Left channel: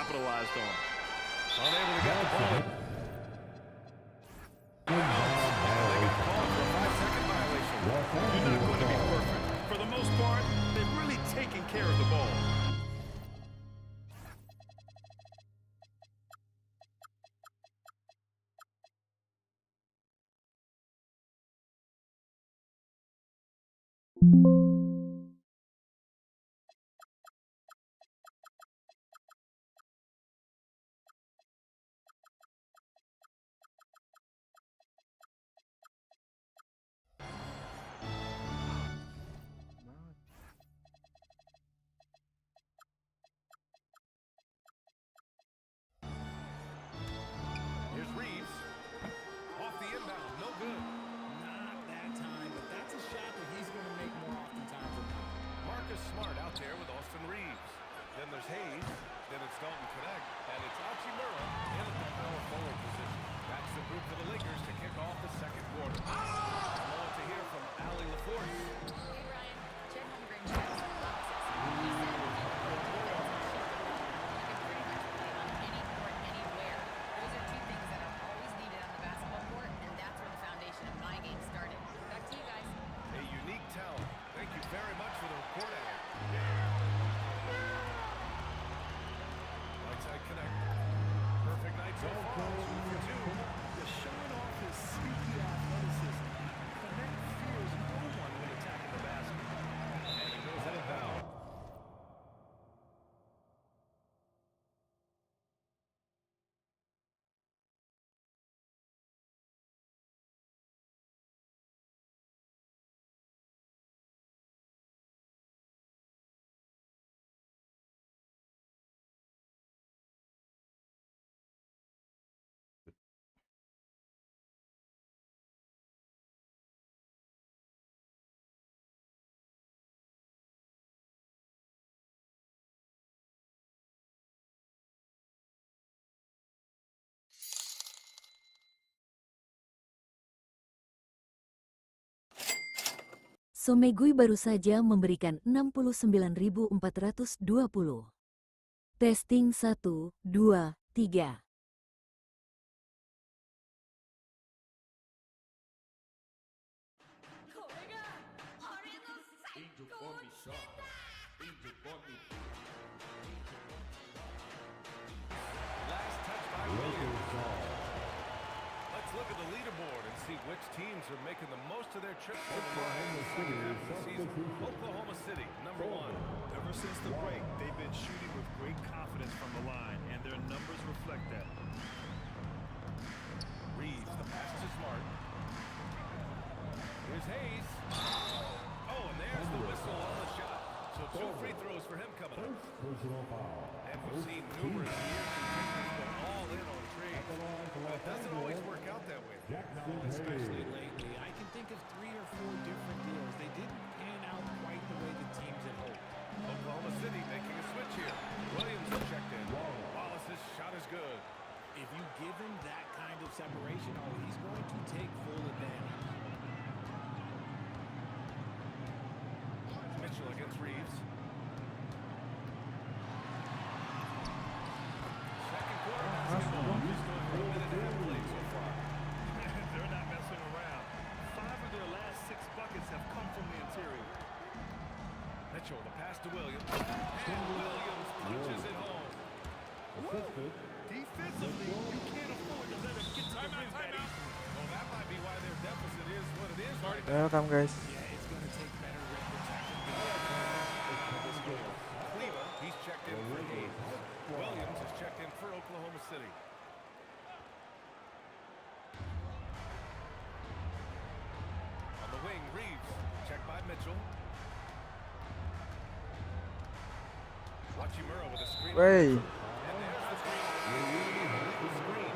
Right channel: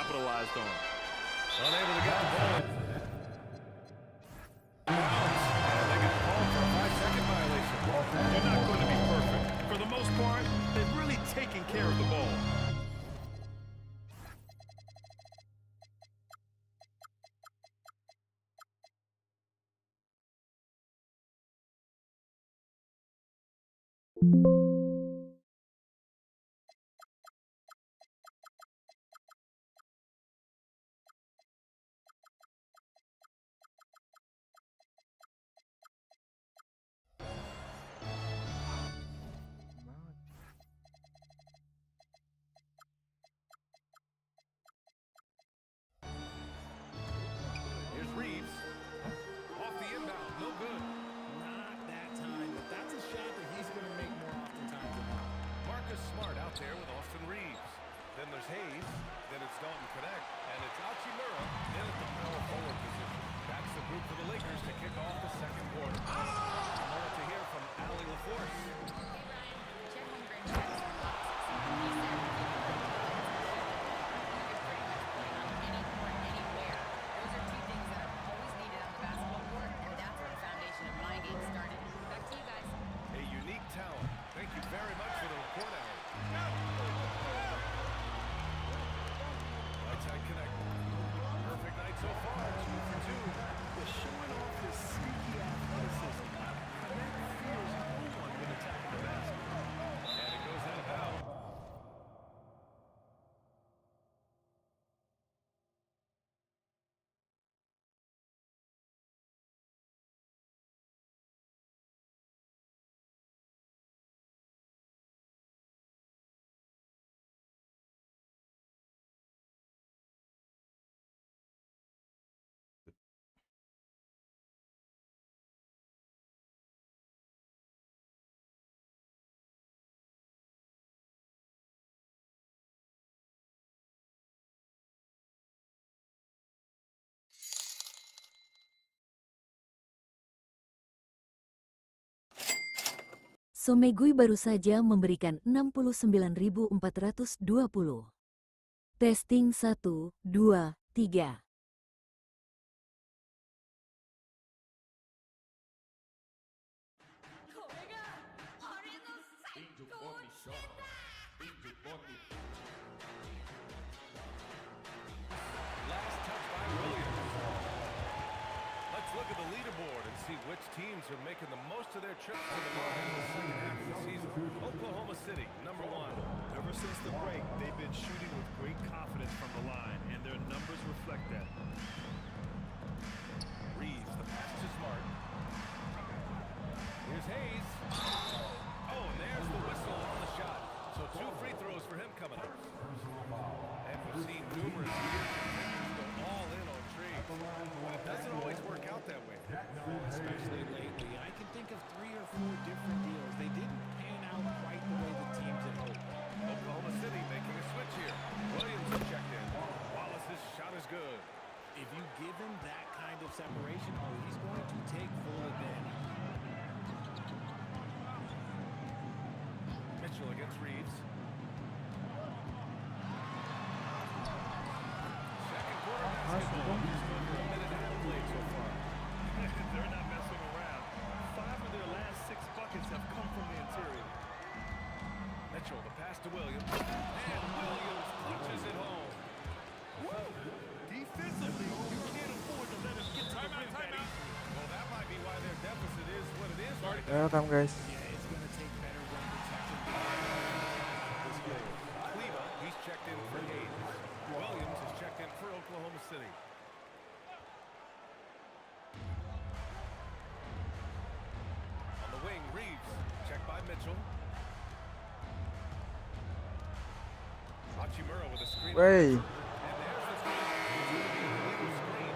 capitalized on. Unable to get the ball in bounds. And they got called for a 5-second violation. You're not going to be perfect. For the most part, they've really taken care of the ball. Here's Reeves. Off the inbound, no good. Not that time, but that's a shot that he's going to make more oftentimes than not. Marcus Smart out there with Austin Reeves. Then there's Hayes. Then it's Dalton Connect. And it's Hachimura in at the power forward position. That's the group for the Lakers to kick off the second quarter. A moment to hear from Allie LaForce. Hey, Ryan. Chet Holmgren checks some boxes. He said if you can play defense and shoot the ball, you can pretty much play on any court, anywhere. Those are two things that are always needed on the basketball court, and that's where the foundation of my game started. Back to you guys. A unique talent. Thank you very much for the report, Allie. Right side connect. Perfect night so far. 2 for 2. They're showing off his sneaky athleticism. Connect fears no one when attacking the basket. And it goes out of bounds. Somegui baru saja memberikan 69.420. Testing 1, 2, 3. Last touch by Williams. Let's look at the leaderboard and see which teams are making the most of their trips to the line in the second half of the season. Oklahoma City, number 1. Ever since the break, they've been shooting with great confidence from the line, and their numbers reflect that. Reeves, the pass to Smart. Here's Hayes. Oh, and there's the whistle on the shot. So 2 free throws for him coming up. And we've seen numerous year contenders go all in on trades. But it doesn't always work out that way. No, especially lately. I can think of 3 or 4 different deals. They didn't pan out quite the way the teams had hoped. Oklahoma City making a switch here. Williams is checked in. Wallace's shot is good. If you give him that kind of separation, oh, he's going to take full advantage. Mitchell against Reeves. Second quarter basketball. Just over a minute and a half played so far. They're not messing around. 5 of their last 6 buckets have come from the interior. Mitchell, the pass to Williams. And Williams punches it home. Defensively, you can't afford to let him get to the rim that easily. Well, that might be why their deficit is what it is right now. Welcome guys. Yeah, it's going to take better rim protection to get this goal. Kleba, he's checked in for Hayes. Williams is checked in for Oklahoma City. On the wing, Reeves, checked by Mitchell. Hachimura with a screen. Wey. And there's the screen. It's going to be an illegal screen.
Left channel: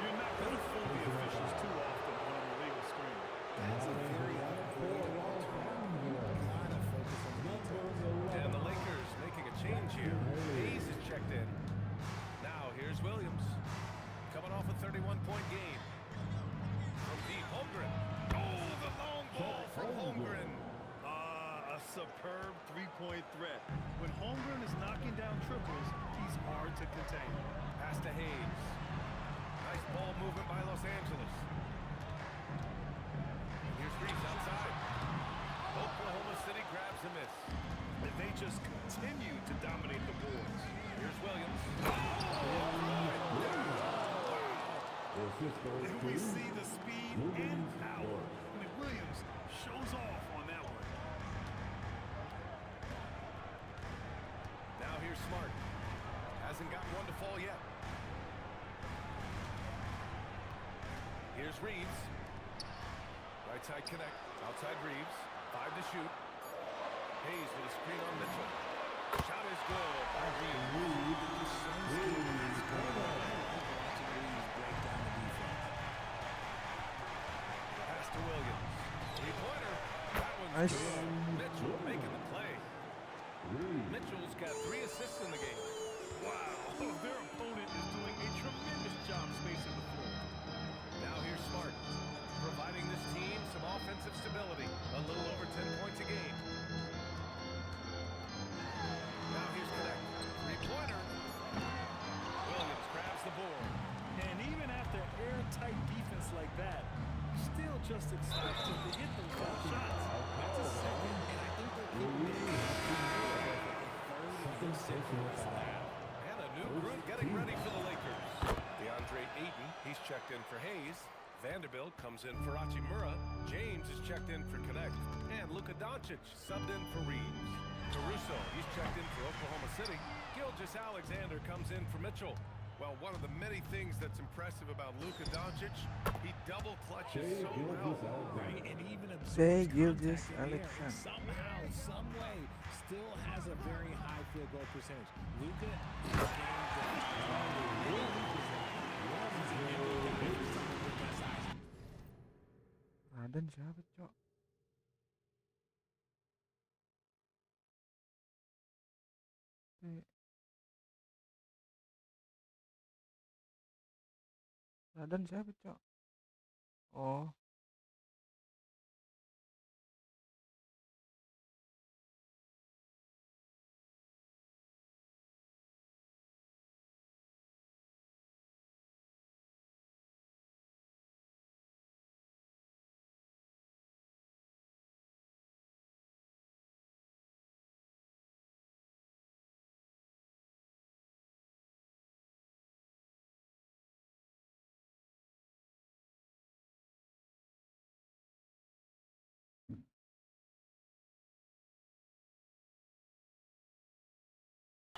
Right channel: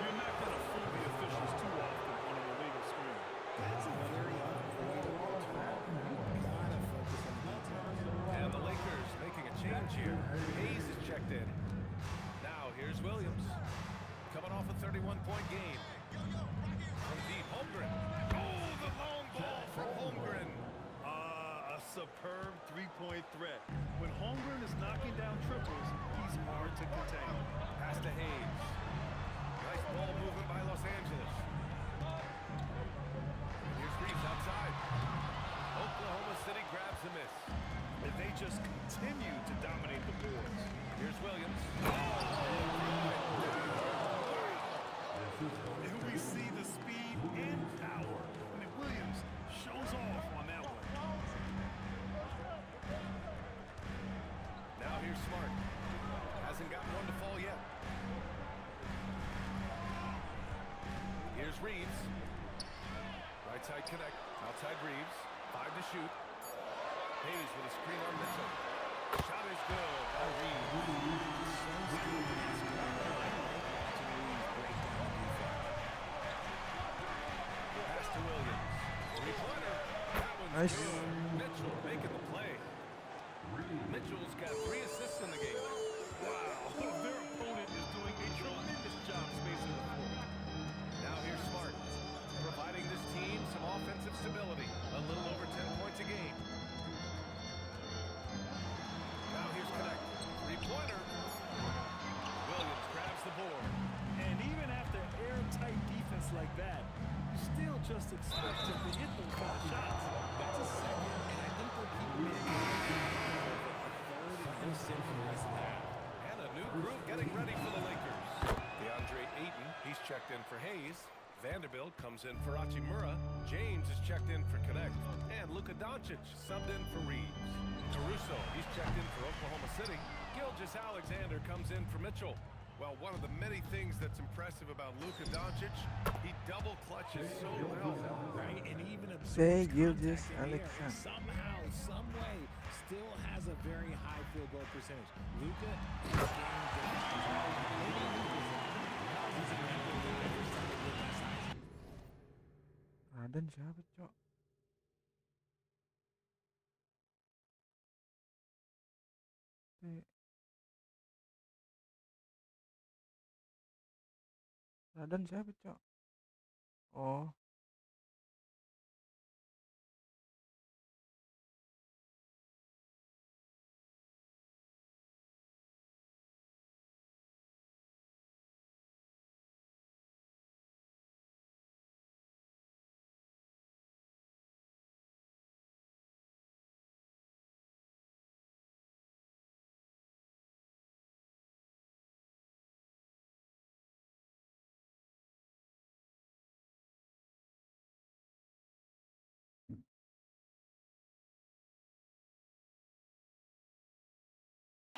You're not going to fool the officials too often on an illegal screen. That's a very unavoidable turnover. You gotta focus on the details. And the Lakers making a change here. Hayes is checked in. Now here's Williams. Coming off a 31-point game. From deep, Holmgren. Oh, the long ball from Holmgren. A A superb three-point threat. When Holmgren is knocking down triples, he's hard to contain. Pass to Hayes. Nice ball movement by Los Angeles. And here's Reeves outside. Oklahoma City grabs a miss. And they just continue to dominate the boards. Here's Williams. Oh, throw it down. Wow. And we see the speed and power. I mean, Williams shows off on that one. Now here's Smart. Hasn't gotten one to fall yet. Here's Reeves. Right side connect. Outside Reeves. 5 to shoot. Hayes with a screen on Mitchell. Shot is good by Reeves. Just so skilled in his scoring. I like watching Reeves break down the defense. Pass to Williams. Three-pointer. That one's Nice. good. Mitchell making the play. Mitchell's got 3 assists in the game. Wow, their opponent is doing a tremendous job spacing the floor. Now here's Smart, providing this team some offensive stability. A little over 10 points a game. Now here's Connect. Three-pointer. Williams grabs the board. And even after airtight defense like that, you still just expect him to hit those kind of shots. That's a second, and I think they'll keep him in. Careful. A third, and he'll sit for the rest of the half. And a new group getting ready for the Lakers. DeAndre Ayton, he's checked in for Hayes. Vanderbilt comes in for Hachimura. James is checked in for Connect. And Luka Doncic subbed in for Reeves. Caruso, he's checked in for Oklahoma City. Gilgeous-Alexander comes in for Mitchell. Well, one of the many things that's impressive about Luka Doncic, he double clutches so well. Right, and even Say absorbs contact in the air, and Gilgeous-Alexander. somehow, some way, still has a very high field goal percentage. Luka is game different. Maybe Luka's that. He's a nimble guy for someone with that size. Raden siapa, Cok? Raden siapa, Cok? Oh.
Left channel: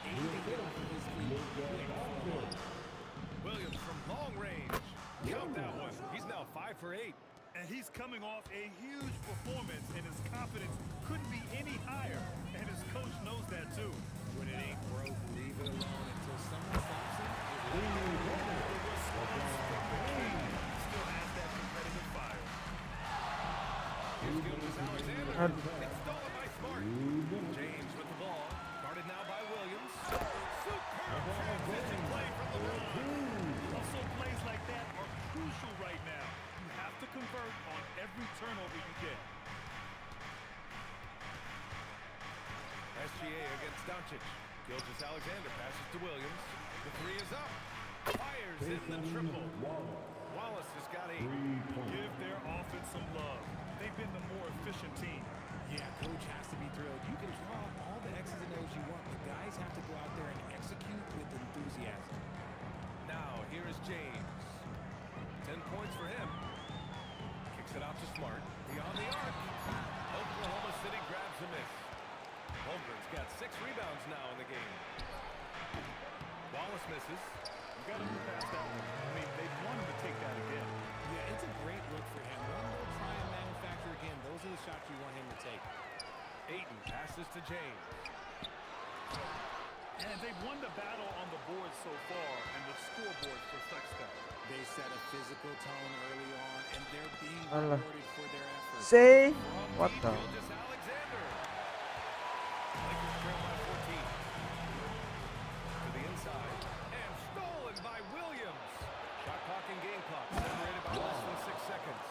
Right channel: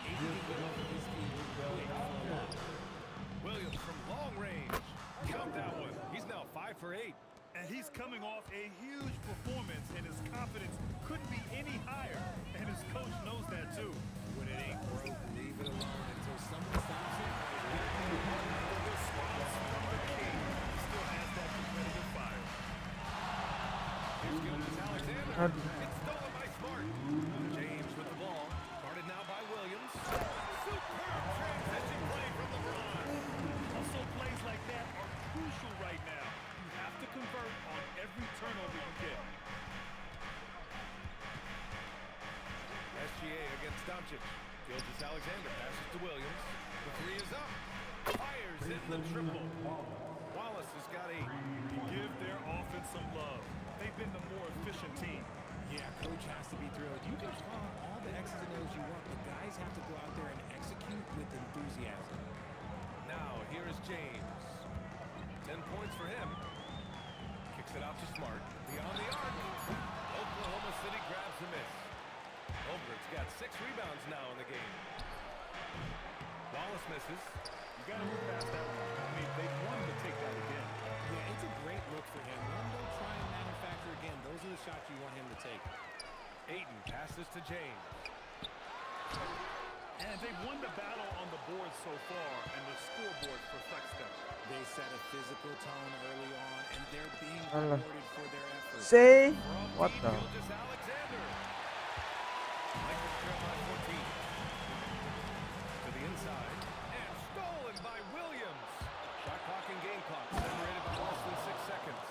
He can get off of his feet quick for a lob. Williams from long range. Count that one. He's now 5 for 8. And he's coming off a huge performance, and his confidence couldn't be any higher. And his coach knows that too. When it ain't broke, leave it alone until someone stops him. The response from the king still has that competitive fire. Here's Gilgeous-Alexander. Aduh. It's stolen by Smart. James with the ball. Guarded now by Williams. Superb transition play from LeBron. Hustle plays like that are crucial right now. You have to convert on every turnover you get. SGA against Doncic. Gilgeous-Alexander passes to Williams. The 3 is up. Fires in the triple. Wallace has got 8. Give their offense some love. They've been the more efficient team. Yeah, coach has to be thrilled. You can draw up all the X's and O's you want, but guys have to go out there and execute with enthusiasm. Now, here is James. 10 points for him. Kicks it out to Smart. Beyond the arc. Oklahoma City grabs a miss. Holmgren's got 6 rebounds now in the game. Wallace misses. You got to move past that one. I mean, they wanted to take that again. Yeah, it's a great look for him. One, they'll try and manufacture again. Those are the shots you want him to take. Ayton passes to James. And they've won the battle on the board so far, and the scoreboard reflects that. They set a physical tone early on, and they're being Allah. rewarded for their efforts. Say From what deep, the? Gilgeous-Alexander. Lakers trail by 14. To the inside. And stolen by Williams. Shot clock and game clock separated by less than 6 seconds.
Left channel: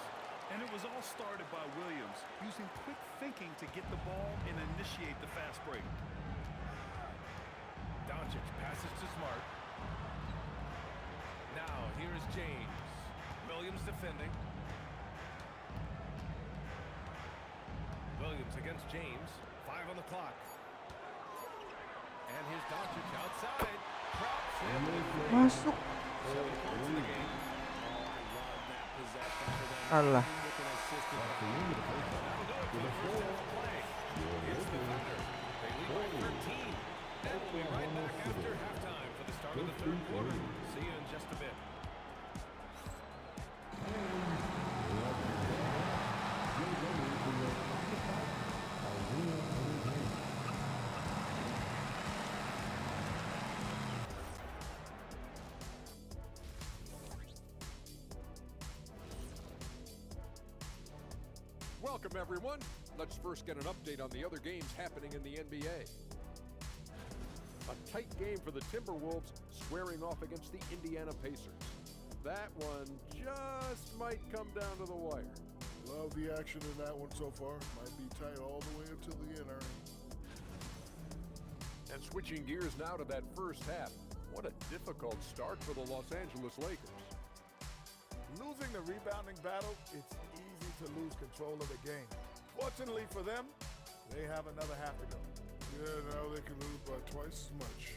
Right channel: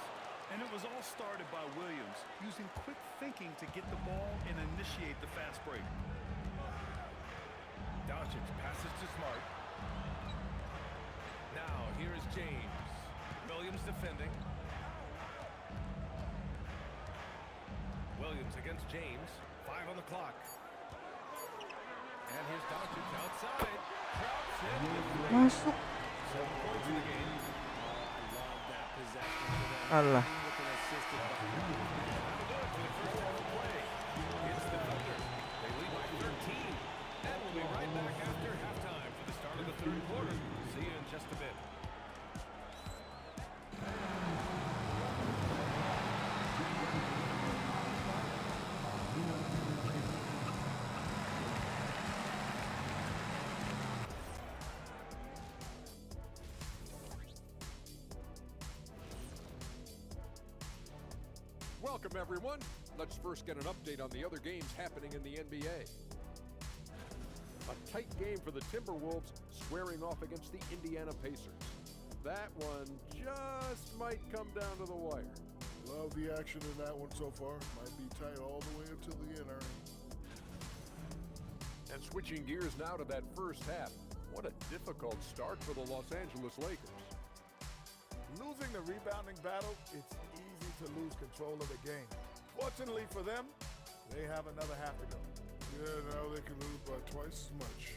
And it was all started by Williams, using quick thinking to get the ball and initiate the fast break. Doncic passes to Smart. Now, here is James. Williams defending. Williams against James. 5 on the clock. And here's Doncic outside. Traps him with 3. Masuk. 7 points in the game. Oh, I love that possession for them. Alah. With an assisted by. And that'll do it for the first half of play. It's the Thunder. They lead by 13. And we'll be right back after halftime for the start of the third quarter. See you in just a bit. Welcome, everyone. Let's first get an update on the other games happening in the NBA. A tight game for the Timberwolves squaring off against the Indiana Pacers. That one just might come down to the wire. Love the action in that one so far. Might be tight all the way until the end, Ernie. And switching gears now to that first half. What a difficult start for the Los Angeles Lakers. Losing the rebounding battle, it's easy to lose control of the game. Fortunately for them, they have another half to go. Yeah, now they can lose by twice as much.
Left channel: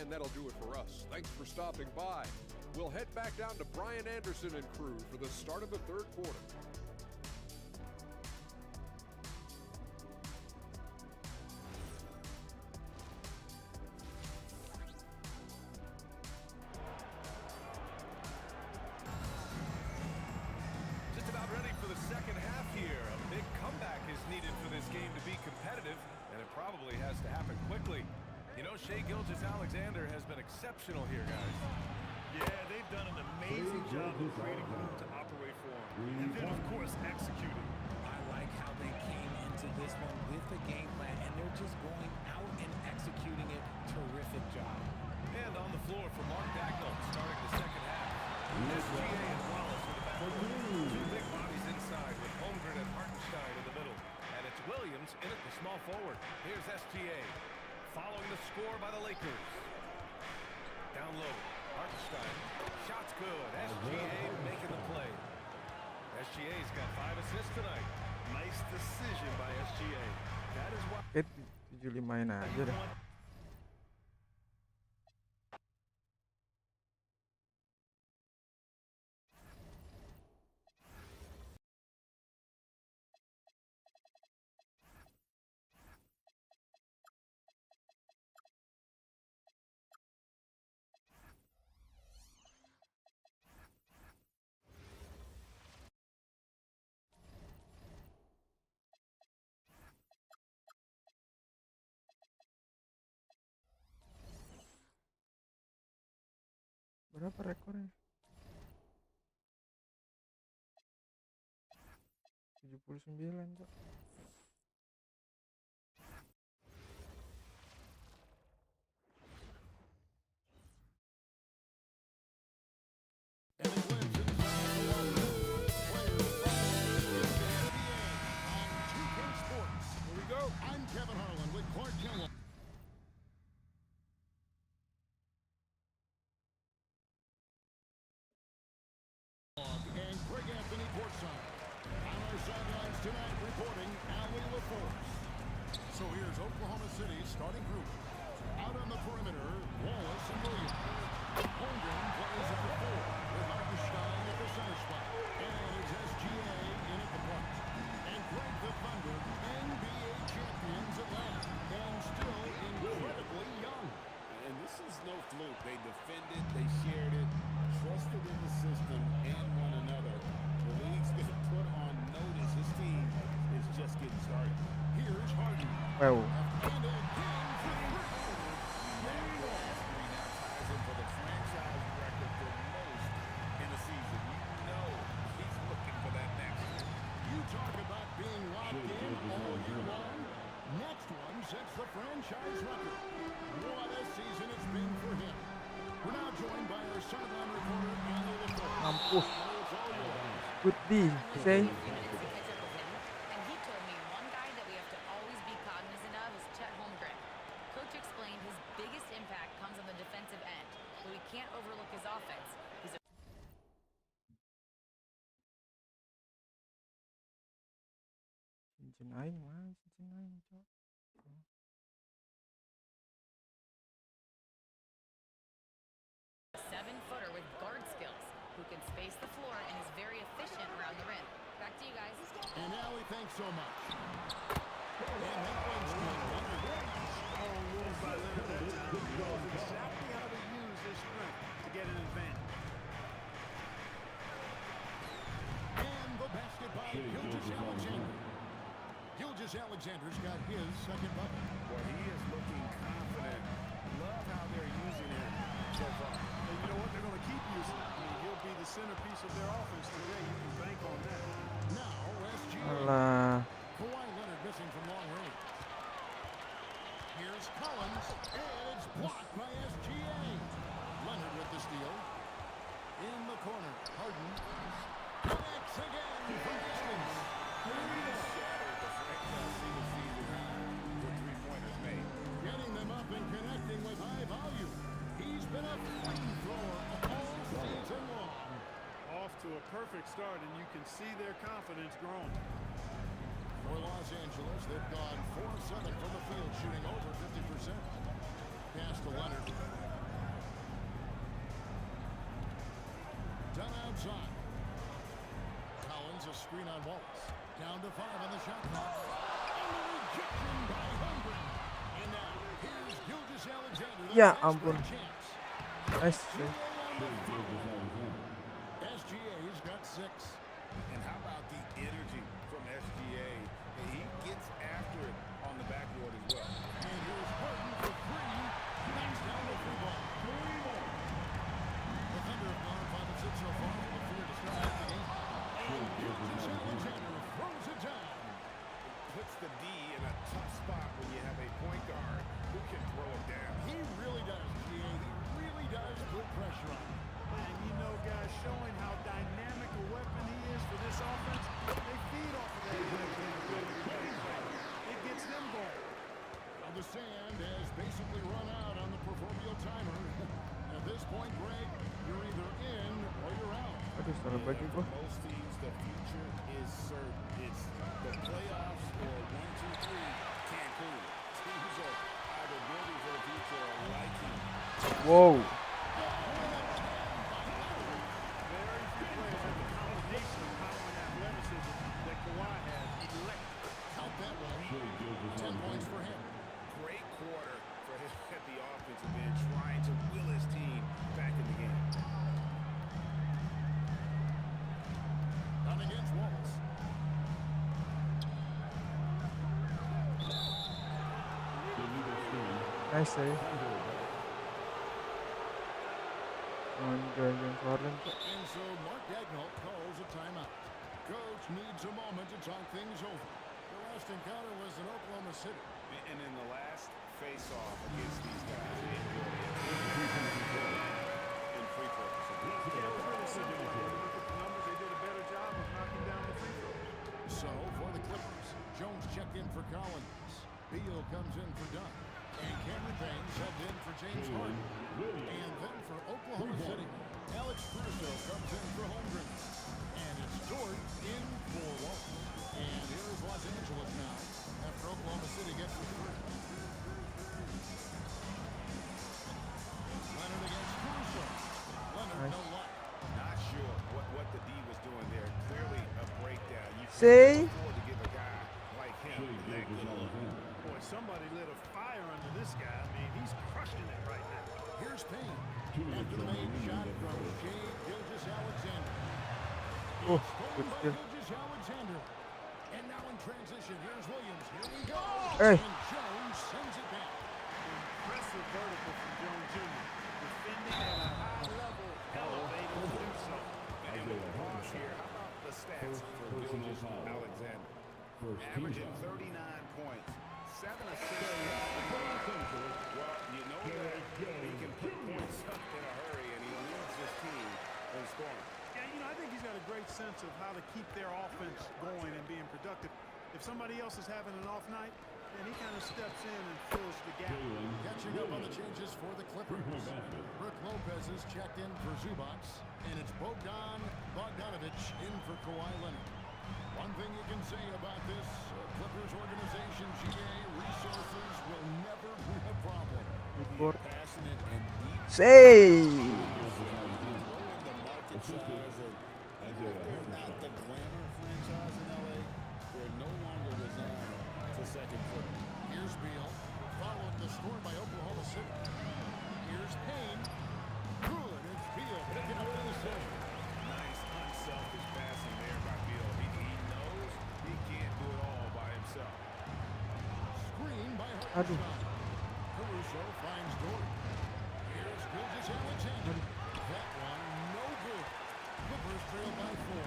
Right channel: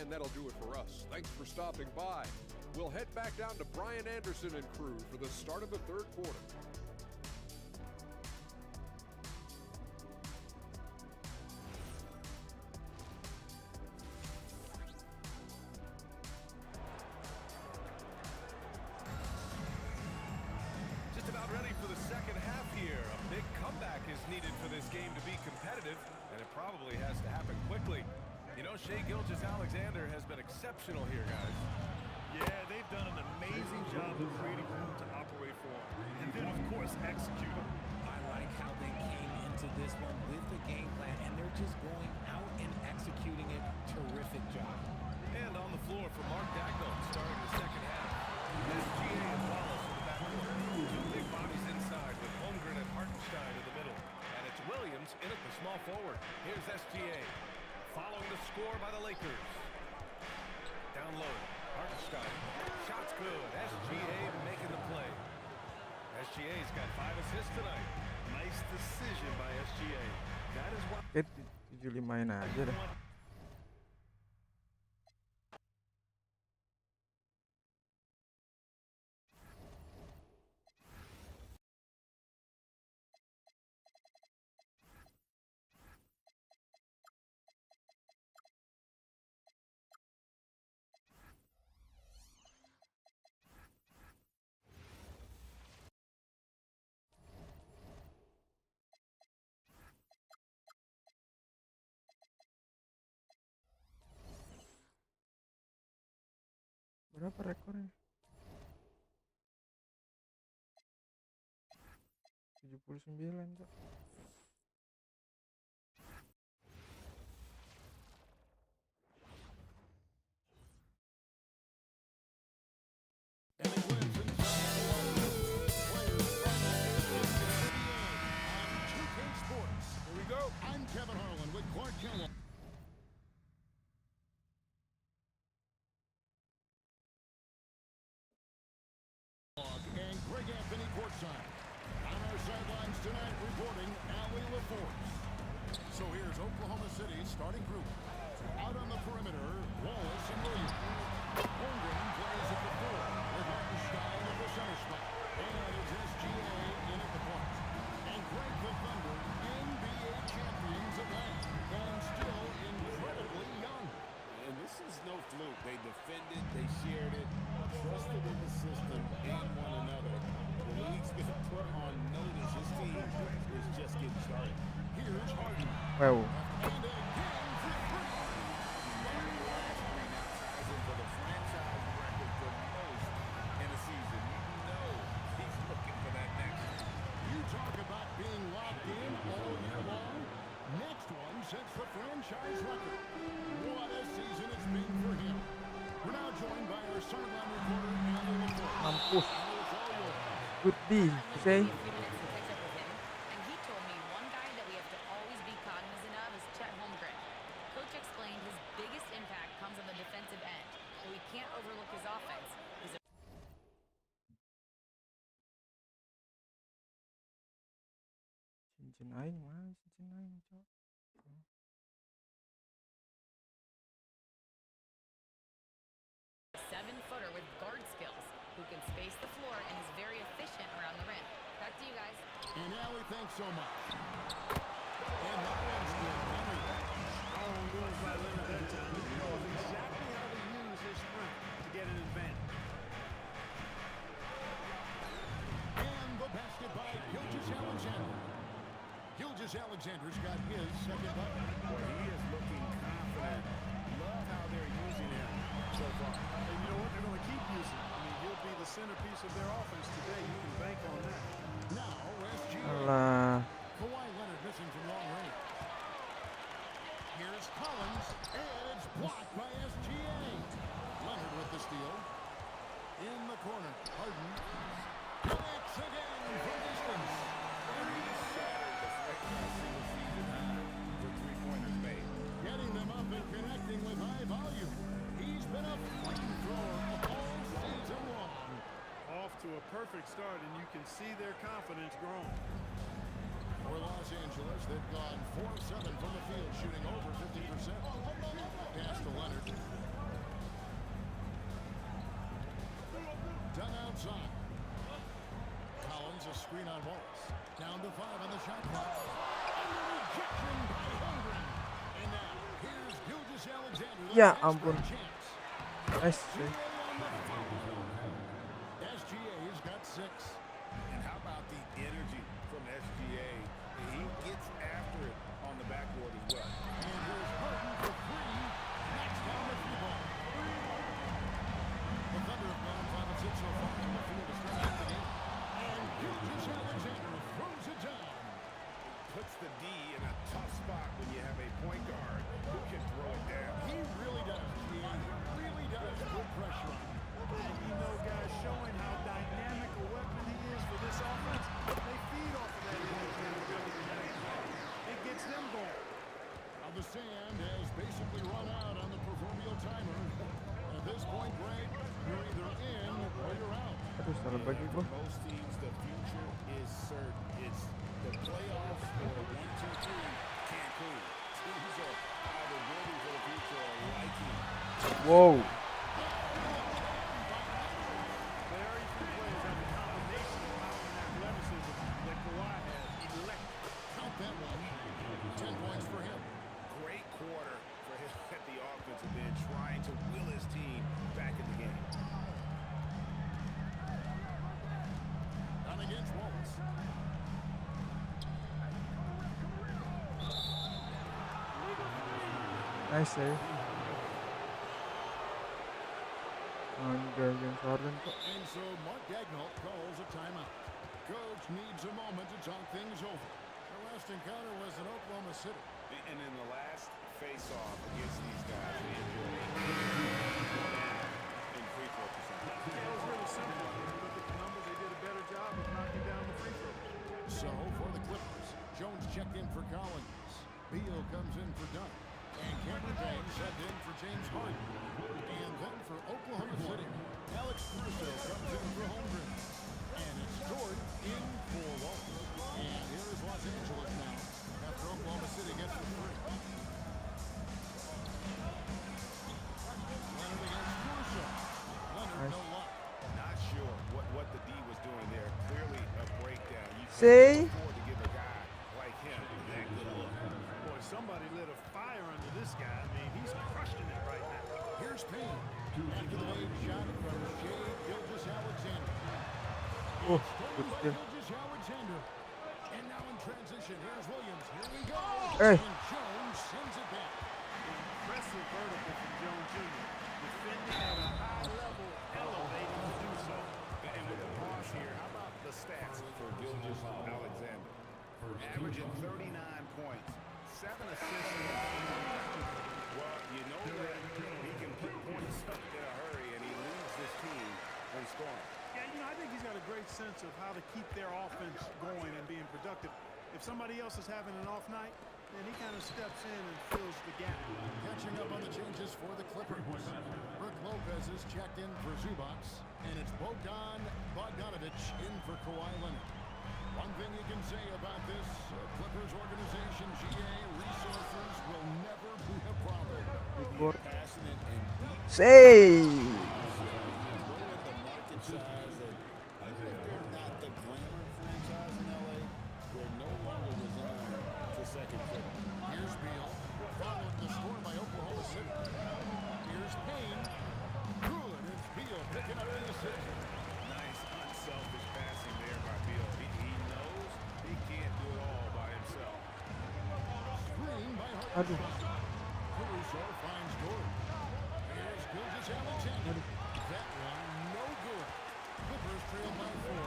And that'll do it for us. Thanks for stopping by. We'll head back down to Brian Anderson and crew for the start of the third quarter. Just about ready for the second half here. A big comeback is needed for this game to be competitive, and it probably has to happen quickly. You know, Shai Gilgeous-Alexander has been exceptional here, guys. Yeah, they've done an amazing job of creating room to operate for him. And then, of course, executing. I like how they came into this one with the game plan, and they're just going out and executing it. Terrific job. And on the floor for Mark Dagnall, starting the second half. SGA and Wallace in the backcourt. 2 big bodies inside with Holmgren and Hartenstein in the middle. And it's Williams in at the small forward. Here's SGA. Following the score by the Lakers. Down low. Hartenstein. Shot's good. SGA making the play. SGA's got 5 assists tonight. Nice decision by SGA. That is why 75-in aja you dah. want Berapa rekornya? 79, Cok. And it wins inside the one. Players from the NBA on 2K Sports. Here we go. I'm Kevin Harlan with Clark Kellogg. And Greg Anthony courtside. On our sidelines tonight, reporting Allie LaForce. So here's Oklahoma City's starting group. Out on the perimeter, Wallace and Williams. Holmgren plays at the 4 with Hartenstein at the center spot. And it's SGA in at the point. And Greg the Thunder, NBA champions at last. And still incredibly young. And this is no fluke. They defended, they shared it, trusted in the system and one another. The league's been put on notice. This team is just getting started. Here's Harden. Wow. And again for 3. That last 3 now ties him for the franchise record for most in a season. You know he's looking for that next one. You talk about being locked in all year long. Next one sets the franchise record. What a season it's been for him. We're now joined by our sideline reporter, Allie LaForce. Mampus. Allie, it's all yours. Good D, Byron Luke say. gave me a few minutes to catch up with him, and he told me one guy that we have to always be cognizant of is Chet Holmgren. Coach explained his biggest impact comes on the defensive end, but we can't overlook his offense. He's a Cincin aing mana cincin aing, Cok? seven-footer with guard skills who can space the floor and is very efficient around the rim. Back to you guys. And Allie, thanks so much. And that one's good. Leonard. Strong move by Leonard that time. He knows exactly how to use his strength to get an advantage. And the basket by Gilgeous Alexander. Gilgeous Alexander's got his second bucket. Well, he is looking confident. Love how they're using him so far. And you know what? They're going to keep using him. I mean, he'll be the centerpiece of their offense today. You can bank on that. Now, SGA. Alah. Kawhi Leonard missing from long range. Here's Collins, and it's blocked by SGA. Leonard with the steal. In the corner, Harden connects again from distance. And he shattered the franchise single-season high for three-pointers made. Getting them up and connecting with high volume. He's been a flamethrower all season long. Off to a perfect start, and you can see their confidence growing. For Los Angeles, they've gone 4 of 7 from the field, shooting over 50%. Pass to Leonard. Done outside. Collins, a screen on Wallace. Down to 5 on the shot clock. And the rejection by Holmgren. And now, here's Gilgeous Alexander. Ya ampun. Nice. SGA's got 6. And how about the energy from SGA? He gets after it on the backboard as well. And here's Harden for 3. Knocks down the 3 ball. The Thunder have gone 5 of 6 so far from the field to start out the game. And Gilgeous Alexander throws it down. Puts the D in a tough spot when you have a point guard who can throw it down. He really does, GA. He really does put pressure on him. And you know, guys, showing how dynamic a weapon he is for this offense, they feed off of that energy and ability that he plays. It gets them going. Now the sand has basically run out on the proverbial timer. At this point, Greg, you're either in or you're out. Aduh, salah bagi For gua. most teams, the future is certain. It's the playoffs or 1, 2, 3 Cancun. Teams are either building for the future or liking. Wow. Very few players have the combination of power and athleticism that Kawhi has. Electric. Count that one. 10 points for him. Great quarter for him at the offensive end, trying to will his team back in the game. Down against Wallace. Nice save. Anjay, James Harden, Cok. And so Mark Daigneault calls a timeout. Coach needs a moment to talk things over. Their last encounter was in Oklahoma City. And in the last face-off against these guys, they enjoyed a 3 in free throw percentage. Yeah, it was really simple. I mean, you look at the numbers, they did a better job of knocking down the free throws. So for the Clippers, Jones checked in for Collins. Beal comes in for Dunn. And Cameron Payne subbed in for James Harden. And then for Oklahoma City, Alex Caruso comes in for Holmgren. And it's Dort in for Wallace. And here is Los Angeles now after Oklahoma City gets the 3. Leonard against Caruso. Leonard, no luck. Not sure what the D was doing there. Clearly a breakdown. You See? can't afford to give a guy like him that good look. Boy, somebody lit a fire under this guy. I mean, he's crushing it right now. Here's Payne. After the made shot from Shea Gilgeous Alexander. Oh, Stolen good by steal. Gilgeous Alexander. And now in transition, here's Williams. Here we go. Hey. And Jones sends it back. Impressive vertical from Jones Jr. Defending at a high level, elevating to do so. And with the pause here, how about the stats for Gilgeous Alexander? Averaging 39 points, 7 assists and 3 rebounds. Well, you know that he can put points up in a hurry, and he leads this team in scoring. Yeah, you know, I think he's got a great sense of how to keep their offense going and being productive. If somebody else is having an off night, then he kind of steps in and fills the gap. Catching up on the changes for the Clippers. Brook Lopez is checked in for Zubac, and it's Bogdanovic in for Kawhi Leonard. One thing you can say about this Clippers organization, GA, resources will never be a problem. Passionate and deep. Say. Grow in the market size, and even if they're not the glamour franchise in LA, they're no longer resigned to second fiddle. Here's Beal, following the score by Oklahoma City. Here's Payne. Good, it's Beal picking up the assist. Nice, unselfish passing there by Beal. He knows he can't do it all by himself. Screen by Hartenstein. Caruso finds Gordon. Here's Gilgeous-Alexander. That one, no good. Clippers trail by 4.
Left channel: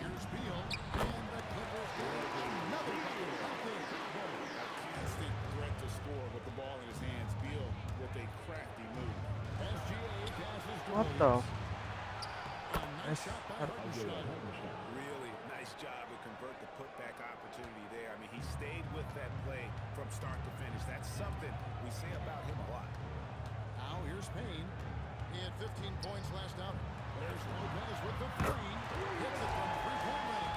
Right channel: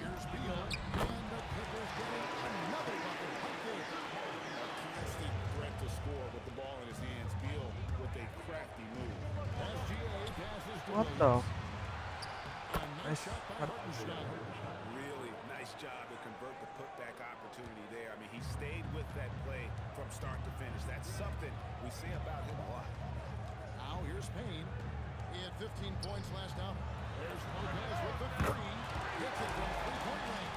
Here's Beal, and the Clippers getting another bucket right there. A constant threat to score with the ball in his hands. Beal with a crafty move. SGA passes to What the? Williams. A nice shot by Hartenstein. Really nice job to convert the putback opportunity there. I mean, he stayed with that play from start to finish. That's something we say about him a lot. Now here's Payne. He had 15 points last outing. There's Lopez with the 3. Hits it from three-point range.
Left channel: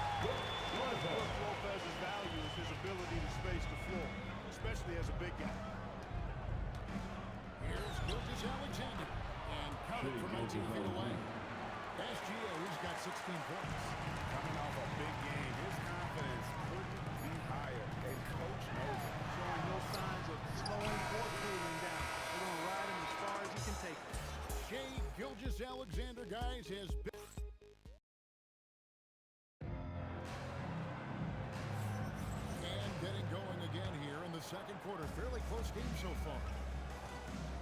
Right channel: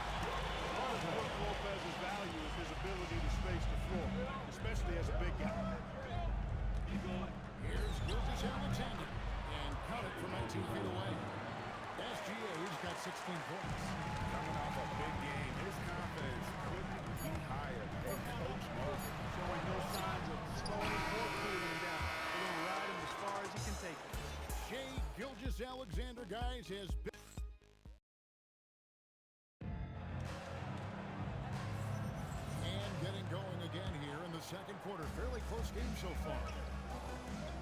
What is Brook Lopez's value is his ability to space the floor, especially as a big guy. Here's Gilgeous-Alexander. And counted from 19 feet away. SGA's got 16 points. Coming off a big game, his confidence couldn't be higher, and Coach knows it. Showing no signs of slowing or cooling down. They're going to ride him as far as he can take him. Shai Gilgeous-Alexander, guys, has been... And getting going again here in the second quarter. Fairly close game so far.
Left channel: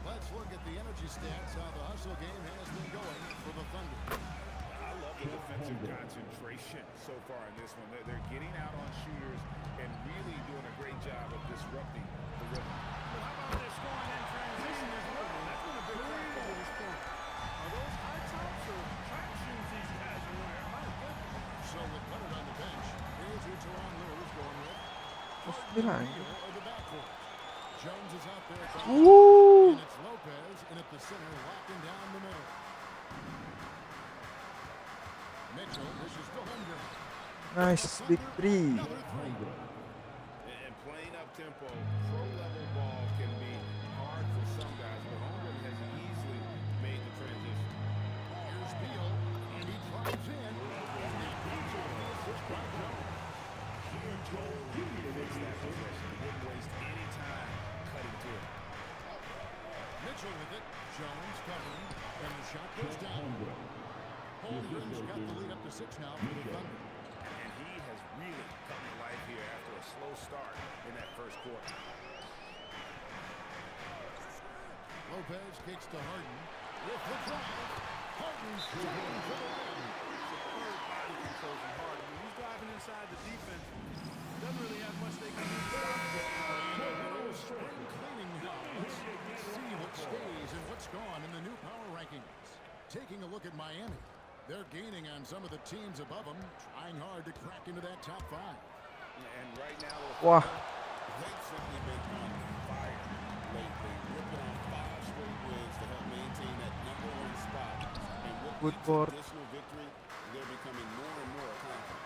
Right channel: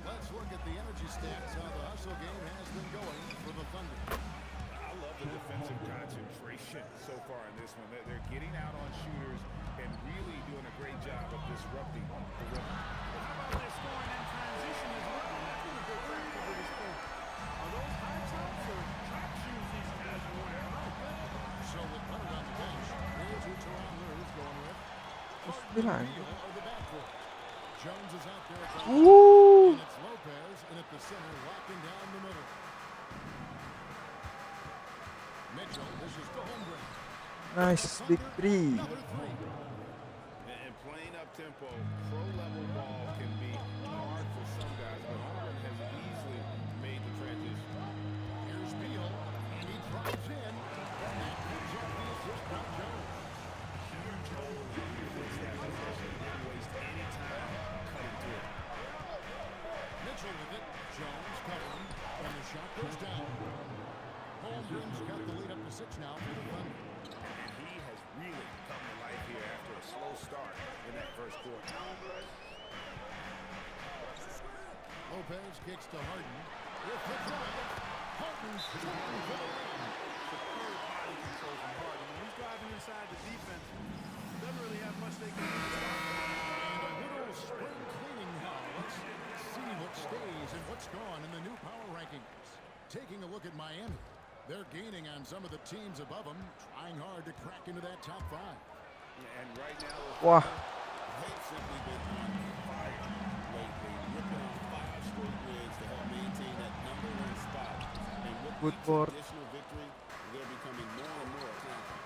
Let's look at the energy stats, how the hustle game has been going for the Thunder. I love the defensive concentration so far in this one. They're getting out on shooters and really doing a great job of disrupting the rhythm. But how about their scoring in transition as well? That's been a big factor to this point. Are those high tops or track shoes these guys are wearing? My goodness. So with Leonard on the bench, here's who Teron Lue's going with. Harden bilang. and Beal are the backcourt. Jones is out there. Ooh. And it's Lopez in at the center, locking down the middle. Mitchell dishes to Holmgren. Nice, big 3. Another 3. And playing up tempo, pro-level ball can be hard for some guys, but Holmgren has easily made the transition. Here's Beal, and he drives in, and that comes off the assist by Jones. Huge hole to fix that possession. Didn't waste any time cutting through it. Mitchell with it. Jones covering, and the shot goes down. Holmgren's got the lead up to 6 now for the Thunder. And he has really come to life here after a slow start in that first quarter. Lopez kicks to Harden. With the drive, Harden's shooting to the rim. Superb body control from Harden. When he's driving inside the defense, doesn't really have much they can do to stop him. And a little spring cleaning now. Let's see what stays and what's gone in the new power rankings. Taking a look at Miami. They're gaining on some of the teams above them, trying hard to crack into that top 5. And right now, Wah. They've simply been on fire lately, ripping off 5 straight wins to help maintain that #1 spot. And with Good each board. additional victory, they're becoming more and more confident.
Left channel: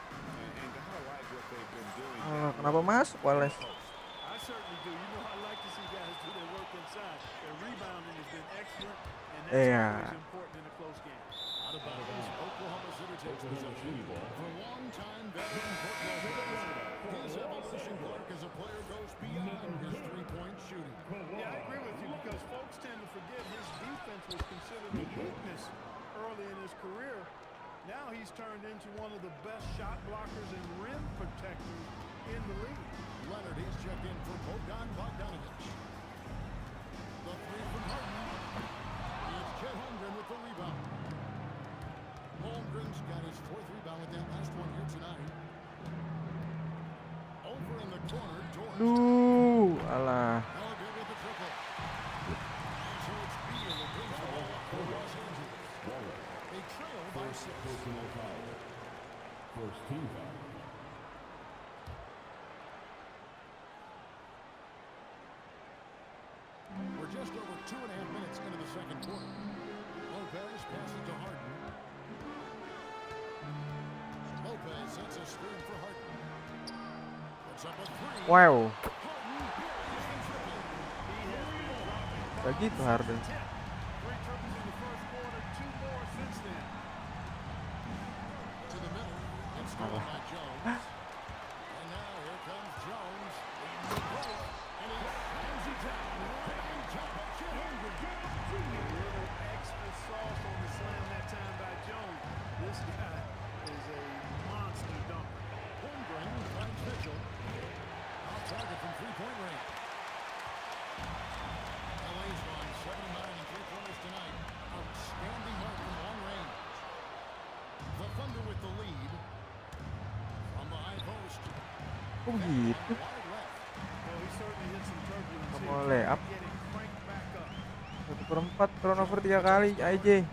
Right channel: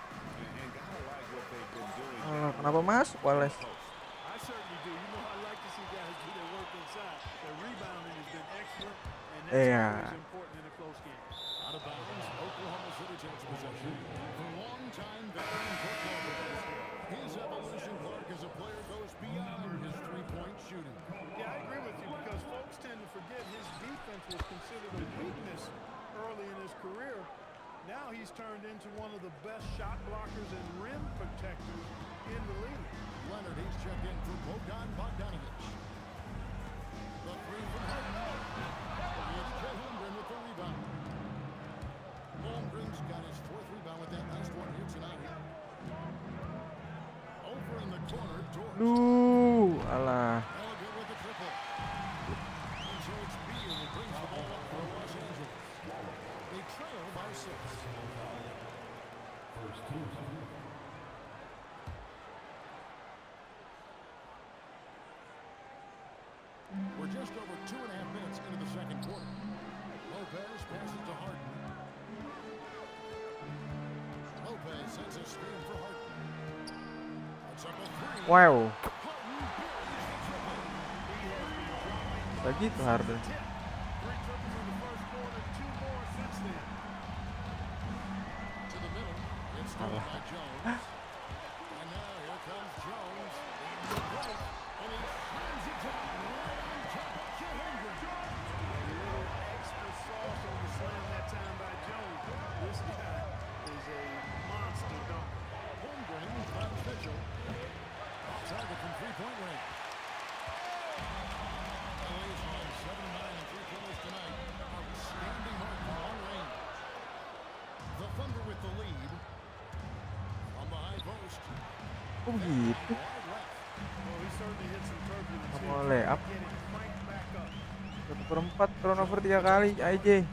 and gotta like what they've been doing. Kenapa masuk, Wallace? I certainly do. You know, I like to see guys do their work inside. Their rebounding has been excellent, and that's Yeah. always important in a close game. Out of bounds, Oklahoma City takes possession. For longtime veteran Brook Lopez, his evolution, Clark, as a player goes beyond his three-point shooting. Yeah, I agree with you because folks tend to forget his defense was considered a weakness early in his career. Now he's turned into one of the best shot blockers and rim protectors in the league. Leonard, he's checked in for Bogdanovic. The 3 from Harden. It's Chet Holmgren with the rebound. Holmgren's got his 4th rebound with that last one here tonight. Over in the corner doors. Alah. No good with the triple. And so it's Beal who brings the ball up for Los Angeles. They trail by 6. First team foul. We're just over 2.5 minutes into the second quarter. Lopez passes to Harden. Lopez sends a screen for Harden. Puts up a 3. Wow. Harden buries the triple. He has been dropping Kayak gitu bombs Harden. since the tip. 3 triples in the first quarter, 2 more since then. To the middle. It's stolen by Jones. And now here comes Jones. Leading the break. And he slams it down right on top of Chet Holmgren. A little extra sauce on the slam that time by Jones. This guy is a monster dunker. Holmgren finds Mitchell. Off target from three-point range. LA's won 7-9 in three-pointers tonight. Outstanding mark from long range. The Thunder with the lead. From the high post. Oh gitu. Wide left. Well, he certainly hit some turbulence Kamu here. lay up. Get it cranked back up. 1/4 turnover 3 kali IJ.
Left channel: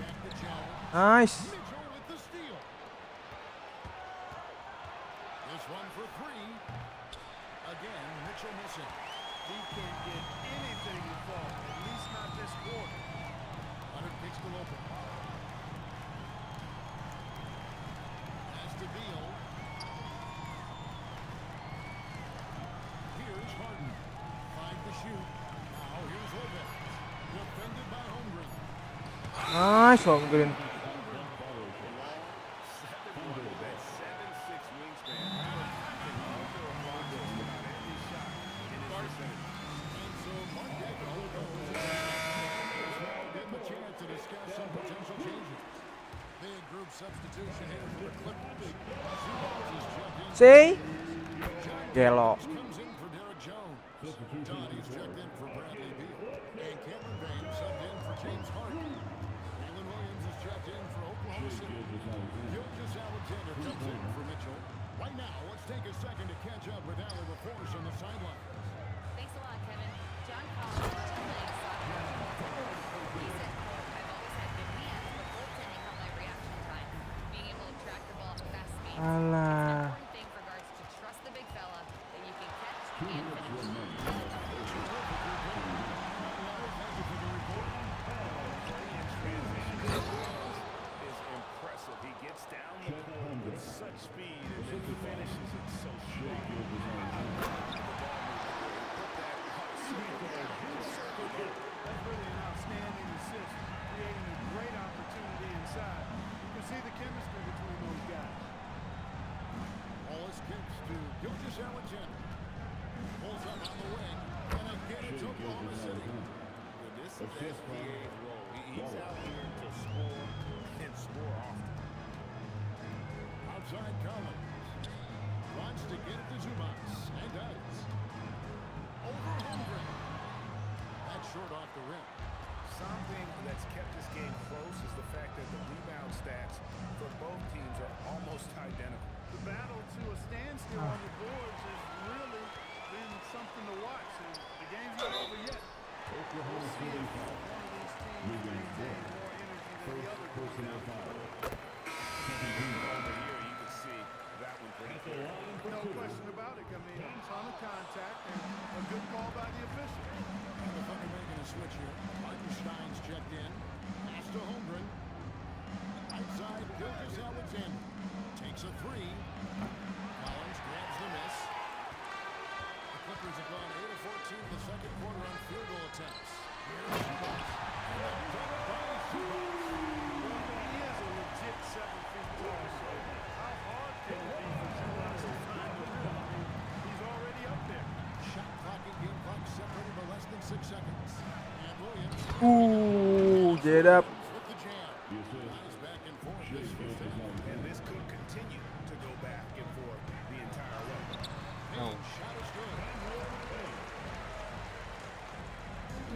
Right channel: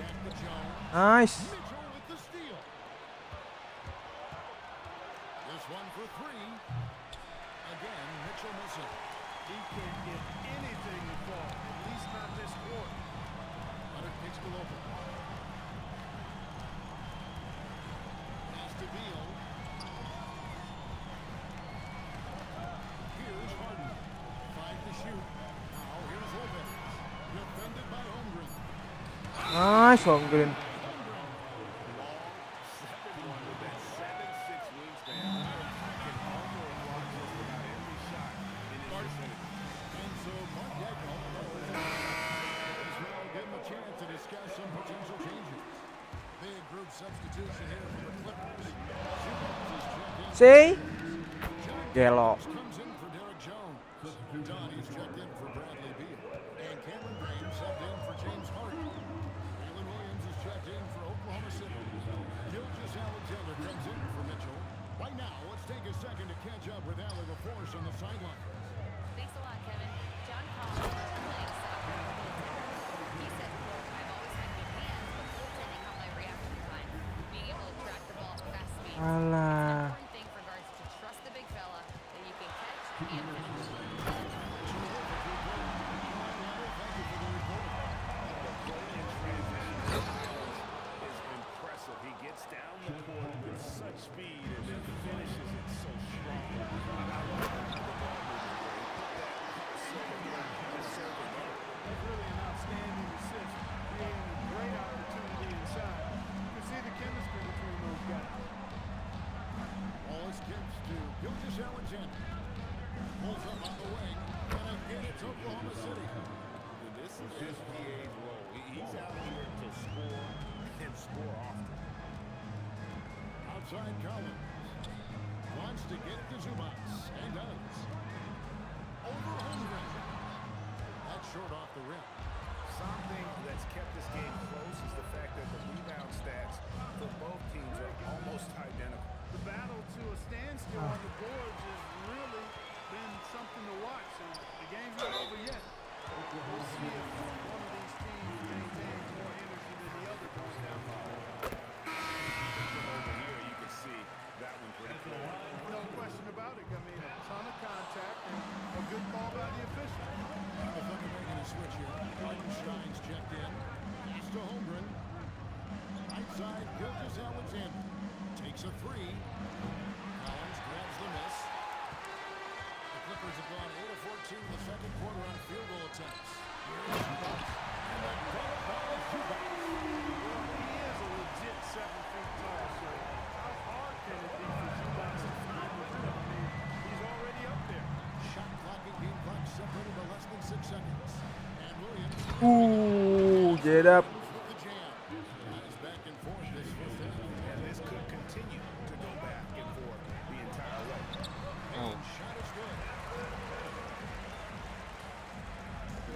Back to Jones. Nice. Mitchell with the steal. This one for 3. Again, Mitchell missing. He can't get anything to fall, at least not this quarter. Leonard kicks to Lopez. Pass to Beal. Here's Harden. 5 to shoot. Now here's Lopez. Defended by Holmgren. Nice Holmgren. Holmgren. Long 7-1 with that 7'6" wingspan. Can alter or block just about every shot in his vicinity. And so Mark Deco goes in. This now will give him a chance to discuss some potential changes. Big group substitution here for the Clippers. Zubac is checked in. See? John Gelo. Collins comes in for Derek Jones. Donnie's checked in for Bradley Beal. And Cameron Bain subbed in for James Harden. Jalen Williams is checked in for Oklahoma City. Gilgeous Alexander comes in for Mitchell. Right now, let's take a second to catch up with Allie LaForce on the sideline. Thanks a lot, Kevin. John Collins is playing soccer with goaltender. He said, quote, "I've always had good hands, but goaltending helped my reaction time. Being able to track the ball at fast speeds. It's an Alah. important thing for guards to trust the big fella that you can catch and finish." Terrific report. All right, Allie, thank you for the report. The play in transition is impressive. He gets down the court with such speed and then finishes it so strong. I love the ball movement there. He put that on a silver plate. Just served him up. That's really an outstanding assist, creating a great opportunity inside. You can see the chemistry between those guys. Wallace kicks to Gilgeous Alexander. Pulls up on the wing, and again it's Oklahoma City. And this is SGA's role. He's out here to score and score often. Outside Collins. Wants to get it to Zubac, and does. Over Holmgren. That's short off the rim. Something that's kept this game close is the fact that the rebound stats for both teams are almost identical. The battle to a standstill on the boards has really been something to watch, and the game's not over yet. We'll see if one of these teams maintains more energy than the other going down the court. Over here, you can see that one pretty clear. No question about it. I mean, a ton of contact and a good call by the official. And the Thunder making a switch here. Hartenstein's checked in. Pass to Holmgren. Right side, Gilgeous Alexander. Takes a 3. Collins grabs the miss. The Clippers have gone 8 of 14 in the second quarter on field goal attempts. Here's Zubac. And the dunk by Zubac. Well, he is a legit 7 feet tall, so how hard can it be for Zubac to find the rim? I mean, he's already up there. Shot clock and game clock separated by less than 6 seconds. And Williams. Get up. With the jam. Guys back and forth this first half. And this could continue to go back and forth the entire way. Payne's shot is good.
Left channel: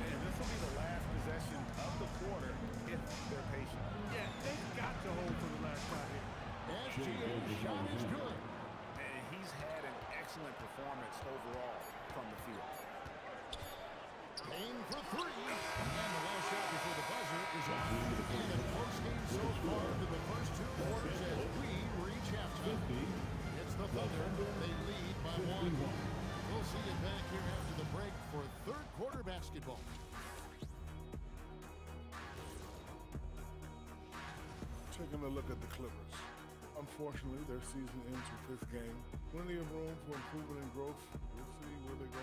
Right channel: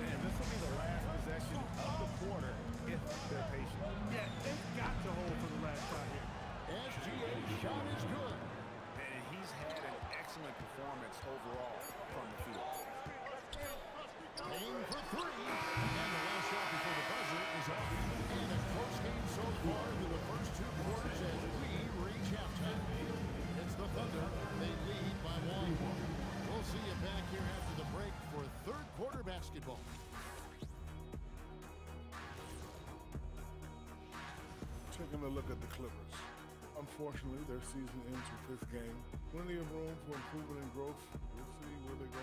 And this will be the last possession of the quarter if they're patient. Yeah, they've got to hold for the last shot here. As SGA's shot is good. And he's had an excellent performance overall from the field. Payne for three. And the last shot before the buzzer is off. And a close game so far through the first 2 quarters as we reach halftime. It's the Thunder. They lead by 1. We'll see you back here after the break for third quarter basketball. Taking a look at the Clippers. Unfortunately, their season ends with this game. Plenty of room for improvement and growth. We'll see where they go.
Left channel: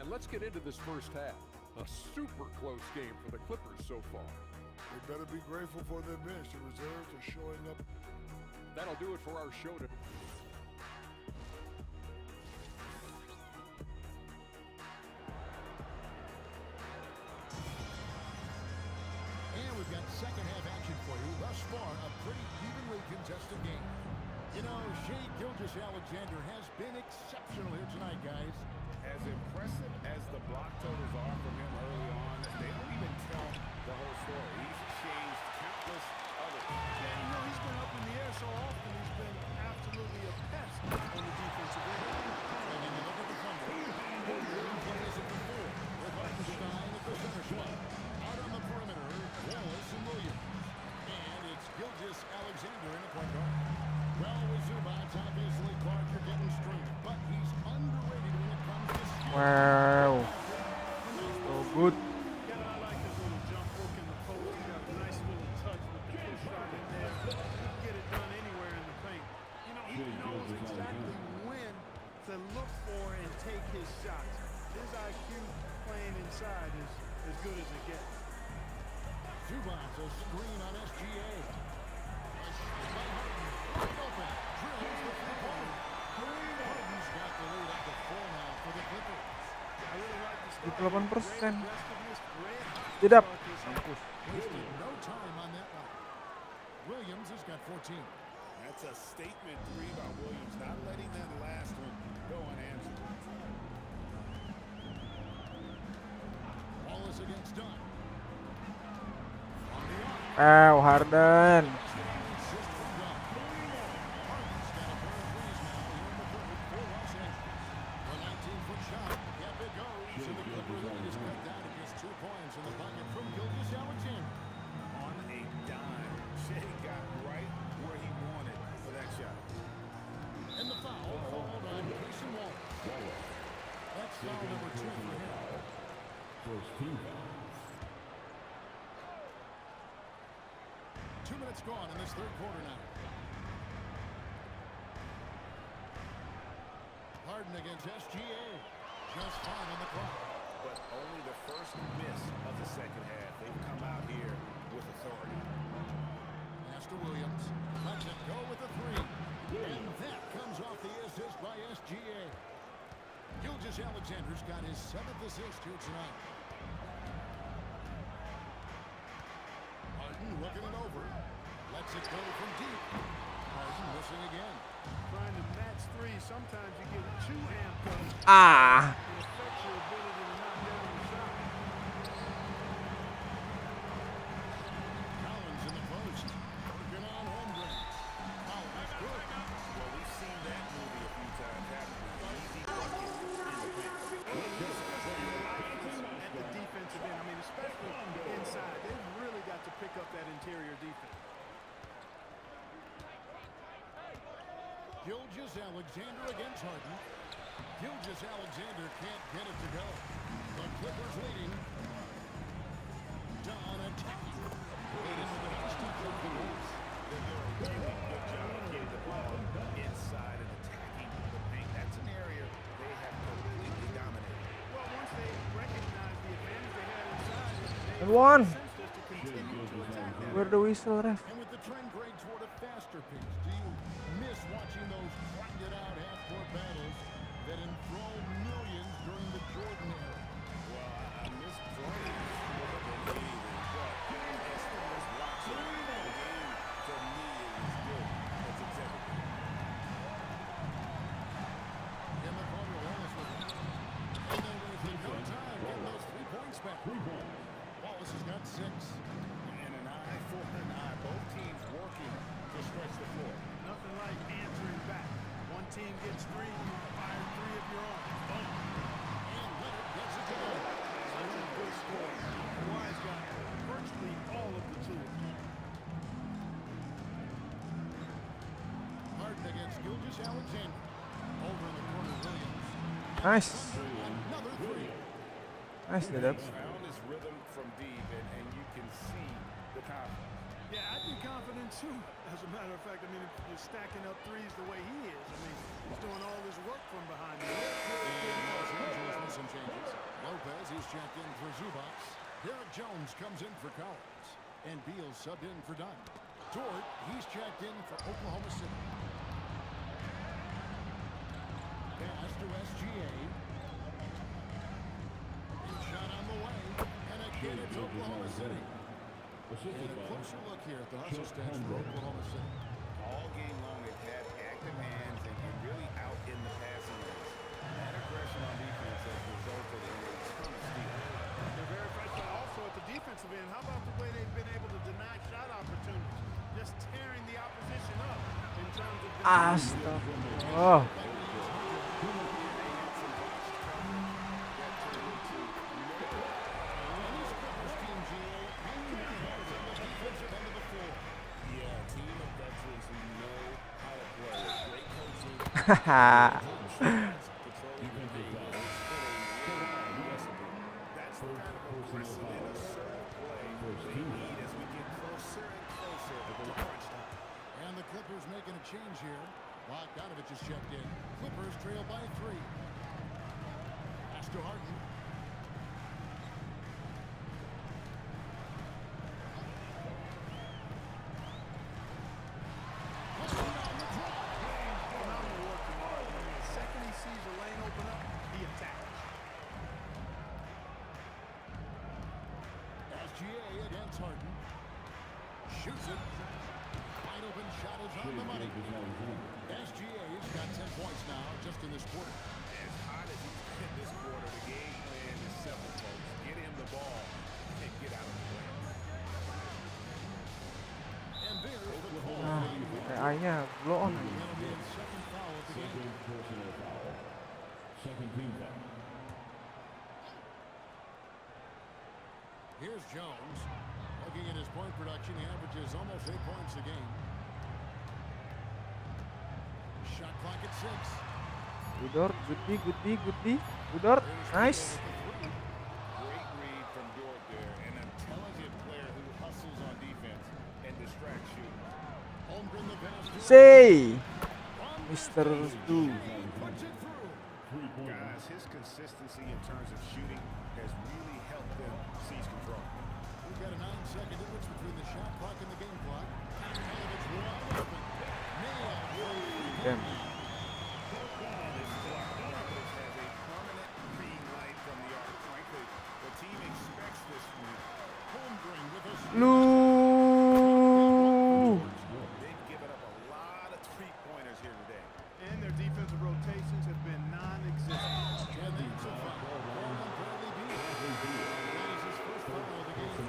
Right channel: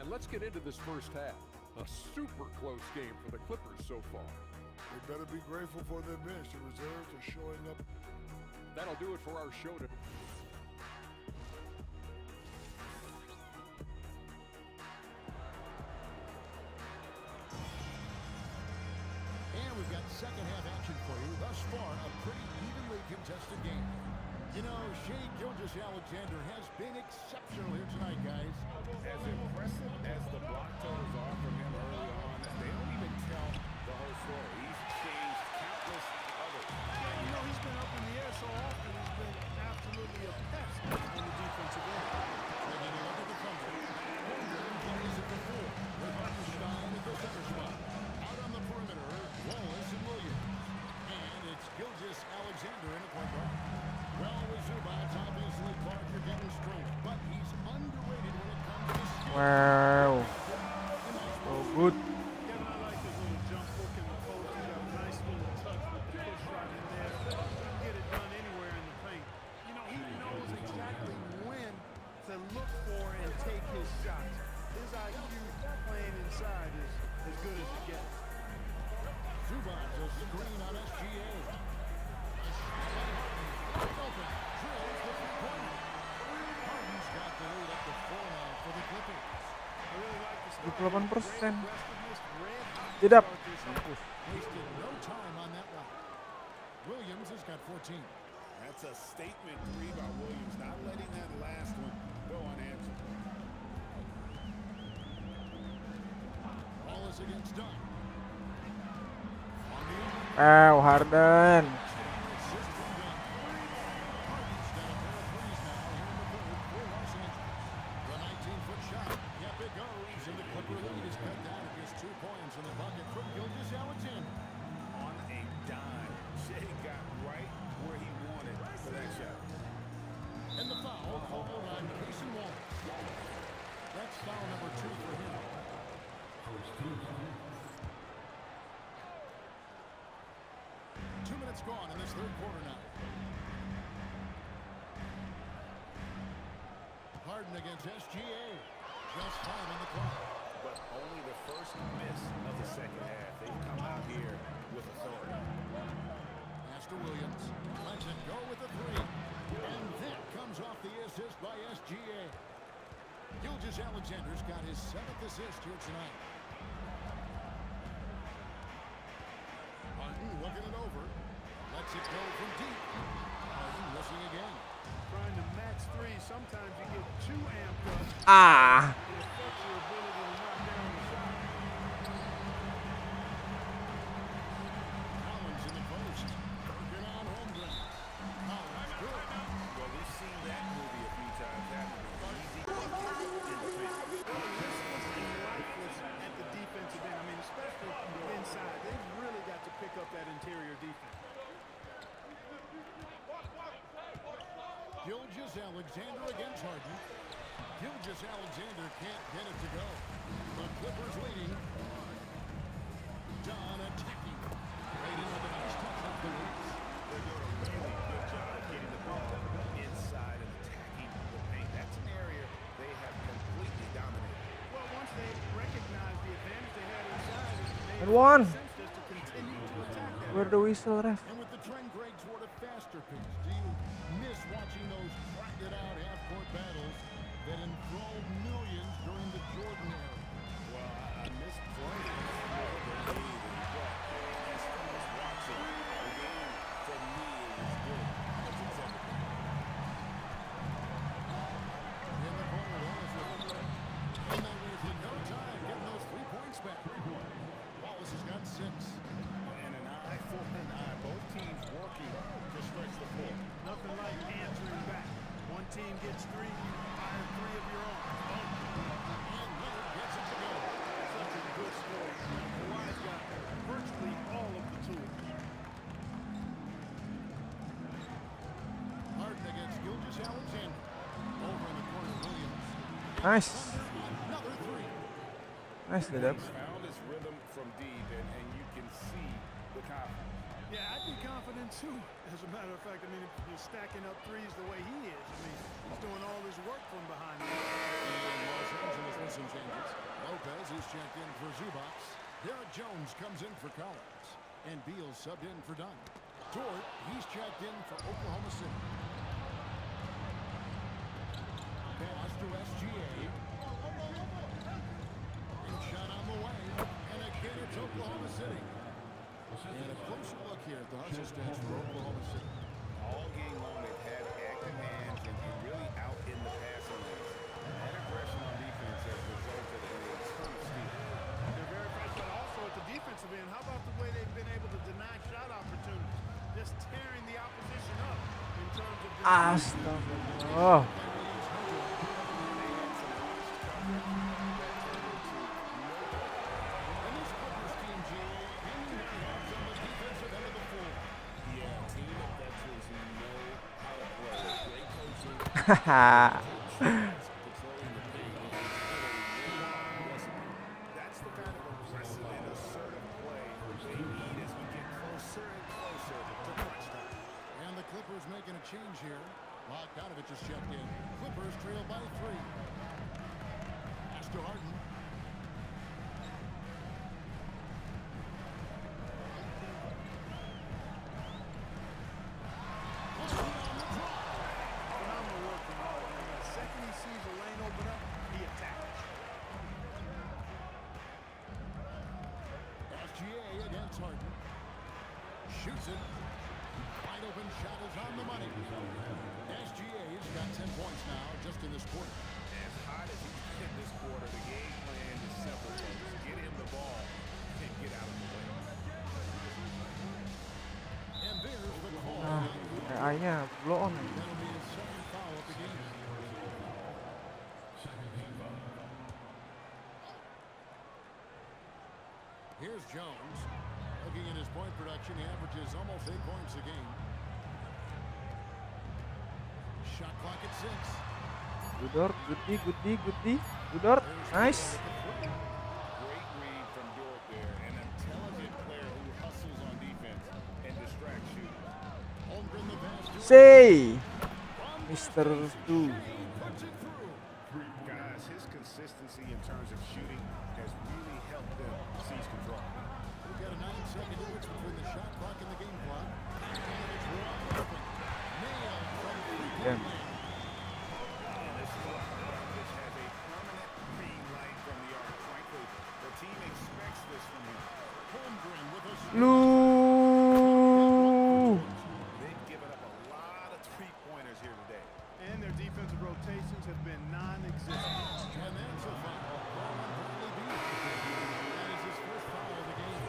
And let's get into this first half. A super close game for the Clippers so far. They better be grateful for their bench. The reserves are showing up. That'll do it for our show today. And we've got second half action for you. Thus far, a pretty evenly contested game. You know, Shai Gilgeous-Alexander has been exceptional here tonight, guys. As impressive as the block totals are from him early on, they don't even tell the whole story. He's changed countless others. Yeah, you know, he's been up in the air so often. He's been absolutely a pest on the defensive end. Taking a look at the Thunder. Holmgren plays at the 4 with Hartenstein at the center spot. Out on the perimeter, Wallace and Williams. And it's Gilgeous-Alexander in the point guard. Well, with Zubats, obviously Clark, you're getting straight, but he's underrated when it comes to skill. Wow. So good. Kevin, I like his little jump hook in the post. He's got a nice little touch with the push shot in there. He can get it done anywhere in the paint. You know, he knows exactly when to look for and take his shots. His IQ playing inside is as good as it gets. Zubats, a screen on SGA. A shot by Harden. Wide open. Drills the three-pointer. Harden's got the lead up to 4 now for the Clippers. I really like the start. 78%. Great aggressiveness, red hot to Tidak. start this half. Mampus. Wasted no time on that one. Williams has got 14. That's a statement 3 by Williams, not letting that last one go unanswered. Wallace against Dunn. From the arc. Wow, Harden. Basket on the assist from Dunn. Harden's got a pair of threes now here in the third for Los Angeles. The 19-foot shot. Yep, it goes. And the Clipper lead is cut down to just 2 points in the bucket from Gilgeous-Alexander. On a dime, Shai got right where he wanted for that shot. And the foul called on Cason Wallace. That's foul number 2 for him. First team foul. 2 minutes gone in this third quarter now. Harden against SGA. Just 5 on the clock. But only the first miss of the second half. They've come out here with authority. Pass to Williams. Lets it go with the 3. And that comes off the assist by SGA. Gilgeous-Alexander's got his 7th assist here tonight. Harden looking it over. Lets it go from deep. Harden missing again. Trying to match 3. Sometimes you get too amped up. Ah. It affects your ability to knock down the shot. Collins in the post. Working on Holmgren. Collins good. Well, we've seen that movie a few times, haven't we? Easy bucket in the paint. Listless and lifeless at the defensive end. I mean, especially inside. They've really got to pick up that interior defense. Gilgeous-Alexander against Harden. Gilgeous-Alexander can't get it to go. The Clippers leading. Dunn attacking. Played in with a nice touch off the glass. They're doing a really good job of getting the ball inside and attacking the paint. That's an area they have completely dominated. Well, once they recognize the advantage they had inside, And one. sense just to continue to attack that. Where the whistle, ref? And with the trend grade toward a faster pace, do you miss watching those grinded-out half-court battles that enthralled millions during the Jordan era? Well, I miss playing more than anything, but as far as watching, the game for me is as good as it's ever been. In the corner, Wallace with it. And they wasted no time getting those 3 points back. Wallace has got 6. And an eye for an eye. Both teams working to stretch the floor. Nothing like answering back. One team gets 3, you fire 3 of your own. Boom. And Leonard gets it to go. Such a good score. Kawhi's got virtually all of the tools. Harden against Gilgeous Alexander. Over in the corner, Williams. Nice. Another 3. Nice, Dedap. He's found his rhythm from deep, and you can see the confidence. Yeah, I'd be confident too. As a matter of fact, I mean, if you're stacking up threes the way he is, I mean, he's doing all his work from behind the arc. And Los Angeles with some changes. Lopez, he's checked in for Zubac. Derek Jones comes in for Collins. And Beal subbed in for Dunn. Dort, he's checked in for Oklahoma City. Pass to SGA. And shot on the way. And again, it's Oklahoma City. And a closer look here at the hustle stats for Oklahoma City. All game long, they've had active hands and really out in the passing lanes. That aggression on defense has resulted in a ton of steals. They're very fresh, but also at the defensive end, how about the way they've been able to deny shot opportunities? Just tearing the opposition up in terms of Astagfirullah. And they had some botched coverage that turned into no play. And this Clippers team, GA, hanging their heads on the defensive end of the floor. Yeah, a team of veterans who know how to play. Great coaching. Controlling the paint. It's been a winning recipe. That's the kind of aggressive and assertive play they need as we get closer and closer to crunch time. And the Clippers making a change here. Bogdanovich is checked in. Clippers trail by 3. Pass to Harden. phenomenal work from Harden. I mean, the second he sees a lane open up, he attacks. SGA against Harden. Shoots it. Wide open shot is on the money. SGA's got 10 points now just in this quarter. As hot as he's been this quarter, the game plan is simple, folks. Get him the ball and get out of the way. And there's the call. Kayak A-nya blow on. That'll be his second foul of the game. Second team foul. Here's Jones. Looking at his point production, he averages almost 8 points a game. Shot clock at 6. Good Dort. Nice. Great read from Dort there. An intelligent player who hustles on defense and distracts shooters. Holmgren the pass to Say, Mr. Stu. puts it through. Guys, his consistency in terms of shooting has really helped them seize control. We've got a 9-second difference between the shot clock and the game clock. And it's wide open. Nailed from Damn. three-point land. And this is why Bogdanovich has a permanent green light from the arc. Frankly, the team expects this from him. Holmgren with a Lu. They've given up a lot of three-pointers here today. And their defensive rotations have been non-existent. And that's a foul. Call on Bradley Beal. That is his first foul of the game.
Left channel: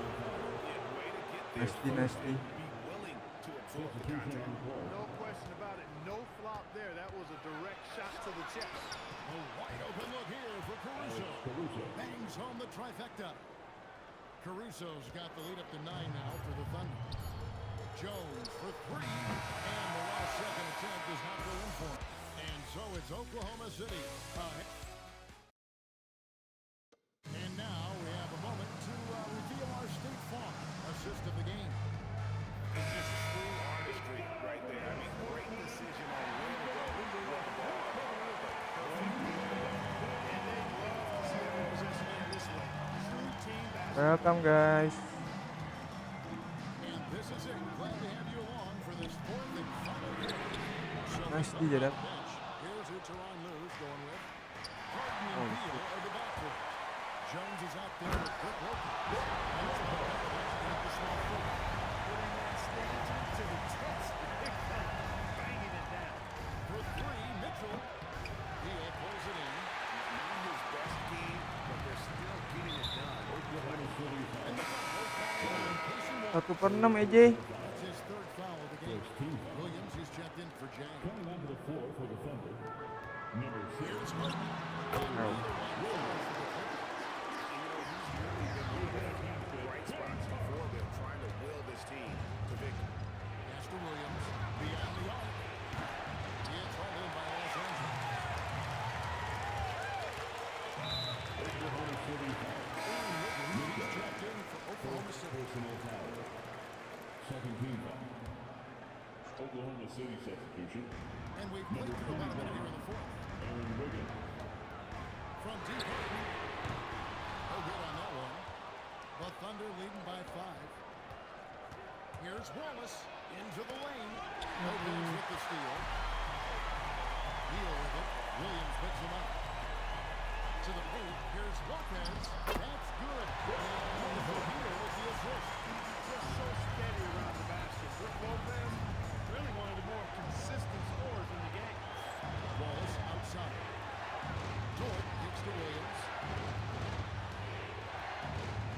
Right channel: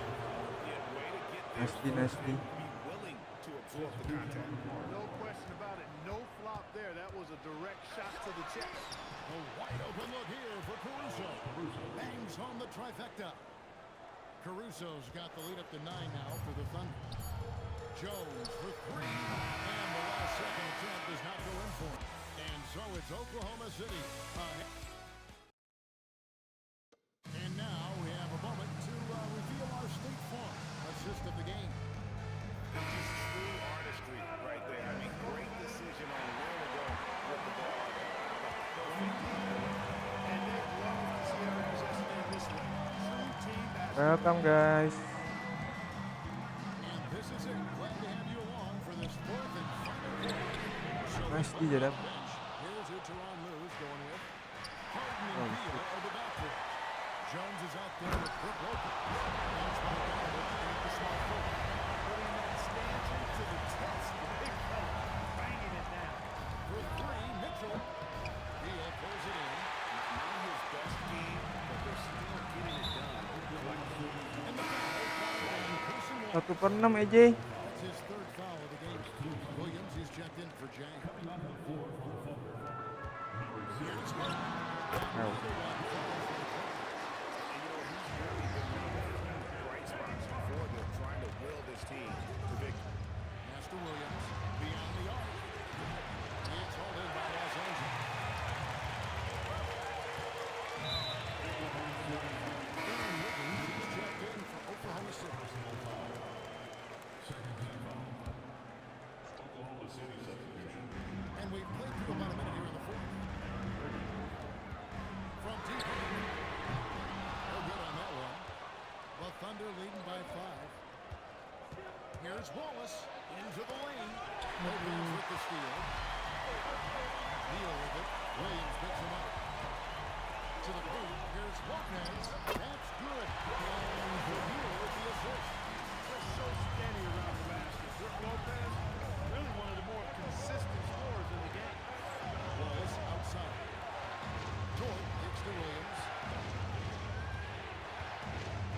Yeah, way to get there Nasty. first and be willing to absorb the contact. No question about it. No flop there. That was a direct shot to the chest. A wide open look here for Caruso. Bangs home the trifecta. Caruso's got the lead up to 9 now for the Thunder. Jones for 3. And the last second attempt does not go in for him. And so it's Oklahoma City. And now we have a moment to reveal our State Farm assist of the game. It's just true artistry right there. I mean, great decision on where to go with the ball. The perfect delivery. And they'd love to see every possession end this way. True team basketball. Welcome guys. And this is it. Glad to have you along for this fourth and final quarter. So Nice the DJ, Dap. bench. Here's who Teron Lue's going with. Harden and Oh, Beal are the backcourt. Jones is out there with Brook Lopez. And it's Bogdanovich in at the small forward. Putting that stanza to the test. The big fella banging it down. For 3, Mitchell. Beal pulls it in. Not his best game, but they're still getting it done. And the foul called on Casey Moore. 1/6 EJ. That's his third foul of the game. Williams, he's checked in for Jang. Coming onto the floor for the Thunder, number 6. Here's Martin. Another one falls for the Clippers. And you know, he's really been one of the few bright spots for them, trying to will this team to victory. Pass to Williams. Beyond the arc. It's hauled in by Los Angeles. Oklahoma City foul. Aaron Wiggins, he's checked in for Oklahoma City. Personal foul. Second team foul. Oklahoma City substitution. And we've played through about a minute here in the fourth. Aaron Wiggins. From deep, Harden. No good on that one. The Thunder leading by 5. Here's Wallace into the lane. Lopez with the steal. Neal with it. Williams picks him up. To the paint. Here's Lopez. That's good. And Neal with the assist. Just so steady around the basket. Brook Lopez, really one of the more consistent scorers in the game. Wallace outside. Dort kicks to Williams.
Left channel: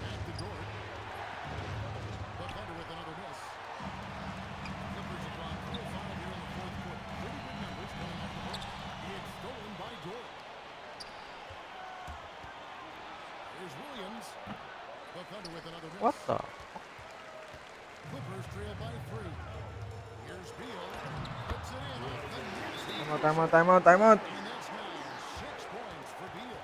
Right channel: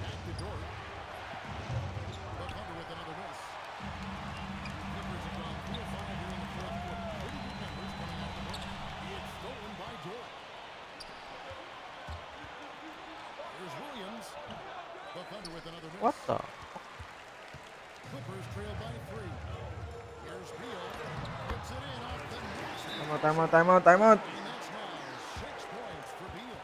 Back to Dort. The Thunder with another miss. Clippers have gone 3 of 5 here in the fourth quarter. Pretty good numbers coming off the break. It's stolen by Dort. Here's Williams. The Thunder with another miss. What the? Clippers trail by 3. Here's Beal. Puts it in off the nasty. Timeout. And that's now 6 points for Beal.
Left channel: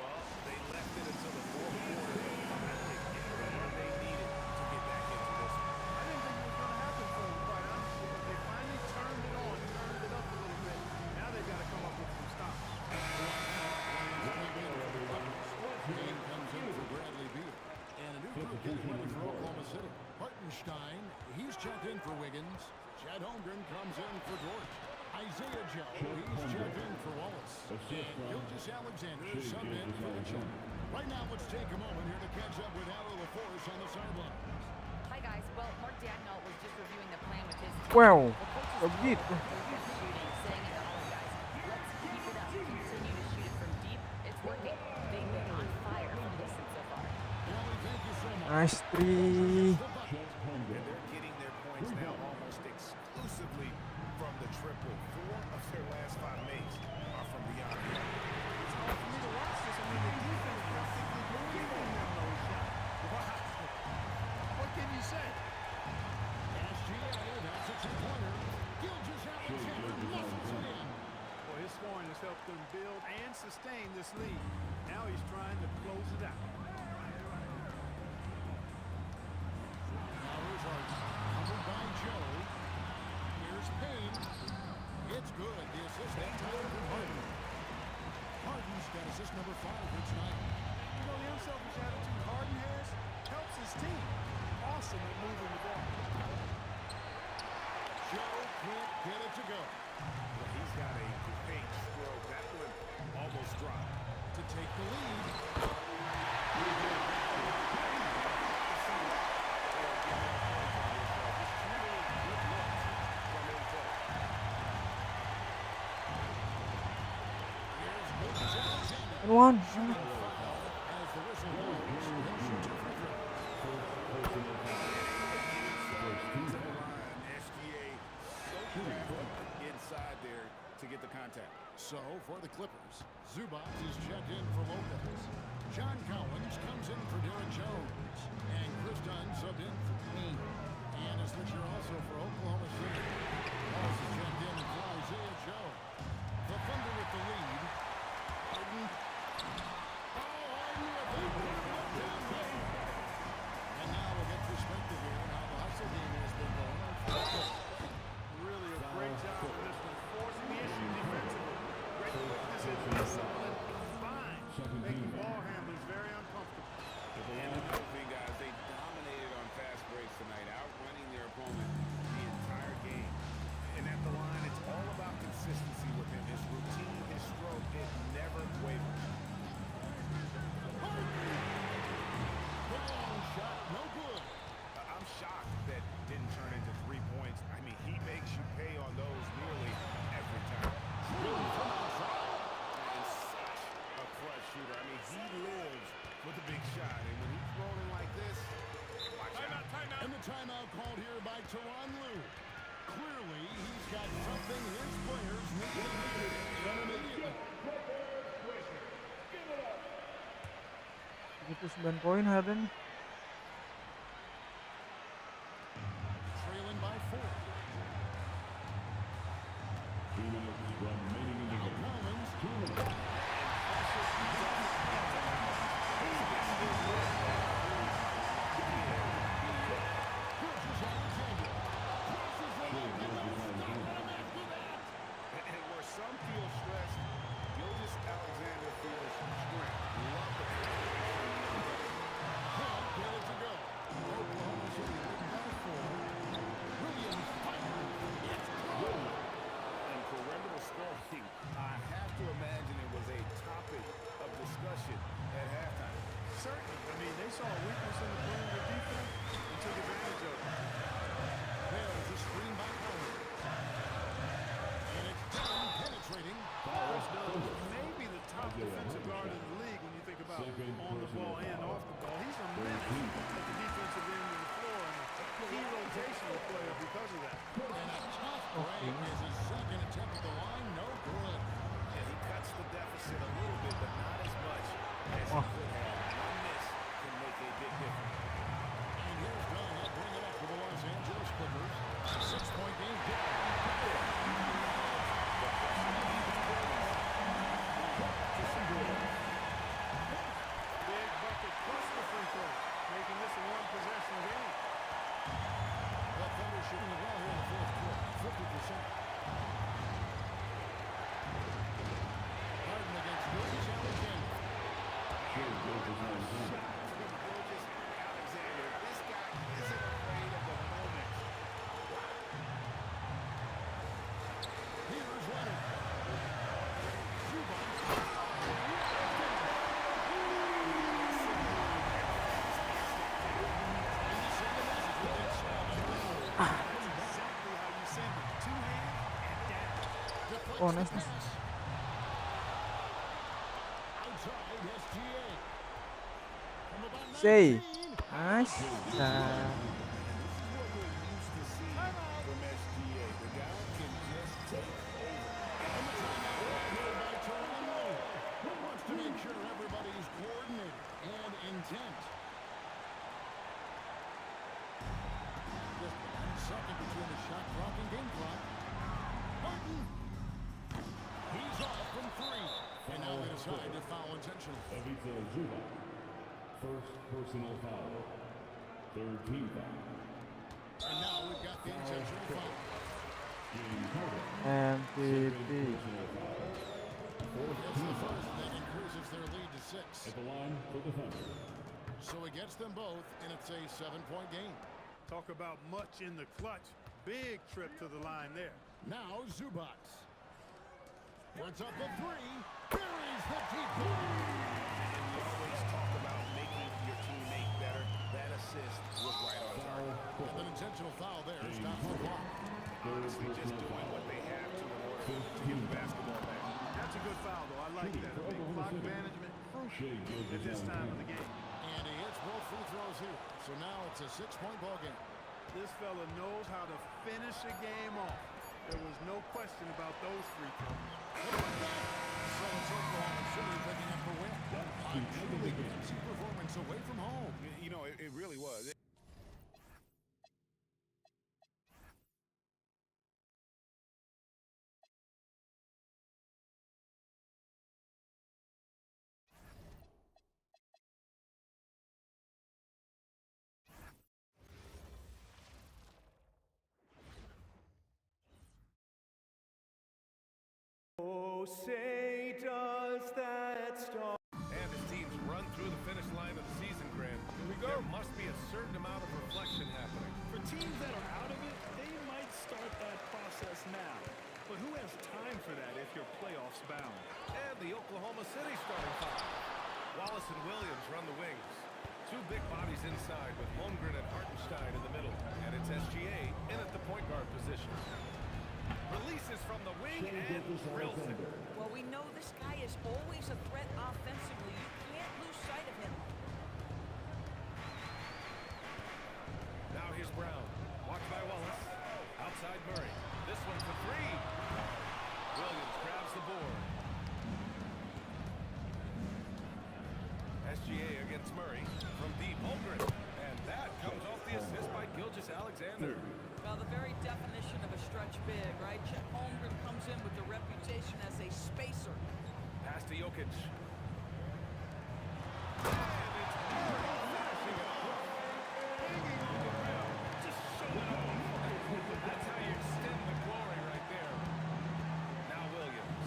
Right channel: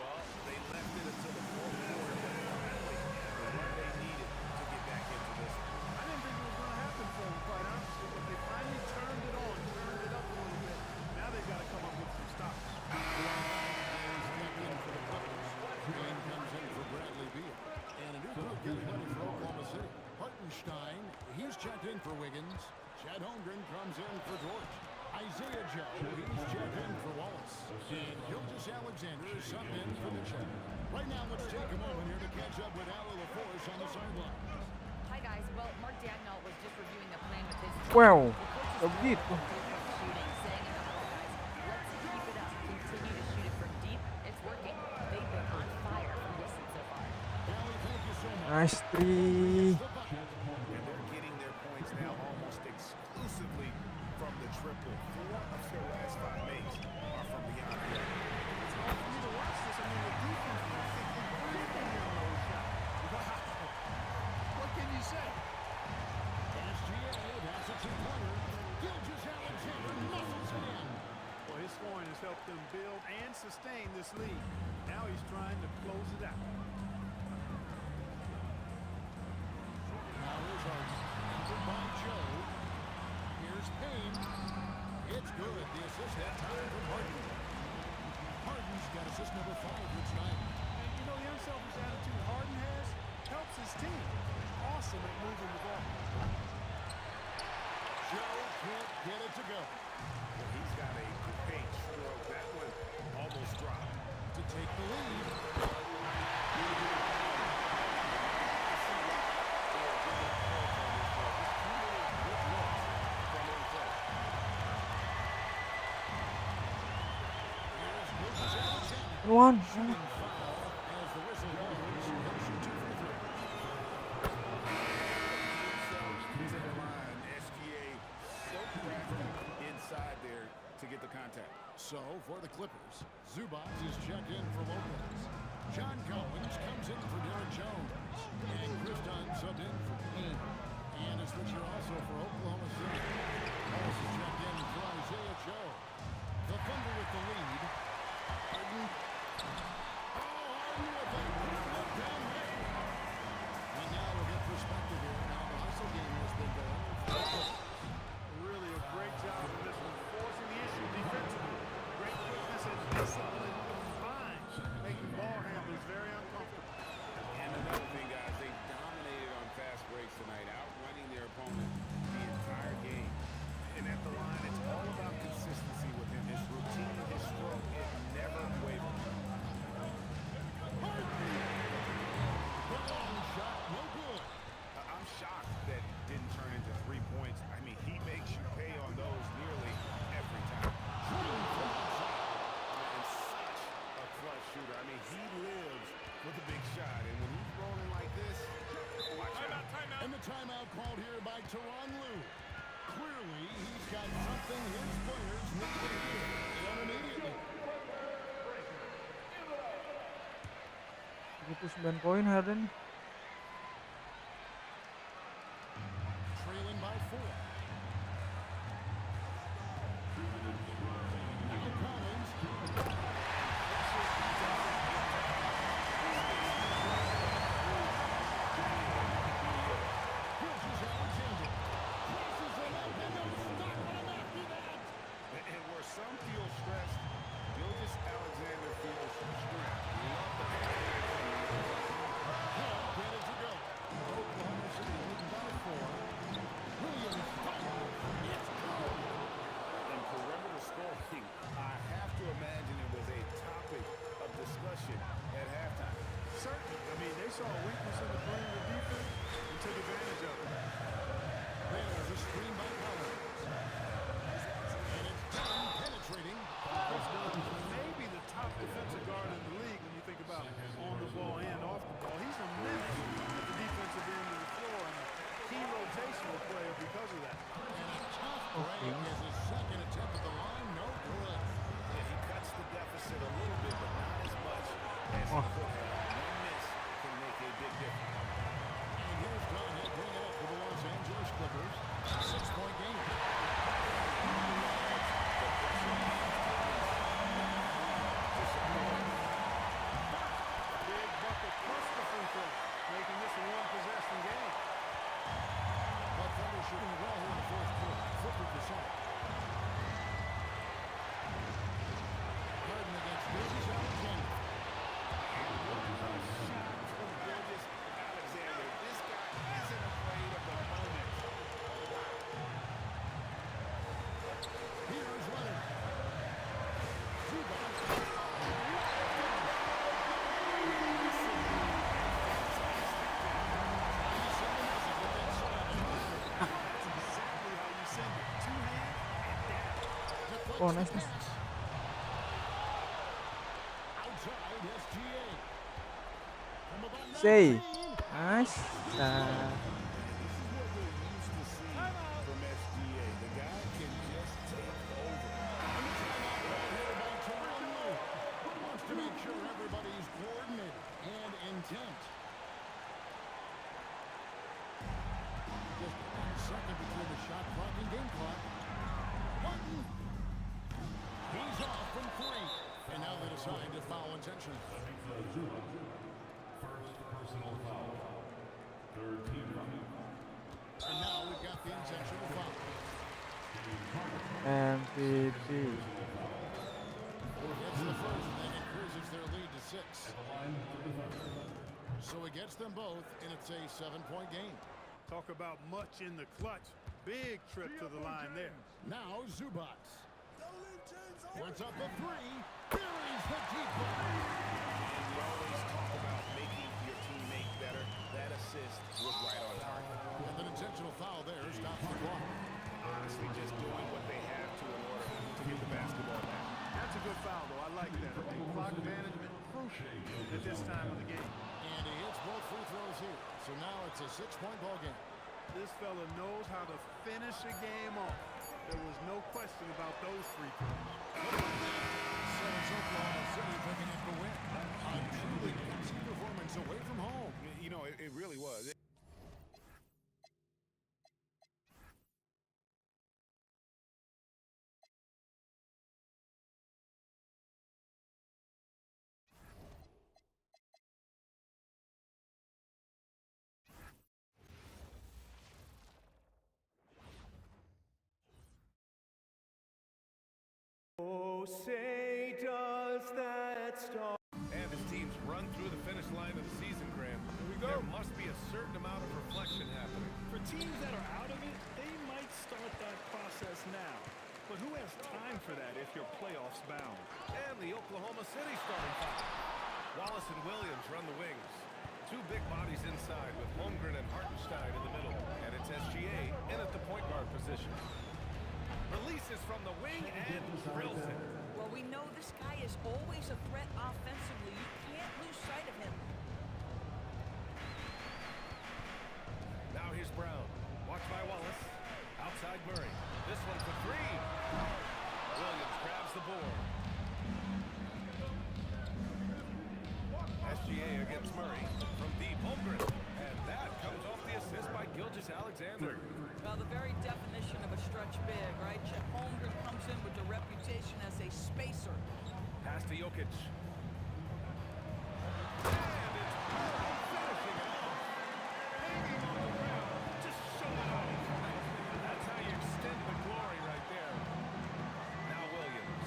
Well, they left it until the fourth quarter, but finally the run they needed to get back into this one. I didn't think it was going to happen for them, quite honestly, but they finally turned it on, turned it up a little bit. Now they've got to come up with some stops. Williams checked in for the Clippers. Kane comes in for Bradley Beal. And a new group getting ready for Oklahoma City. Hartenstein, he's checked in for Wiggins. Chad Holmgren comes in for Dort. Isaiah Joe, he's checked in for Wallace. And Gilgeous Alexander is subbed in for Mitchell. Right now, let's take a moment here to catch up with Allie LaForce on the sidelines. Hi, guys. Well, Mark Dagnall was just reviewing the plan with his team. Wow. Coach is Begitu. thrilled with their three-point shooting, saying in the huddle, guys, let's keep it up. Continue to shoot it from deep. It's working. They've been on fire from distance so far. Allie, thank you so much. Nice three. And they're getting their points now almost exclusively from the triple. 4 of their last 5 makes are from beyond the arc. It's hard for me to watch this. I mean, the defense practically giving them those shots. Wow. What can you say? SGA, that's a 2-pointer. Gilgeous Alexander muscles it in. Well, his scoring has helped them build and sustain this lead. Now he's trying to close it out. Now here's Harden, covered by Joe. Here's Payne. It's good. The assist that time from Harden. Harden's got assist number 5 here tonight. And you know, the unselfish attitude Harden has helps his team. Awesome at moving the ball. Joe can't get it to go. Well, he's got a great stroke. That one almost dropped. To take the lead. One. Shooting foul as the whistle blows. He'll shoot 2 free throws. To the line, SGA so crafty inside there to get the contact. So, for the Clippers, Zubac is checked in for Lopez. John Collins comes in for Derek Jones. And Chris Dunn subbed in for Payne. And a switcher also for Oklahoma City. Walls is checked in for Isaiah Joe. The Thunder with the lead. Harden. Oh, Harden with a good look down there. And now we'll get perspective here on how the hustle game has been going. Really a great job in this one, forcing the issue defensively. Great quickness and discipline combined, making ball handlers very uncomfortable. And another thing, guys, they dominated on fast breaks tonight, outrunning their opponent the entire game. And at the line, it's all about consistency with him. His routine, his stroke, it never wavers. The long shot, no good. I'm shocked that didn't turn into 3 points. I mean, he makes you pay on those nearly every time. Swing from outside. And such a clutch shooter. I mean, he lives with a big shot. And when he's rolling like this, watch out. And the timeout called here by Tyronn Lue. Clearly, he's got something his players need to hear, and immediately. 79 poin Harden. Trailing by 4. 2 minutes remaining in the Now game. Collins. And pressure doesn't get to Collins. Bridges Alexander. Crosses him up and no stopping him after that. And where some feel stressed, Gilgeous Alexander feels strength. Love the confidence from the young fella. Can't get it to go. Oklahoma City leading by 4. Williams fires. It's good. And perimeter scoring, I have to imagine it was a topic of discussion at halftime. Certainly. I mean, they saw a weakness in the perimeter defense and took advantage of it. There's a screen by Collins. And it's done penetrating. Chris Dunn, maybe the top defensive guard in the league when you think about on the ball and off the ball. He's a menace at the defensive end of the floor and a key rotational player because of that. And a tough break as his second attempt at the line, no good. Yeah, he cuts the deficit a little bit, but not as much as he could have. One miss can make a big difference. And here's Dunn. He'll bring it up for the Los Angeles Clippers. 6-point game. He loves the pressure. Big bucket plus the free throw, making this a one-possession game. The Thunder shooting it well here in the fourth quarter. 50%. Harden against Gilgeous Alexander. And what a shot from Gilgeous Alexander. This guy isn't afraid of the moment. Here's Leonard. Zubac. What a finish. Trying to send a message with that slam. That's exactly how you send it. Two hands and down. Deflects Oh, the nice. pass. Outside SGA. From about Say. 19. Nice. And this is what we're used to seeing from SGA. The guy can just take over. And the timeout right here by Tyronn Lue. Wants to make sure everybody's coordinated and intent. Just 1 second between the shot clock and game clock. Harden. He's off from 3. And now they decide to foul intentionally. Ivica Zubac. First personal foul. Third team foul. And now we've got the intentional foul. James Harden. MVP. Personal foul. Gets the first, and that increases their lead to 6. At the line for the Thunder. So he gets them both, and it's a 7-point game. Talk about much in the clutch. Big trip to the line there. Now Zubac. Puts up a 3. Buries the deep ball. And we always talk about making your teammate better. That assist was right on target. And an intentional foul there stops the clock. Honestly, just doing what they have to in order to get the basketball back. That's a good foul, though. I like that. I mean, clock management crucial at this time of the game. And he hits both free throws here. So now it's a 6-point ball game. This fella knows how to finish a game off. There was no question about those free throws. Look at that. So it's Oklahoma City picking up the win. A truly gutsy performance away from home. You know, it really was. Oh, say does that star. And as teams run through the finish line of the season, Graham, there must be a certain amount of reflection happening. For teams that are out of it, they might start that process now. But who has time for that if you're playoffs bound? And the Oklahoma City starting five. Wallace and Williams run the wings. Two big bodies inside with Holmgren and Hartenstein in the middle. And it's SGA in at the point guard position. Releases from the wing and drills it. Well, we know this guy is always a threat offensively. You can't lose sight of him. Now here's Brown. Watched by Wallace. Outside Murray. This one for three. Williams grabs the board. SGA against Murray from deep. Holmgren. And that comes off the assist by Gilgeous-Alexander. Well, the very definition of a stretch big, right? Chet Holmgren comes in with the reputation as a spacer. Pass to Jokic. And it's Murray finishing it off. Hanging on the rim, just showing off. That's how you extend the glory right there. Now Williams.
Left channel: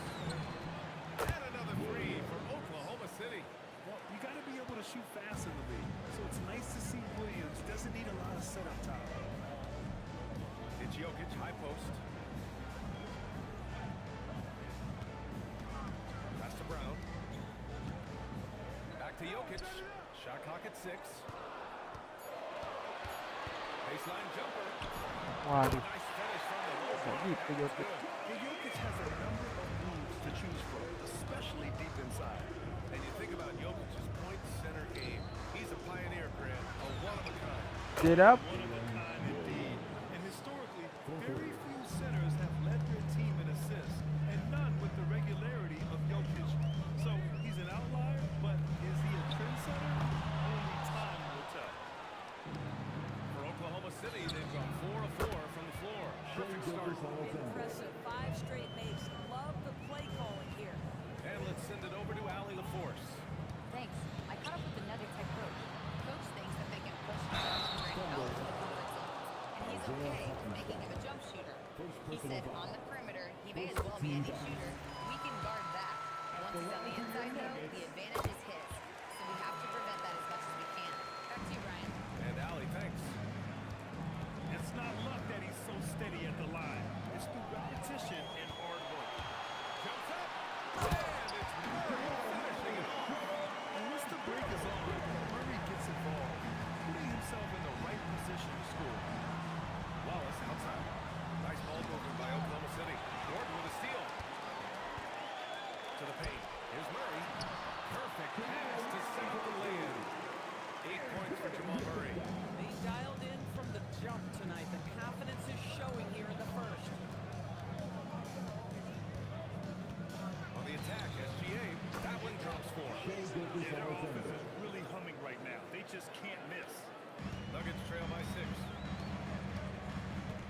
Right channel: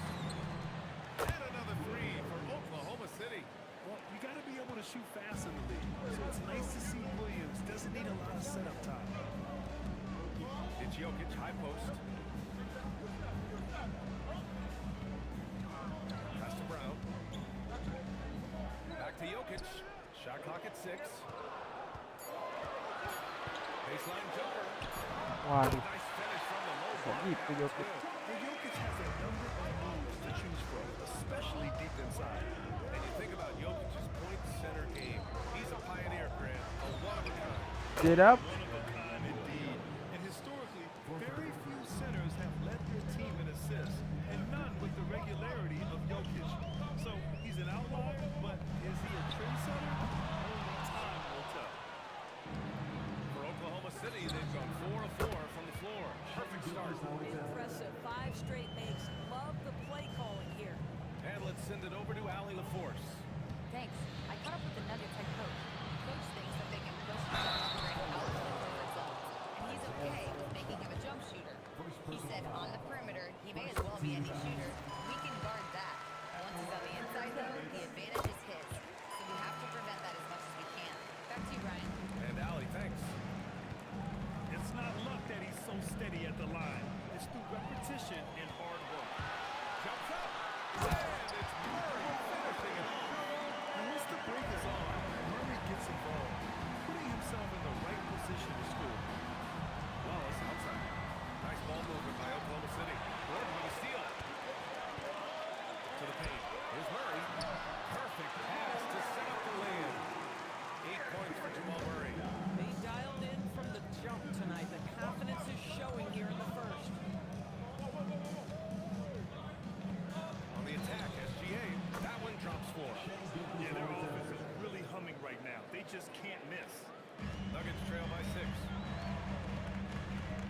And another three for Oklahoma City. Well, you got to be able to shoot fast in the league. So it's nice to see Williams doesn't need a lot of setup time. It's Jokic, high post. Pass to Brown. Back to Jokic. Shot clock at 6. Baseline jumper. Waduh. Nice finish from the low block. Gitu That was Jokic. good. And Jokic has a number of moves to choose from, especially deep inside. And you think about Jokic's point center game. He's a pioneer, Grant. A one-of-a-kind. Get up. One of a kind indeed. And historically, very few centers have led their team in assists, and none with the regularity of Jokic. So he's an outlier, but is he a trendsetter? Only time will tell. For Oklahoma City, they've gone 4 of 4 from the floor. Perfect start. Impressive. 5 straight makes. Love the play calling here. And let's send it over to Allie LaForce. Thanks. I caught up with the Nuggets head coach. Coach thinks that they can push Jalen Green out of the comfort zones, and he's okay with making him a jump shooter. He said on the perimeter, he may as well be any shooter. We can guard that. Once he's on the inside, though, the advantage is his. So we have to prevent that as much as we can. Back to you, Brian. And Allie, thanks. It's not luck that he's so steady at the line. It's through repetition and hard work. Jumps up. And it's Murray finishing it off. And once the break is on, Murray gets involved, putting himself in the right position to score. Wallace outside. Nice ball movement by Oklahoma City. Gordon with a steal. To the paint. Here's Murray. Perfect pass to set up the lay-in. 8 points for Jamal Murray. They dialed in from the jump tonight. The confidence is showing here in the first. On the attack, SGA. That one drops 4. Yeah, their offense is really humming right now. They just can't miss. Nuggets trail by 6.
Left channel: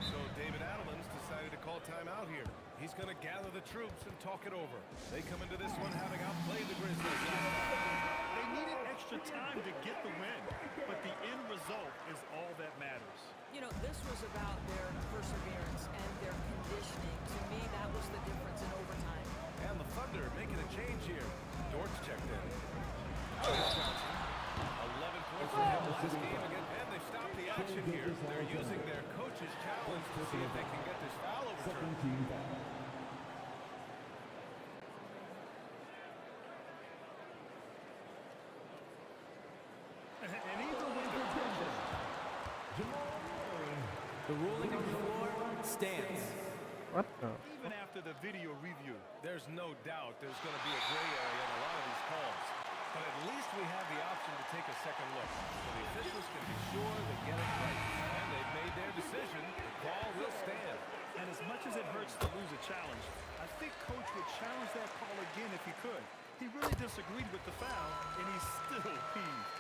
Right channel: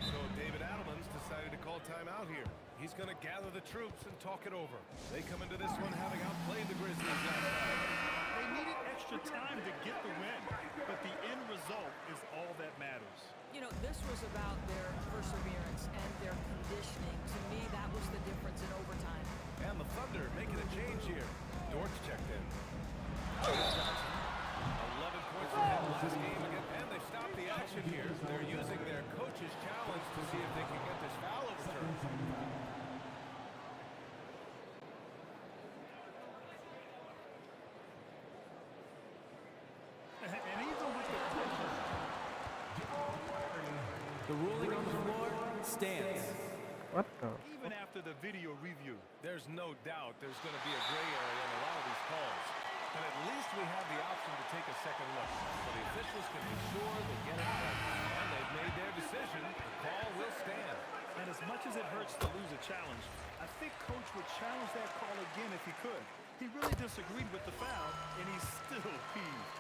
So David Adelman's decided to call timeout here. He's going to gather the troops and talk it over. They come into this one having outplayed the Grizzlies last time. They needed extra time to get the win, but the end result is all that matters. You know, this was about their perseverance and their conditioning. To me, that was the difference in overtime. And the Thunder making a change here. Dortch checked in. Johnson. 11 points for him last game again. And they've stopped the action here. They're using their coach's challenge to see if they can get this foul overturned. And even with the coaches, The ruling on the floor stands. What the? even after the video review, There's no doubt there's going to be a gray area in a lot of these calls. But at least we have the option to take a second look. So the officials can be sure they get it right. And they've made their decision. The call will stand. and as much as it hurts to lose a challenge, I think Coach would challenge that call again if he could. He really disagreed with the foul, and he's still peeved.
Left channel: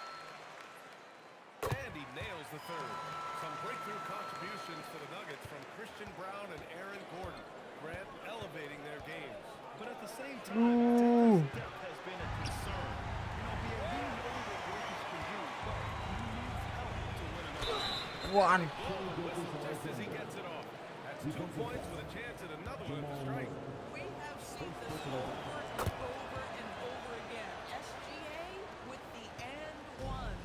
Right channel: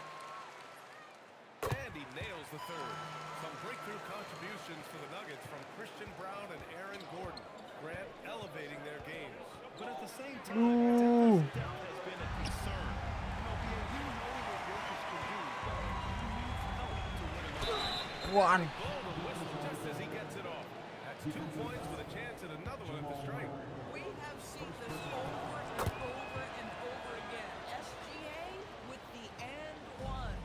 And he nails the third. Some breakthrough contributions for the Nuggets from Christian Brown and Aaron Gordon. Grant elevating their games. But at the same time, Denver's depth has been a concern. You know, BA, we know what Jokic can do, but he needs help to win another game. One. Blow the whistle just as he gets it off. That's 2 points with a chance at another one at the strike. We have seen this over and over and over again. SGA with the and one.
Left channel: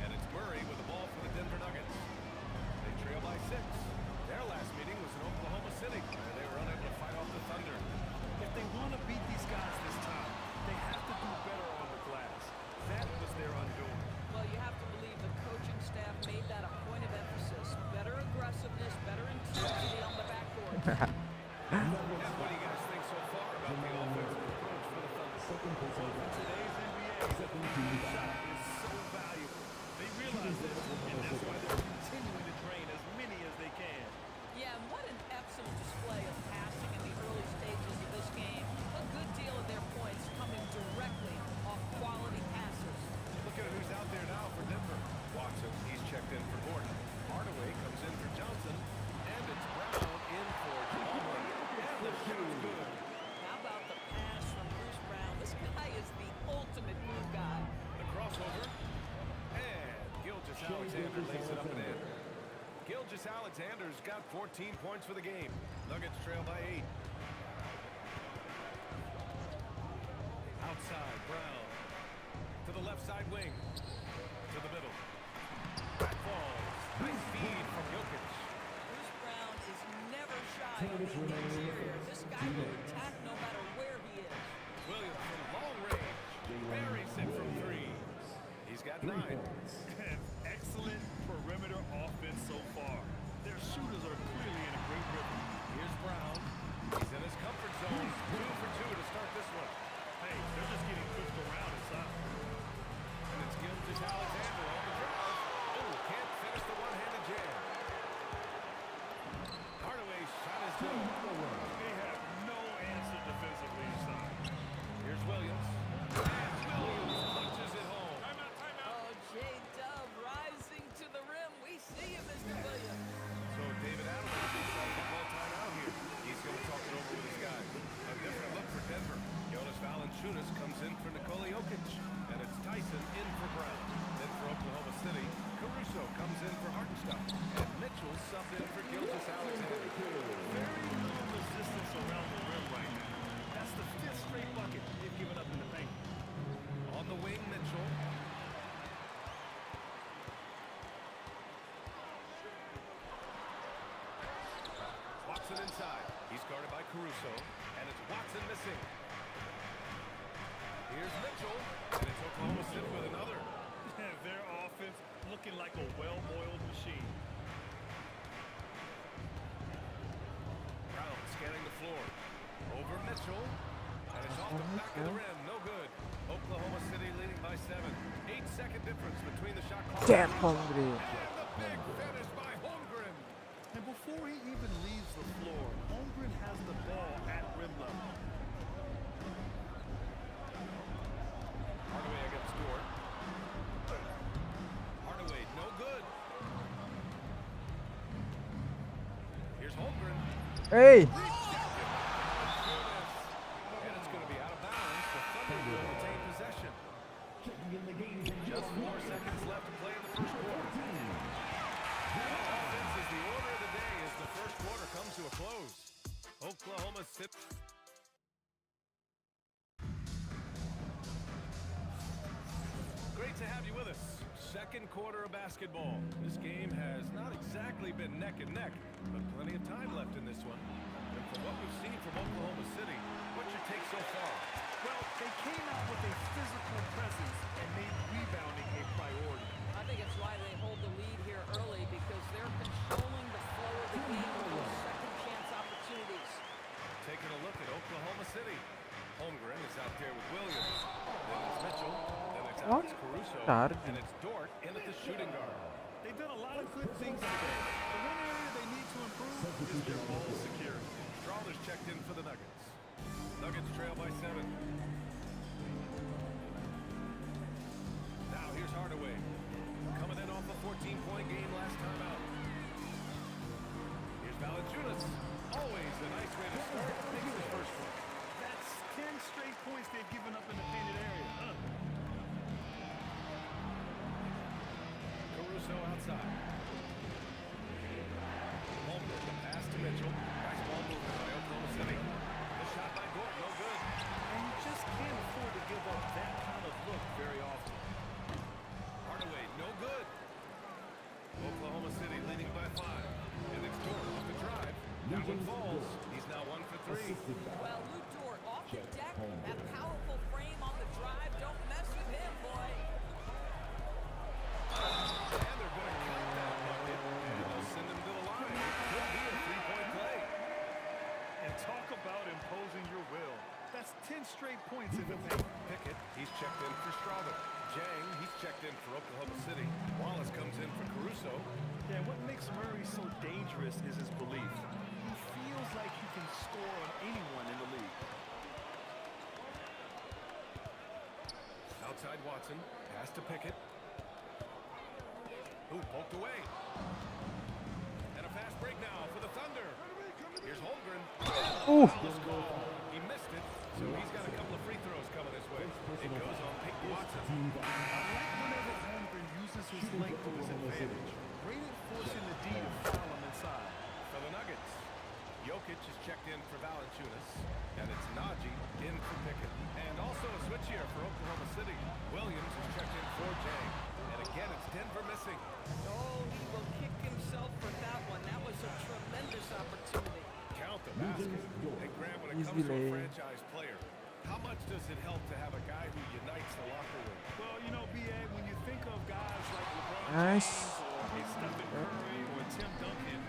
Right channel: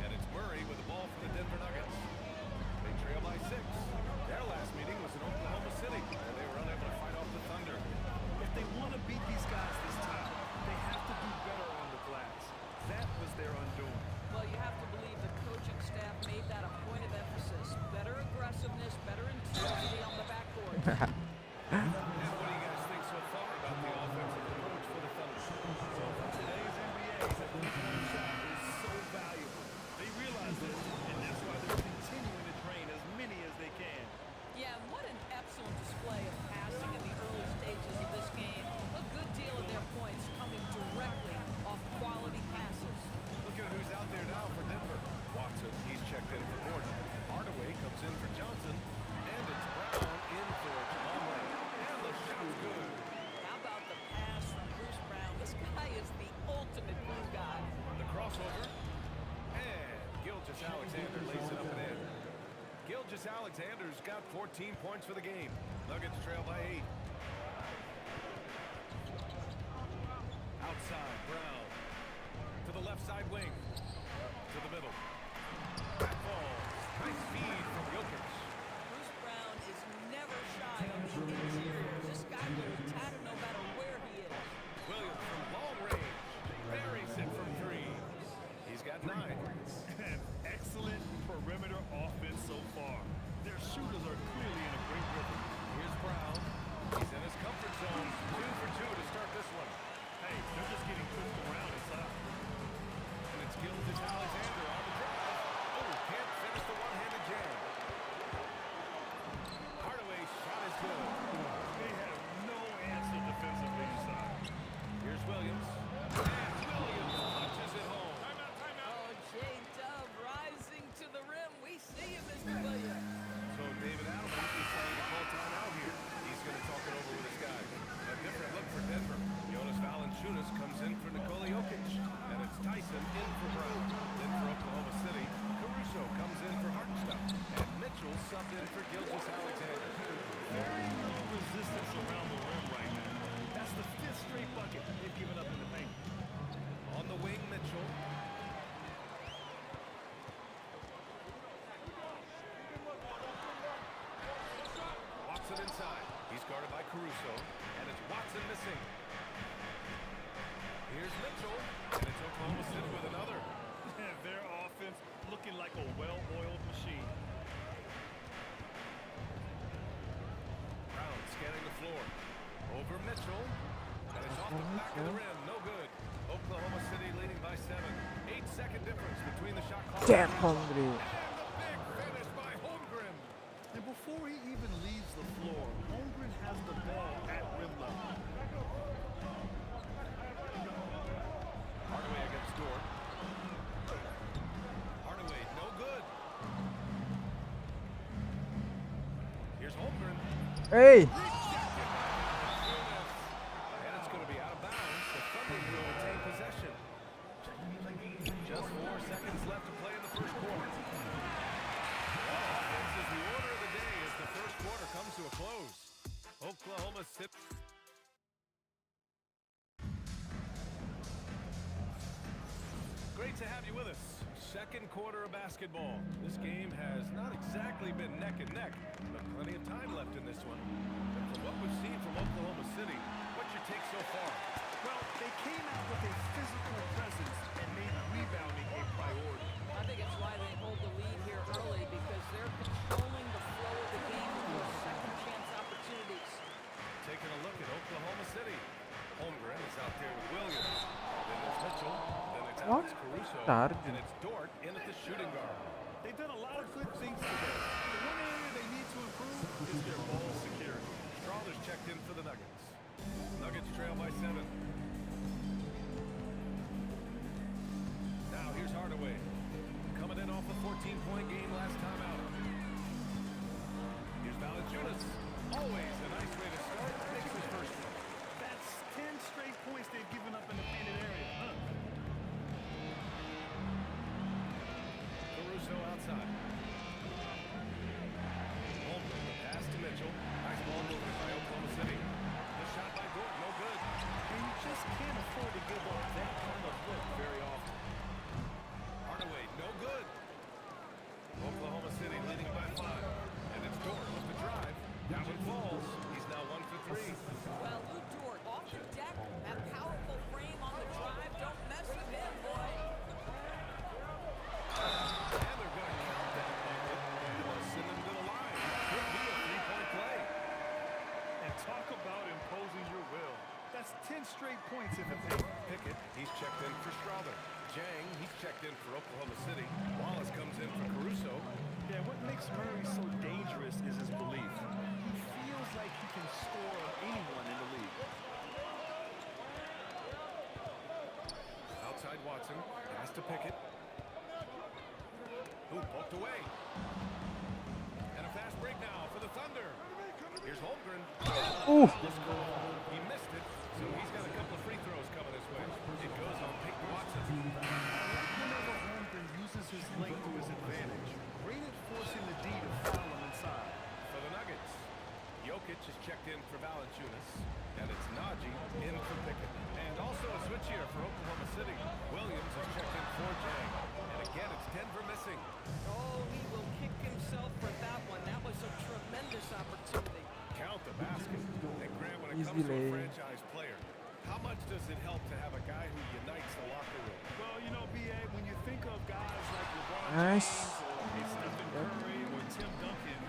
And it's Murray with the ball for the Denver Nuggets. They trail by 6. Their last meeting was in Oklahoma City, where they were unable to fight off the Thunder. If they want to beat these guys this time, they have to do better on the glass. That was their undoing. Well, you have to believe the coaching staff made that a point of emphasis. Better aggressiveness, better intensity on the backboard. And what do you guys think so far about the offensive approach for the Thunder? Well, in today's NBA, the three-point shot is so valuable. They realize this, and that's why they're continuing to train as many as they can. Johnson. He's checked in for Gordon. Hardaway comes in for Johnson. And it's Brown in for Jamal Murray. And the shot's good. How about the pass from Bruce Brown? This guy is the ultimate glue guy. The crossover. And Gilgeous-Alexander lays it up and in. Gilgeous-Alexander's got 14 points for the game. Nuggets trail by 8. Outside, Brown. To the left side wing. To the middle. Back falls. Nice feed from Jokic. Bruce Brown is never shy on the interior. This guy will attack no matter where he is. Williams from long range. Buries it from 3. He's got 9. An excellent perimeter offense so far. Their shooters are clearly in a great rhythm. Here's Brown. He's in his comfort zone. 2 for 2 to start this one. Hey, they're just getting pushed around inside. And it's Gilgeous-Alexander on the drive. Oh, can't finish the one-handed jam. Hardaway's shot is good. They have no answer defensively inside. Here's Williams. And Williams punches it home. Timeout, timeout. Oh, J-Dub rising to the rim. We see you, Mr. Williams. So David Adelman decided to call timeout here. He's going to talk it over with his guys. A different look for Denver. Jonas Valanciunas comes in for Nikola Jokic. And it's Tyson in for Brown. Then for Oklahoma City, Caruso comes in for Hartenstein. And Mitchell subbed in for Gilgeous-Alexander. Very little resistance around the rim right now. That's the 5th straight bucket they've given up in the paint. On the wing, Mitchell. Watson inside. He's guarded by Caruso. And it's Watson missing. Here's Mitchell. And it's Oklahoma City with another. Their offense looking like a well-oiled machine. Brown scanning the floor. Over Mitchell. And it's off the back of the rim. No good. Oklahoma City leading by 7. 8-second difference between the shot clock. Damn, Hungry. And the big finish by Holmgren. And before he even leaves the floor, Holmgren has the ball at rim level. Hardaway against Dort. Hardaway, no good. Here's Holmgren. Hey! Rejected by Valanciunas. And it's going to be out of bounds. The Thunder will retain possession. Just 4 seconds left to play in the first quarter. Well, offense is the order of the day as the first quarter comes to a close. Oklahoma City. Great to have you with us. Second quarter of basketball. This game has not exactly been neck and neck, but plenty of time left in this one. And from what we've seen from Oklahoma City, what's your take so far? Well, they came out with a physical presence and made rebounding a priority. I think it's why they hold the lead here early, because they're controlling the flow of the game with those second chance opportunities. Taking a look at Oklahoma City. Holmgren is out there with Williams. Then there's Mitchell. Then it's Alex Caruso. And it's Dort in at the shooting guard. They've done a lot of good things today. The one area they need to improve is their ball security. Strawler's checked in for the Nuggets. Nuggets trail by 7. Now here's Hardaway. Coming in off a 14-point game last time out. Here's Valanciunas. Always a nice way to start. Makes his first one. That's 10 straight points they've given up in the painted area. Caruso outside. Holmgren, the pass to Mitchell. Nice ball movement by Oklahoma City. The shot by Gordon, no good. And you just can't afford to give up that kind of look very often. Hardaway, no good. Oklahoma City leading by 5. And it's Dort off the drive. That one falls. He's now 1 for 3. Well, Lou Dort off the deck. That powerful frame on the drive. Don't mess with him, boy. And they're going to count that bucket. And they'll send him to the line. It could be a 3-point play. And talk about imposing your will. That's 10 straight points in the paint. Pickett, he's checked in for Strawler. Jang, he's checked in for Oklahoma City. Wallace comes in for Caruso. Yeah, what makes Murray so dangerous is his belief. He feels like he can score on anyone in the league. Outside Watson, pass to Pickett. who poked away. And a fast break now for the Thunder. Here's Holmgren. Foul is called. He missed it, so he's got a couple of free throws coming his way. It goes on Peyton Watson. I like whenever Holmgren uses his length to his advantage. Great at forcing the D to foul him inside. For the Nuggets, Jokic is checked in for Valanciunas, and it's Najee in for Pickett. And also a switch here for Oklahoma City. Williams is checked in for Jang. And again, it's Denver missing. Oh, he will kick himself for that one. That was a tremendous opportunity. Count the basket. And Grant, when it comes to a franchise player, how much does it help to have a guy who unites the locker room? Well, you know, B.A., when you think of guys like LeBron Nice. James or a Stephen Curry or Tim Duncan,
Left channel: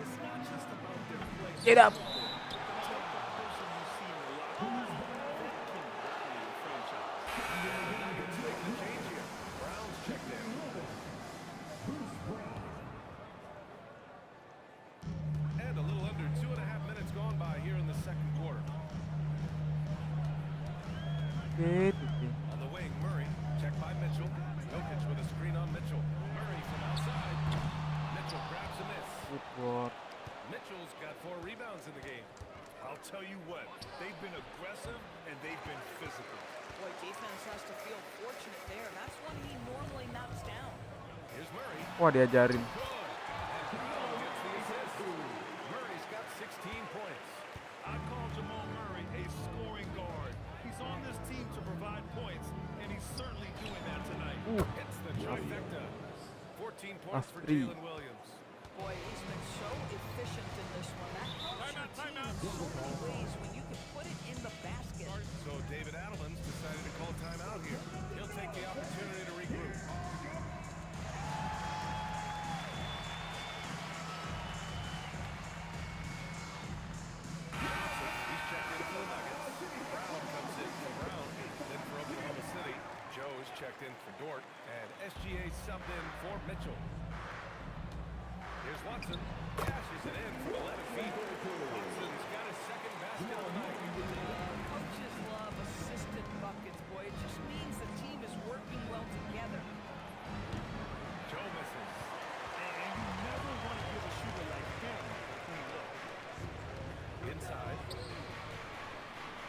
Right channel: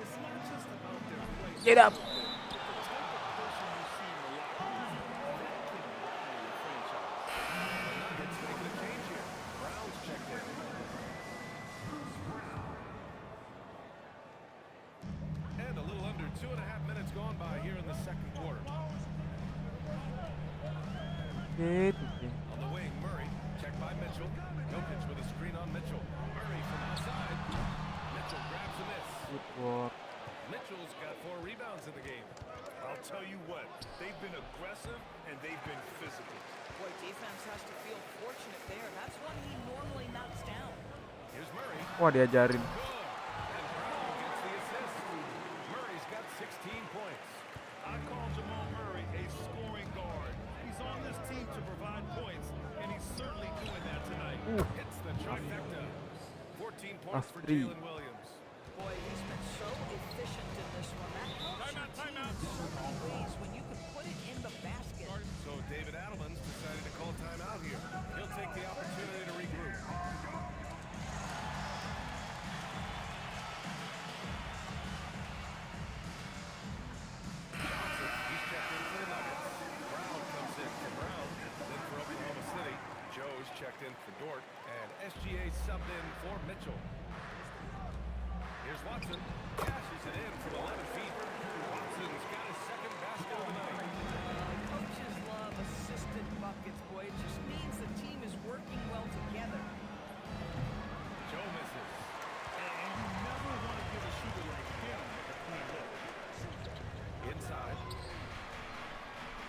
it's not just about their play. Get up. But the type of person you see in the locker room, that can rally a franchise. And the Nuggets making a change here. Brown's checked in. And a little under 2.5 minutes gone by here in the second quarter. On the wing, Murray, checked by Mitchell. Jokic with a screen on Mitchell. Murray from outside. Mitchell grabs a miss. Good work. Mitchell's got 4 rebounds in the game. I'll tell you what, they've been aggressive and they've been physical. Boy, defense has to feel fortunate there. That's one he normally knocks down. Here's Murray. Wah, diajarin. Good. And Brown gets the assist. Murray's got 16 points. I call Jamal Murray a scoring guard. He's on this team to provide points, and he's certainly doing that tonight. Hits the trifecta. 14 points for three. Jalen Williams. Boy, he's been so efficient in this one. That helps your team in so many ways when you can put it in the basket. So David Adelman's decided to call timeout here. He'll take the opportunity to regroup. Johnson, he's checked in for the Nuggets. Brown comes in for Brown, then for Oklahoma City. Joe's checked in for Dort, and SGA subbed in for Mitchell. Here's Watson. Cashes it in from 11 feet. Watson's got his second basket of the night. Coaches love assisted buckets, boy. It just means the team is working well together. Joe misses. And you never want to give a shooter like him a clean look. Inside.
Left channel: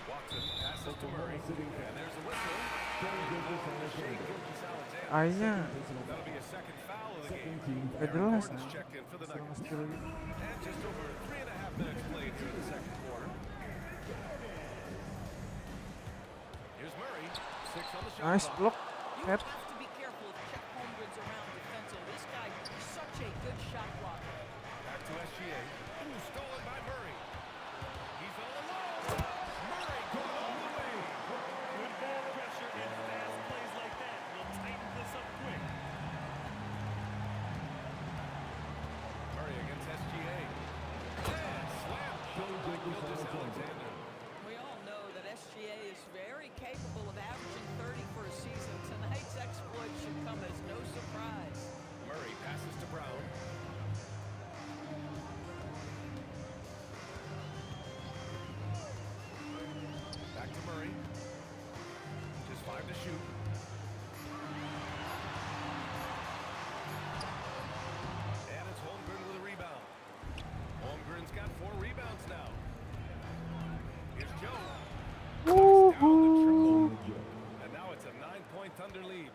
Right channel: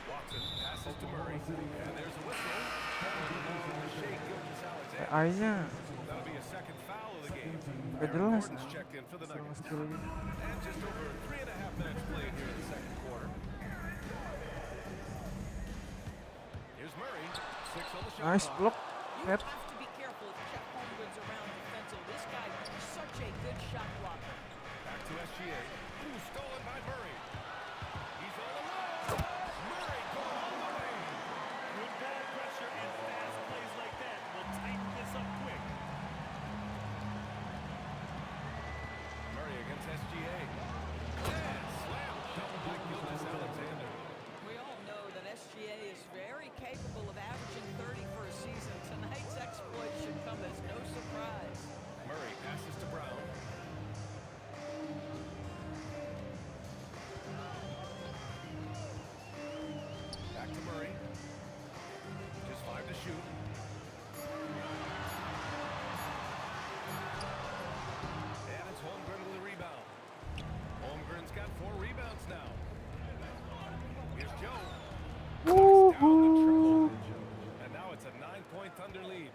Watson passes to Murray. And there's a whistle. To Shea Gilgeous-Alexander. Akhirnya That'll be a second foul of the game. gak Aaron jelas Gordon's nah. checked in for the Masalah Nuggets. skill gitu. And just over 3.5 minutes played here in the second quarter. Here's Murray. 6 on the shot Nice clock. block. You Head. have to be careful if Chet Holmgren's around defensively. This guy is such a good shot blocker. Back to SGA. Ooh, stolen by Murray. He's all alone. Murray going all the way. Good ball pressure and fast plays like that will tighten this up quick. Murray against SGA. And slam dunk by Gilgeous-Alexander. We all know that SGA is very capable of averaging 30 for a season. Tonight's exploit should come as no surprise. Murray passes to Brown. Back to Murray. Just 5 to shoot. And it's Holmgren with a rebound. Holmgren's got 4 rebounds now. Here's Joe. Knocks down the triple. And now it's a 9-point Thunder lead.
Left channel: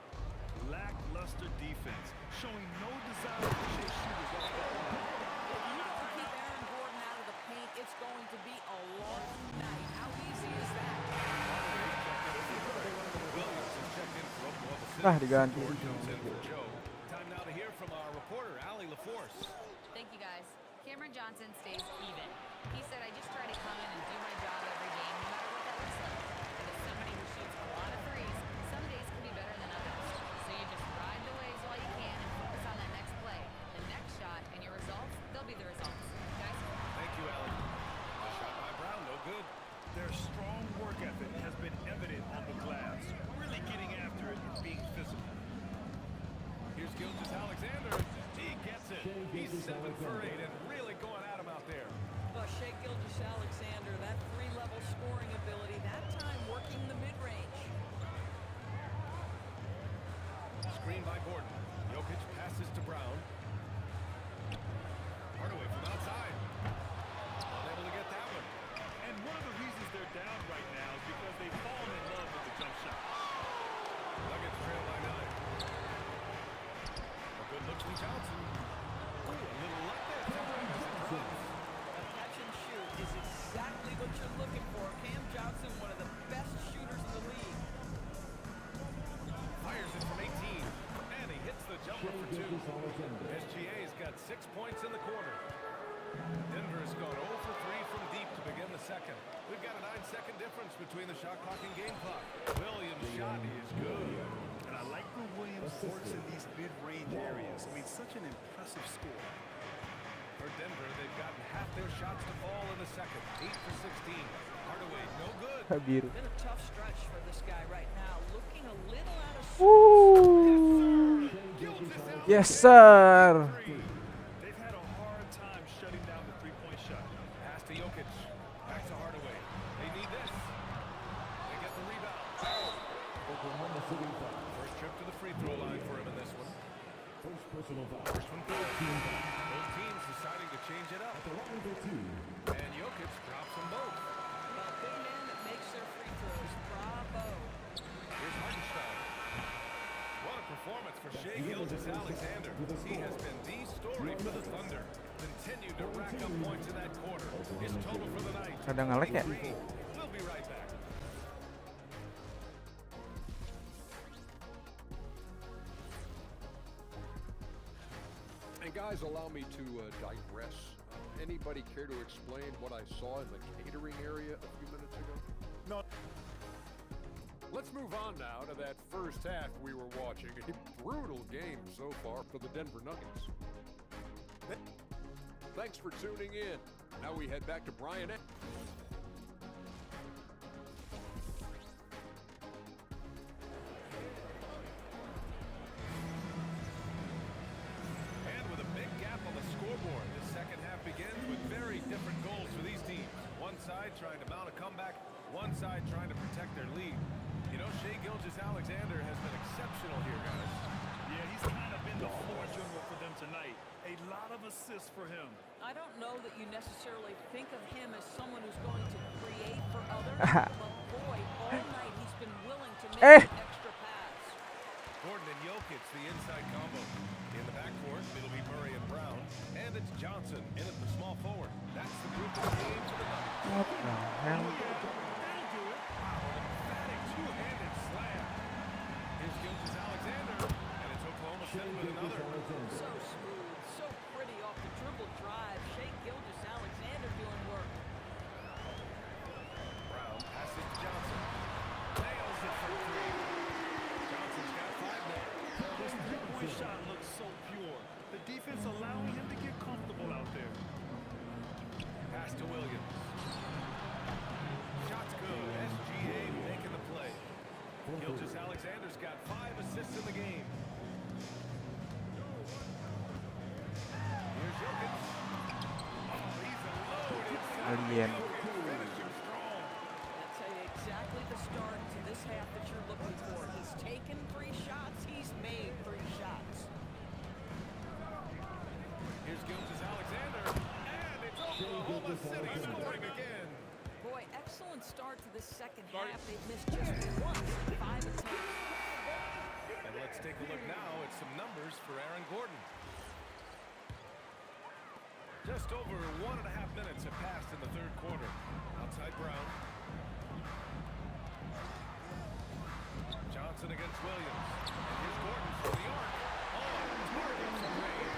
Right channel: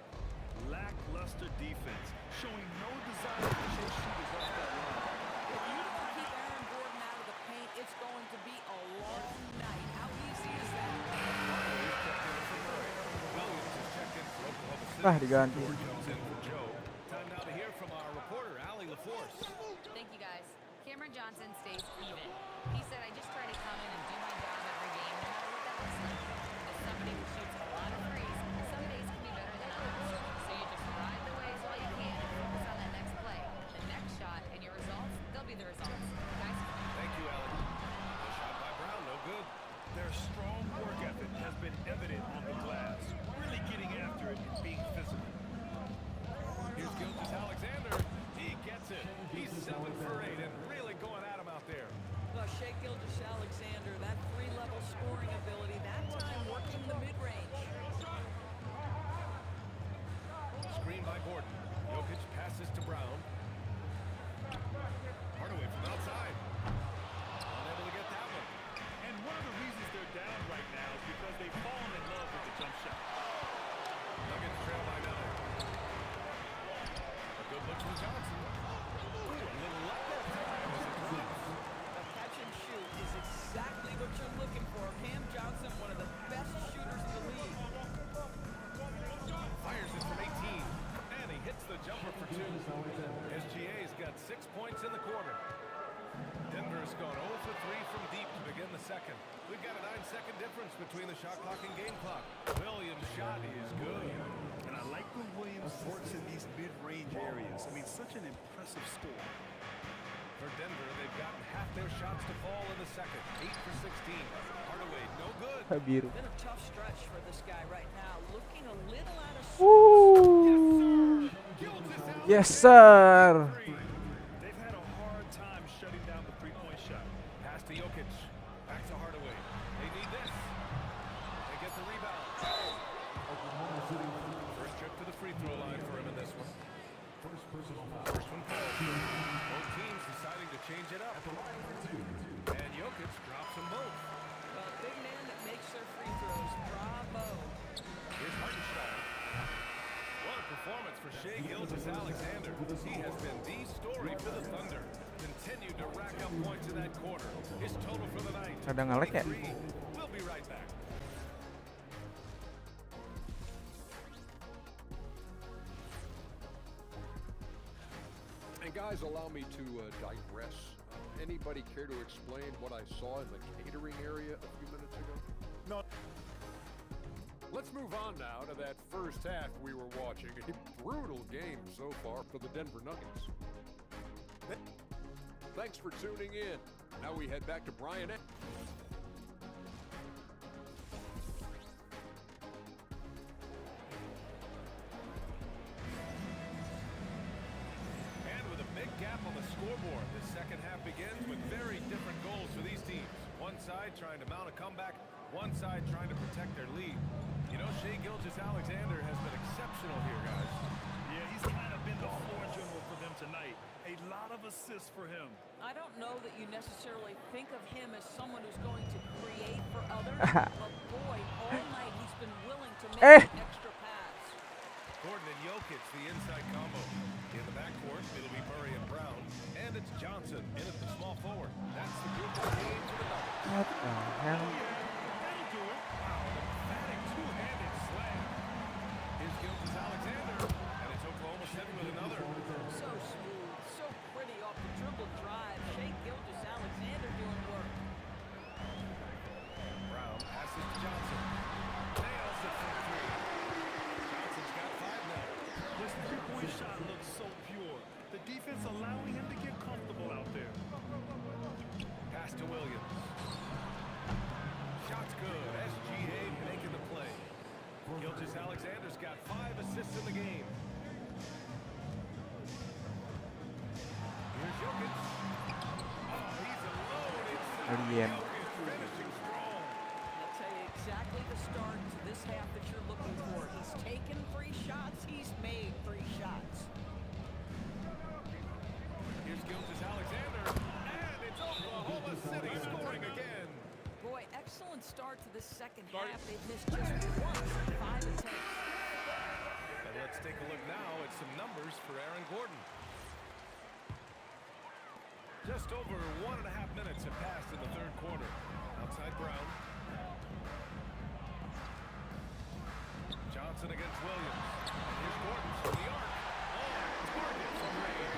Lackluster defense, showing no desire to chase shooters off that line. If you don't keep Aaron Gordon out of the paint, it's going to be a long night. How easy is that? Hardaway's checked in for Murray. Williams is checked in for Oklahoma City. Diganti. Dort comes in for Joe. Time now to hear from our reporter, Allie LaForce. Thank you, guys. Cameron Johnson stays even. He said, I just try to come in and do my job every game, no matter what that looks like. And as somebody who shoots a lot of threes, some days can be better than others. So you just ride the waves while you can and focus on that next play. The next shot and your results, they'll be the results. Guys? Thank you, Allie. A shot by Brown, no good. Their strong work ethic has been evident on the glass, really getting after it and being physical. Here's Gilgeous-Alexander. He gets it. He's 7 for 8 and really going at him out there. Shea Gilgeous-Alexander, that 3-level scoring ability, that time working the mid-range. Screen by Gordon. Jokic passes to Brown. Hardaway from outside. Unable to get that one. And one of the reasons they're down right now is because they've fallen in love with the jump shot. Nuggets trail by 9. A good look from Johnson. Ooh, a little luck that time as it drops. A catch and shoot is exactly what you're looking for. Cam Johnson, one of the best shooters in the league. Fires it from 18. And he hits the jumper for 2. SGA's got 6 points in the quarter. Denver's gone 0 for 3 from deep to begin the second. We've got a 9-second difference between the shot clock and game clock. Williams' shot is good. And I like when Williams works in these mid-range areas. I mean, such an impressive score. For Denver, they've gotten half their shots to fall in the second. 8 for 16. Hardaway, no good. Biru. Been a tough stretch for this guy right now. Looking a little out of Woo! Yes, sir. They've had a hard time shutting down the three-point shot. Pass to Jokic. Back to Hardaway. They need this. They get the rebound. Oklahoma City. First trip to the free throw line for him in this one. First personal foul. First one foul. Both teams deciding to change it up. At the line of their 2. And Jokic drops them both. well, big man that makes their free throws. Bravo. Here's Hartenstein. What a performance for Shai Gilgeous-Alexander. He has been the story for the Thunder. Continued to rack up points in that quarter. His total for the night. Ada nge-lag ya? 23. We'll be right back. And guys, allow me to digress. Anybody care to explain what I saw in the catering area a few minutes ago? No. Let's move on now to that first half we were watching. A brutal game so far for the Denver Nuggets. Thanks for tuning in. Now we head back to Brian. And with a big gap on the scoreboard, the second half begins with very different goals for these teams. One side trying to mount a comeback, one side trying to protect their lead. You know, Shai Gilgeous-Alexander has been exceptional here, guys. Yeah, he's kind of been the floor general for them tonight. A lot of assists for him. I don't know that you necessarily think of him as someone who's going to create for others, but boy, all night he's been willing to make an extra pass. Gordon and Jokic, the inside combo. In the backcourt, it'll be Murray and Brown. And it's Johnson in at the small forward. That's the group of the game for the Nuggets. What the hell? Oh, yeah, that'll do it. Wow, an emphatic two-handed slam. Here's Gilgeous-Alexander. And it's Oklahoma City with another. So smooth, so pretty off the dribble drive. Shai Gilgeous-Alexander doing work. Brown passes to Johnson. Nails it from 3. Johnson's got 5 now. His three-point shot looks so pure. The defense allowing him to get comfortable out there. Pass to Williams. Shot's good. SGA making the play. Gilgeous-Alexander's got 5 assists in the game. Here's Jokic. Oh, he's a load inside. Alien. Jokic finishing strong. I'll tell you exactly the start to this half that you're looking for. He's taken 3 shots. He's made 3 shots. Here's Gilgeous-Alexander. And it's Oklahoma City scoring again. Boy, excellent start to this second half. They've missed just once in 5 attempts. And let's take a look now at some numbers for Aaron Gordon. Just over 1.5 minutes have passed in the third quarter. Outside Brown. Johnson against Williams. And here's Gordon from the arc. On target from range.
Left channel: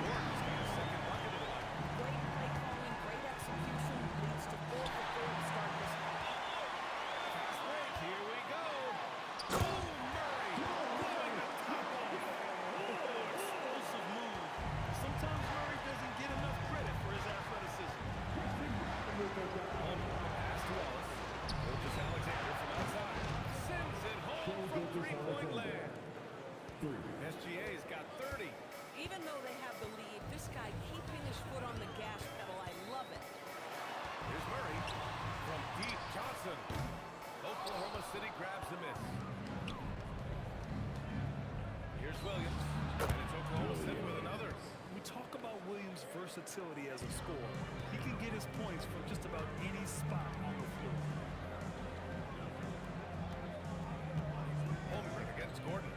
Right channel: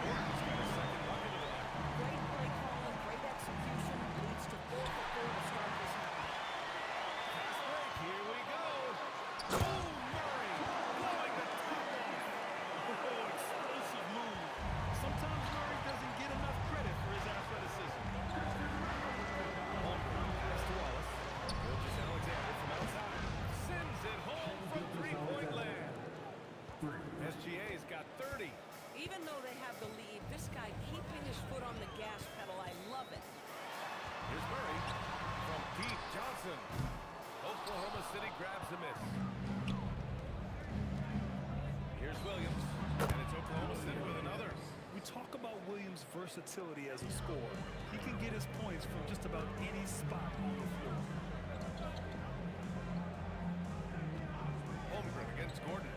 Gordon's got his second bucket of the night. Great play calling, great execution. Leads to 4 for 4 to start this half. Fast break. Here we go. Boom, Murray. Blowing the top off. Oh, explosive move. Sometimes Murray doesn't get enough credit for his athleticism. Holmgren, pass to Wallace. Gilgeous-Alexander from outside. Sends it home from three-point land. SGA's got 30. Even though they have the lead, this guy keeping his foot on the gas pedal, I love it. Here's Murray from deep. Johnson. Oklahoma City grabs the miss. Here's Williams, and it's Oklahoma City with another. We talk about Williams' versatility as a scorer. He can get his points from just about any spot on the floor. Holmgren against Gordon.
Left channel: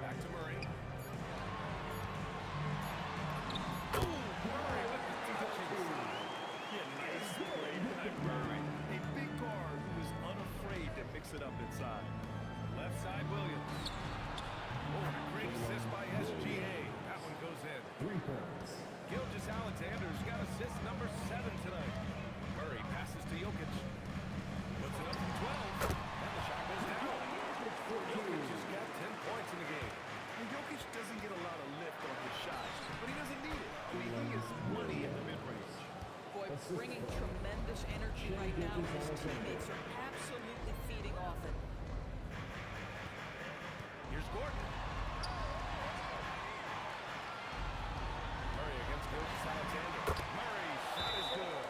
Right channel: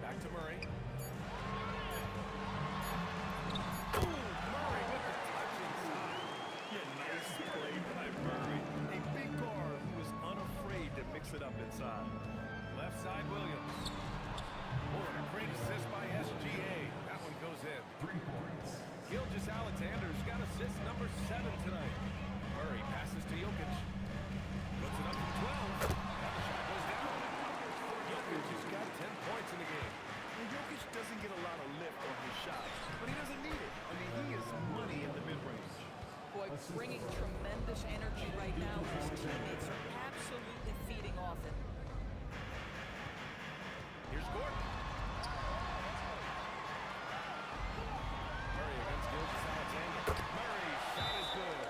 Back to Murray. Ooh, Murray with the touch inside. Yeah, nice play by Murray. A big guard who is unafraid to mix it up inside. Left side Williams. Oh, and a great assist by SGA. That one goes in. 3 points. Gilgeous-Alexander's got assist number 7 tonight. Murray passes to Jokic. Puts it up from 12. And the shot goes down. Jokic has got 10 points in the game. And Jokic doesn't get a lot of lift on his shot, but he doesn't need it. I mean, he is money in the mid-range. Boy, bringing tremendous energy right now. His teammates are absolutely feeding off it. Here's Gordon. Murray against Gilgeous-Alexander. Murray's shot is good.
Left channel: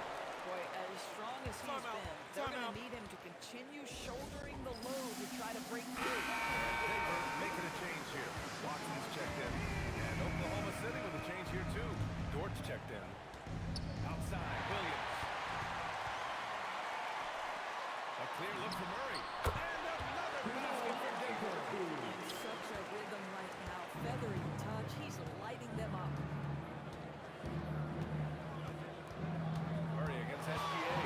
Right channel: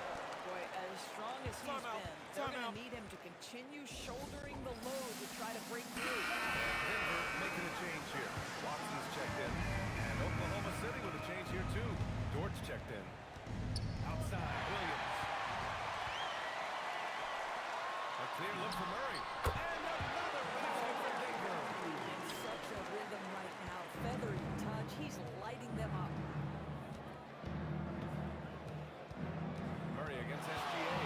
Boy, as strong as he's been, they're going to need him to continue shouldering the load to try to break through. And Denver making a change here. Watson's checked in. And Oklahoma City with a change here too. Dortch checked in. Outside, Williams. A clear look for Murray. And another basket for Denver. In such a rhythm right now. Feathery touch. He's lighting them up. Murray against SGA.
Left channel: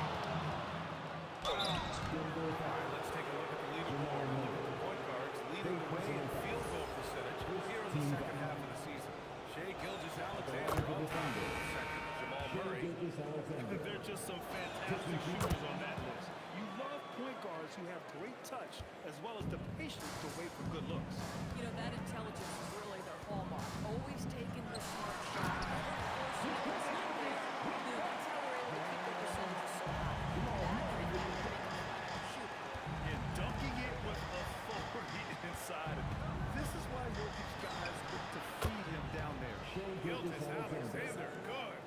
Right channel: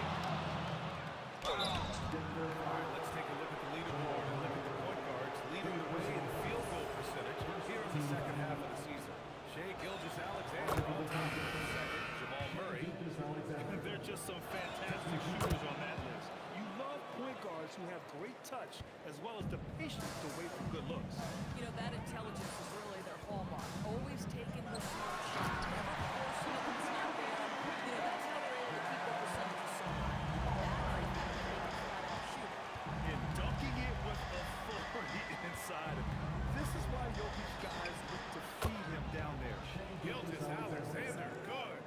All right, let's take a look at the leaderboard and look at the point guards leading the way in field goal percentage here in the second half of the season. Shai Gilgeous-Alexander on top. Second, Jamal Murray. They're just some fantastic shooters on that list. You love point guards who have great touch as well as the patience to wait for good looks. You know, that intelligence is really their hallmark. Always taking the smart shot, never forcing it when it's not there. You know, that's how they're able to keep their percentages so high. That and the fact that they can flat out shoot it. And dunking it with authority inside. This is why Jokic guys look to feed him down there. Gilgeous-Alexander, good.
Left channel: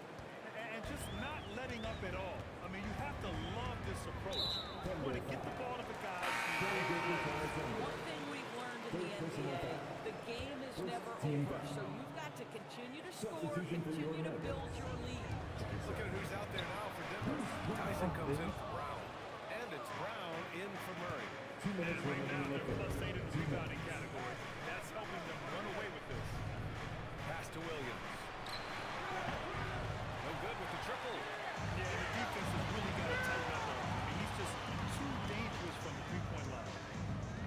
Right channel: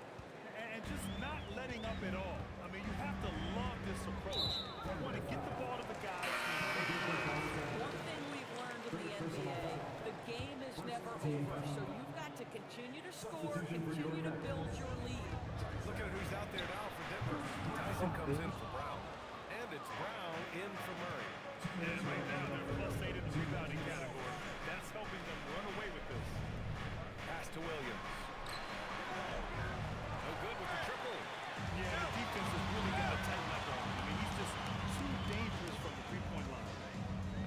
And just not letting up at all. I mean, you have to love this approach. You want to get the ball to the guys who make plays. One thing we've learned in the NBA, the game is never over. So you've got to continue to score, continue to build your lead. Look at who's out there now for Denver. Tyson comes in for Brown. And it's Brown in for Murray. And right now, they're +8 in the rebounding category. That's helping them run away with this. Pass to Williams. No good with the triple. Yeah, the defense has really got to tighten up on him. I mean, he's just too dangerous from the three-point line.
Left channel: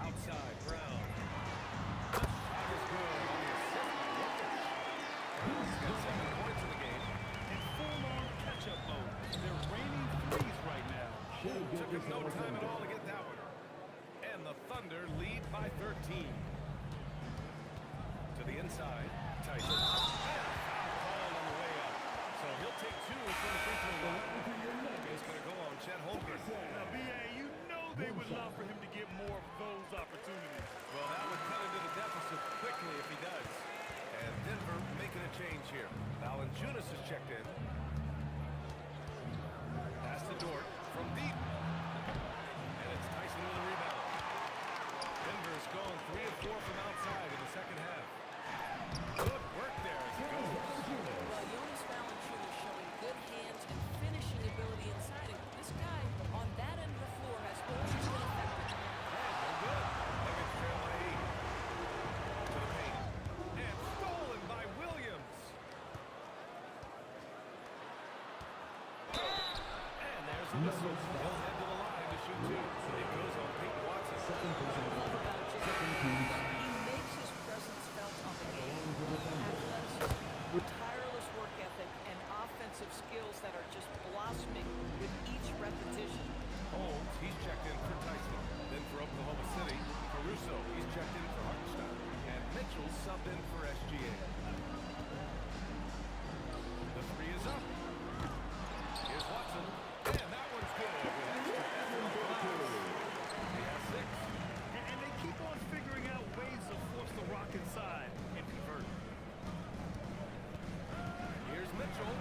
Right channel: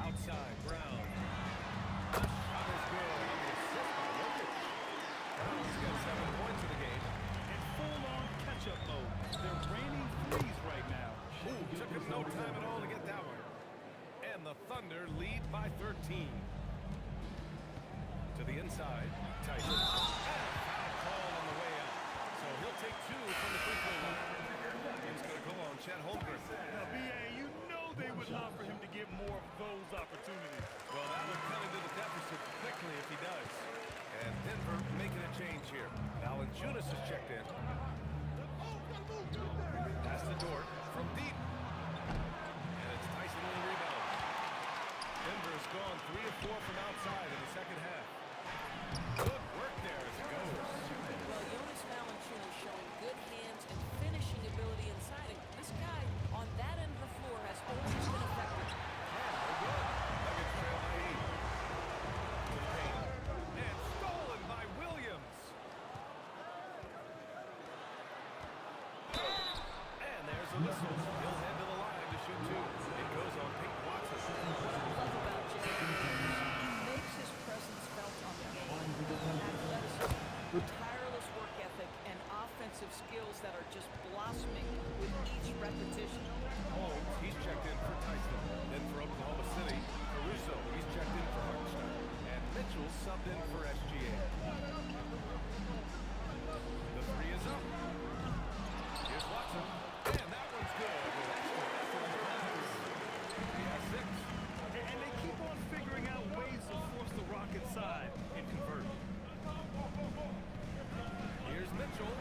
Outside, Brown. The shot is good on the assist by Jokic. Brown's got 7 points in the game. In full-on catch-up mode. They're raining threes right now. Ooh, took him no time at all to get that one. And the Thunder lead by 13. To the inside, Tyson. And a foul called on the way up. So he'll take 2 from the free throw line. It's going to go on Chet Holmgren. Now, B.A., you know they would love for him to get more of those opportunities. Well, that would cut into the deficit quickly if he does. And Denver making a change here. Valanciunas is checked in. Pass to Dort from deep. And it's Tyson with a rebound. Denver's gone 3 of 4 from outside in the second half. Good work there as it goes. Well, Jonas Valanciunas showing good hands and finishing ability inside. And this guy on that end of the floor has always been effective. And no good. Nuggets trail by 8. To the paint. And stolen by Williams. And there's a whistle. He'll head to the line to shoot 2. It goes on Peyton Watson. What I love about Jay is he makes his presence felt on the game. Athleticism, tireless work ethic, and offensive skills that are just blossoming with each repetition. Holmes, he's checked in for Tyson. Then for Oklahoma City, Caruso, he's checked in for Hartenstein. And Mitchell subbed in for SGA. The 3 is up. Here's Watson. And that one's good with extra effort on the glass. He has 6. And they keep on figuring out ways to force the rock inside and convert. Here's Mitchell.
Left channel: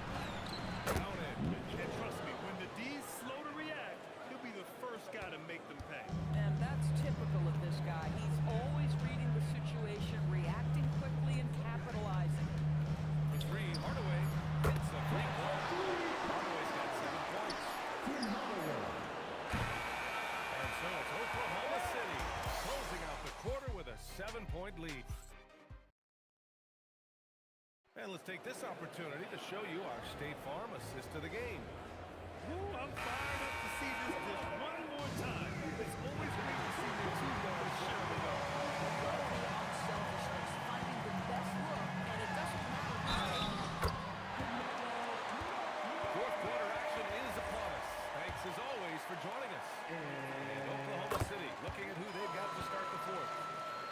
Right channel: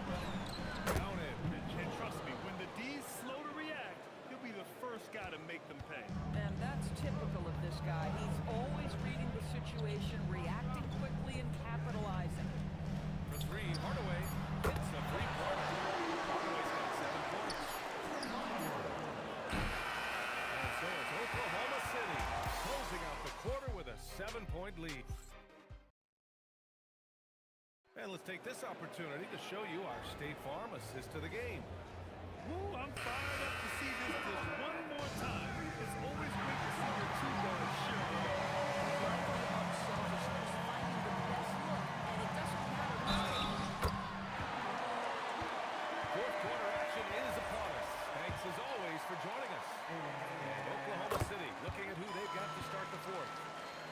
Counted. And trust me, when the D's slow to react, he'll be the first guy to make them pay. And that's typical of this guy. He's always reading the situation, reacting quickly, and capitalizing. For three, Hardaway hits a three-pointer. Hardaway's got 7 points. And so it's Oklahoma City closing out the quarter with a 7-point lead. And let's take this opportunity to show you our State Farm assist of the game. Woo, I'm fired up to see this dish one more time. It's always great to see your two guards share the love. I love the unselfishness, finding the best look, and it doesn't matter who's taking it. Fourth quarter action is upon us. Thanks as always for joining us. And Oklahoma City looking at who they've got to start the fourth.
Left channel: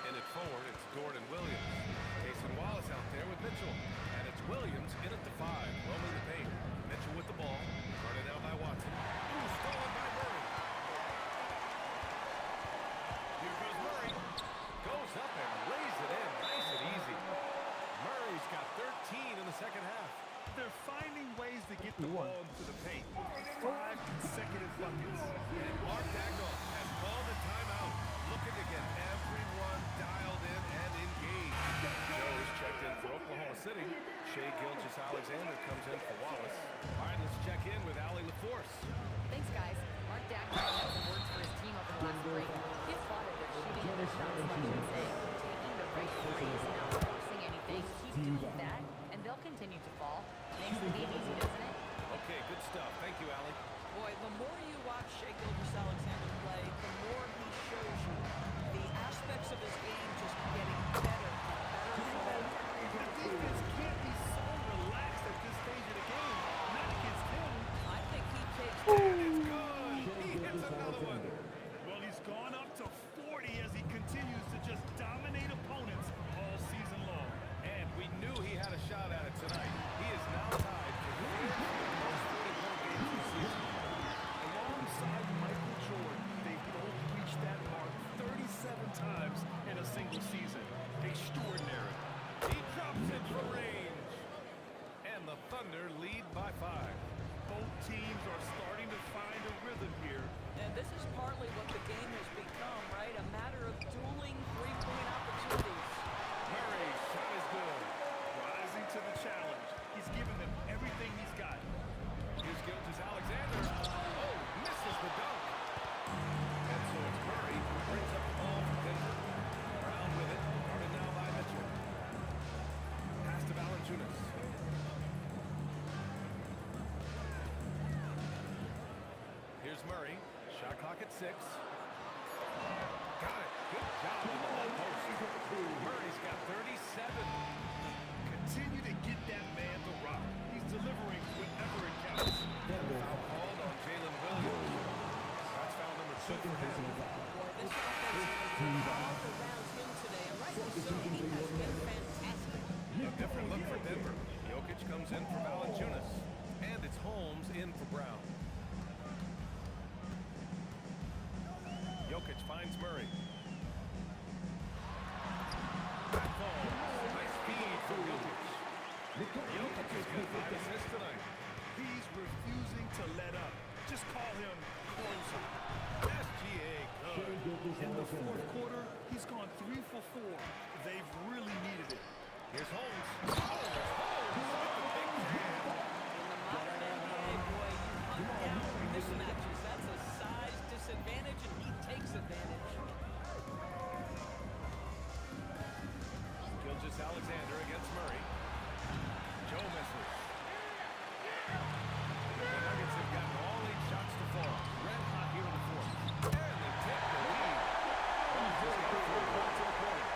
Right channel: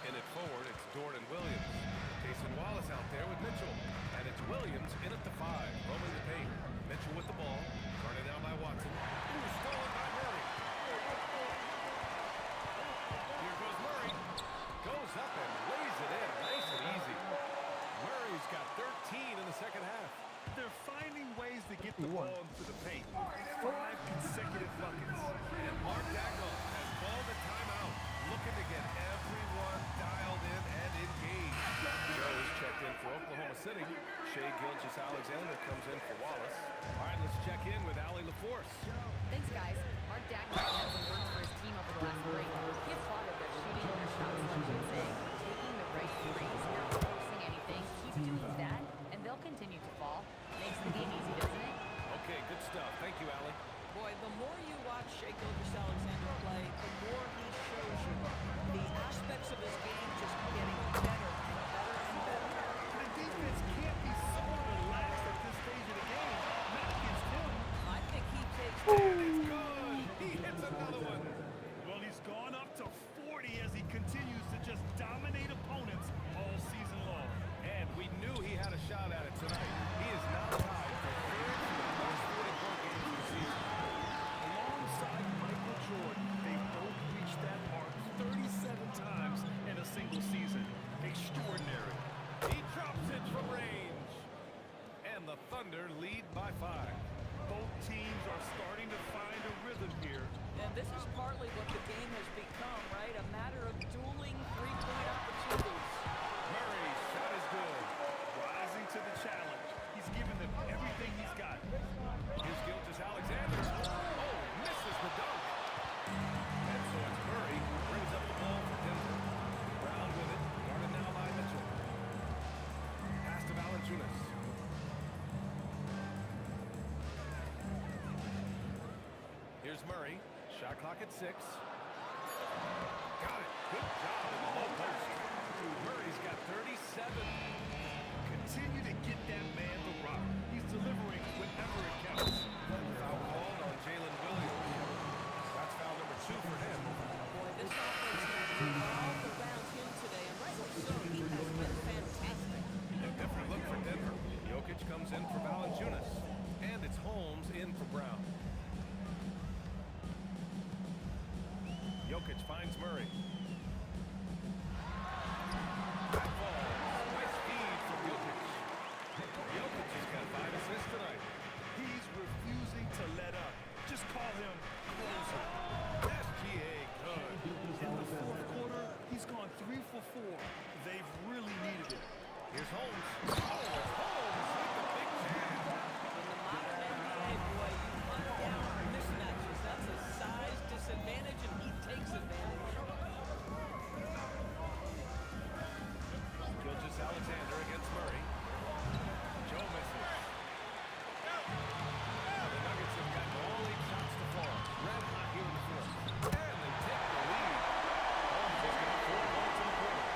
In it forward, it's Jordan Williams. Cason Wallace out there with Mitchell. And it's Williams in at the 5, roaming the paint. Mitchell with the ball. Guarded now by Watson. Ooh, stolen by Murray. Here goes Murray. Goes up and lays it in. Nice and easy. Murray's got 13 in the second half. They're finding ways to get the ball into the paint. 5 consecutive buckets. And Mark Dagnall has called a timeout, looking to get everyone dialed in and engaged. Joe is checked in for Oklahoma City. Shai Gilgeous-Alexander comes in for Wallace. All right, let's check in with Allie LaForce. Thanks, guys. Mark Dagnall had some words for his team over the last break. He applauded their shooting and their shot selection, saying, "We're taking the right threes, not forcing anything. Keep doing that, and they'll continue to fall." Makes the game easy, doesn't it? Okay, good stuff. Thank you, Allie. Boy, the more you watch Shai Gilgeous-Alexander play, the more he shows you the aspects of his game just getting better and better and better. The defense can't be so relaxed at this stage of the game. Not against him. I think he takes... And it's good. He hits another one. Well, he's gone up to 40 as he continues to just dominate opponents all season long. And we knew he had a shot at it tonight. He is now tied for third for the most 40-point games of the season. Alongside Michael Jordan, they both reached that mark 37 times in a single season. Extraordinary. He drops it from range. And the Thunder lead by 5. Both teams are starting to find a rhythm here. And this is partly what the game has become, right? A matter of dueling three-point opportunities. Murray's shot is good. Rising to the challenge. He's given them everything he's got. Here's Gilgeous-Alexander. Oh, misses the dunk. And so it's Murray who brings up the ball for Denver. Brown with it. Guarded now by Mitchell. Pass to Valanciunas. Here's Murray. Shot clock at 6. Got it. Good job in the low post. Murray's got 37. Continue to get that man the rock. He's delivering whenever it counts. And the foul called on Jalen Williams. That's foul number 2 for him. Boy, this offense has revolved around him today, and rightly so. He has been fantastic. A different look for Denver. Jokic comes in for Valanciunas. And it's Holmes in for Brown. Jokic finds Murray. That falls. Nice feed from Jokic. Jokic has got 5 assists tonight. He's refusing to let up. Just call him closer. SGA good. In the fourth quarter, he's gone 3 for 4. They've really needed it. Here's Holmes. Oh, it's Holmes with the big jam. In the modern NBA, boy, you hunt down mismatches. That's a size disadvantage, and he takes advantage. Gilgeous-Alexander against Murray. Joe misses. The Nuggets have gotten all 8 shots to fall. Red hot here in the fourth. And they take the lead. Holmes has got 4 points in the quarter.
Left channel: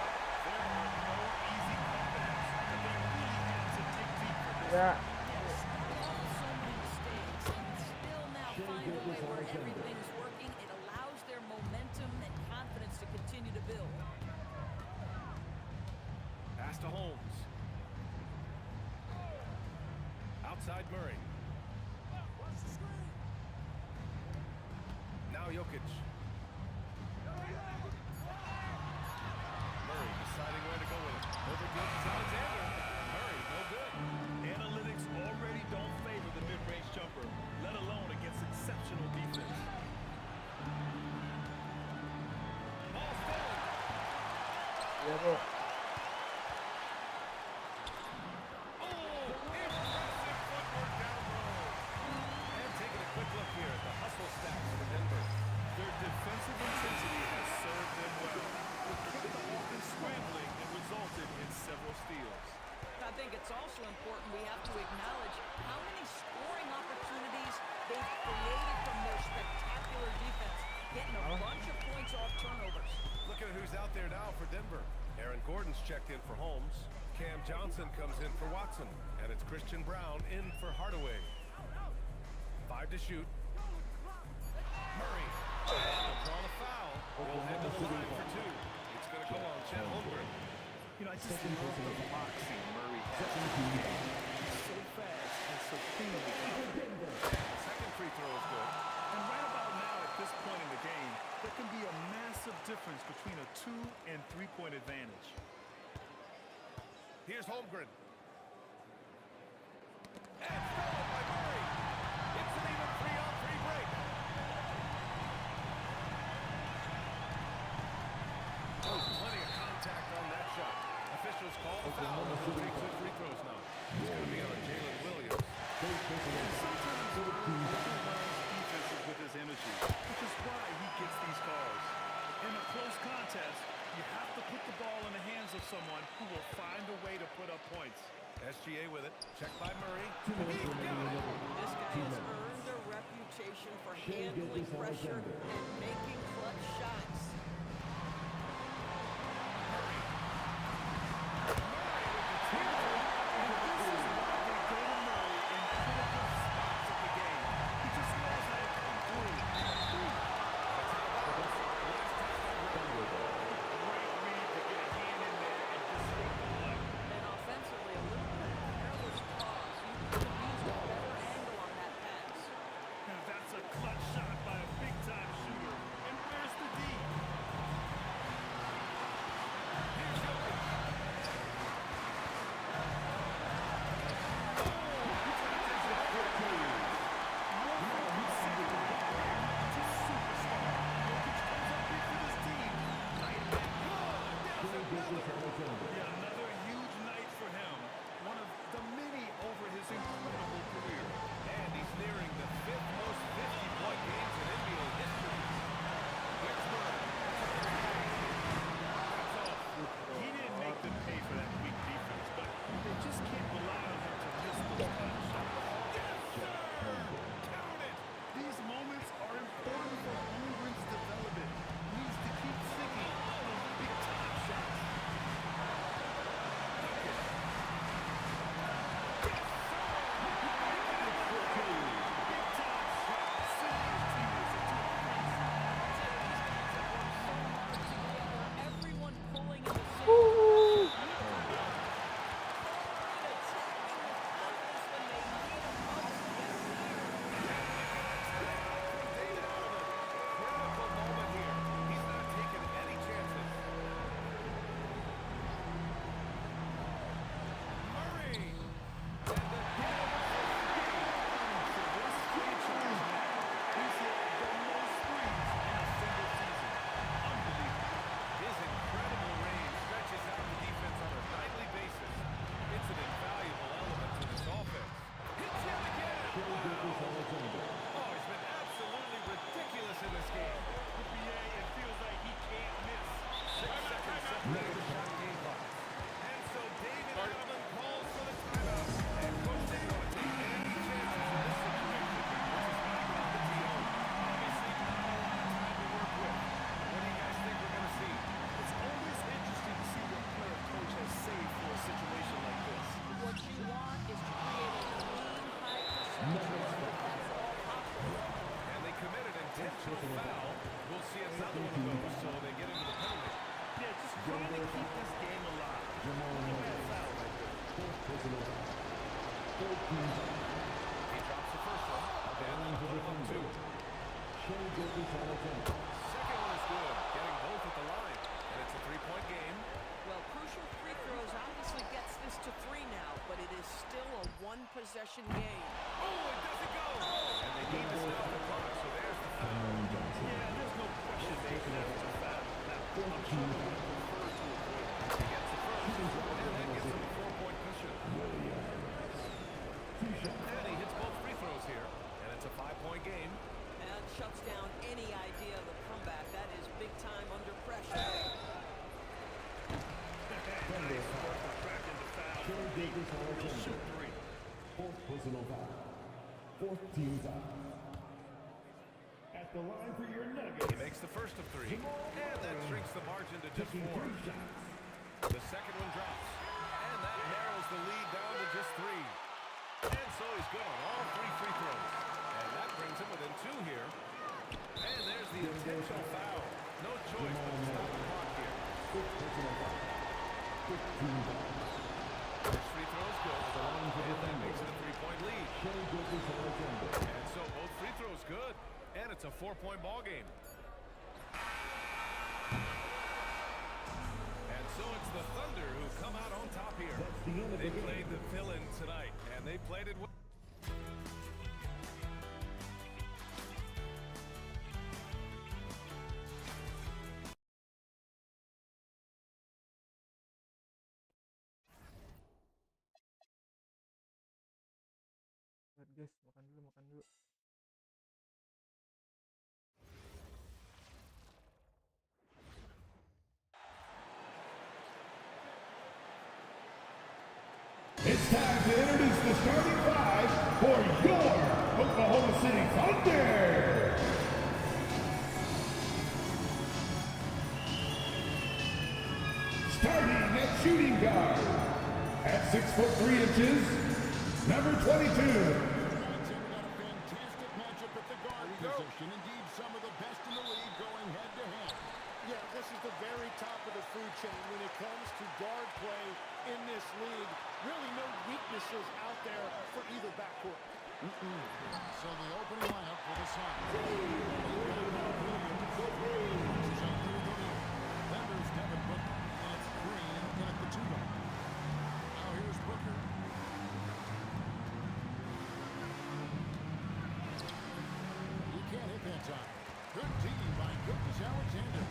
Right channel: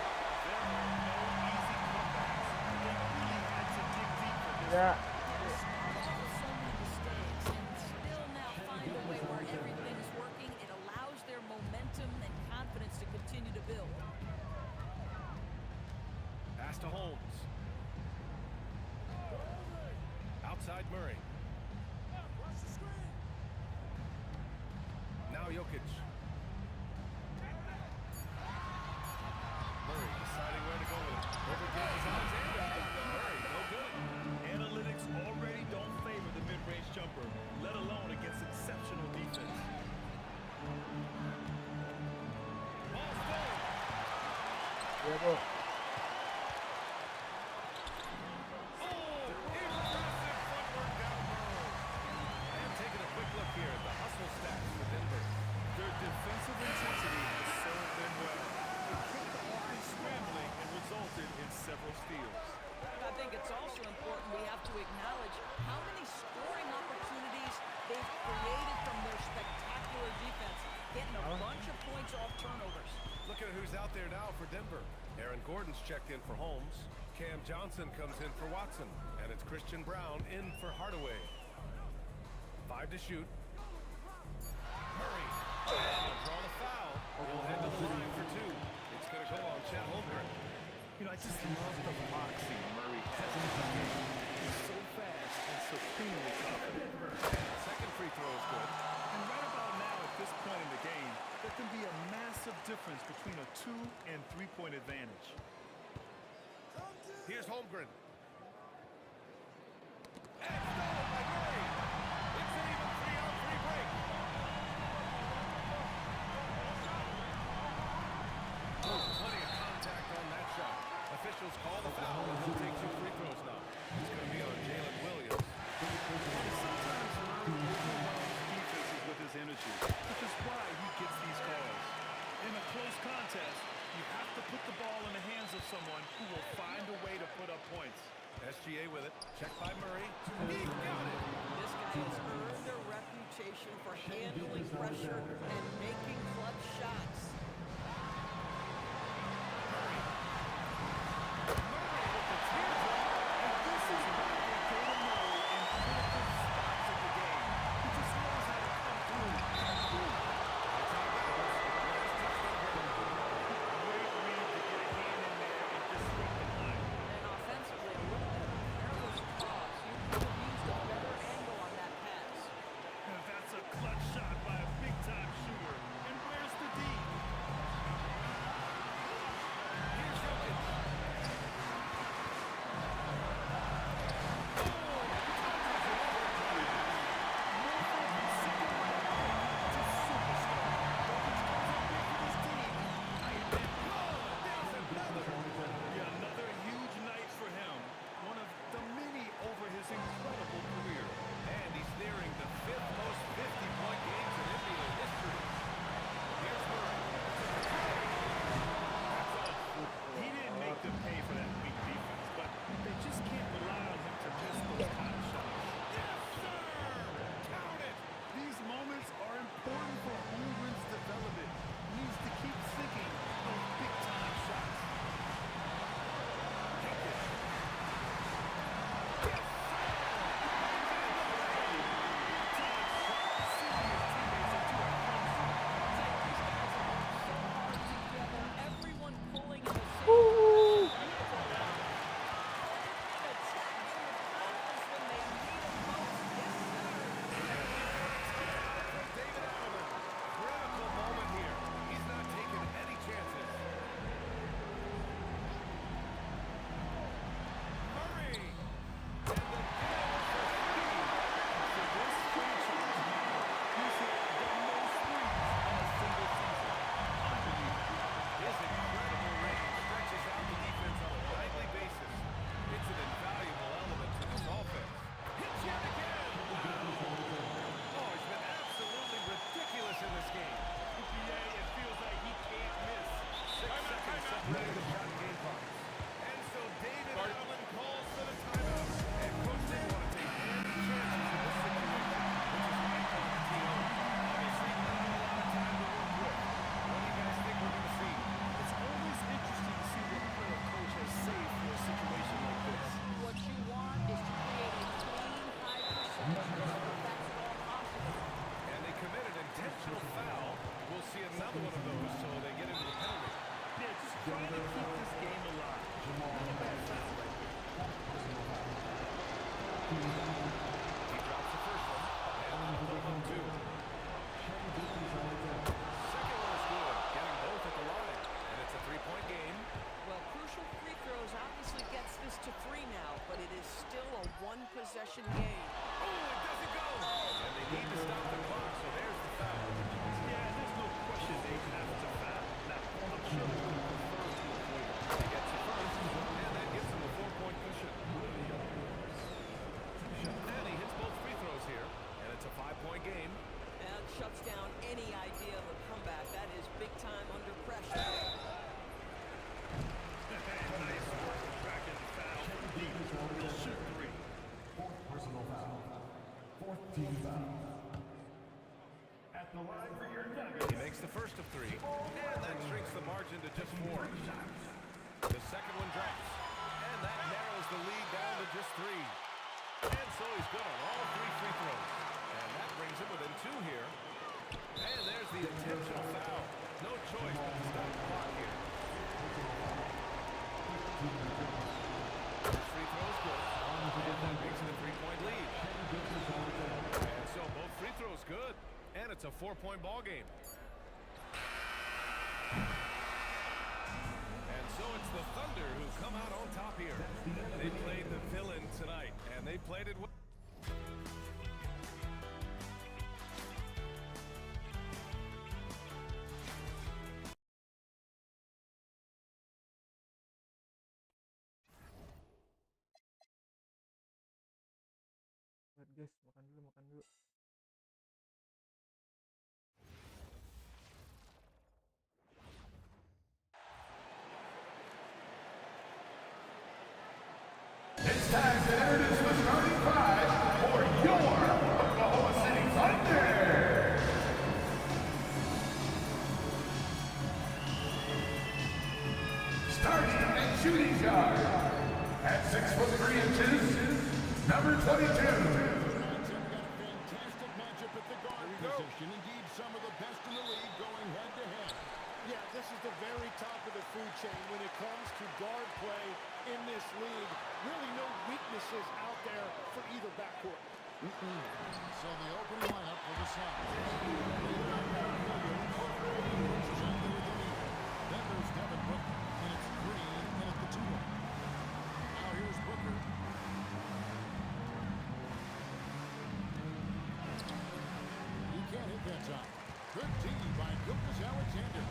There are no easy comebacks, but they really had to dig deep for this. Yeah. Yeah, start off with so many mistakes and still now find a way where everything's working. It allows their momentum and confidence to continue to build. Pass to Holmes. Outside Murray. Now Jokic. Murray deciding where to go with it. Over Gilgeous-Alexander. Murray, no good. Analytics already don't favor the mid-range jumper, let alone against exceptional defense. Debo. Oh, impressive footwork down low. And taking a quick look here at the hustle stats for Denver. Their defensive intensity has served them well. It kept the offense scrambling and resulted in several steals. I think it's also important we have to acknowledge how many scoring opportunities they've created from their spectacular defense, getting a bunch of points off turnovers. Look at who's out there now for Denver. Aaron Gordon's checked in for Holmes. Cam Johnson comes in for Watson. And it's Christian Brown in for Hardaway. 5 to shoot. Murray. And he'll draw the foul. He'll head to the line for 2. It's going to go on Chet Holmgren. You know, I just love the moxie Murray has in his game. He's so fast and supremely confident. And the second free throw is good. And right about now, at this point in the game, there can be a massive difference between a 2- and 3-point advantage. Here's Holmgren. And stolen by Murray. It's an even 3-on-3 break. Oh, plenty of contact on that shot. Officials call the foul, and he'll take 2 free throws now. It's going to be on Jalen Williams. And sometimes Murray overwhelms defenses with his energy, which is why he gets these calls. In a close contest, you have to put the ball in the hands of someone who will find a way to put up points. SGA with it. Checked by Murray. He got it. This guy has earned a reputation for handling pressure and making clutch shots. Murray. Murray with the teardrop. And this is why they go to Murray in critical spots of the game. He just knows how to come through. That's out of bounds. Last touch by Brown. Great read to get a hand in there and disrupt the play. And offensively, a little bit of a careless toss. You could have used a better angle on that pass. And that's a clutch shot by a big-time shooter. And where's the D? Here's Jokic. Incredible career. And he's nearing the 5th most 50-point games in NBA history. Here's Murray. That's off. He didn't make them pay for that weak defense, but they just can't rely on him to miss those kind of shots. Yes, sir! Count it! These moments are important for Holmgren's development. He needs to keep sinking those big-time shots. Jokic. In this game. It feels like he can't miss. 6 seconds separating the shot and game clock. And so David Adelman calls for the timeout. And Coach didn't want to take any chances in this situation, which is why he called the TO. Obviously not a lot of time to work with. What do you guys think we're going to see? It's always interesting to see what player coach has saved for a situation like this. What you want is to create a clean, high percentage look if that's at all possible. And they committed intentional foul. We'll see another one of those, so they get into the penalty. Yeah, just trying to keep this game alive. Not a bad foul right there. He drops the first one, and that'll put him up 2. Second one is good, getting both at the line. And it's a 3-point game. Well, crucial free throws obviously gets this to 3 now, but it is still a one-possession game. Oh, it doesn't go! And they need to stop the clock, so there's the foul. Yeah, there's no question they have to foul. Now, I'm sure they would have preferred to avoid it. He'll shoot 3. Fourth personal foul. Fourth team foul. At the line for your Nuggets. He makes the first of 3, and that shrinks the margin to just 4. The second one drops, and that narrows the lead down to just 3. And so he's good on all 3 free throws. And that brings him within 2 here. And there's the intentional foul. No choice but to stop the clock here. First free throw is good, and that makes it a 3-point lead. And so both free throws good, and it's a 4-point ball game. And so it's the Thunder who come out on top here. They played the villain tonight, and they played it well. Guys, makan dulu. It's time to introduce the starting 5 for your Oklahoma City Thunder. Starting at shooting guard, at 6 foot 3 inches, number 22. Position. Indeed, some of the best in the league going head-to-head. Yeah, this is the very top of the food chain when it comes to guard play in this league. Really no weaknesses out there for either backcourt. So the opening lineup for the Suns. They've got Patrick Williams. Pushes up there with O'Neal. Then there's Devin Booker. And it's Green in at the 2-1. Now here's Booker. That time. Good D by Gilgeous-Alexander.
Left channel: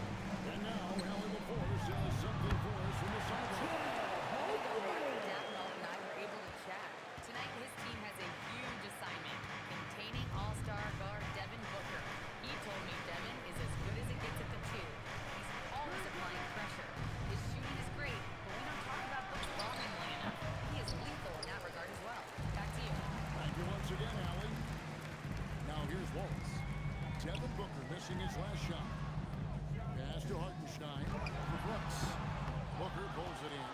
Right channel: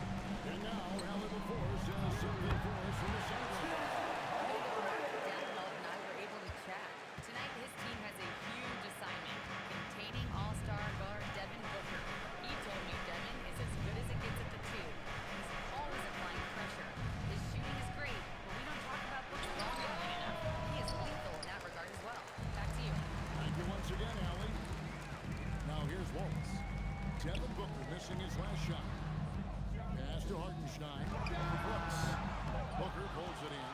And now Allie LaForce has something for us from the sideline. A bit ago, Mark Dagnall and I were able to chat. Tonight, his team has a huge assignment, containing all-star guard Devin Booker. He told me Devin is as good as it gets at the 2. He's always applying pressure. His shooting is great, but we don't talk about Booker longingly enough. He is lethal in that regard as well. Back to you. Thank you once again, Allie. Now here's Wallace. Devin Booker missing his last shot. Pass to Hartenstein for Brooks. Booker pulls it in.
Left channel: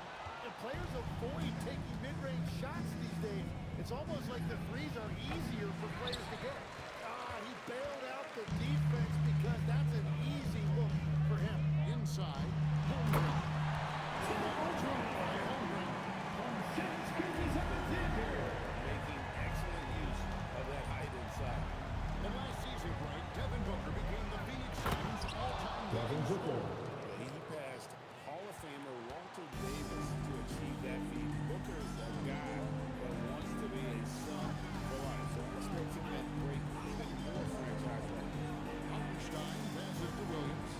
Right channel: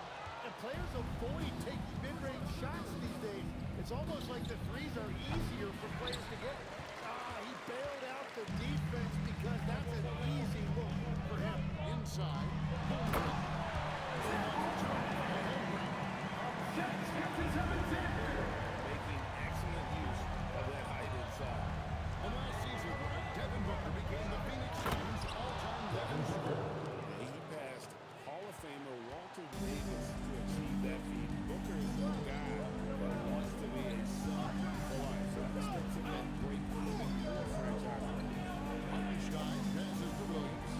And players avoid taking mid-range shots these days. It's almost like the threes are easier for players to get. He bailed out the defense because that's an easy look for him. Inside, Holmgren. And then jump by Holmgren. Making excellent use of that height inside. And last season, Greg, Devin Booker became the Phoenix Suns' all-time leading scorer. He passed Hall of Famer Walter Davis to achieve that feat. Booker is a guy that wants to be a Sun for life. So that expects him to break even more franchise records. Hartenstein passes to Williams.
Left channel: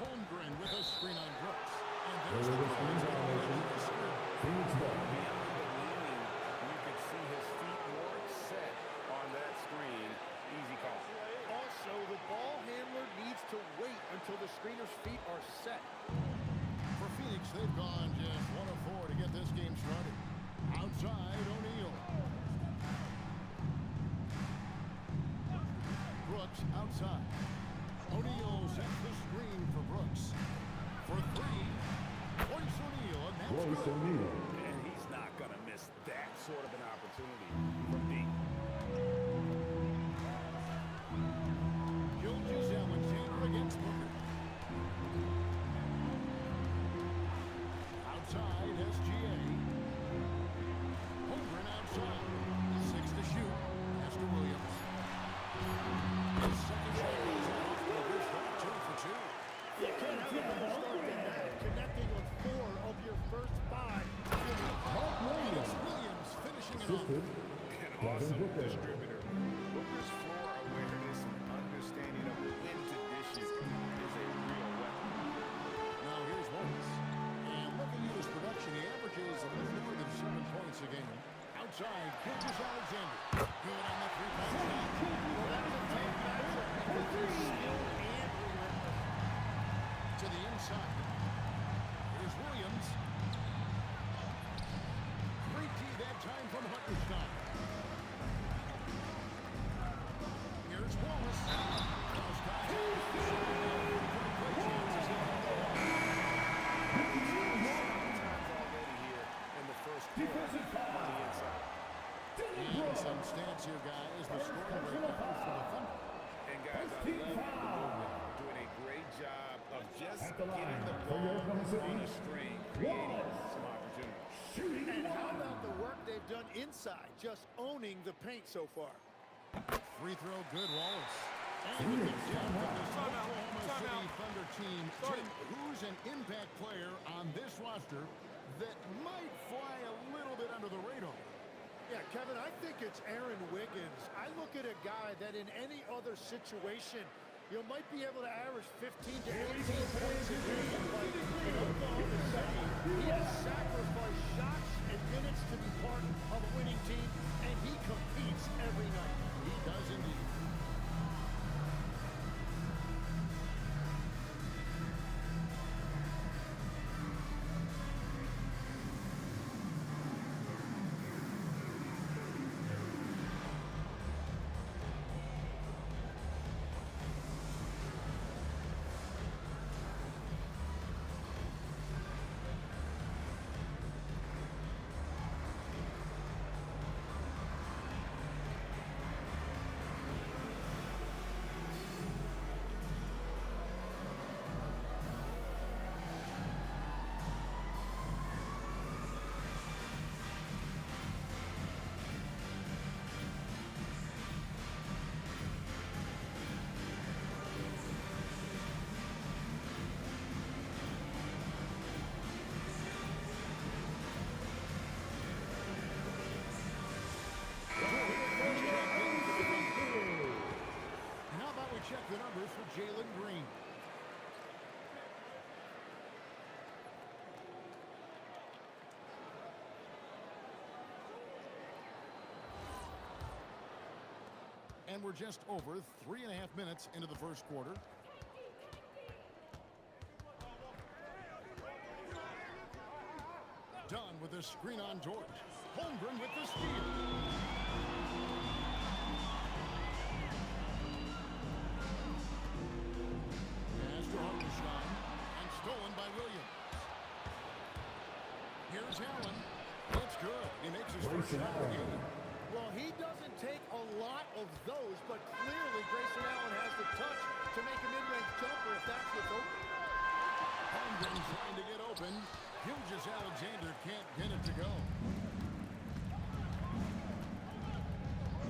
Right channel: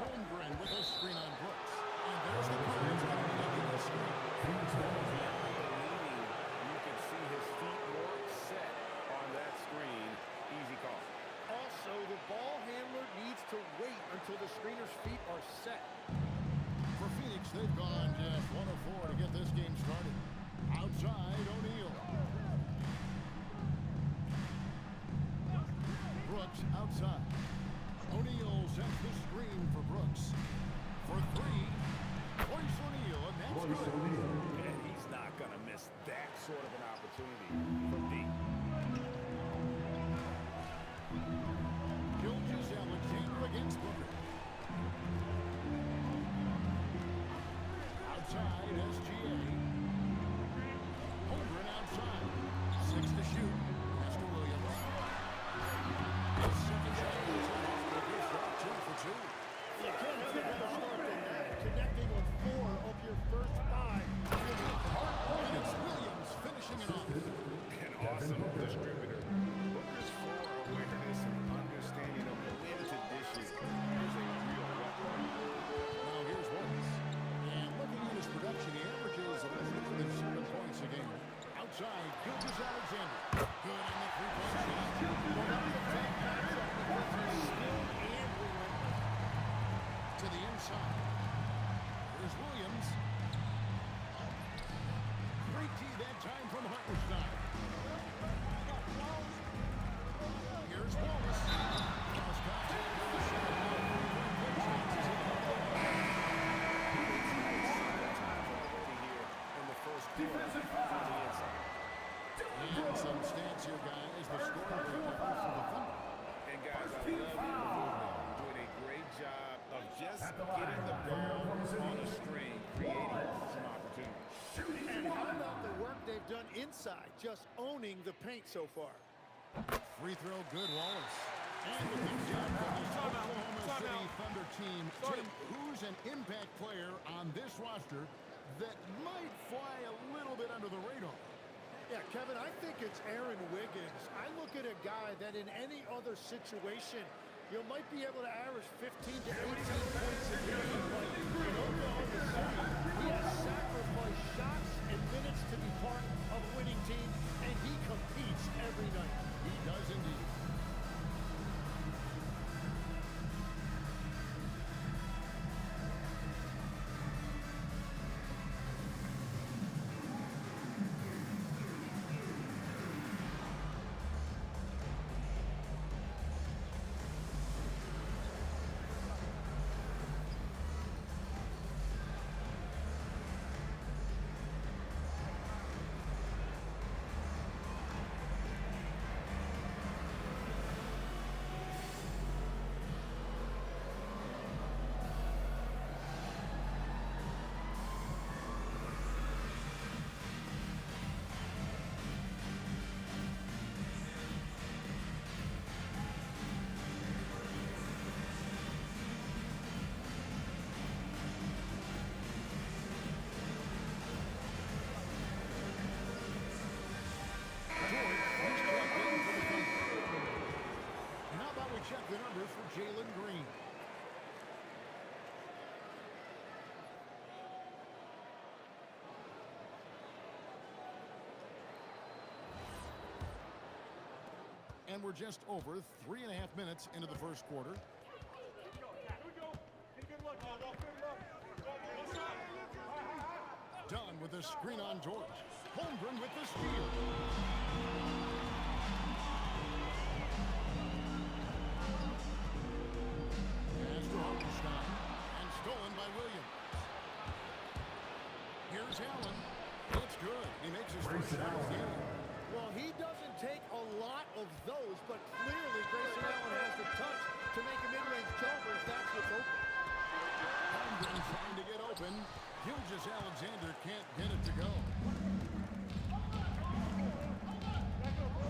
Holmgren with a screen on Brooks. And there's the call. It's going to be a legal screen. Beyond the leaning, you can see his feet more set on that screen. Easy call. Also, the ball handler needs to wait until the screener's feet are set. For Phoenix, they've gone just 1 of 4 to get this game started. Outside, O'Neal. Brooks outside. O'Neal sets the screen for Brooks. For 3, Royce O'Neal, and that's good. And he's not going to miss that sort of an opportunity from deep. Gilgeous-Alexander against Booker. Outside, SGA. Holmgren outside. 6 to shoot. Pass to Williams. His second shot goes in off to a good start. 2 for 2. You can't have a better start than that. Connecting on 4 of your first 5. And it's Williams finishing it off. An awesome distributor. Booker's floor awareness and understanding of when to dish it is a real weapon. Now here's Wallace. And looking at his production, he averages a little more than 7 points a game. Outside, Gilgeous-Alexander. Good on the 3-point shot. Well, that's a tough matchup because he's skilled and relentless. To the inside. Here's Williams. Hartenstein. Here's Wallace. Cross contact on the shot. Now, three-point play chances. He'll have the line. Several times already here in the first quarter on the inside. And some stats here, guys. The scoring breakdown for the Thunder. And guys, I love the movement. Doing a great job of just getting the ball on a string, creating some opportunities. And how about the work they've done inside, just owning the paint so far? Free throw, good, Wallace. And with the depth of this Oklahoma City Thunder team, Tim, who's an impact player on this roster that might fly a little bit under the radar? Yeah, Kevin, I think it's Aaron Wiggins. I look at a guy that in any other situation, you might be able to average 15 to 18 points a game, but in Oklahoma City, he has sacrificed shots and minutes to be part of a winning team, and he competes every night. He does indeed. And how about we check the numbers for Jalen Green? And we're just over 3.5 minutes into the first quarter. Dunn with a screen on George. Holmgren with the steal. Pass to Hartenstein. And stolen by Williams. Here's Allen. That's good. He makes his first shot of the game. Well, he doesn't take a lot of those, but clearly Grayson Allen has the touch to make a mid-range jumper if that's what's open. Holmgren trying to get open. Gilgeous-Alexander can't get it to go.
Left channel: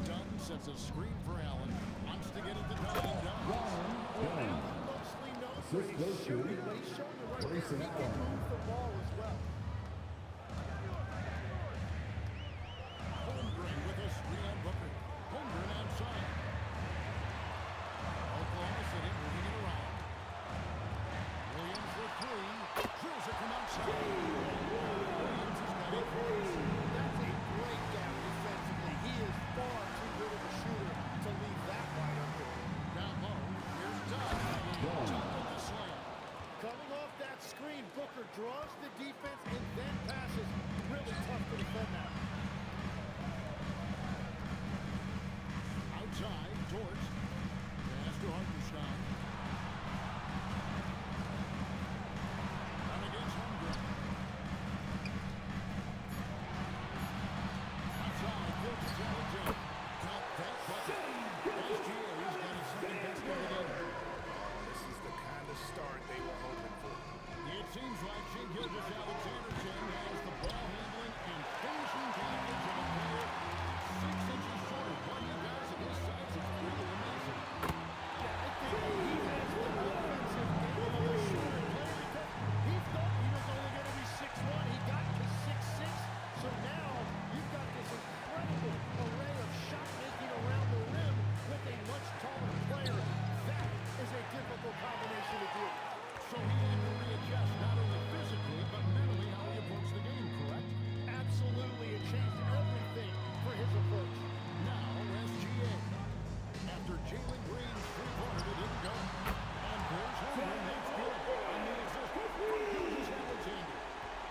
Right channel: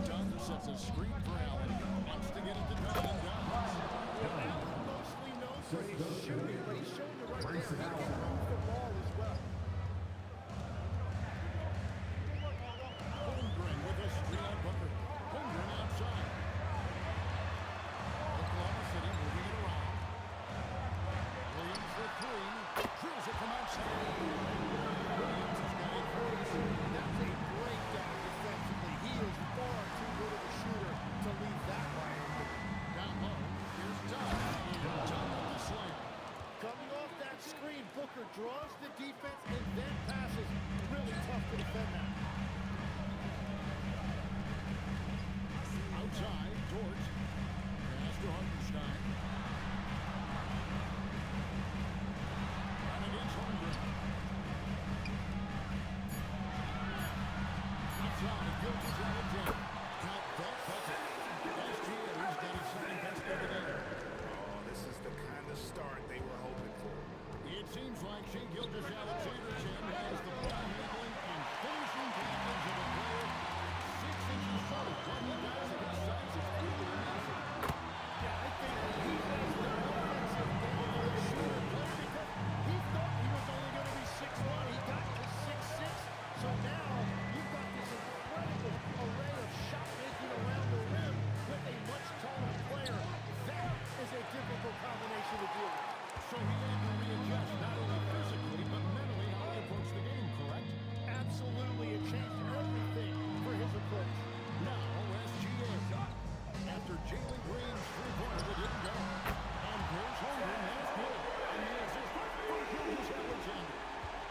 Dunn sets a screen for Allen. Wants to get it to Dunn and does. Well, Allen mostly known for his shooting, but he's showing you right there. He can move the ball as well. Holmgren with a screen on Booker. Holmgren outside. Oklahoma City moving it around. Williams for three. Drills it from outside. Williams has got 8 points. That's a breakdown defensively. He is far too good of a shooter to leave that wide open. Down low, here's Dunn. Dunn with the slam. Coming off that screen, Booker draws the defense and then passes. Really tough to defend that. Outside, George. Pass to Hartenstein. Down against Holmgren. Outside, Gilgeous-Alexander. Count that bucket. SGA's got his second best of the game. Oh, this is the kind of start they were hoping for. It seems like Shai Gilgeous-Alexander, Tim, has the ball handling and finishing package of a player 6 inches short of what he does at his size is really amazing. Yeah, I think he has the offensive game of a shooter player because he thought he was only going to be 6'1". He got to 6'6". So now you've got this incredible array of shot making around the rim with a much taller player. That is a difficult combination to deal with. So he had to readjust not only physically but mentally how he approached the game, correct? Absolutely. It changed everything for his approach. Now SGA. After Jalen Green's three-pointer that didn't go. And there's Holmgren. That's good. And the assist from Gilgeous-Alexander.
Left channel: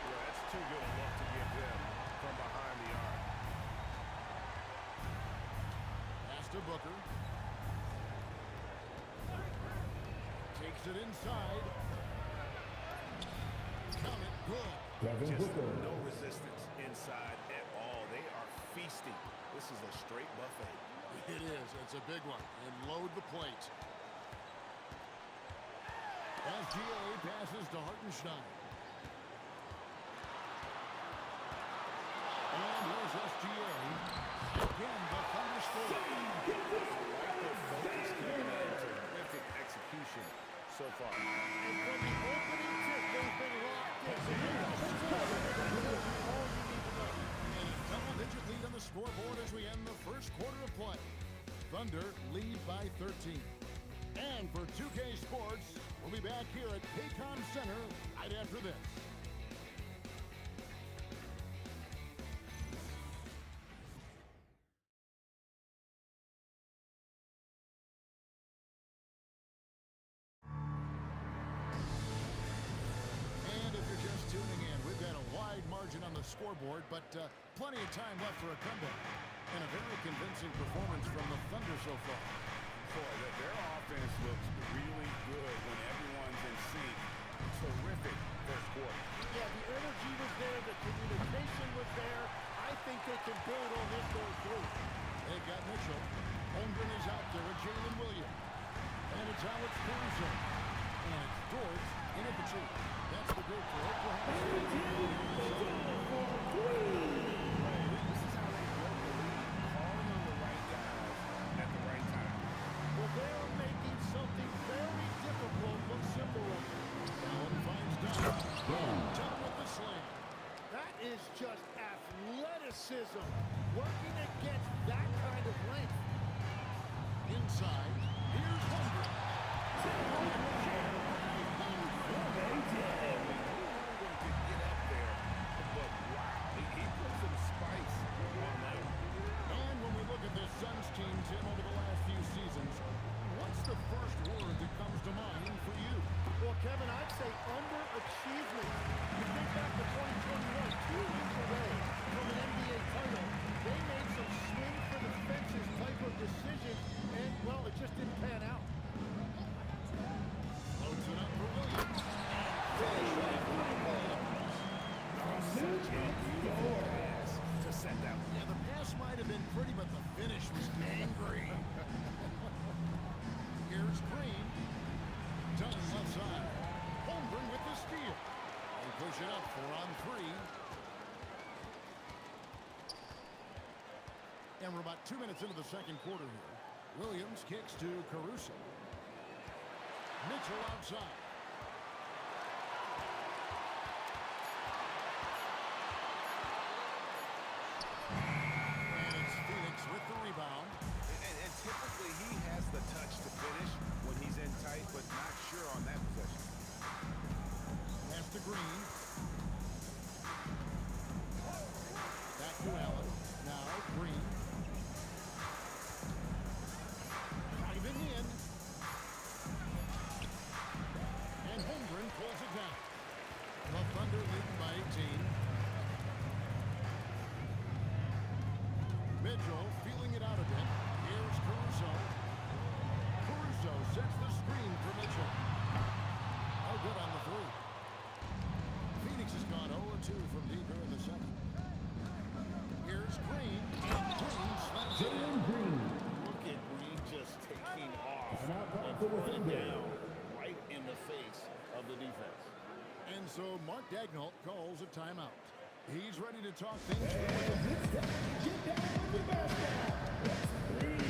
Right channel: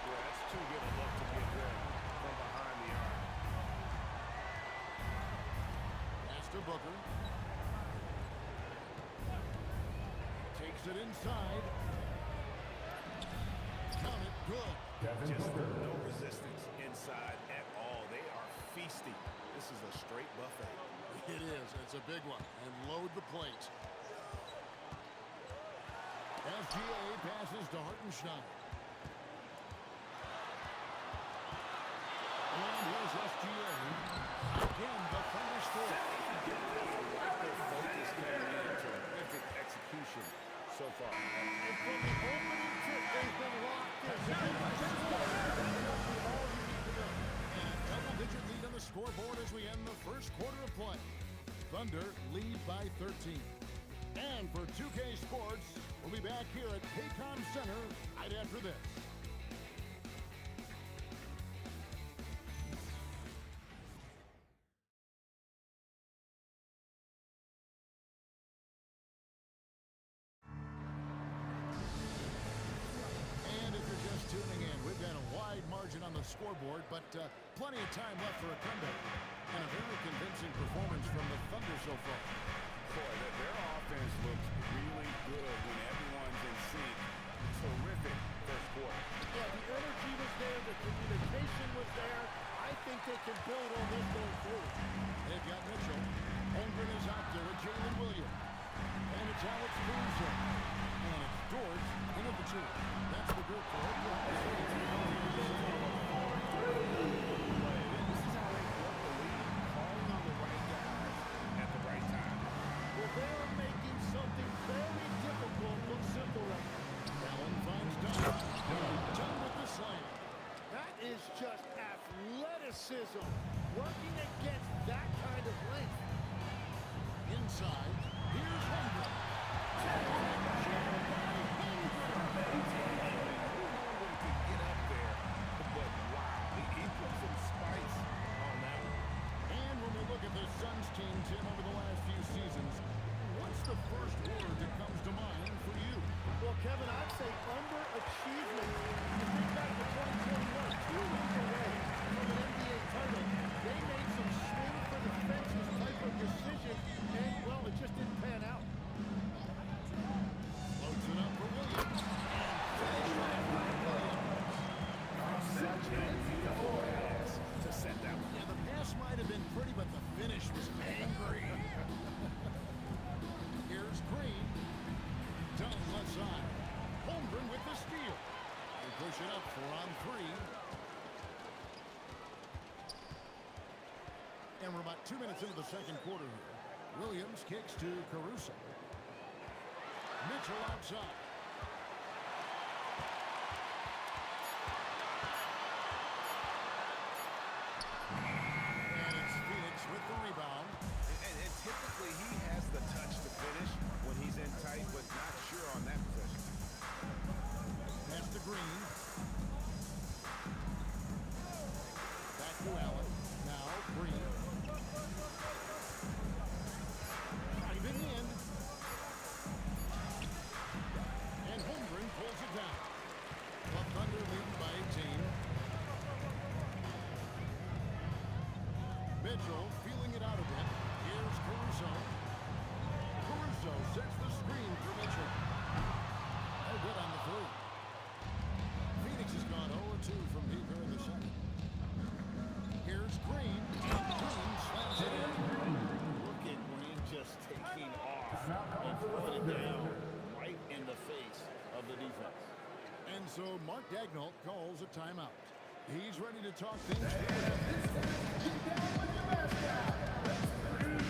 Yeah, that's too good a look to give him from behind the arc. Pass to Booker. Takes it inside. Count it. Good. Just no resistance inside at all. They are feasting. This is a straight buffet. It is. It's a big one. And load the plate. SGA passes to Hartenstein. And here's SGA. Again, the Thunder score. I like their focus coming in. Terrific execution so far. And from the opening tip, they've been locked in. So they can score. That tells you all you need to know. And a double-digit lead on the scoreboard as we end the first quarter of play. Thunder lead by 13. And for 2K Sports, we'll be back here at Paycom Center right after this. And if you're just tuning in, we've got a wide margin on the scoreboard, but plenty of time left for a comeback. And a very convincing performance from the Thunder so far. Boy, their offense looks really good when everyone's in sync. Terrific first quarter. Yeah, the energy was there. The communication was there. I think they can build on this going through. They've got Mitchell. Holmgren is out there with Jalen Williams. And it's Alex Caruso. And it's Dort in at the 2. That's the group for Oklahoma City. This is how they built the lead, calling on the right guys at the right time. Well, they're making something very difficult look simple right now. Allen finds Dunn. Dunn with the slam. That is just athleticism. Working against that kind of length. Inside, here's Holmgren. And we knew Holmgren could get up there, but wow, he put some spice on that one. And when we look at this Suns team, Tim, over the last few seasons, what's the first word that comes to mind for you? Well, Kevin, I'd say underachievement. You think back to 2021, 2 wins away from an NBA title. They made some swing for the fences type of decision, and, well, it just didn't pan out. Loads it up for Williams. And finish off by Williams. Oh, such a beautiful pass to set that one. Yeah, the pass might have been pretty, but the finish was angry. Here's Green. Dunn left side. Holmgren with the steal. They push it up 4-on-3. And we're about 2 minutes into the second quarter here. Williams kicks to Caruso. Mitchell outside. And it's Phoenix with the rebound. And typically he has the touch to finish when he's in tight, but not sure on that possession. Pass to Green. Back to Allen. Now Green. Driving in. And Holmgren pulls it down. The Thunder leading by 18. Mitchell feeling it out a bit. Here's Caruso. Caruso sets the screen for Mitchell. No good on the 3. Phoenix has gone 0-2 from deep here in the second. Here's Green. And Green slams it in. Look at Green just taking off and throwing it down right in the face of the defense. And so Mark Daigneault calls a timeout. He's ready to talk things through with them. Get down with the best guy. Let's breathe.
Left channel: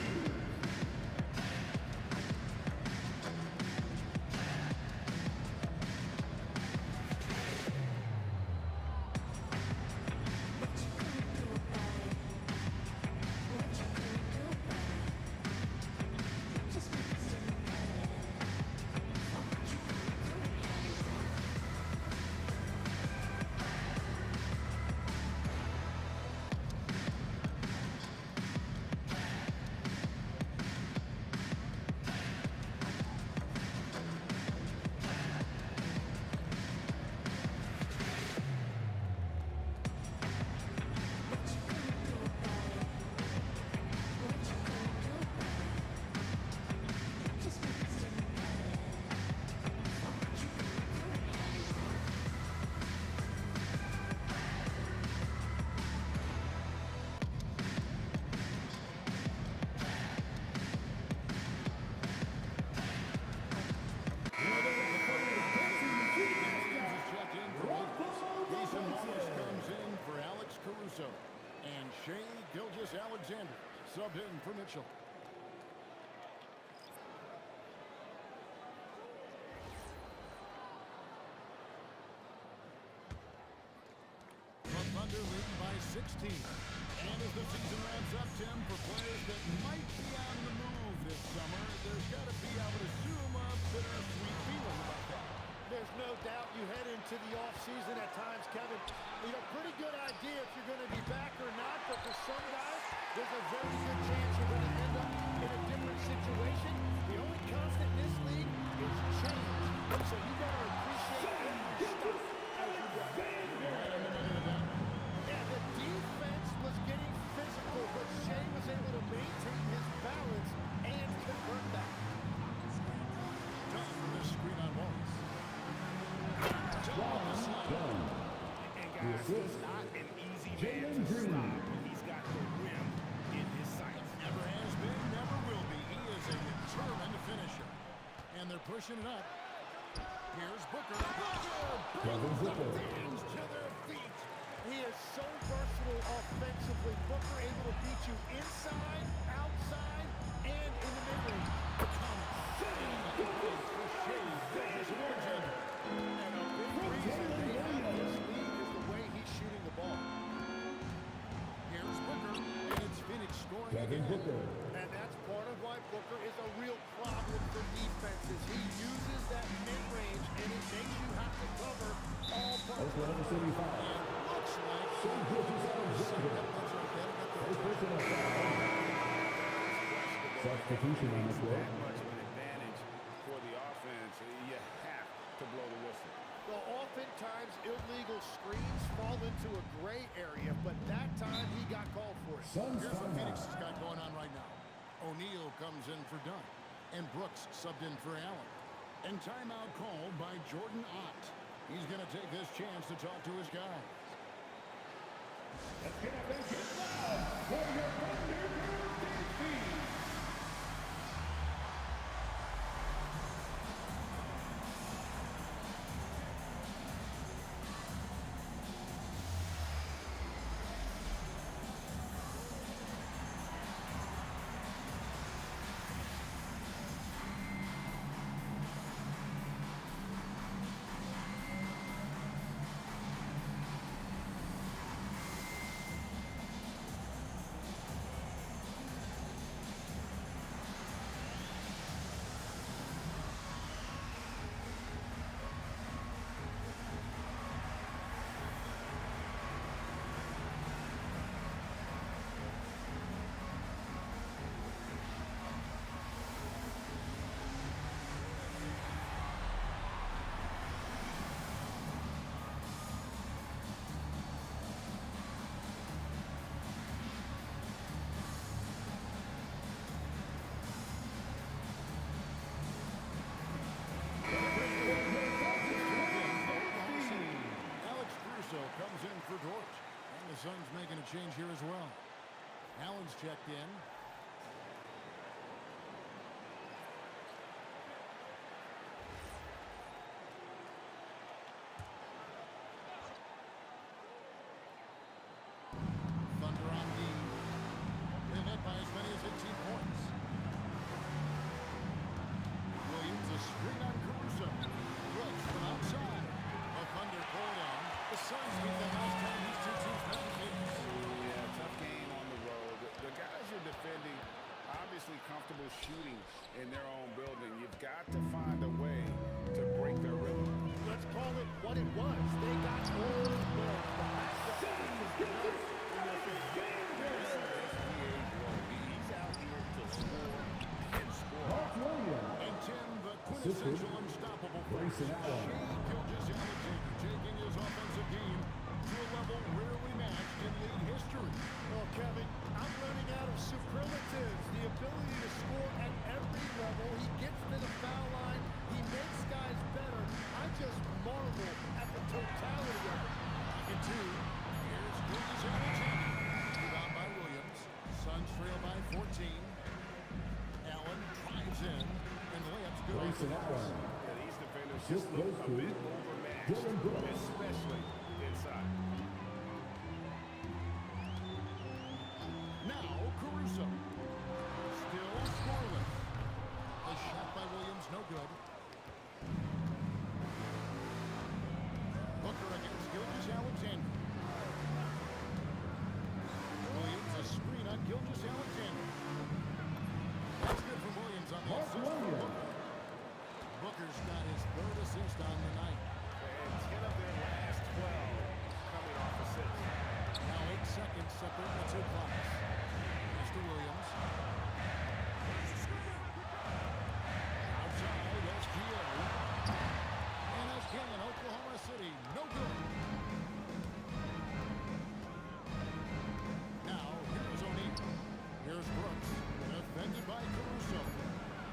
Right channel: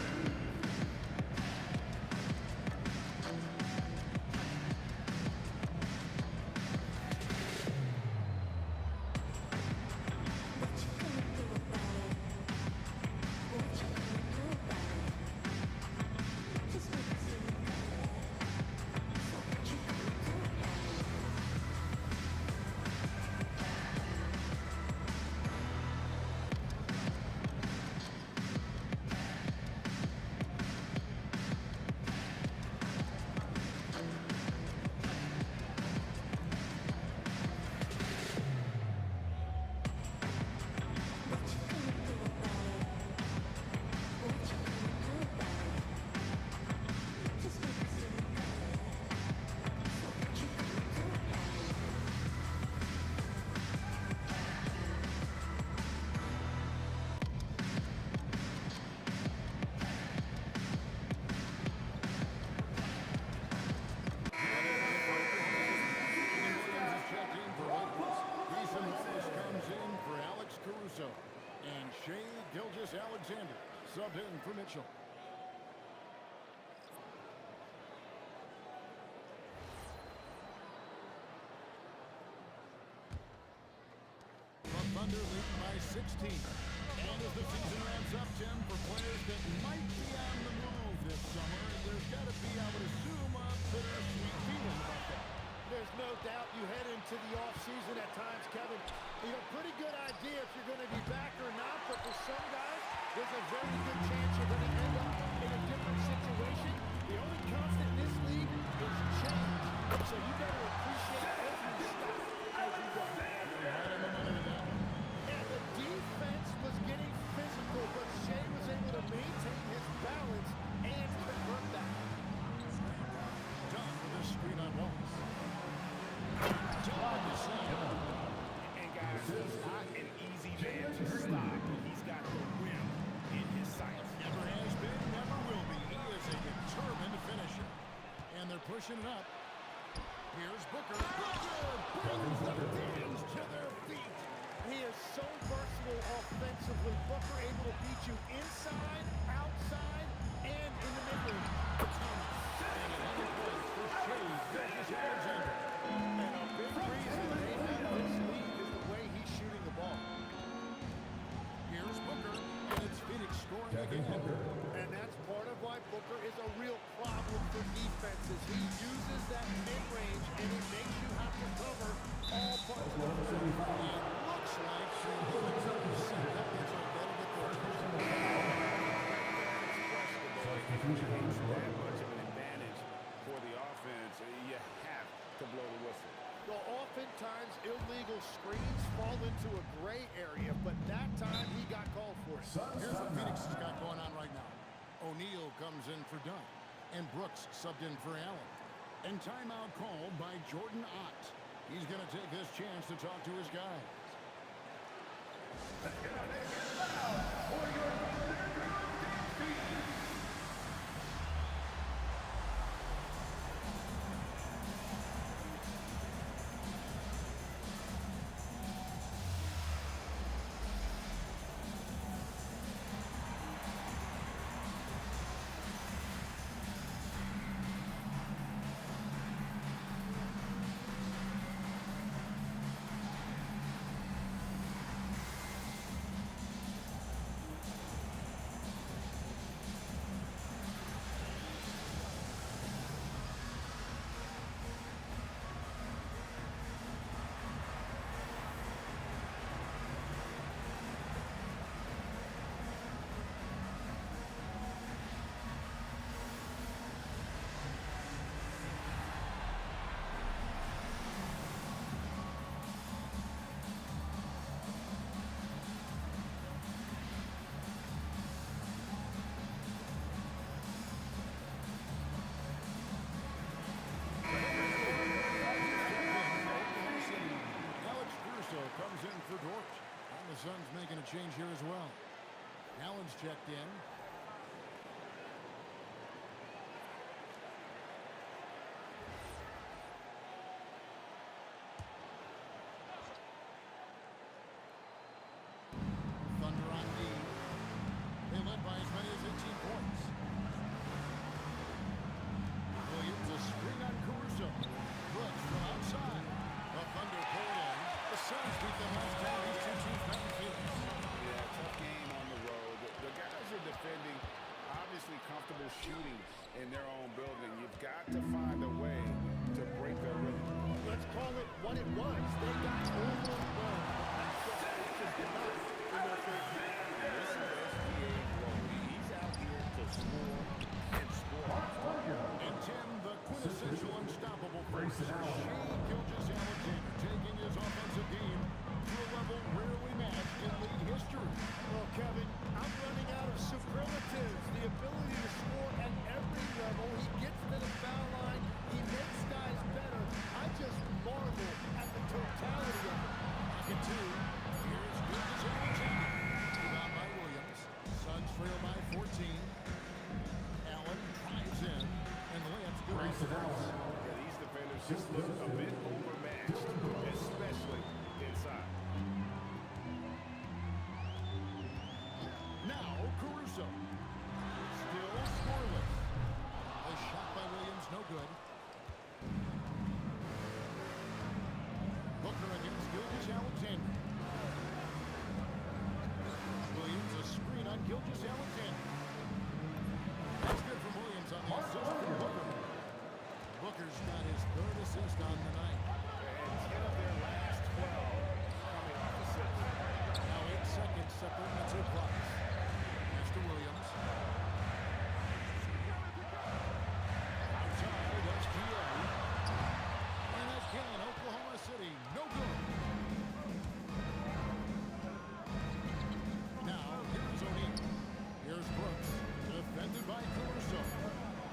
Caruso. And Shea Gilgeous-Alexander subbed in for Mitchell. The Thunder leading by 16. And as the season wraps up, Tim, for players that might be on the move this summer, there's got to be, I would assume, a bittersweet feeling about that. There's no doubt you head into the offseason at times, Kevin. You know, pretty good idea if you're going to be back or not, but for some guys, there's a very good chance you're going to end up in a different situation. The only constant in this league is change. So you better appreciate every stop as you go. You're right on the money with that one. Yeah, the defense was getting physical, but Shea was able to maintain his balance and convert that. Done with this screen on Wallace. Done with the slam. And guys, he's not an easy man to stop when he's got the rim in his sights. Never has been, never will be. He is a determined finisher. And they're pushing it up. Here's Booker. Booker brings the fans to their feet. He is so versatile offensively. Booker able to beat you inside, outside, and in the mid-range. And 11 points for Shea Gilgeous-Alexander. And a big reason they have this lead is the way he's shooting the ball. Here's Booker, and it's Phoenix scoring again. And that's part of why Booker is a real problem for defenses. He uses that mid-range, and it makes you have to cover all parts of the floor. It looks like that's right. That'll get their attention. That much of an advantage for the offense, you have to blow the whistle. Well, oftentimes illegal screens fall into a gray area, but that time he got called for it. Here's what Phoenix has got going on right now. O'Neal comes in for Dunn, and Brooks subbed in for Allen. And timeout called by Jordan Ott. He's going to take this chance to talk to his guys. Let's get up and get loud for your Thunder Defeat. Comes in for Dort. And the Suns making a change here as well. Allen's checked in. Thunder on D. They led by as many as 18 points. Williams a screen on Caruso. Brooks from outside. The Thunder pull it in. The Suns beat them last time these two teams met in Phoenix. Yeah, tough game on the road. The guys are defending, obviously comfortable shooting in their own building. You've got to find a way to break their rhythm. Let's call it what it was. They got overwhelmed. The matchup was just not in their favor. And this is SBA's role. He's out here to score and score. And Tim, the quintessential unstoppable force, Shea Gilgeous-Alexander, taking his offensive game to a level rarely matched in league history. Well, Kevin, I'm running out of superlatives. The ability to score at every level. He gets to the foul line. He makes guys better. I just marvel at the totality of it. Pocket two. Here's Gilgeous-Alexander. Rebound by Williams. Suns trail by 14. Allen drives in, and the layup's good off the glass. Yeah, these defenders just look a bit overmatched, especially inside. Caruso. Still scoreless. A shot by Williams, no good. Booker against Gilgeous-Alexander. Williams, a screen on Gilgeous-Alexander. That's good from Williams on the assist from Booker. Booker's got his third assist on the night. And 10 of their last 12 coming off assists. Now 8 seconds separating the two clocks. Pass to Williams. Outside, SGA. And again, Oklahoma City, no good. Now, here's O'Neal. Here's Brooks, defended by Caruso.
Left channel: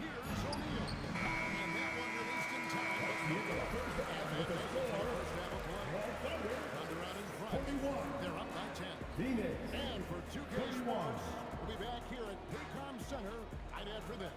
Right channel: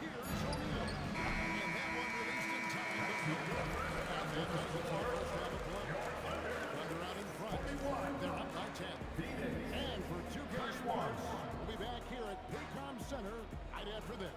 Here's O'Neal. And that one released in time, but no good. And that does it for the first half of play. Thunder out in front. They're up by 10. And for 2K Sports, we'll be back here at Paycom Center right after this.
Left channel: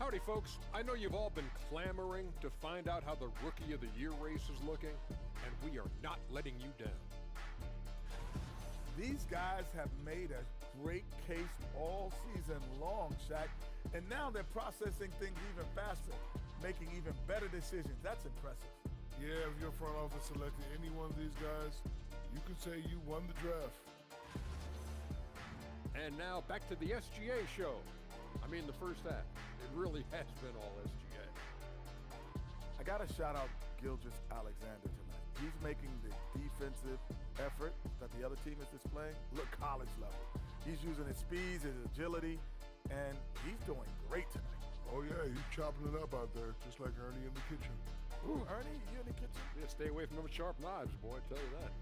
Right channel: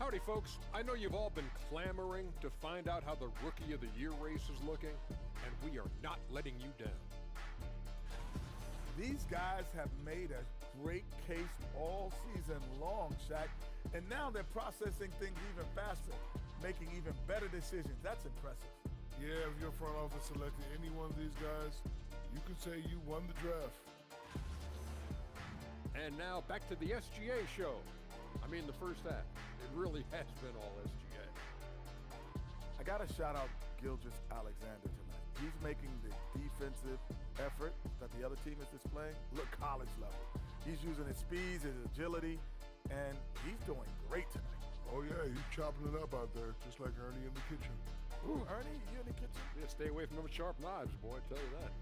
Howdy, folks. I know you've all been clamoring to find out how the Rookie of the Year race is looking, and we are not letting you down. These guys have made a great case all season long, Shaq, and now they're processing things even faster, making even better decisions. That's impressive. Yeah, if your front office selected any one of these guys, you can say you won the draft. And now back to the SGA show. I mean, the first half. It really has been all SGA. I got to shout out Gilgeous-Alexander tonight. He's making the defensive effort that the other team is displaying look college level. He's using his speed, his agility, and he's doing great tonight. Oh, yeah, he's chopping it up out there, just like Ernie in the kitchen. Ooh, Ernie, you in the kitchen? Yeah, stay away from them sharp knives, boy, I tell you that.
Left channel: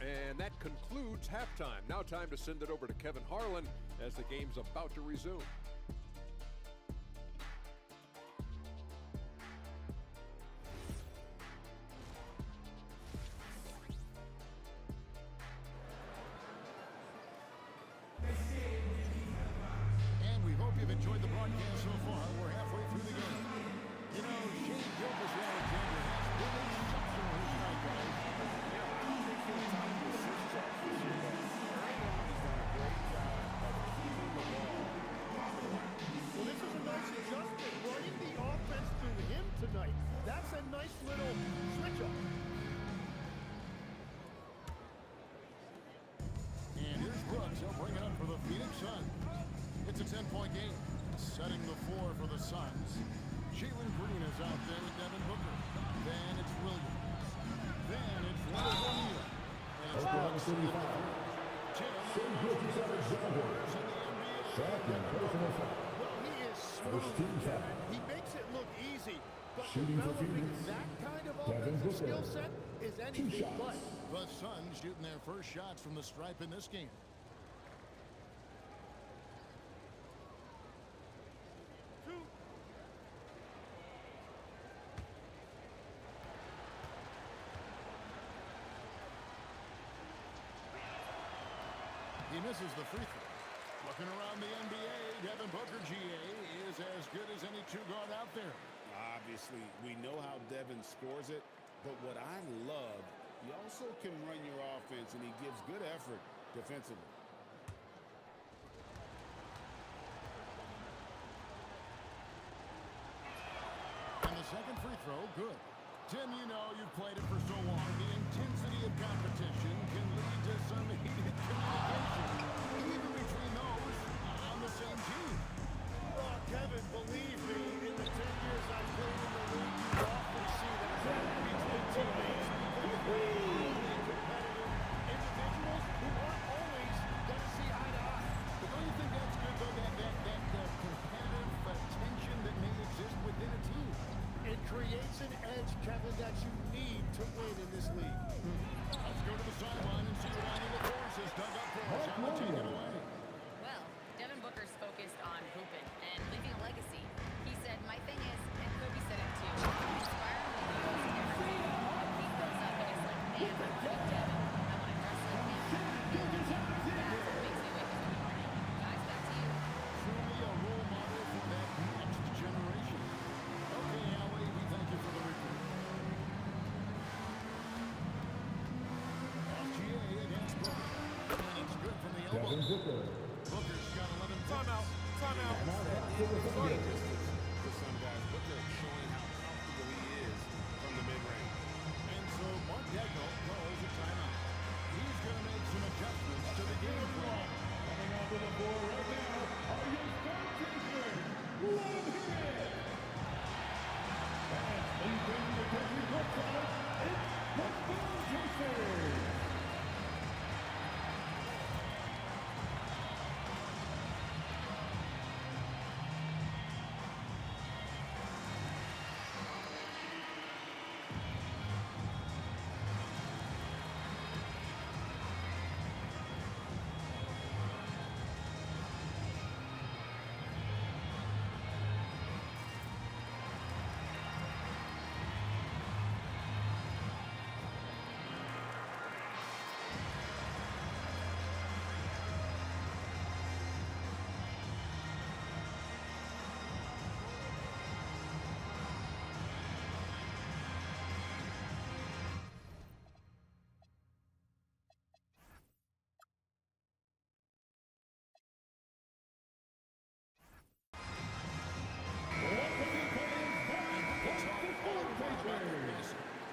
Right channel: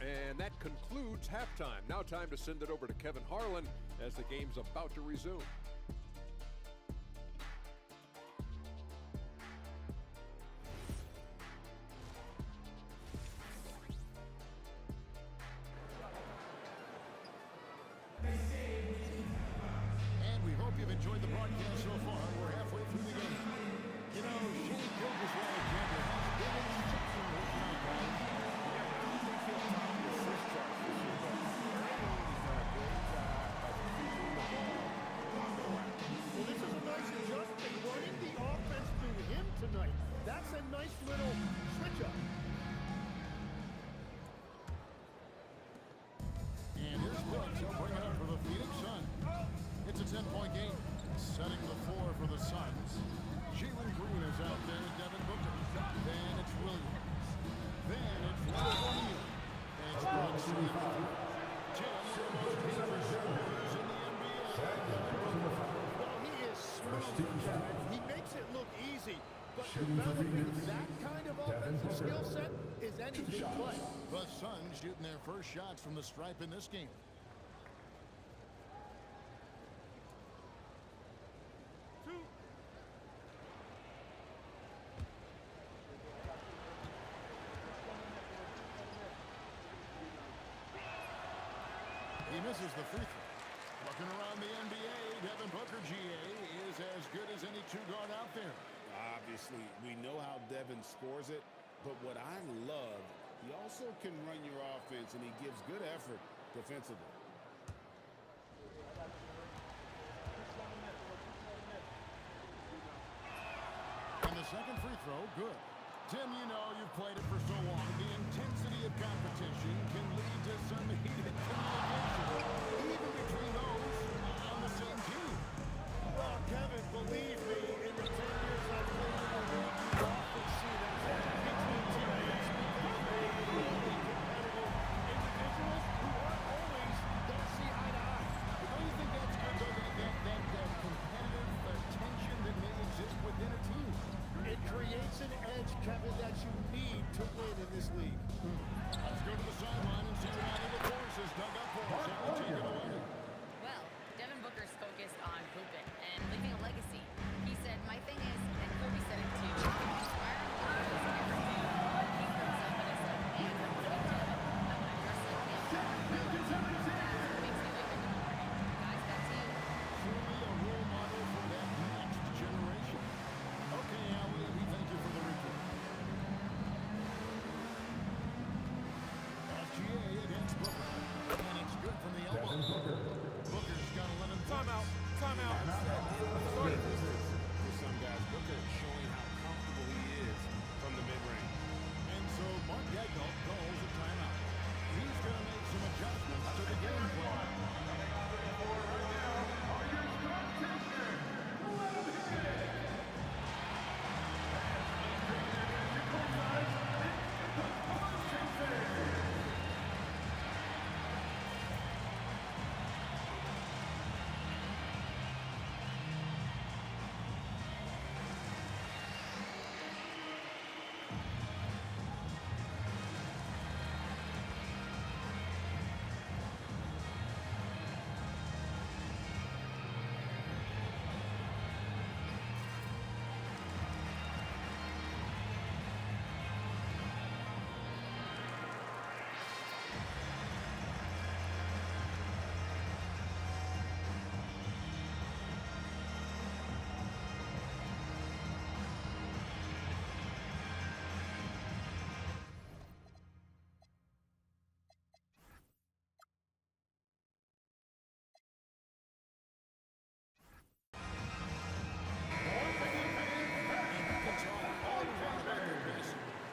And that concludes halftime. Now time to send it over to Kevin Harlan as the game's about to resume. And we hope you've enjoyed the broadcast so far. We're halfway through the game. You know, Shea Gilgeous-Alexander has been exceptional tonight, guys. Yeah, I don't think he'll top the assist charts this year, but early on he's done a great job of keeping the ball popping around. Well, this is a nice adjustment, running the offense through him tonight. That's a nice little switch up. And here's Brooks. He'll bring it up for the Phoenix Suns. It's a 10-point game. Setting the floor for the Suns. Jalen Green is out there with Devin Booker. Then it's Williams. Then it's O'Neal. And it's Brooks with the three. Tim, one of the most dangerous scorers in the NBA. Devin Booker. Well, he is smooth, Kevin. He makes it look easy, but developing that kind of offensive skill set is anything but. The Suns shooting their first shots from the stripe in this game. He misses the free throw. Looking around the NBA, Devin Booker, GA, is as good as any two-guard out there. Obviously, we know how Devin scores it, but what I love, he also can run your offense, and he gives good effort defensively. And the second free throw, good. Tim, you know you've played it for so long. The intensity of competition can lead to some heated communication, even between those on the same team. Oh, Kevin, believe me, in the 10 years I've played in the league, you often see that between teammates because they're really competitive individuals who aren't always going to see eye to eye. But don't you think that's good, though, that competitive tension that may exist within a team? It creates an edge, Kevin, that you need to win in this league. Let's go to the sideline and see what Allie LaForce has dug up for us. Allie, take it away. Well, Devin Booker's focused on hooping and leaving a legacy. He said, my thing is, and Kobe said it too, inspire timeout. That's starting distance for some guys. Booker showing how comfortable he is from the mid-range. And so Mark Daigneault calls a timeout. He's going to make some adjustments to the game plan. Coming onto the floor right now are your star chasers. Let them hit it. And please bring your attention courtside. It's the star chasers.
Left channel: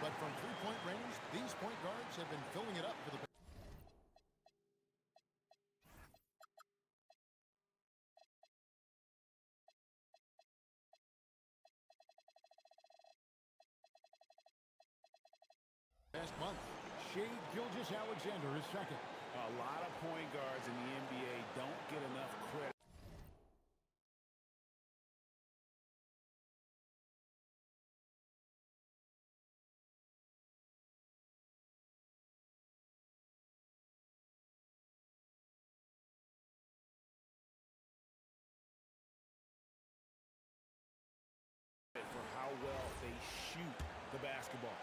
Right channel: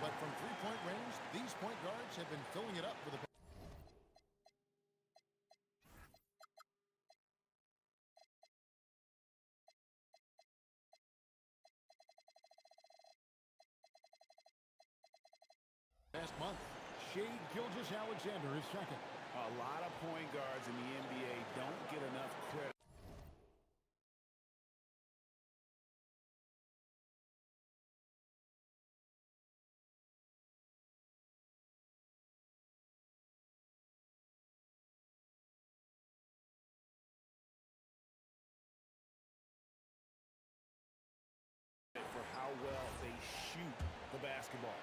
But from three-point range, these point guards have been filling it up for the past month. Shai Gilgeous-Alexander is second. A lot of point guards in the NBA don't get enough credit. For how well they shoot the basketball.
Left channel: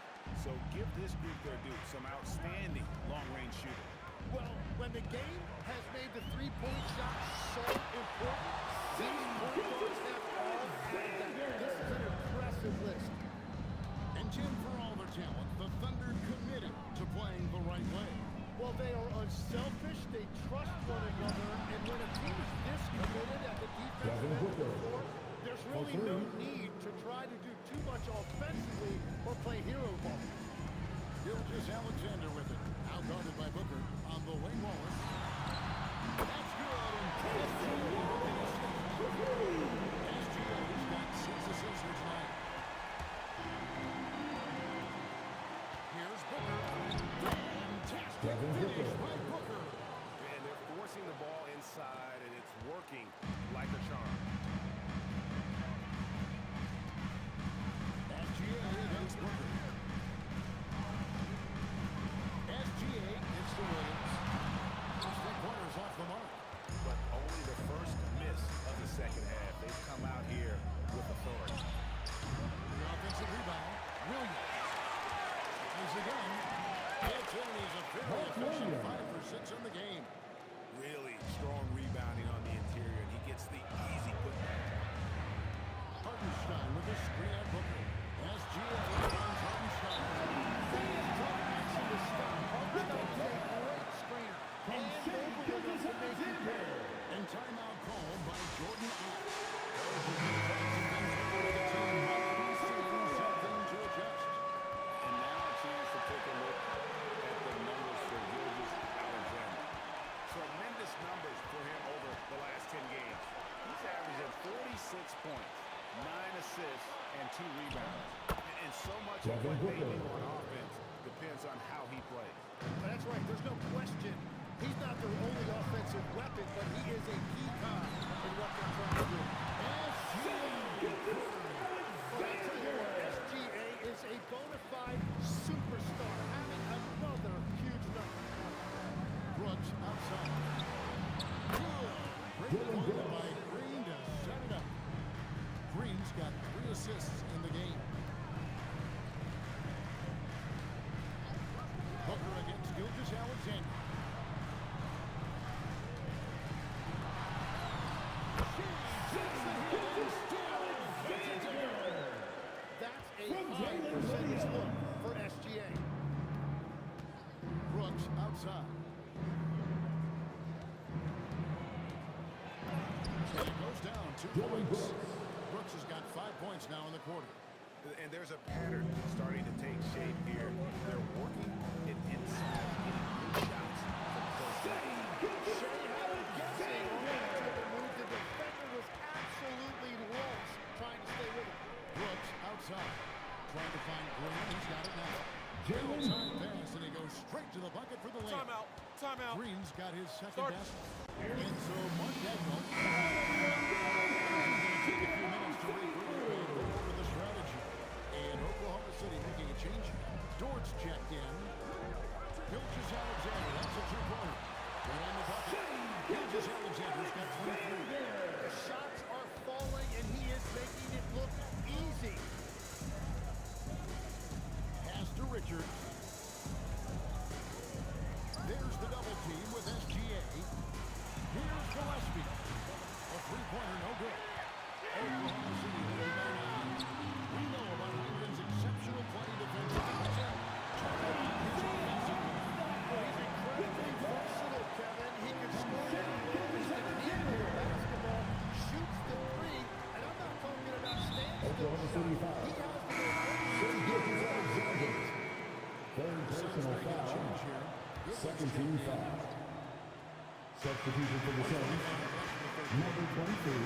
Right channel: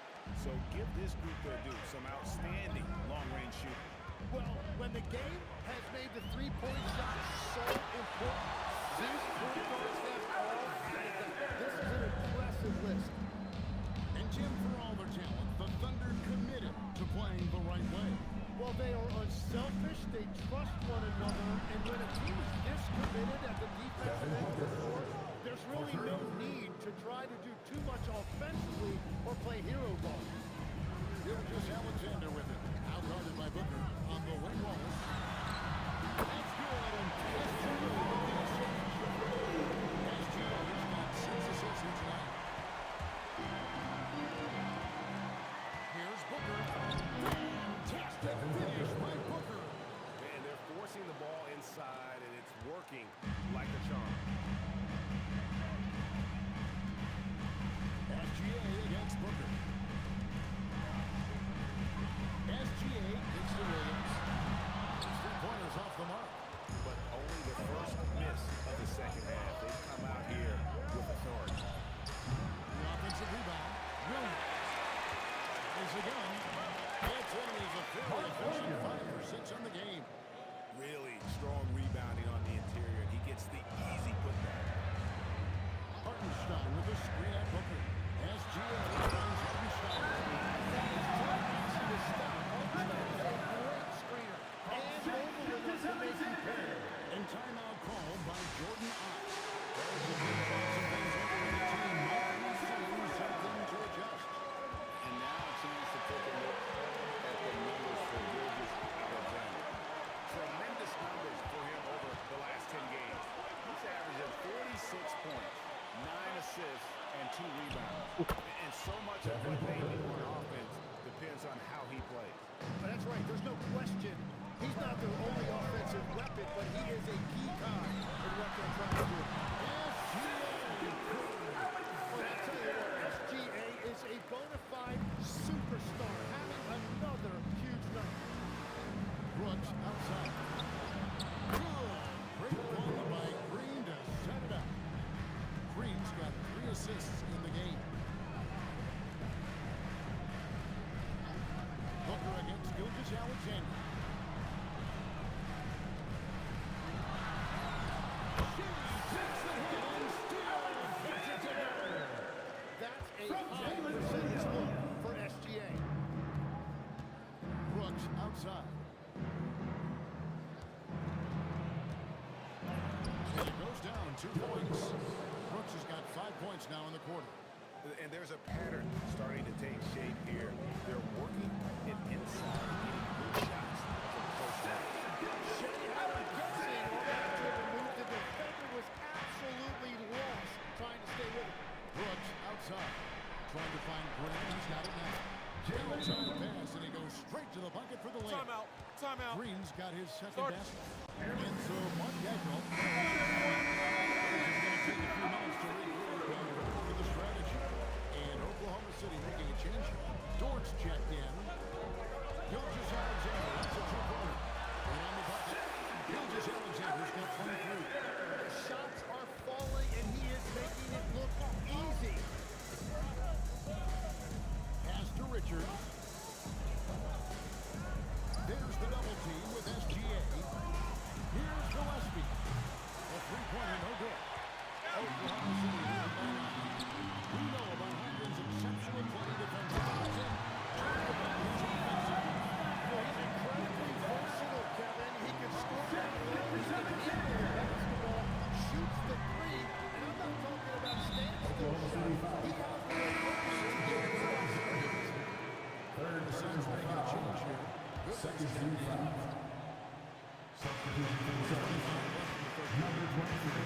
So give this group their due. Some outstanding long-range shooters. Well, when the game has made the three-point shot so important, these point guards have all added that. This is an impressive list. And Jim, for all their talent, the Thunder committed to playing the right way. Well, they are unselfish, they trust one another, and when a team is this committed at the defensive end of the floor, there's really no need to try to do too much offensively or play hero ball. Gilgeous-Alexander with it. Out-guarded by Booker on the wing. Wallace. That's good, and SGA with the assist. SGA's got 6 assists here tonight. Here's Booker. Fantastic finish by Booker. And they're forcing the ball inside, and it's working like a charm. SGA against Booker. SGA gets to Williams. Those 3 pointers off the mark. But only the first miss of the second half. They've come out here with authority. The offensive rebound. Williams. Tries again. Gets in, and he's a very efficient 5 for 6 on the game. Really strong rebounding on the interior, and he gets the easy putback. Hartenstein with a screen at Booker. SGA finds Hartenstein. That is tough action to stop. Hartenstein is a great screener and mobile enough to make you pay. And timeout called by Jordan Ott. Coach has been trying some things over with the team. Might be seeing something to adjust. And now a chance to take a look at the numbers for Gilgeous-Alexander. Tremendous numbers for him over the last 10 games. He's averaging 46 points, 9 assists, and 2 rebounds. And so much of what they do on offense depends on how he plays. But that's right. There's no question. He's not their only offensive weapon, but he is a key cog in what they're trying to do. SGA. But I'll tell you what, SGA is a bona fide superstar, having another huge night. Brooks outside. Good. Great point by Green to set it up. Green's got 3 assists in the game. Booker against Gilgeous-Alexander. She takes the hit and still gets it to go. That's a high percentage look for SGA. Brooks outside. And it goes down 2 points. Brooks has got 5 points now in the quarter. And there's a pattern starting to take shape here. They're working it inside and getting good shots from close range. Shea had him guessing on that dribble move. The defender was absolutely lost trying to stay with him. Brooks outside, trying to find Green. He's got it now. Well-timed pass, and he goes straight to the bucket for the layup. Timeout. Timeout. Green's got his second basket. And so Mark Dagnall is going to take a few minutes to regroup and go over the strategy. And Oklahoma City making a change. Dort's checked in. Gilgeous-Alexander, that's a two-pointer. Right on the bucket. Gilgeous-Alexander's got 23. The shots are falling, and he is making it look easy. Pass to Richards. There's the double team with SGA. Here's Gillespie. A three-pointer, no good. Oklahoma City leading by 9. We know about Holmgren's exceptional play defensively. But Tim, talk about his offensive game. Well, he's incredibly versatile, Kevin. He can score down low. He can handle the basketball, shoots the three, and I'm not talking about standstill shots. He has the mobility to get it off screens. The Suns making a change here. Goodwin's checked in. Substitution for the Suns. Number 23,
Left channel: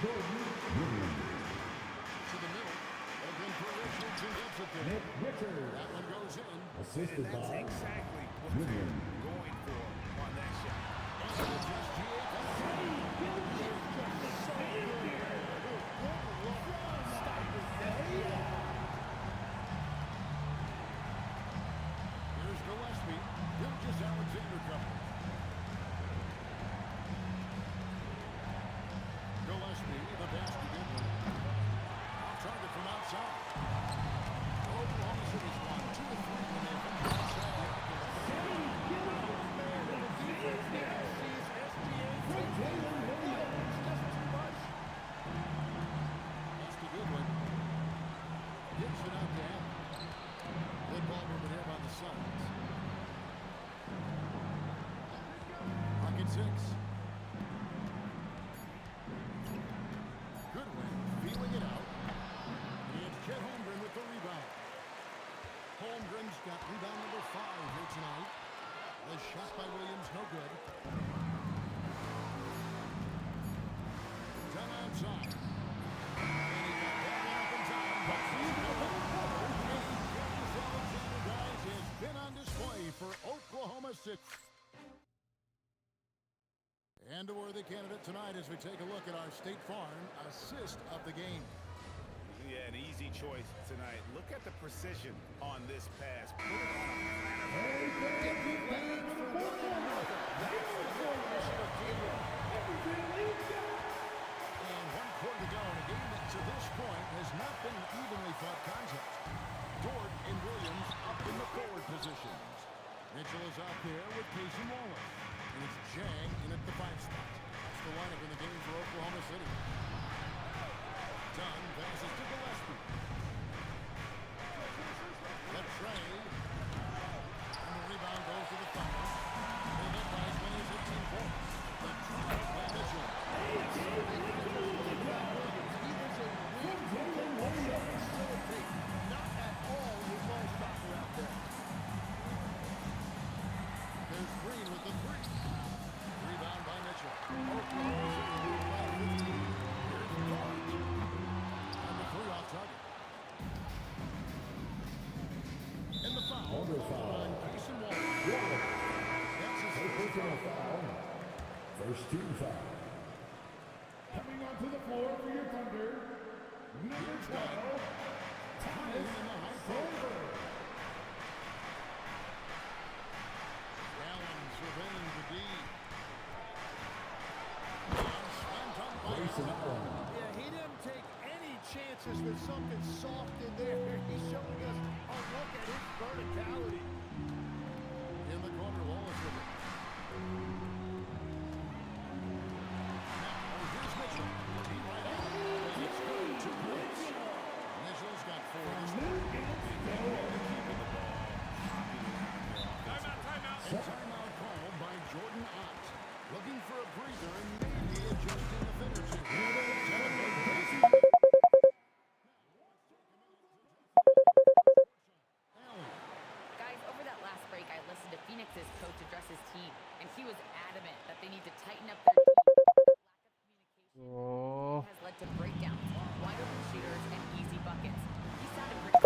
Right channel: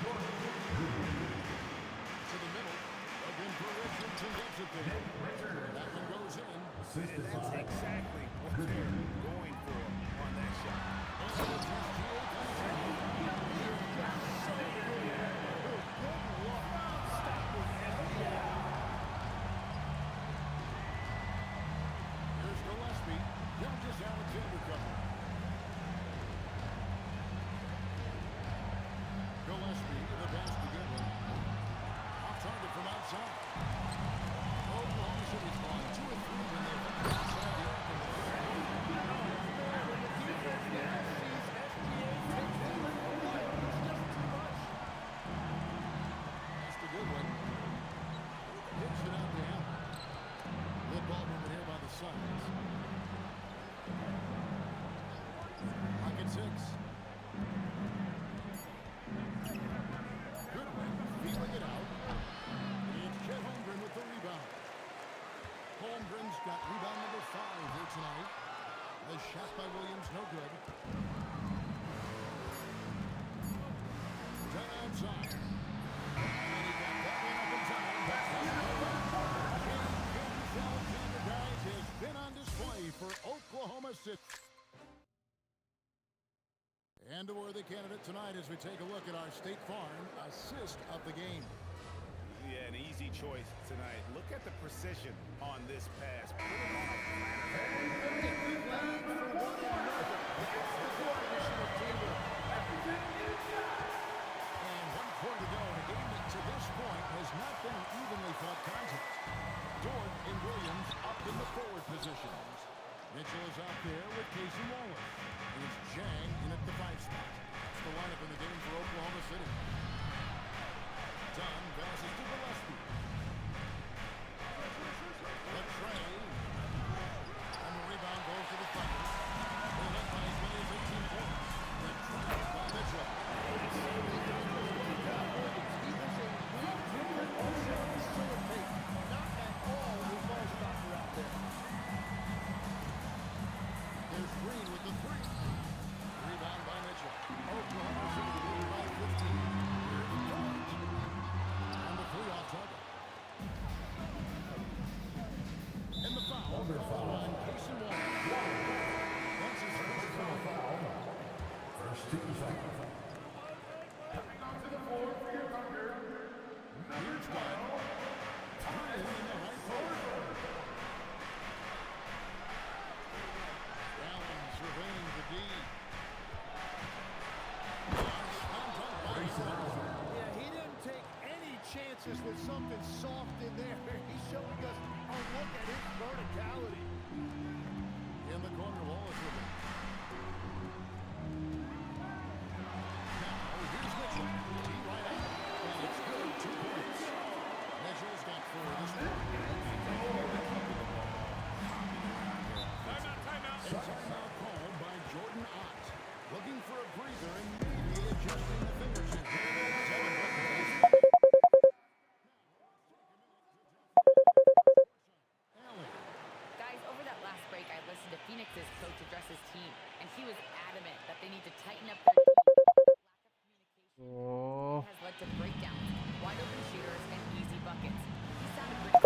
Jordan Woodard. To the middle. Looking for Richards and gets it there. That one goes in. And that's exactly what they're going for on that shot. And it's SGA penetrating. He is just so good right now. Good luck stopping SGA. Here's Gillespie. Gilgeous-Alexander covering. Gillespie, the pass to Goodwin. Off target from outside. Oklahoma City's won 2 of 3 when they ventured outside the arc in the third quarter. Oh, man, and the defense now sees SGA take lead. It's just too much. Pass to Goodwin. Hits it out to Allen. Good ball movement here by the Suns. Pocket 6. Goodwin feeling it out. It's Chet Holmgren with the rebound. Holmgren's got rebound number 5 here tonight. The shot by Williams, no good. Down outside. And he got that one up in time, but doesn't go back. Gilgeous-Alexander, guys, has been on display for Oklahoma City. And a worthy candidate tonight as we take a look at our State Farm assist of the game. Yeah, an easy choice tonight. Look at the precision on this pass. Put it on a platter. Playing for one another. That's the definition of teamwork. And 1 quarter to go in a game that to this point has not been an evenly fought contest. Dort and Williams up in the forward positions. Mitchell is out there with Casey Wallace. And it's Jang in at the 5 spot. That's the lineup in the game for Oklahoma City. Dunn passes to Gillespie. The tray. And the rebound goes to the Thunder. They led by as many as 18 points. The drive by Mitchell. Something I just love about Williams. He is a wing who can also facilitate. Not at all a ball stopper out there. There's Green with the 3. Rebound by Mitchell. Oklahoma City leading by 15. Here's George. And the 3 off target. And the foul called on Casey Wallace. That's his first foul. First 2 foul. Coming onto the floor for your Thunder. Here's Dunn. Green in the high post. Allen surveying the D. Slam dunk by Allen. Yeah, he didn't take any chances with something soft in there. He's showing us a look at his verticality. In the corner, Wallace with it. Now, here's Mitchell. T right out. And it's good. 2 points. Mitchell's got 4 this morning. Keeping the ball hopping around here offensively. Timeout. A timeout called by Jordan Ott. Looking for a breather and maybe adjusting a thing or two. to breakdowns, wide open shooters, and easy buckets. He sounded pretty.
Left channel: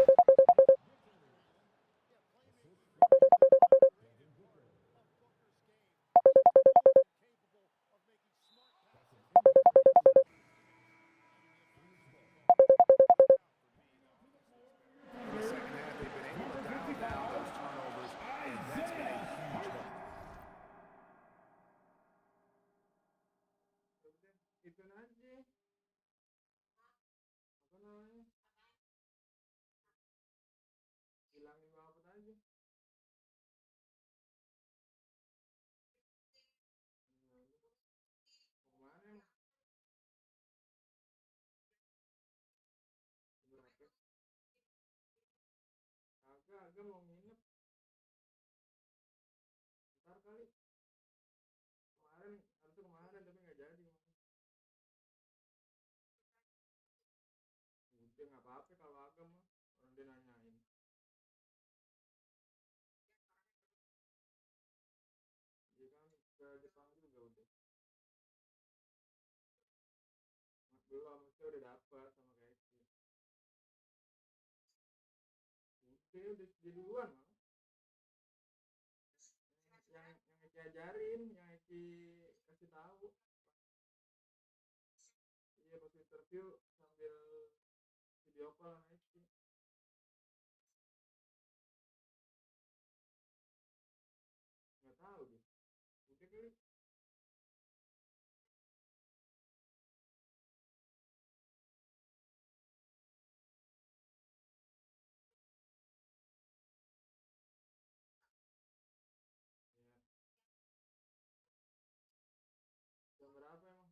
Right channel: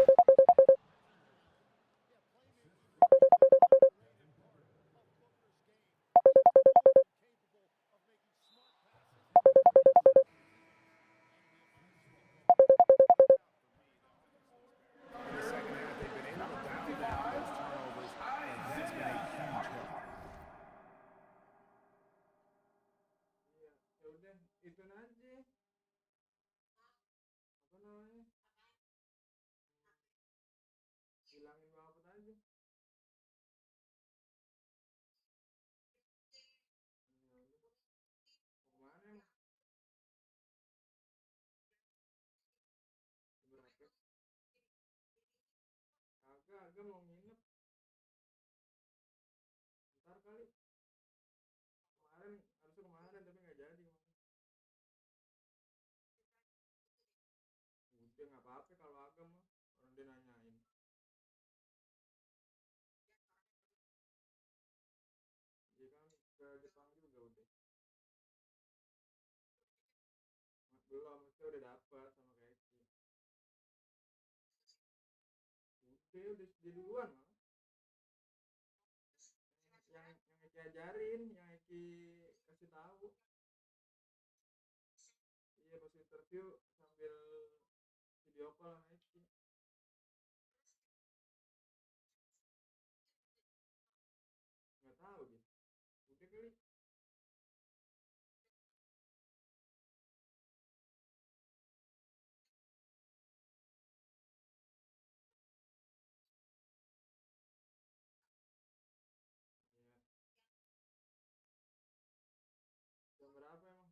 In the second half, they've been able to dial down those turnovers, and that's been a huge help. Ya udah itu aja apa namanya hilangin banget aja. Ya udah. Kemana emang? Berapa? Agak mau nginep. Ntar kali. Harusnya kemarin tapi nggak jadi kemarin. Udah nggak apa-apa kalau agak mah orang dia nanyain. Dia kan ke Jepang juga udah. Belum, mesti udah dapat sama kayak Eki. Udah dia duluan mah. Yang Eki ajarin, yang Eki kasih tahu. Iya pas interview sambil video call sama Eki. Nggak tahu dia. Udah kali. Ya. Jam berapa emang?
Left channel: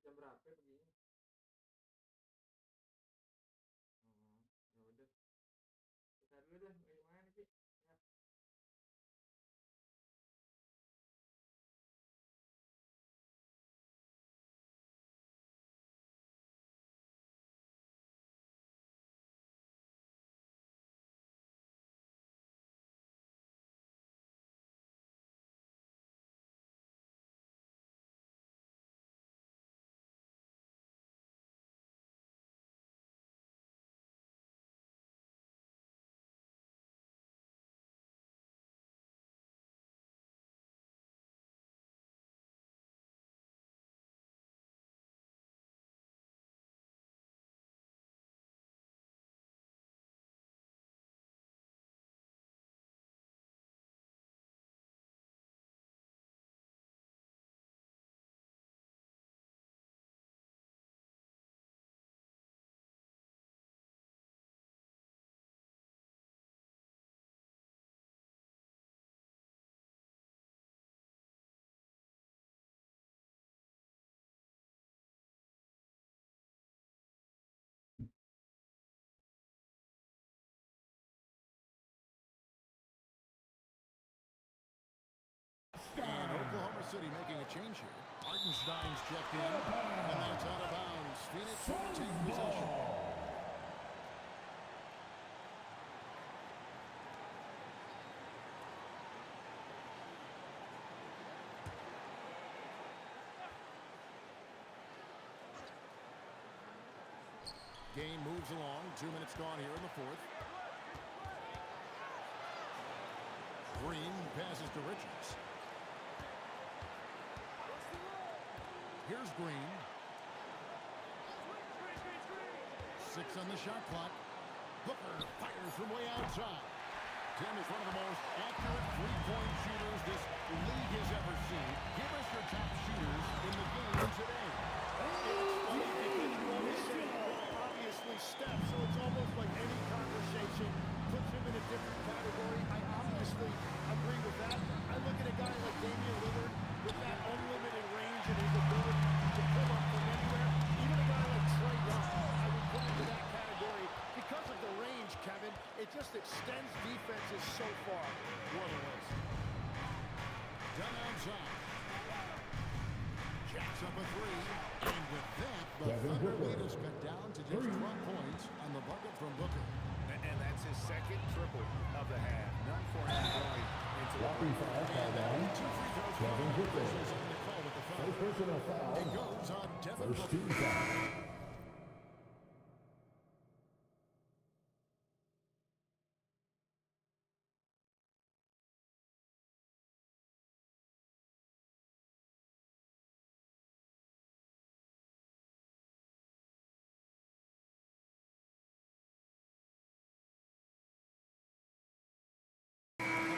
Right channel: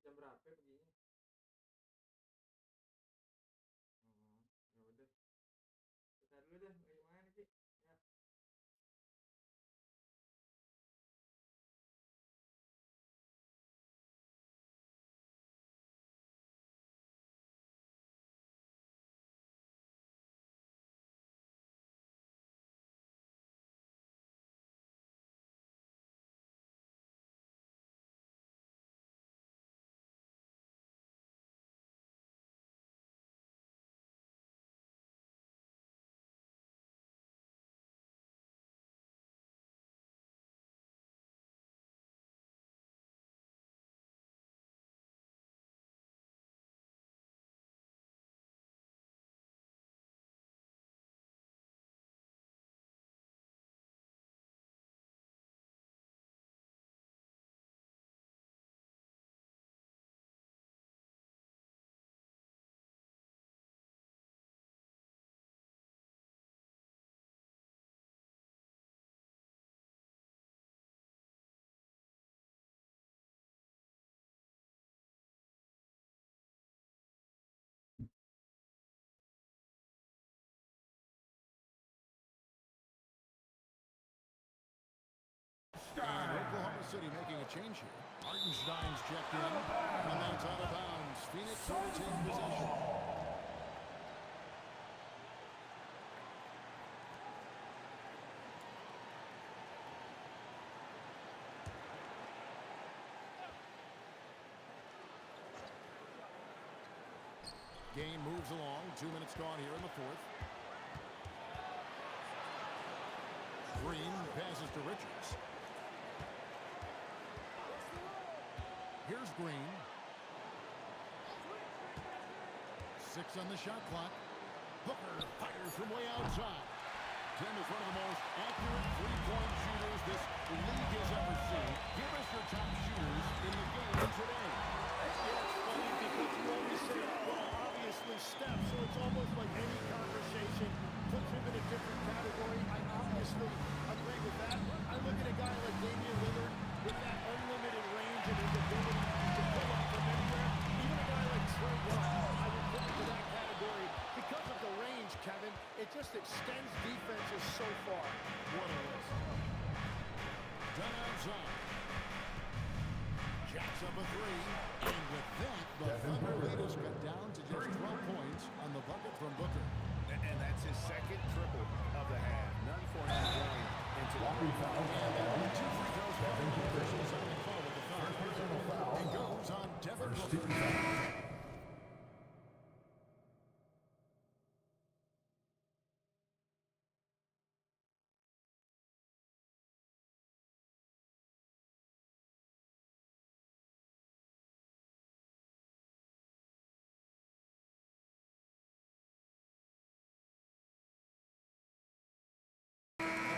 Jam berapa perginya? Oh, ya udah. Kita dulu deh, lagi main Ki. Ya. And Oklahoma City making a change here. Hartenstein's checked in, and that's out of bounds. Phoenix will retain possession. Game moves along. 2 minutes gone here in the fourth. Green passes to Richards. Here's Green. 6 on the shot clock. Booker fires from way outside. Tim is one of the most accurate three-point shooters this league has ever seen. Give us your top shooters in the game today. Yeah, it's funny because you always say, well, obviously Steph, so it's almost like any conversation puts him in a different category. I obviously agree with that. I look at a guy like Damian Lillard with that unlimited range and his ability to pull up from anywhere. Even a guy like Trae Young, I would put into that category because of the range, Kevin. It just extends defenses so far. What a list. Done outside. Jacks up a three, and with that, the Thunder lead is cut down to just 12 points on the bucket from Booker. And that's his second triple of the half. None for him going into the break. And that'll be 2 free throws from the officials on the call with the foul. It goes on Devin First team foul.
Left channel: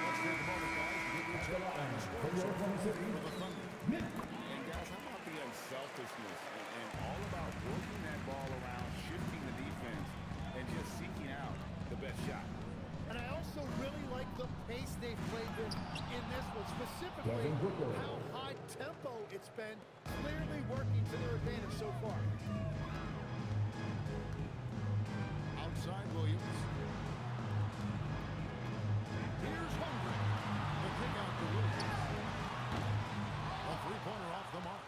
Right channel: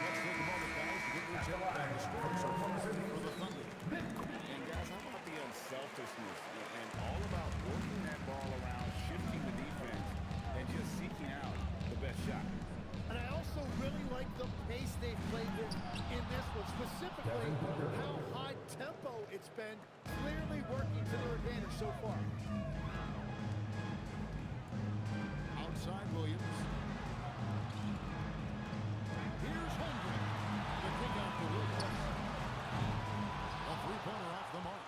Let's take a moment, guys, to get your take on the scoring so far for the Thunder. And guys, how about the unselfishness and all about working that ball around, shifting the defense, and just seeking out the best shot. And I also really like the pace they've played with in this one, specifically how high tempo it's been, clearly working to their advantage so far. Outside Williams. Here's Holmgren. The kick out to Williams. A three-pointer off the mark.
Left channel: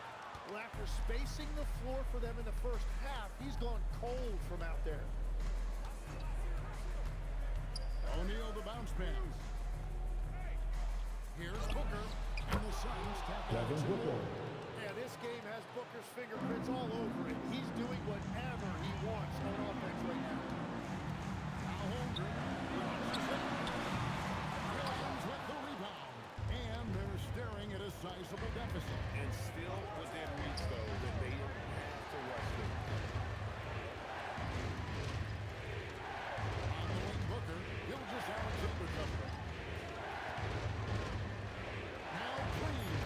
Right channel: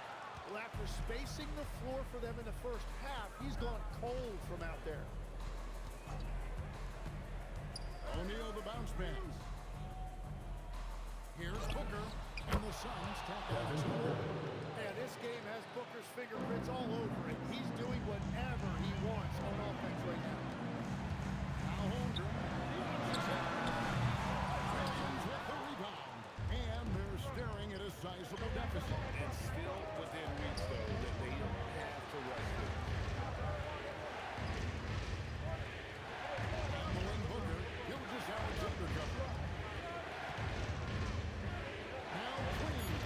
Well, after spacing the floor for them in the first half, he's gone cold from out there. O'Neal the bounce pass. Here's Booker, and the Suns tack on two more. Yeah, this game has Booker's fingerprints all over it. He's doing whatever he wants on offense right now. Now Holmgren launches it. Williams with the rebound. And they're staring at a sizable deficit. And still within reach, though, that they don't have to rush them. On the wing, Booker. Gilgeous Alexander cover. Now Green.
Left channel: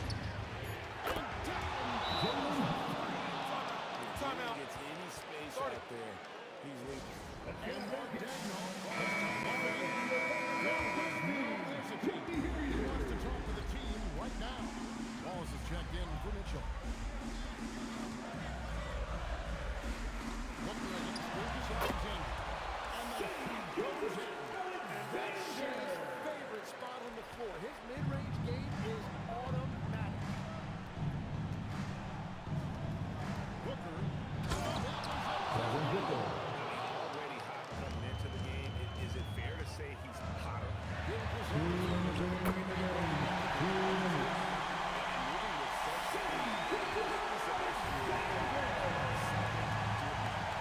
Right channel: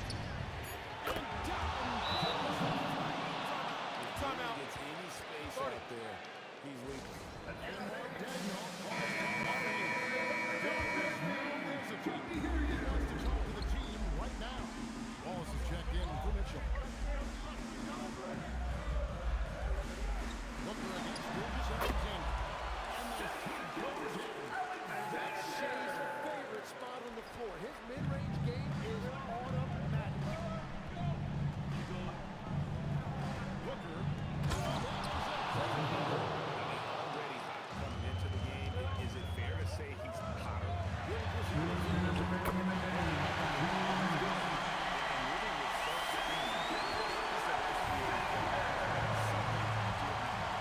And down. Timeout. If he gets any space out there, he's leaving. And Mark Dagnall calls Tomari. There is no hesitation. He wants to talk to the team right now. Wallace is checked in for Mitchell. Booker against Gilgeous Alexander. And the shot goes in. And that's Shea's favorite spot on the floor. His mid-range game is automatic. Booker. That was a Already hot coming into the game. Is it fair to say he's hotter? Gilgeous Alexander with the And moving with such speed, he's an SGA player. Something to admire.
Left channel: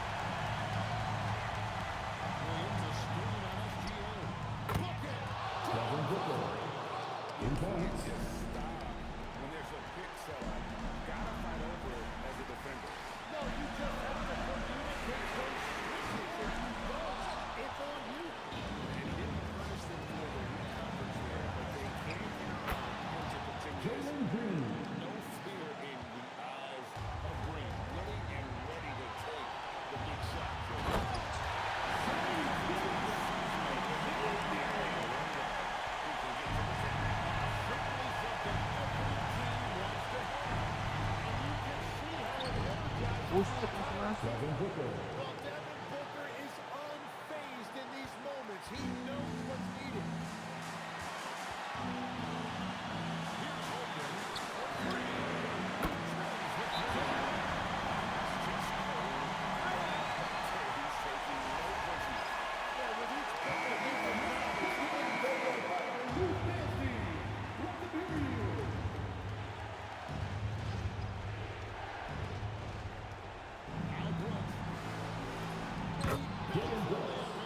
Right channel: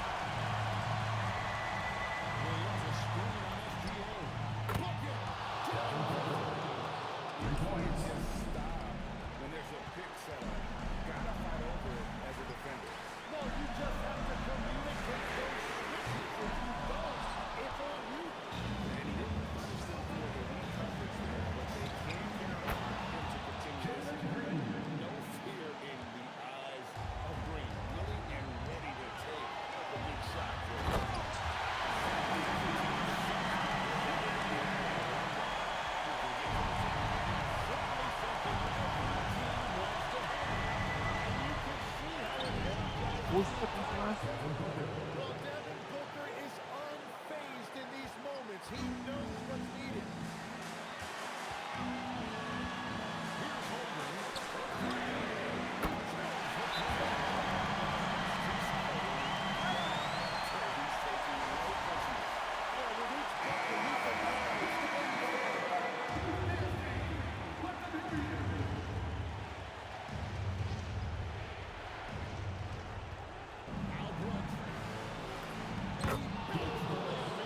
Williams a screen on SGA. Bucket. Down for three. You can't just stop when there's a pick set up. Gotta fight over it as a defender. No, you just have to communicate those switches. If you don't, it's on you. And he didn't punish them for the weak coverage there, but they can count on him to continue this. No fear in the eyes of Green. Willing and ready to take the big shot for his team. Who can get to the 10? Certainly something every team wants to have. And you can see how it energizes. Well, Devin Booker is unfazed in these moments. He knows what's needed. Here's Holmgren for three. He drills the three. Just cold. He's taking no prisoners. Yeah, with each bucket, he can manage Al Brooks. He bangs the layup in.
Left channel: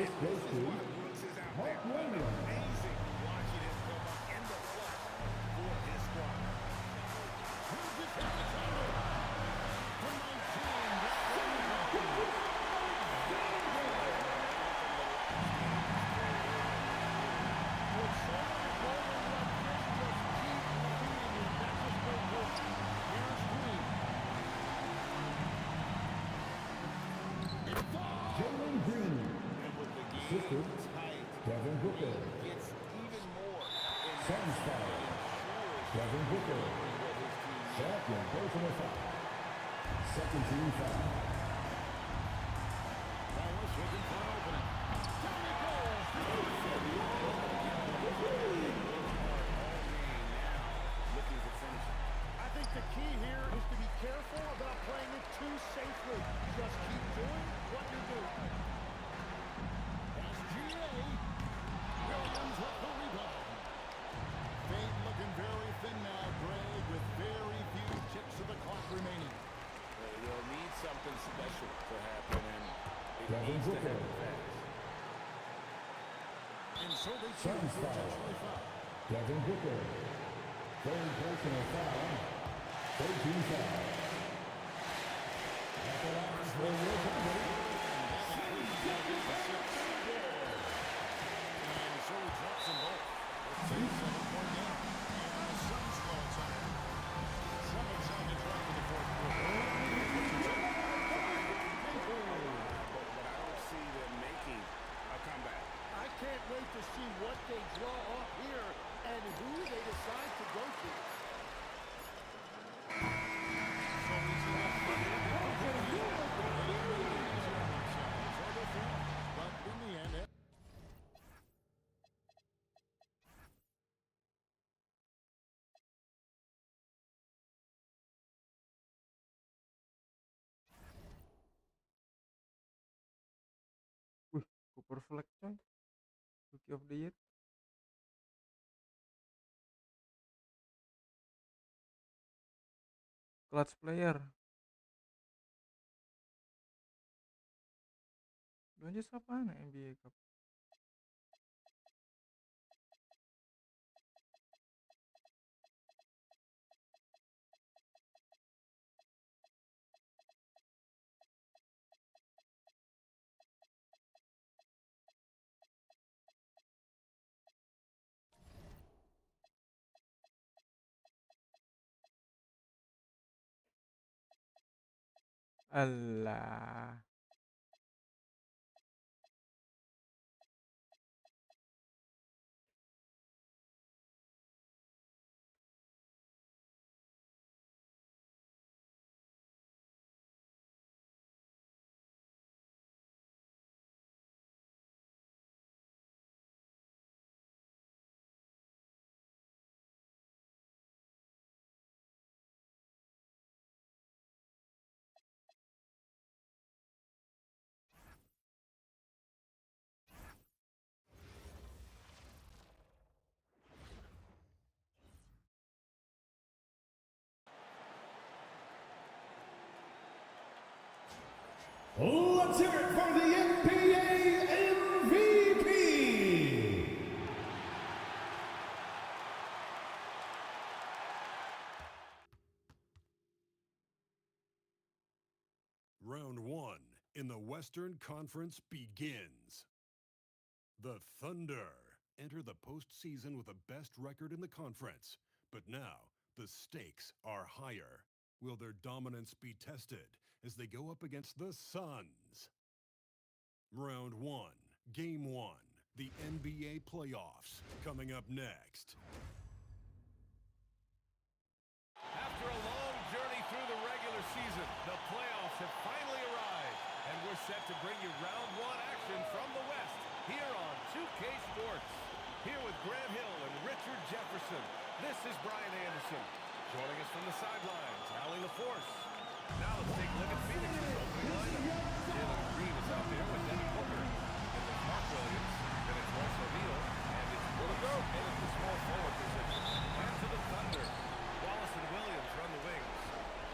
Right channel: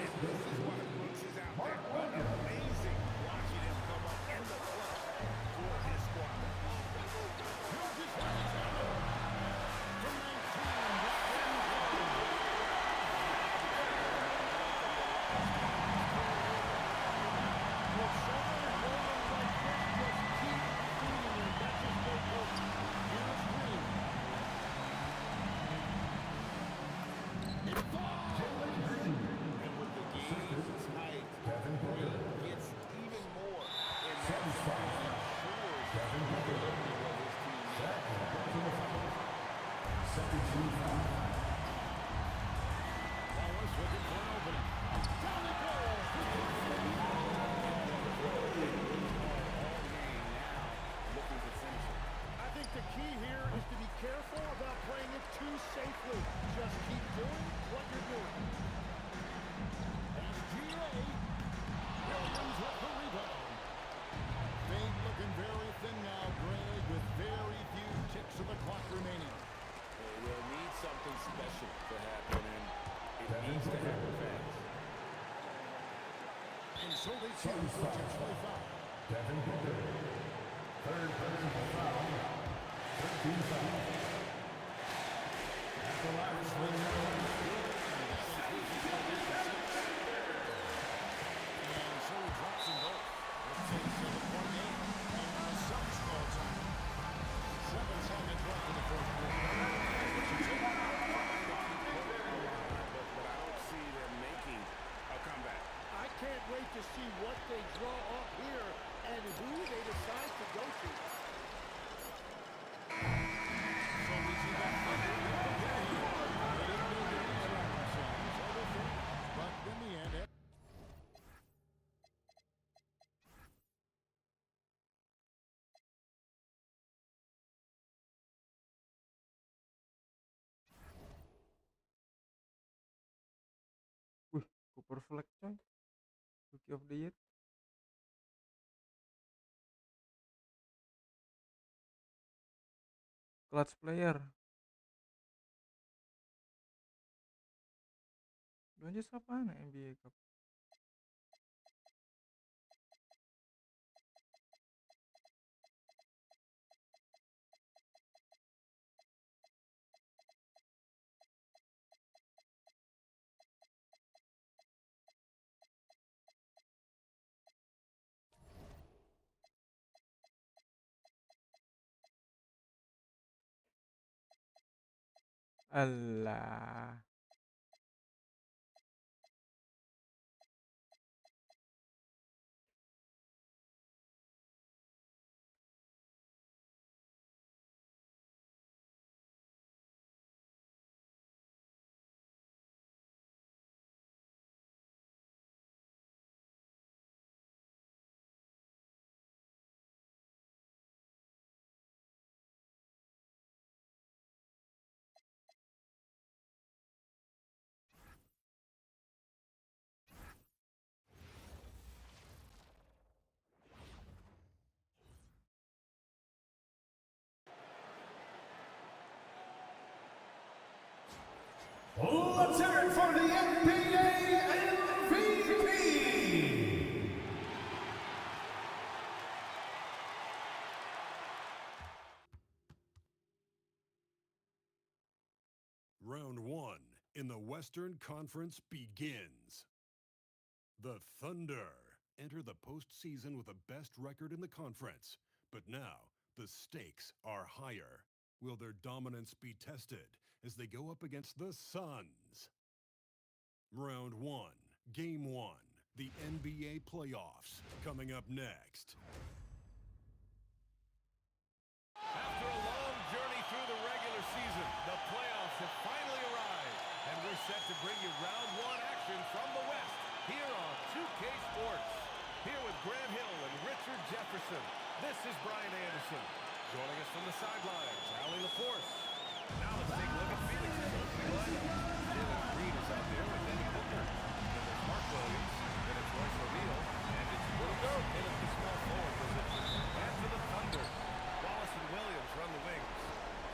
And this is why Brooks is out there. Amazing watching him come up in the clutch for his squad. Gilgeous Alexander. From 19, that one goes. When someone is rolling like this, just keep feeding him. That's just great coaching. Here's Green. It falls. And with the game tight, Green gets even more in that zone and ensures delivering what his team needs. Second team foul. Wallace looking for an opening. Down it goes. All game now, looking to finish it. I think the key here is to be careful about playing it too safely. Just keep doing what you're doing. SGA. Williams with the rebound. Fade looking very thin now, Greg, with very few ticks of the clock remaining. will need something special to happen, and it needs to happen fast. And so they choose to intentionally foul. Devin Booker. Third personal foul. 13 foul. At the line is Good, and that includes his elevation 6. And so he drops them both. It's a 7-point game. And the Suns call time. 7 seconds left in the fourth quarter. What you say? Trying to keep hope alive, but I don't see them making a comeback. I can't wait to see what they draw up here and who they decide to go to. So we see the Thunder get the win here. They didn't make it easy on themselves or their fans, but in the end, Wih, Cooper Fleck coy. Rookie of the Year. Clutch player. Belanja siapa nih NBA Cup? Alah. Let's hear it for the NBA MVP. Round 1 in the Western Conference begins. The Thunder enter the postseason with the best record in the conference, but now the stakes are higher. Will their dominance be tested as they go up against the Suns? Round 1, Game 1, the NBA playoffs, coming up next. After a long journey through the regular season, the playoffs have finally arrived, and we're set to bring you round 1 action from the West here on 2K Sports. Here with Grant Hill and Richard Jefferson, this is Brian Anderson. Joining us from the sidelines, Allie LaForce. Now let's take a look at Phoenix's opening lineup. Jalen Green is out there with Devin Booker. Then there's Mark Williams. Then it's Royce O'Neal. And it's Brooks in at the small forward position. And to the Thunder, Wallace and Williams run the wings.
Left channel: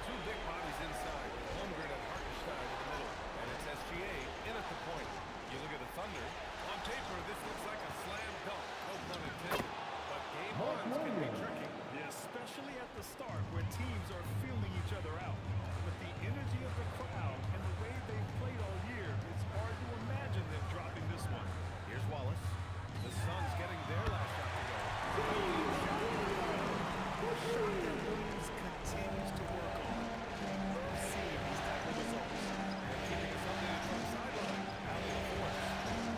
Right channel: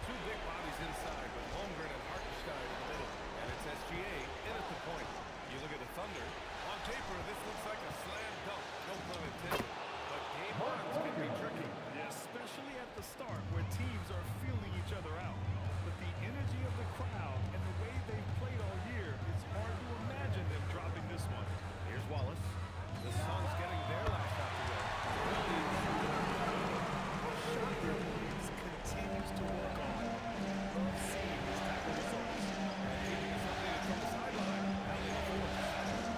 Two big bodies inside with Holmgren and Hartenstein in the middle. And it's SGA in at the point. You look at the Thunder. On paper, this looks like a slam dunk. No pun intended. But game ones can be tricky. Yeah, especially at the start where teams are feeling each other out. But the energy of the crowd and the way they've played all year, it's hard to imagine them dropping this one. Here's Wallace. The Suns getting their last shot to go. Williams shot it good. What a shot that Williams continues to work on. Love seeing these type of results. And keeping us updated from the sideline, Allie LaForce.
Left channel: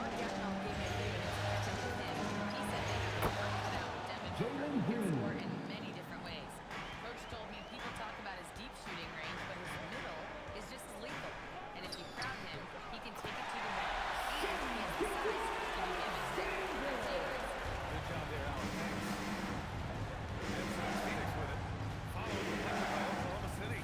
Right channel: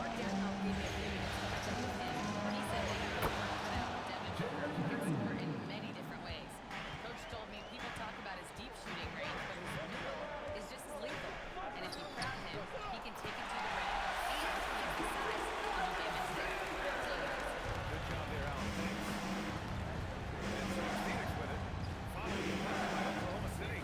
Mark Gatnow gave me a few minutes to catch up with him. He said they have their work cut out with Devin Booker, who can score in many different ways. Coach told me people talk about his deep shooting range, but his middle is just as lethal. And if you crowd him, he can take it to the rim. And he has the size to do damage there. Real team. Good job there, Allen. Thanks. And so it's Phoenix with it. Following the bucket by Oklahoma City.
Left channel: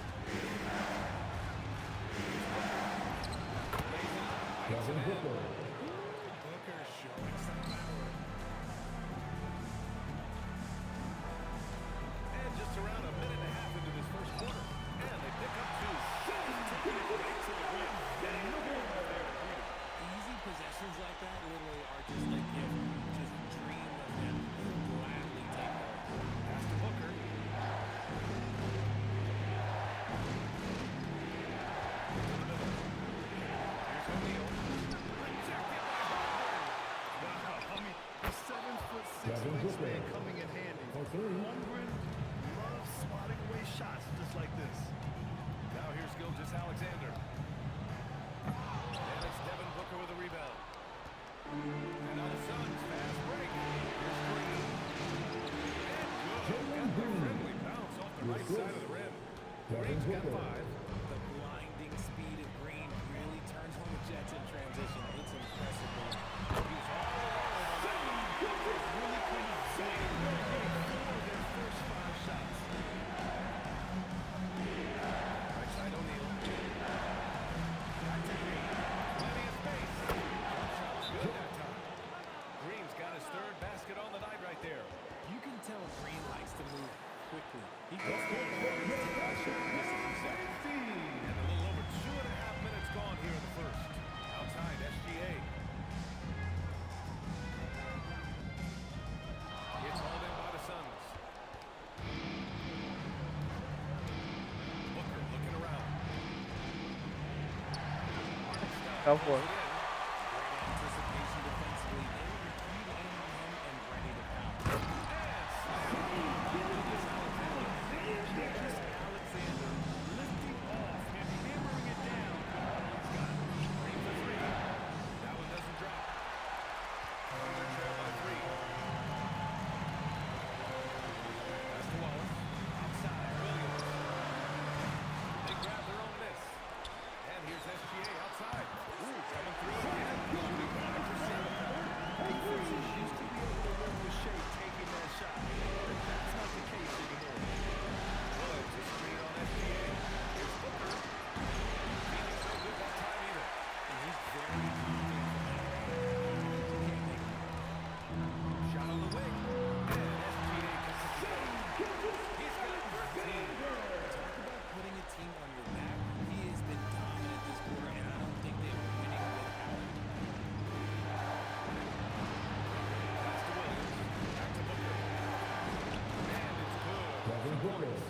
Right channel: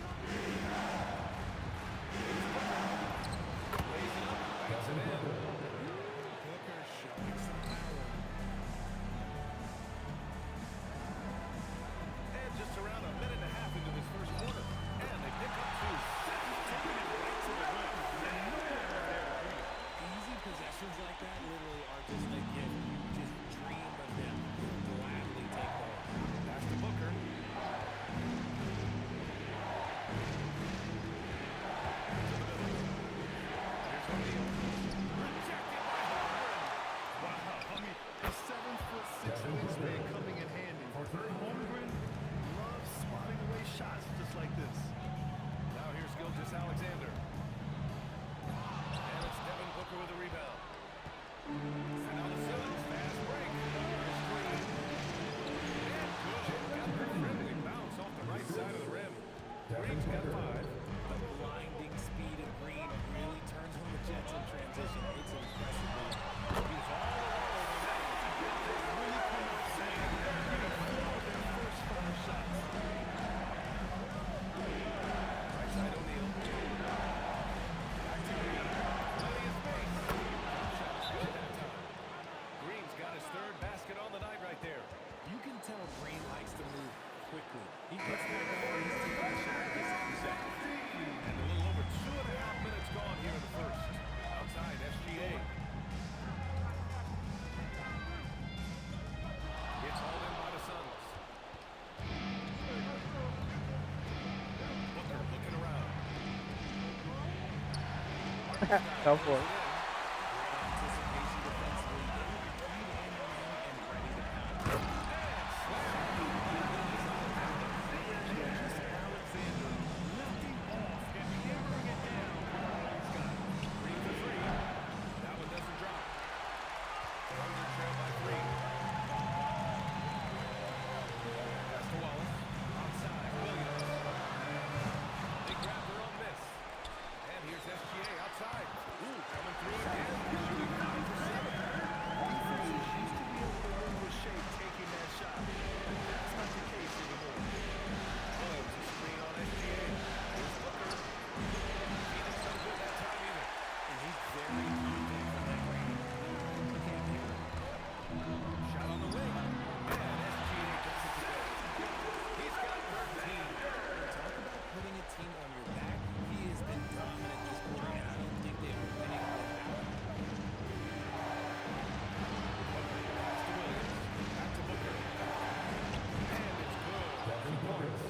wingspan coming in handy. Holmgren loves swatting away shots just like this. Now here's Gilgeous Alexander. And it's Devin Booker with a rebound. And now the Suns fast break. Here's Green. And good. Got the friendly bounce off the right side of the rim. Green's got 5. The blinding speed of Green really turns on the Jets in transition. It's impressive. He was all alone on that one. They've really come out swinging, getting 4 of their first 5 shots. Right side O'Neal. Back to Green. Plenty of space. Jump shot was good that time. Green's got his 3rd basket on the night right there. You can tell Green likes to move quickly. He gets that ball and he's taking a shot in just a few seconds. And a little over 2.5 minutes gone here in the first. Outside SGA. It's hauled in by the Suns. Booker looking around. Go for it. Great anticipation defensively. They were keyed in on him and ready to pound. And slam by Gilgeous Alexander. Gilgeous Alexander lifting off and hammering it down with all he's got. Green for 3. That one doesn't drop. Thunder trail by 3. Pass to Wallace. Outside, Williams. They grab their own miss. And here's SGA outside. Ooh, coming through again. Shooting 5 for 7. Defenses used to be able to live with Shea taking that shot, but that's not the case anymore. Williams, a screen on SGA. Here's Booker. Phoenix no good that time either. And he's very confident from that range. You can't make him. Shot on the wing. And SGA gets it to go. He's got 13. Talk about putting a team on your back. He has been dominant this quarter, and I don't think they are winning without him. Booker, pass to Williams. Back to Booker. And it's good. 2 points.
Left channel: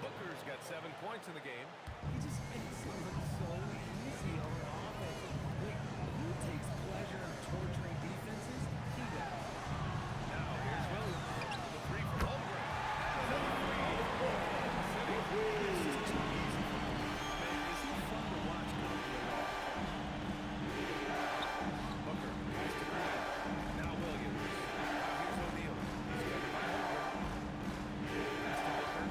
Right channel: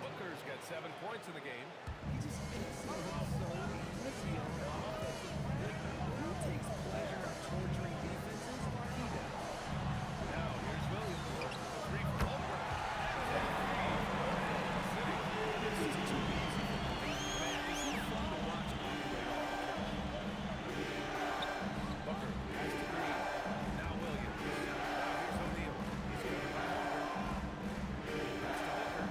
Booker's got 7 points in the game. He just makes it look so easy on offense. Like, who takes pleasure in torturing defenses? He does. Now here's Williams. The 3 from Holmgren. And another 3 from Oklahoma City. This is too easy for him. Man, is he fun to watch operate off the catch? Booker pass to Green. Now Williams. Now here's O'Neal. He's covered by Holmgren. Pass to Booker.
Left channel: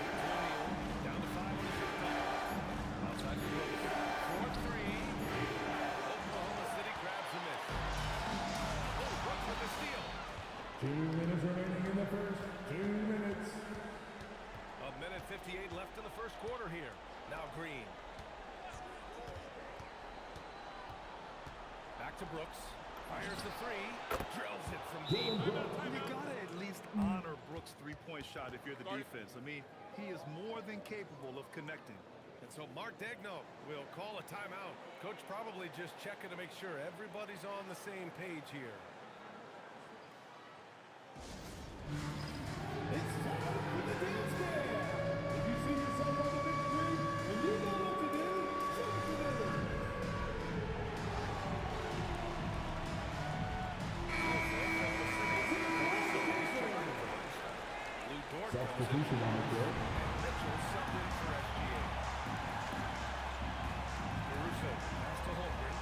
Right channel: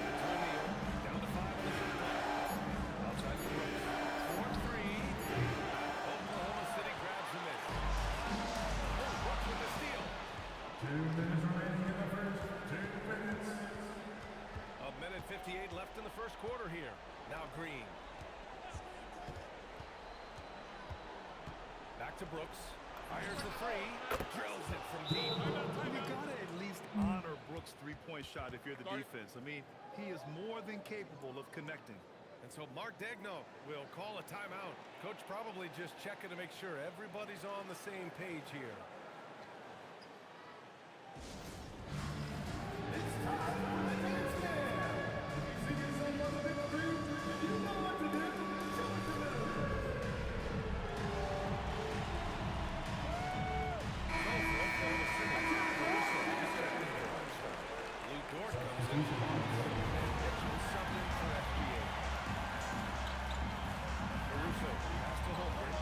Back to O'Neal. Down to 5 on the shot clock. Outside to Brooks. 4-3. Oklahoma City grabs the miss. Oh, Brooks with the steal. 2 minutes remaining in the first. 2 minutes. A minute 58 left in the first quarter here. Now Green. Back to Brooks. Fires the 3. Drills it from deep. You gotta at least honor Brooks' 3-point shot if you're the defense. I mean, he is more than capable of connecting. And so Mark Daigneault will call a timeout. Coach probably just checking to make sure everybody's on the same page here. It's time for the dance jam. If you see yourself on the big screen and you know what to do, shoot the number. Oklahoma City. Caruso, he's checked in for Einstein. Lou Dort comes in for Wallace. And Mitchell subbed in for SGA. Caruso, pass to Holmgren.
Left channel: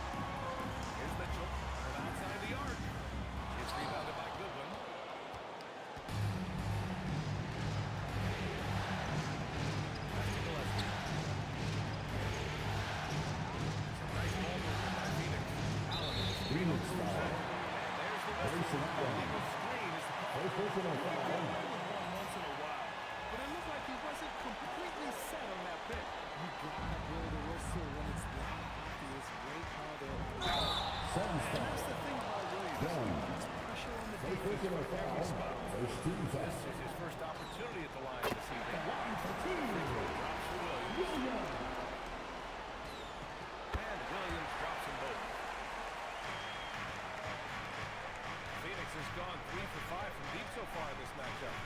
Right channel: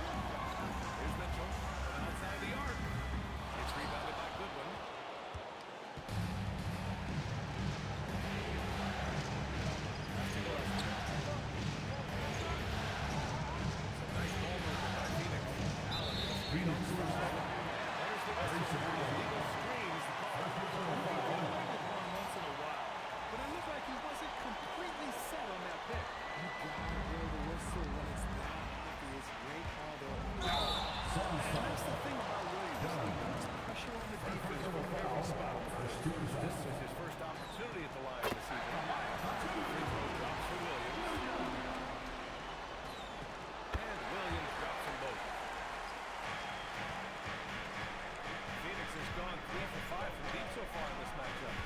Here's Mitchell from outside the arc. It's rebounded by Goodwin. Pass to Gillespie. Some nice ball movement by Phoenix. Allen with a screen on Caruso. And there's the whistle. Illegal screen is the call. You can get away with one once in a while, but it looked like he wasn't completely set on that pick. You gotta blow the whistle when it's that obvious. Great call there. And that's the thing about Williams. He puts pressure on the defense from every spot. This is his first opportunity at the line this evening. Free throw drops for Williams. And Williams drops them both. Phoenix has gone 3 for 5 from deep so far in this matchup.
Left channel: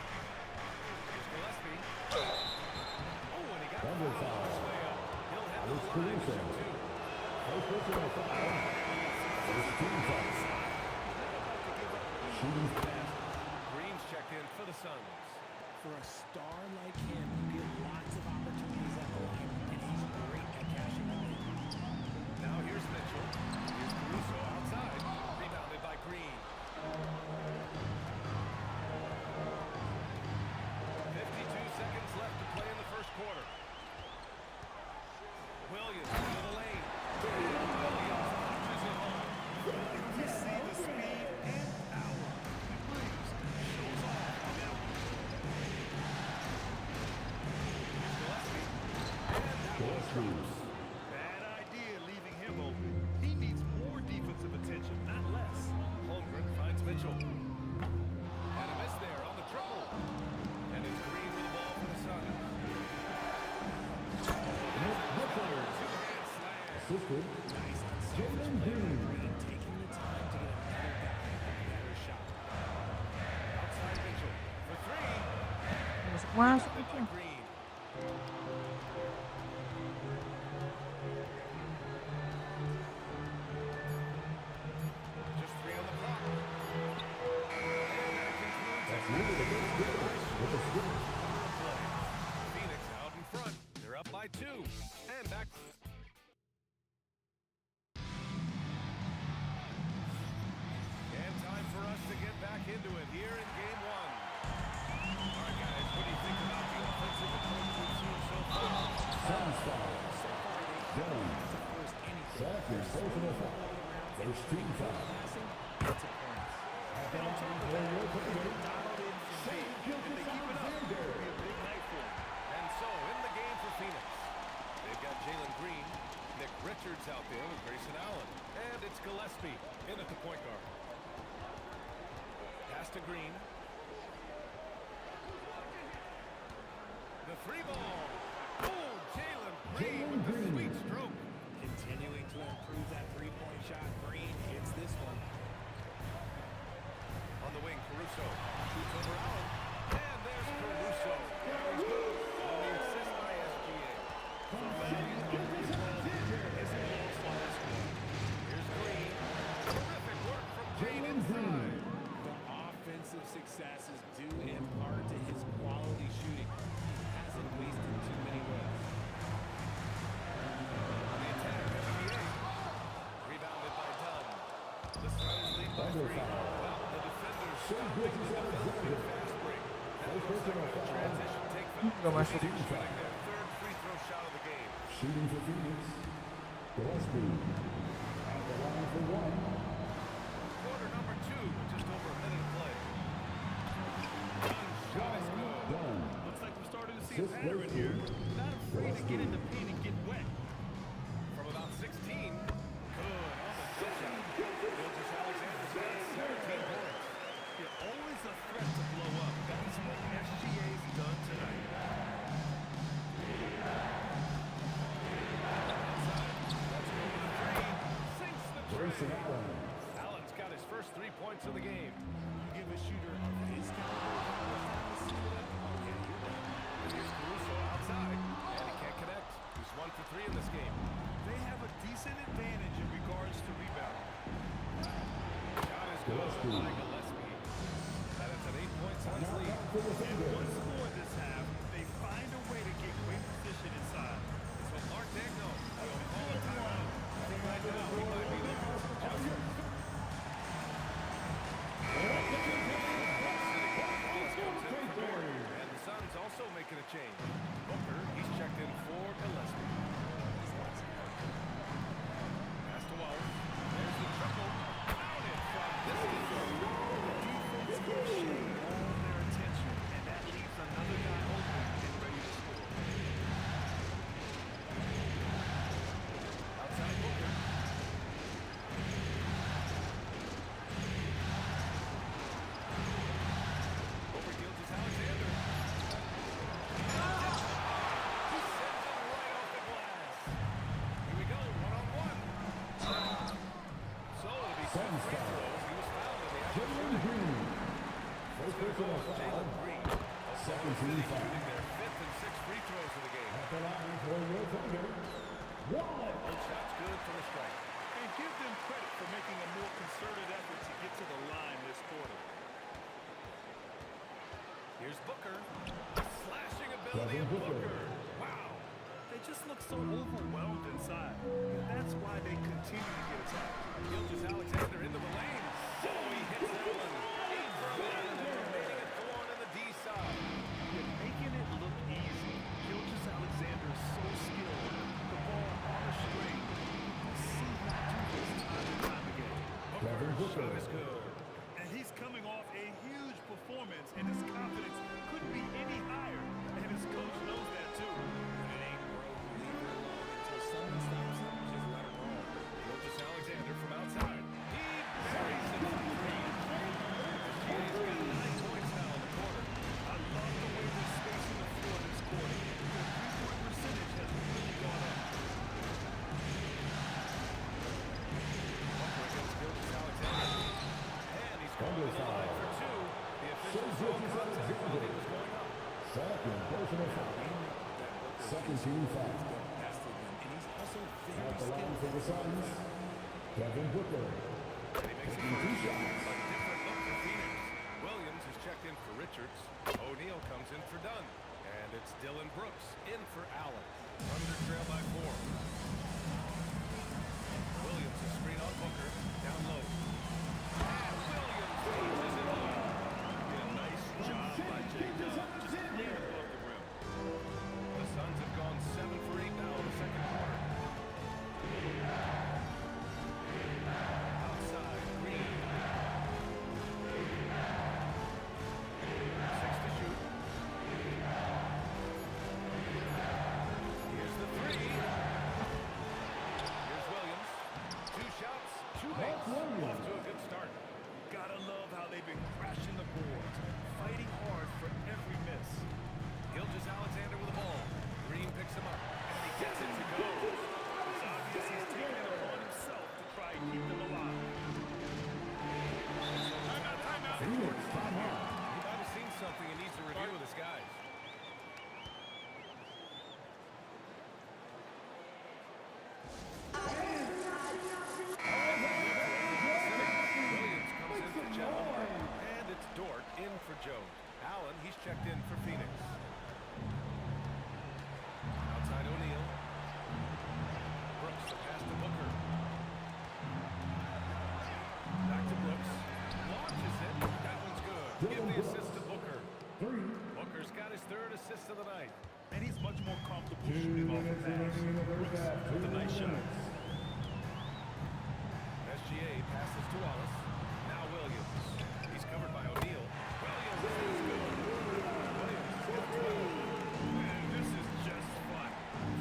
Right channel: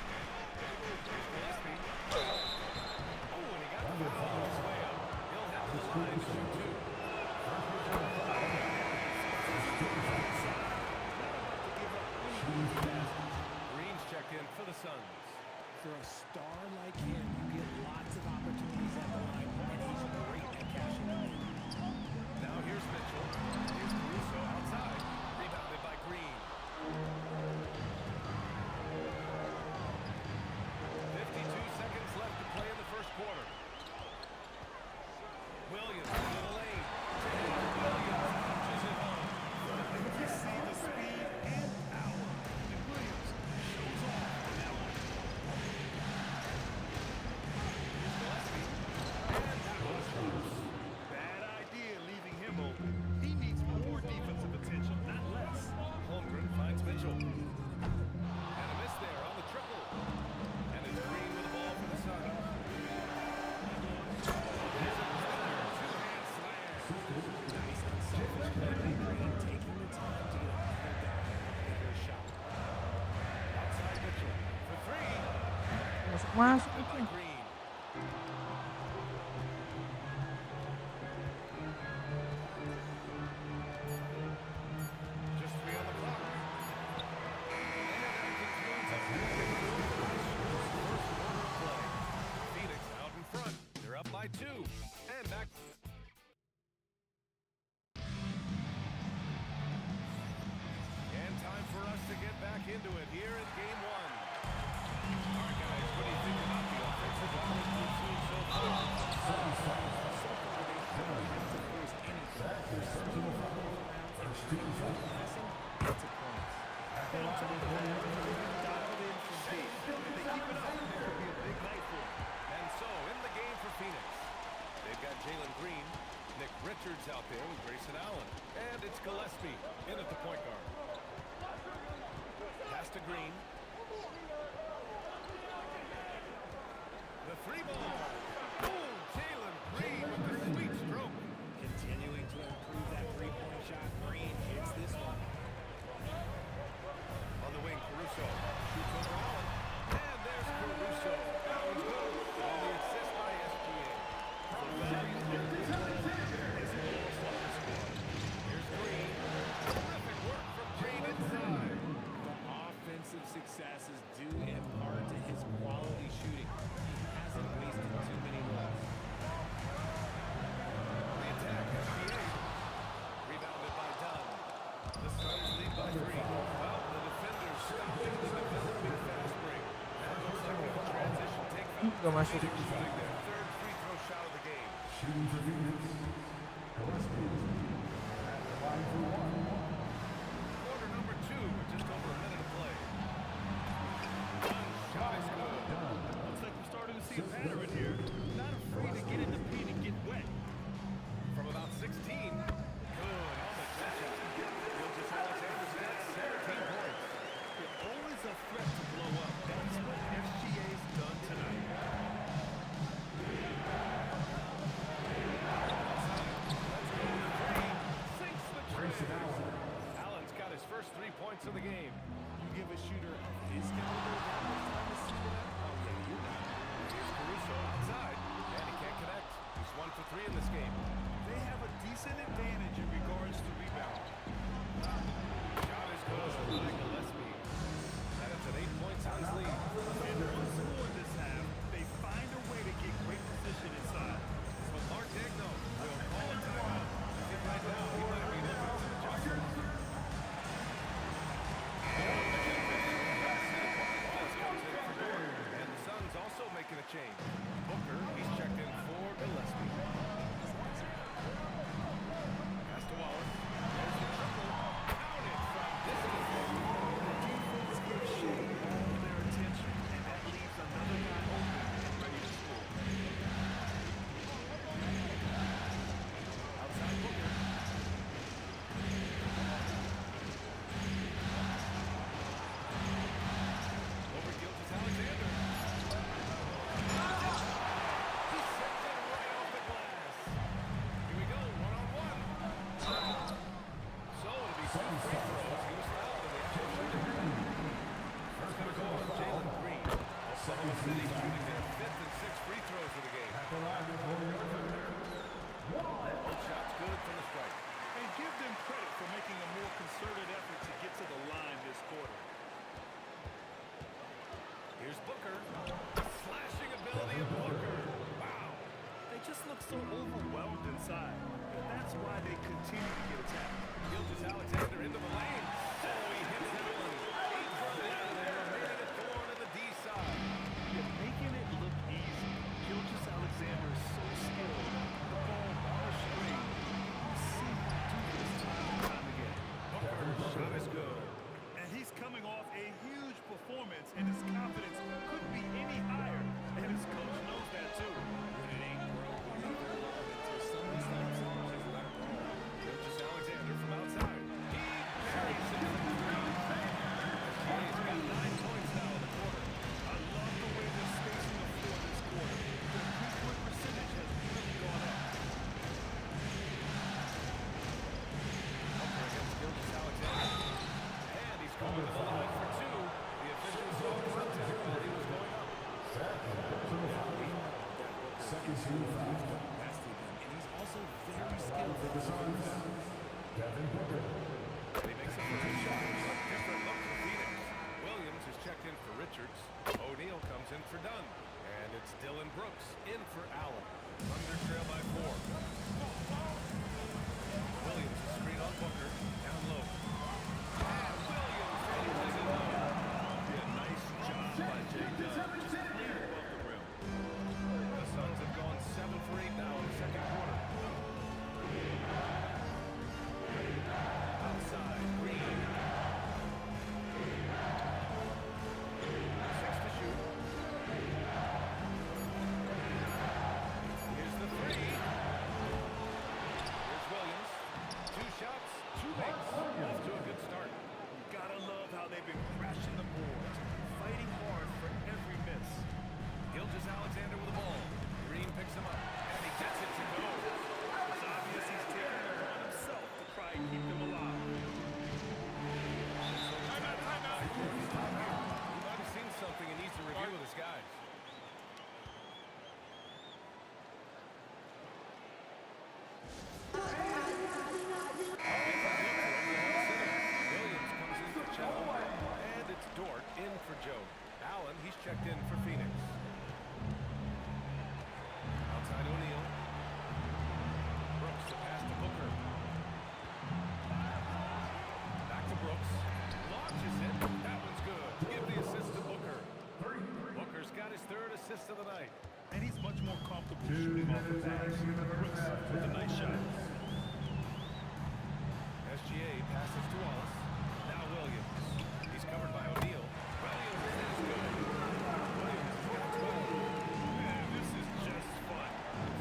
Here's Gillespie. Oh, and he got fouled on his way up. He'll head to the line to shoot 2. He's not about to give up any pass checked in for the Suns. For a star like him, you get lots of opportunities at the line, and he's great at cashing them in. Now here's Mitchell. Here's Caruso outside. Rebounded by Green. 52 seconds left to play in the first quarter. Williams to the lane. And Williams punches it home. And you see the speed and power. And Williams shows off on that one. Here's Gillespie. And that one drops. Bad idea leaving him open. He needs more defensive attention, not less. Holmgren finds Mitchell. And a miss there on the triple. And it's Green with the ball for the Suns. There's another two-hand slam. Nice unselfish play by Green, taking the time to get another guy a better shot. Outside Mitchell for three. Masuk By itu. Green. Just 3 on the clock. And that concludes a high-scoring first quarter of play. Phoenix out in front. They're up by 2. And back. And time for us to get back into it here in Game 1. All right, guys, what do you think about the offensive approach we've seen so far? So far, they haven't had to force anything. They're swinging the ball around and putting good passing into points. And on top of that, they've been dialed in from deep. If they keep it up, it could be a big night for them. And so, in the game for Phoenix, they've got Jalen Green, Nick Richards out there with Grayson Allen, and it's Gillespie in at the point guard. Pass to Green. The 3-ball. Oh, Jalen Green with the sweet stroke. Continuing to improve that three-point shot. Green hits this one. On the wing, Caruso shoots over Allen, and there's Caruso. That one's good. On the assist by SGA. The value of this ball isn't lost on this score. Here's Green. Terrific work from Green inside. The offensive success is due in part to his quality shooting. He hasn't wasted too many looks. On the attack, SGA. Rebounded by Dunn. The Suns lead by 3. Well, the defenders stopping the developing fast break. That looks like a transition take foul. Gak masuk. Phoenix shooting their 3rd free throw shot of the game. Shooting for Phoenix. Gillespie at the line for 1. Quarter number 2 with just over a minute to play. Dunn's shot is good. Looks like we're starting to see a pattern here. Not afraid to get in the paint and get wet. From about 16. Good on the jump shot. Gilgeous Alexander's got 17 points. They're always a threat to blow up. That's what SGA's done tonight. Outside. Let's go with a 3. Sinks the tray. Allen's got his first 3 points of the game. You give a shooter of his caliber that much time to see it up? Oh, yeah, you're done. And here's Caruso outside, and he can't connect. He's 1 for 3 in this game. They have a decent advantage in regards to rebounding. Shot is good by Gillespie. And it's an 8-point Suns lead. And once more this half, they find a way to get great position inside. So Mark Degno will call a timeout. I think right now he might be looking for some adjustments. Wallace comes in for Dort. And the Suns also making a change. Booker, he's checked in for Gillespie. Pass to Wallace. There's the triple. Counted from distance. The defense gives Shea all their attention, and that leaves another guy open and ready to score. Outside Booker. Over Gilgeous Alexander. He sends it right off the glass. Here we go, 1-on-1. So it'll be 2 free throws. He was fouled in the act of shooting. It's going to go on Jalen Green. Oklahoma City shooting their 5th and 6th free throws of the game. Both shots good from the strike. And give them credit for making a more concerted effort to get to the line this quarter. William Booker. Wow. They just look so overwhelmed inside. That's why they continue to get attacked. Gilgeous-Alexander into the lane. Oh, he hits that one. 8 for 11 and remaining a thorn in the D side. You're making it look easy. Gilgeous-Alexander is so skilled. The ball on a string. We see him do this time and time again. Booker's shot is good. And he's coming off a huge performance, and his confidence couldn't be any higher. And his coach knows that too. When it ain't broke, leave it alone until someone stops it. Just let it roll. Gilgeous-Alexander from outside. He buries it from 3. SGA's got 9 points now in the quarter. I love the way they're spacing the floor this quarter. Their three-point percentage has really gone up. Booker against Gilgeous-Alexander. And he's going to the line for 2. The official saw contact while he was going up. Second personal foul. We know that Booker Second can team score foul. with the best of them, and he's also very At the line skilled for at the drawing Suns, fouls. Devin Booker. And he makes a first shot. A different look for Phoenix. Williams is checked in for Richards. O'Neal comes in for Dunn. And it's Dylan Brooks in for Allen. Thunder trail by 4. Williams is screen on Booker. Down low. And Williams punches it home. Yeah, nice job by J-Dub. Just clean above the rim. The Suns have gone 7 for 8 now in the second quarter. Outside, Green. 6 to shoot. Here's the 3. Here's Williams. 2 shots, 2 makes. Off to a good start. You gotta love how they've been crashing the boards, fighting hard for every miss. Gilgeous-Alexander with the ball. Green picks him up, and he gets it to go. It's obvious he's taking it upon himself to try and keep them alive. Timeout. Jordan's not here. He might have seen something and needs to review with his guys. Williams comes in for Chet Holmgren. And it's Dort in for Joe. Allen, he's checked in for Phoenix. Outside O'Neal. Brooks, the pass to Booker. Back to Brooks. Launches it. That one's good. Give the assist to Booker. Booker's got his 3rd assist of the night. And he's much more comfortable shooting off a pass. Brooks with a nice shot. SGA passes to Wallace. Now Williams. He's covered by O'Neal. Williams is good. Williams has got 12. Man, this is just fun.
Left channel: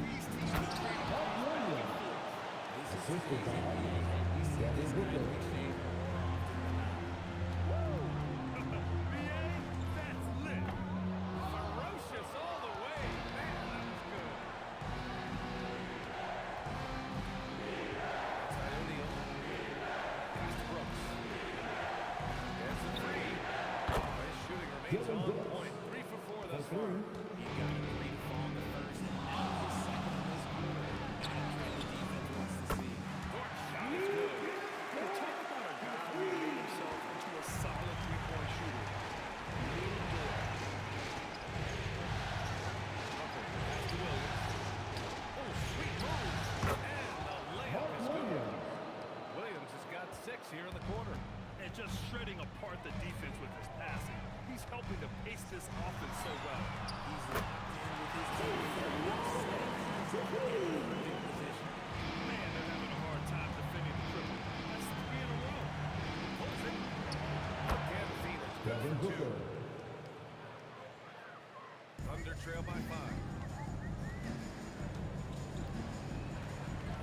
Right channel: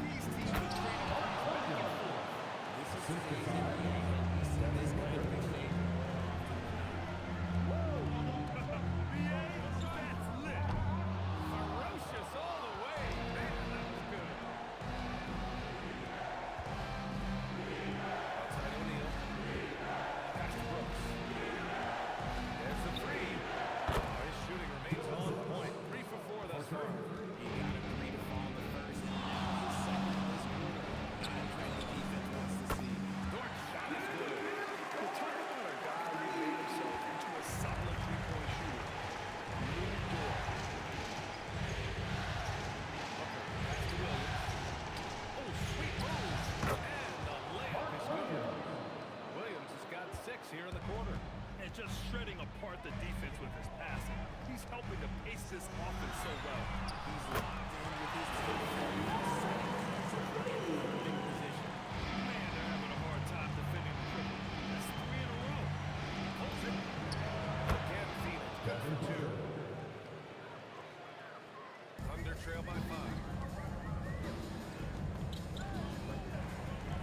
These teams are trading threes back and forth. This is today's NBA, and we see this kind of exchange more often than not. BA, that's lit. Ferocious all the way. Man, that was good. Outside O'Neal. Pass to Brooks. There's the 3. Oh, his shooting remains on point. 3 for 4 thus far. He got a 3 to fall in the first, and now his second in this quarter. Not a trend the defense wants to see. Dort's shot is good. You talk about a guy who made himself into a solid three-point shooter. Lou Dort. Booker, pass to Williams. Oh, sweet move. And the layup is good. Williams has got 6 here in the quarter. And just shredding apart the defense with his passing. He's helping to pace this offense so well. He's locked in with his teammates, setting guys up in perfect position. Man, they're having a hard time defending the triple. That's 3 in a row. Pulls it. Again, Phoenix good for 2. Thunder trail by 5.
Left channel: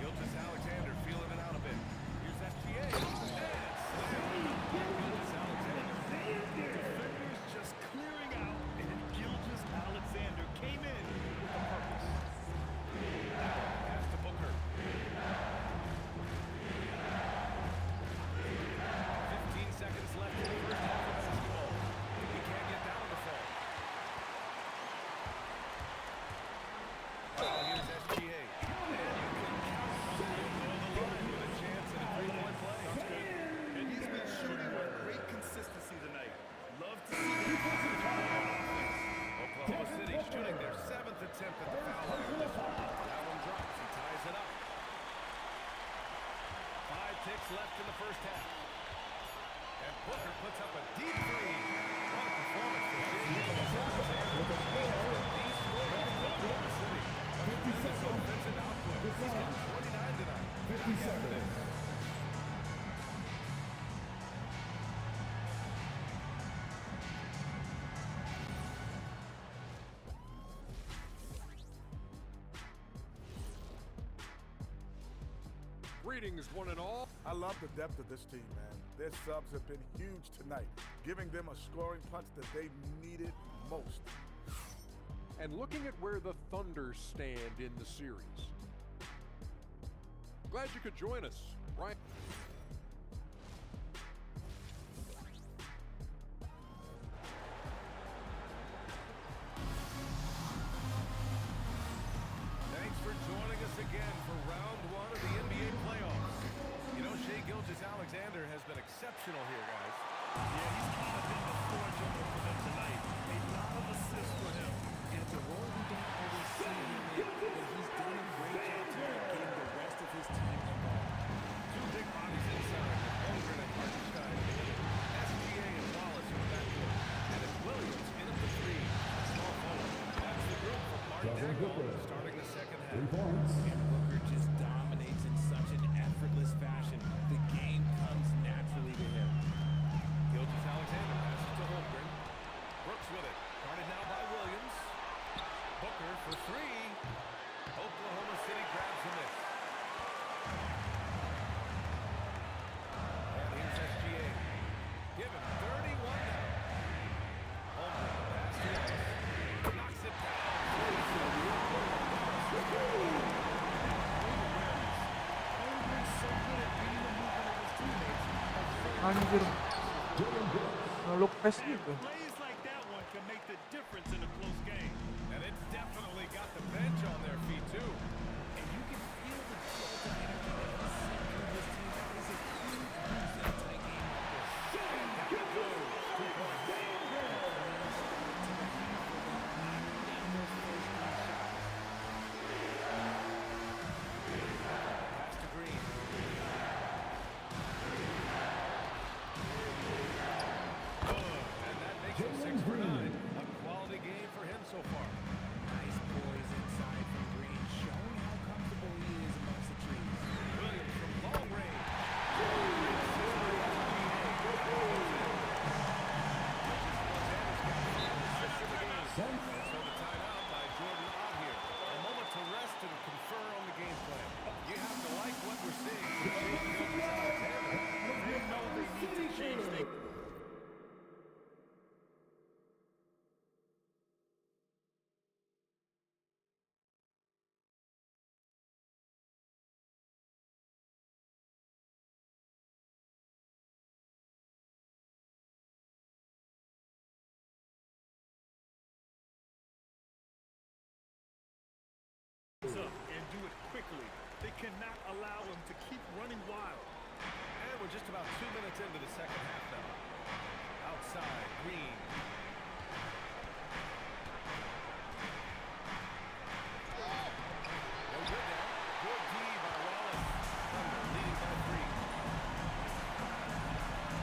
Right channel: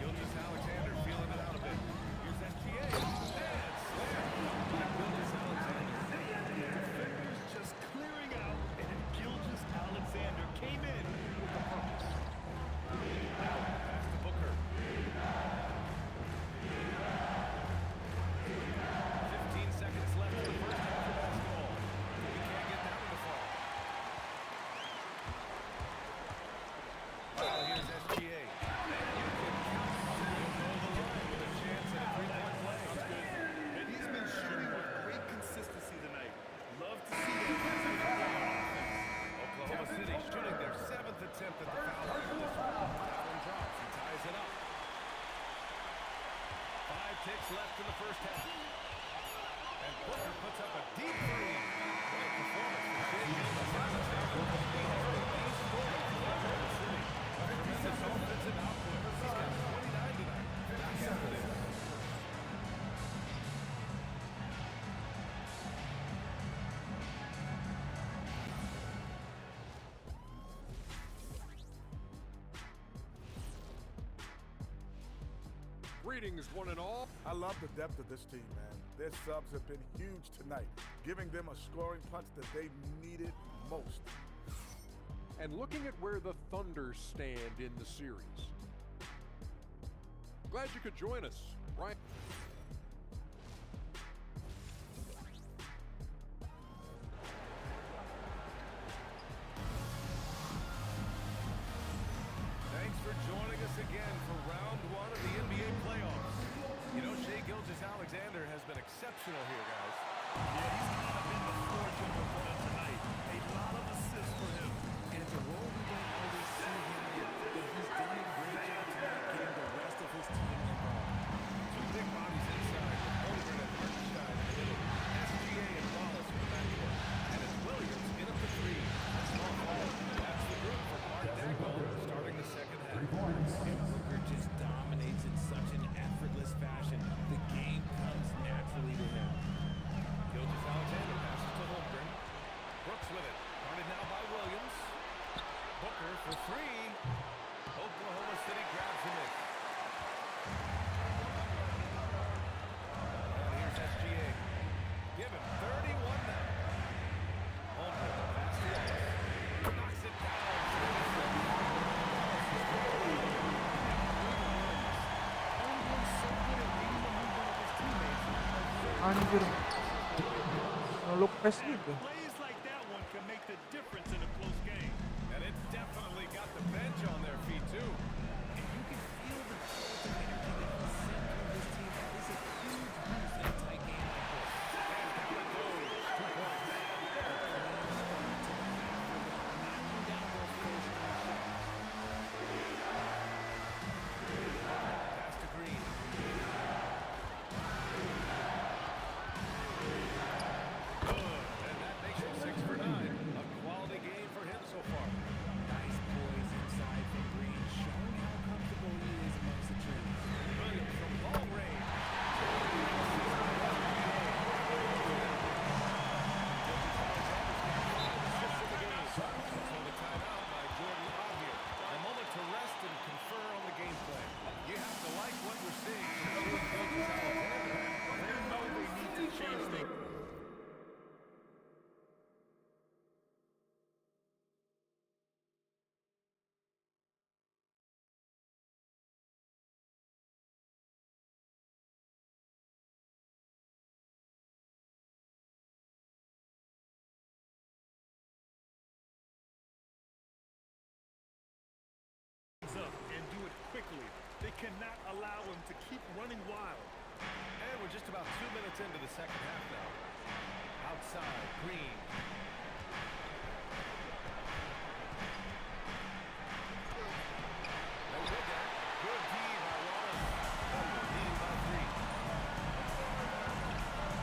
Gilgeous-Alexander feeling it out a bit. Here's SGA. And slam dunk by Gilgeous-Alexander. Defenders just clearing out, and Gilgeous-Alexander came in with a purpose. Allen, pass to Booker. 15 seconds left in the first half of basketball. He can't get that one to fall. left in the first half. And Booker puts up a deep three. What a performance for Shai Gilgeous-Alexander. He has been the story for Oklahoma City. A tremendous offensive output. He's got 29 tonight. Back after this. Greetings, one and all. I love the depth of this team, man. Their subs have been huge tonight, giving them a scoring punch that they needed most. And looking at where the Thunder stand in the series. Glad you could join us, right? Thanks for joining us again for round one of the NBA playoffs. You know, Shai Gilgeous-Alexander has been exceptional here, guys. Yeah, he's kind of been the floor general for them tonight. A lot of assists for him. And it's a role we don't always see him in, but he's done a great job tonight getting the rest of his team involved. Two big bodies inside with Holmgren and Hartenstein in the middle. SGA and Wallace in the backcourt. And it's Williams in at the three. A small forward. That's the group for Mark Dagnall starting the second half. And Booker just dominates in such an effortless fashion. The game comes naturally to him. Gilgeous-Alexander passes to Holmgren. Brooks with it. Guarded now by Williams. Booker for three. Oklahoma City grabs a miss. And here's SGA. Give him 31 now. Holmgren, the pass to Wallace. Knocks it down. Wallace is good. Great awareness. Holmgren's so good at reading the movement of his teammates. Anjir. Ngeluk pes gitu. Plays like that one can make the difference in a close game. And it's definitely got the bench on their feet, too. And you can feel the jolt of energy that he sent through his team. That is a huge boost in a tight game like this. And down it goes. 2 points. A clean start to the half for them, knocking down those first three shots. Pass to Green. Good. And that makes him 6 for 9. A quality game for him so far. Nice poise inside from Green, showing how comfortable he is amongst the trees. Williams from long range. Great assist by SGA. Goes in. Gilgeous-Alexander's got 5 assists in the game. And so the timeout by Jordan Ott here. A moment to rest and confer on the game plan. You have to like what we're seeing from Shai Gilgeous-Alexander. They know they need to change things. Up and do it quickly. They cannot allow him to keep running wild. And we're just about 2 minutes into the second half now. Outside, Green. No good there. Good D by Wallace. Thunder leading by 3.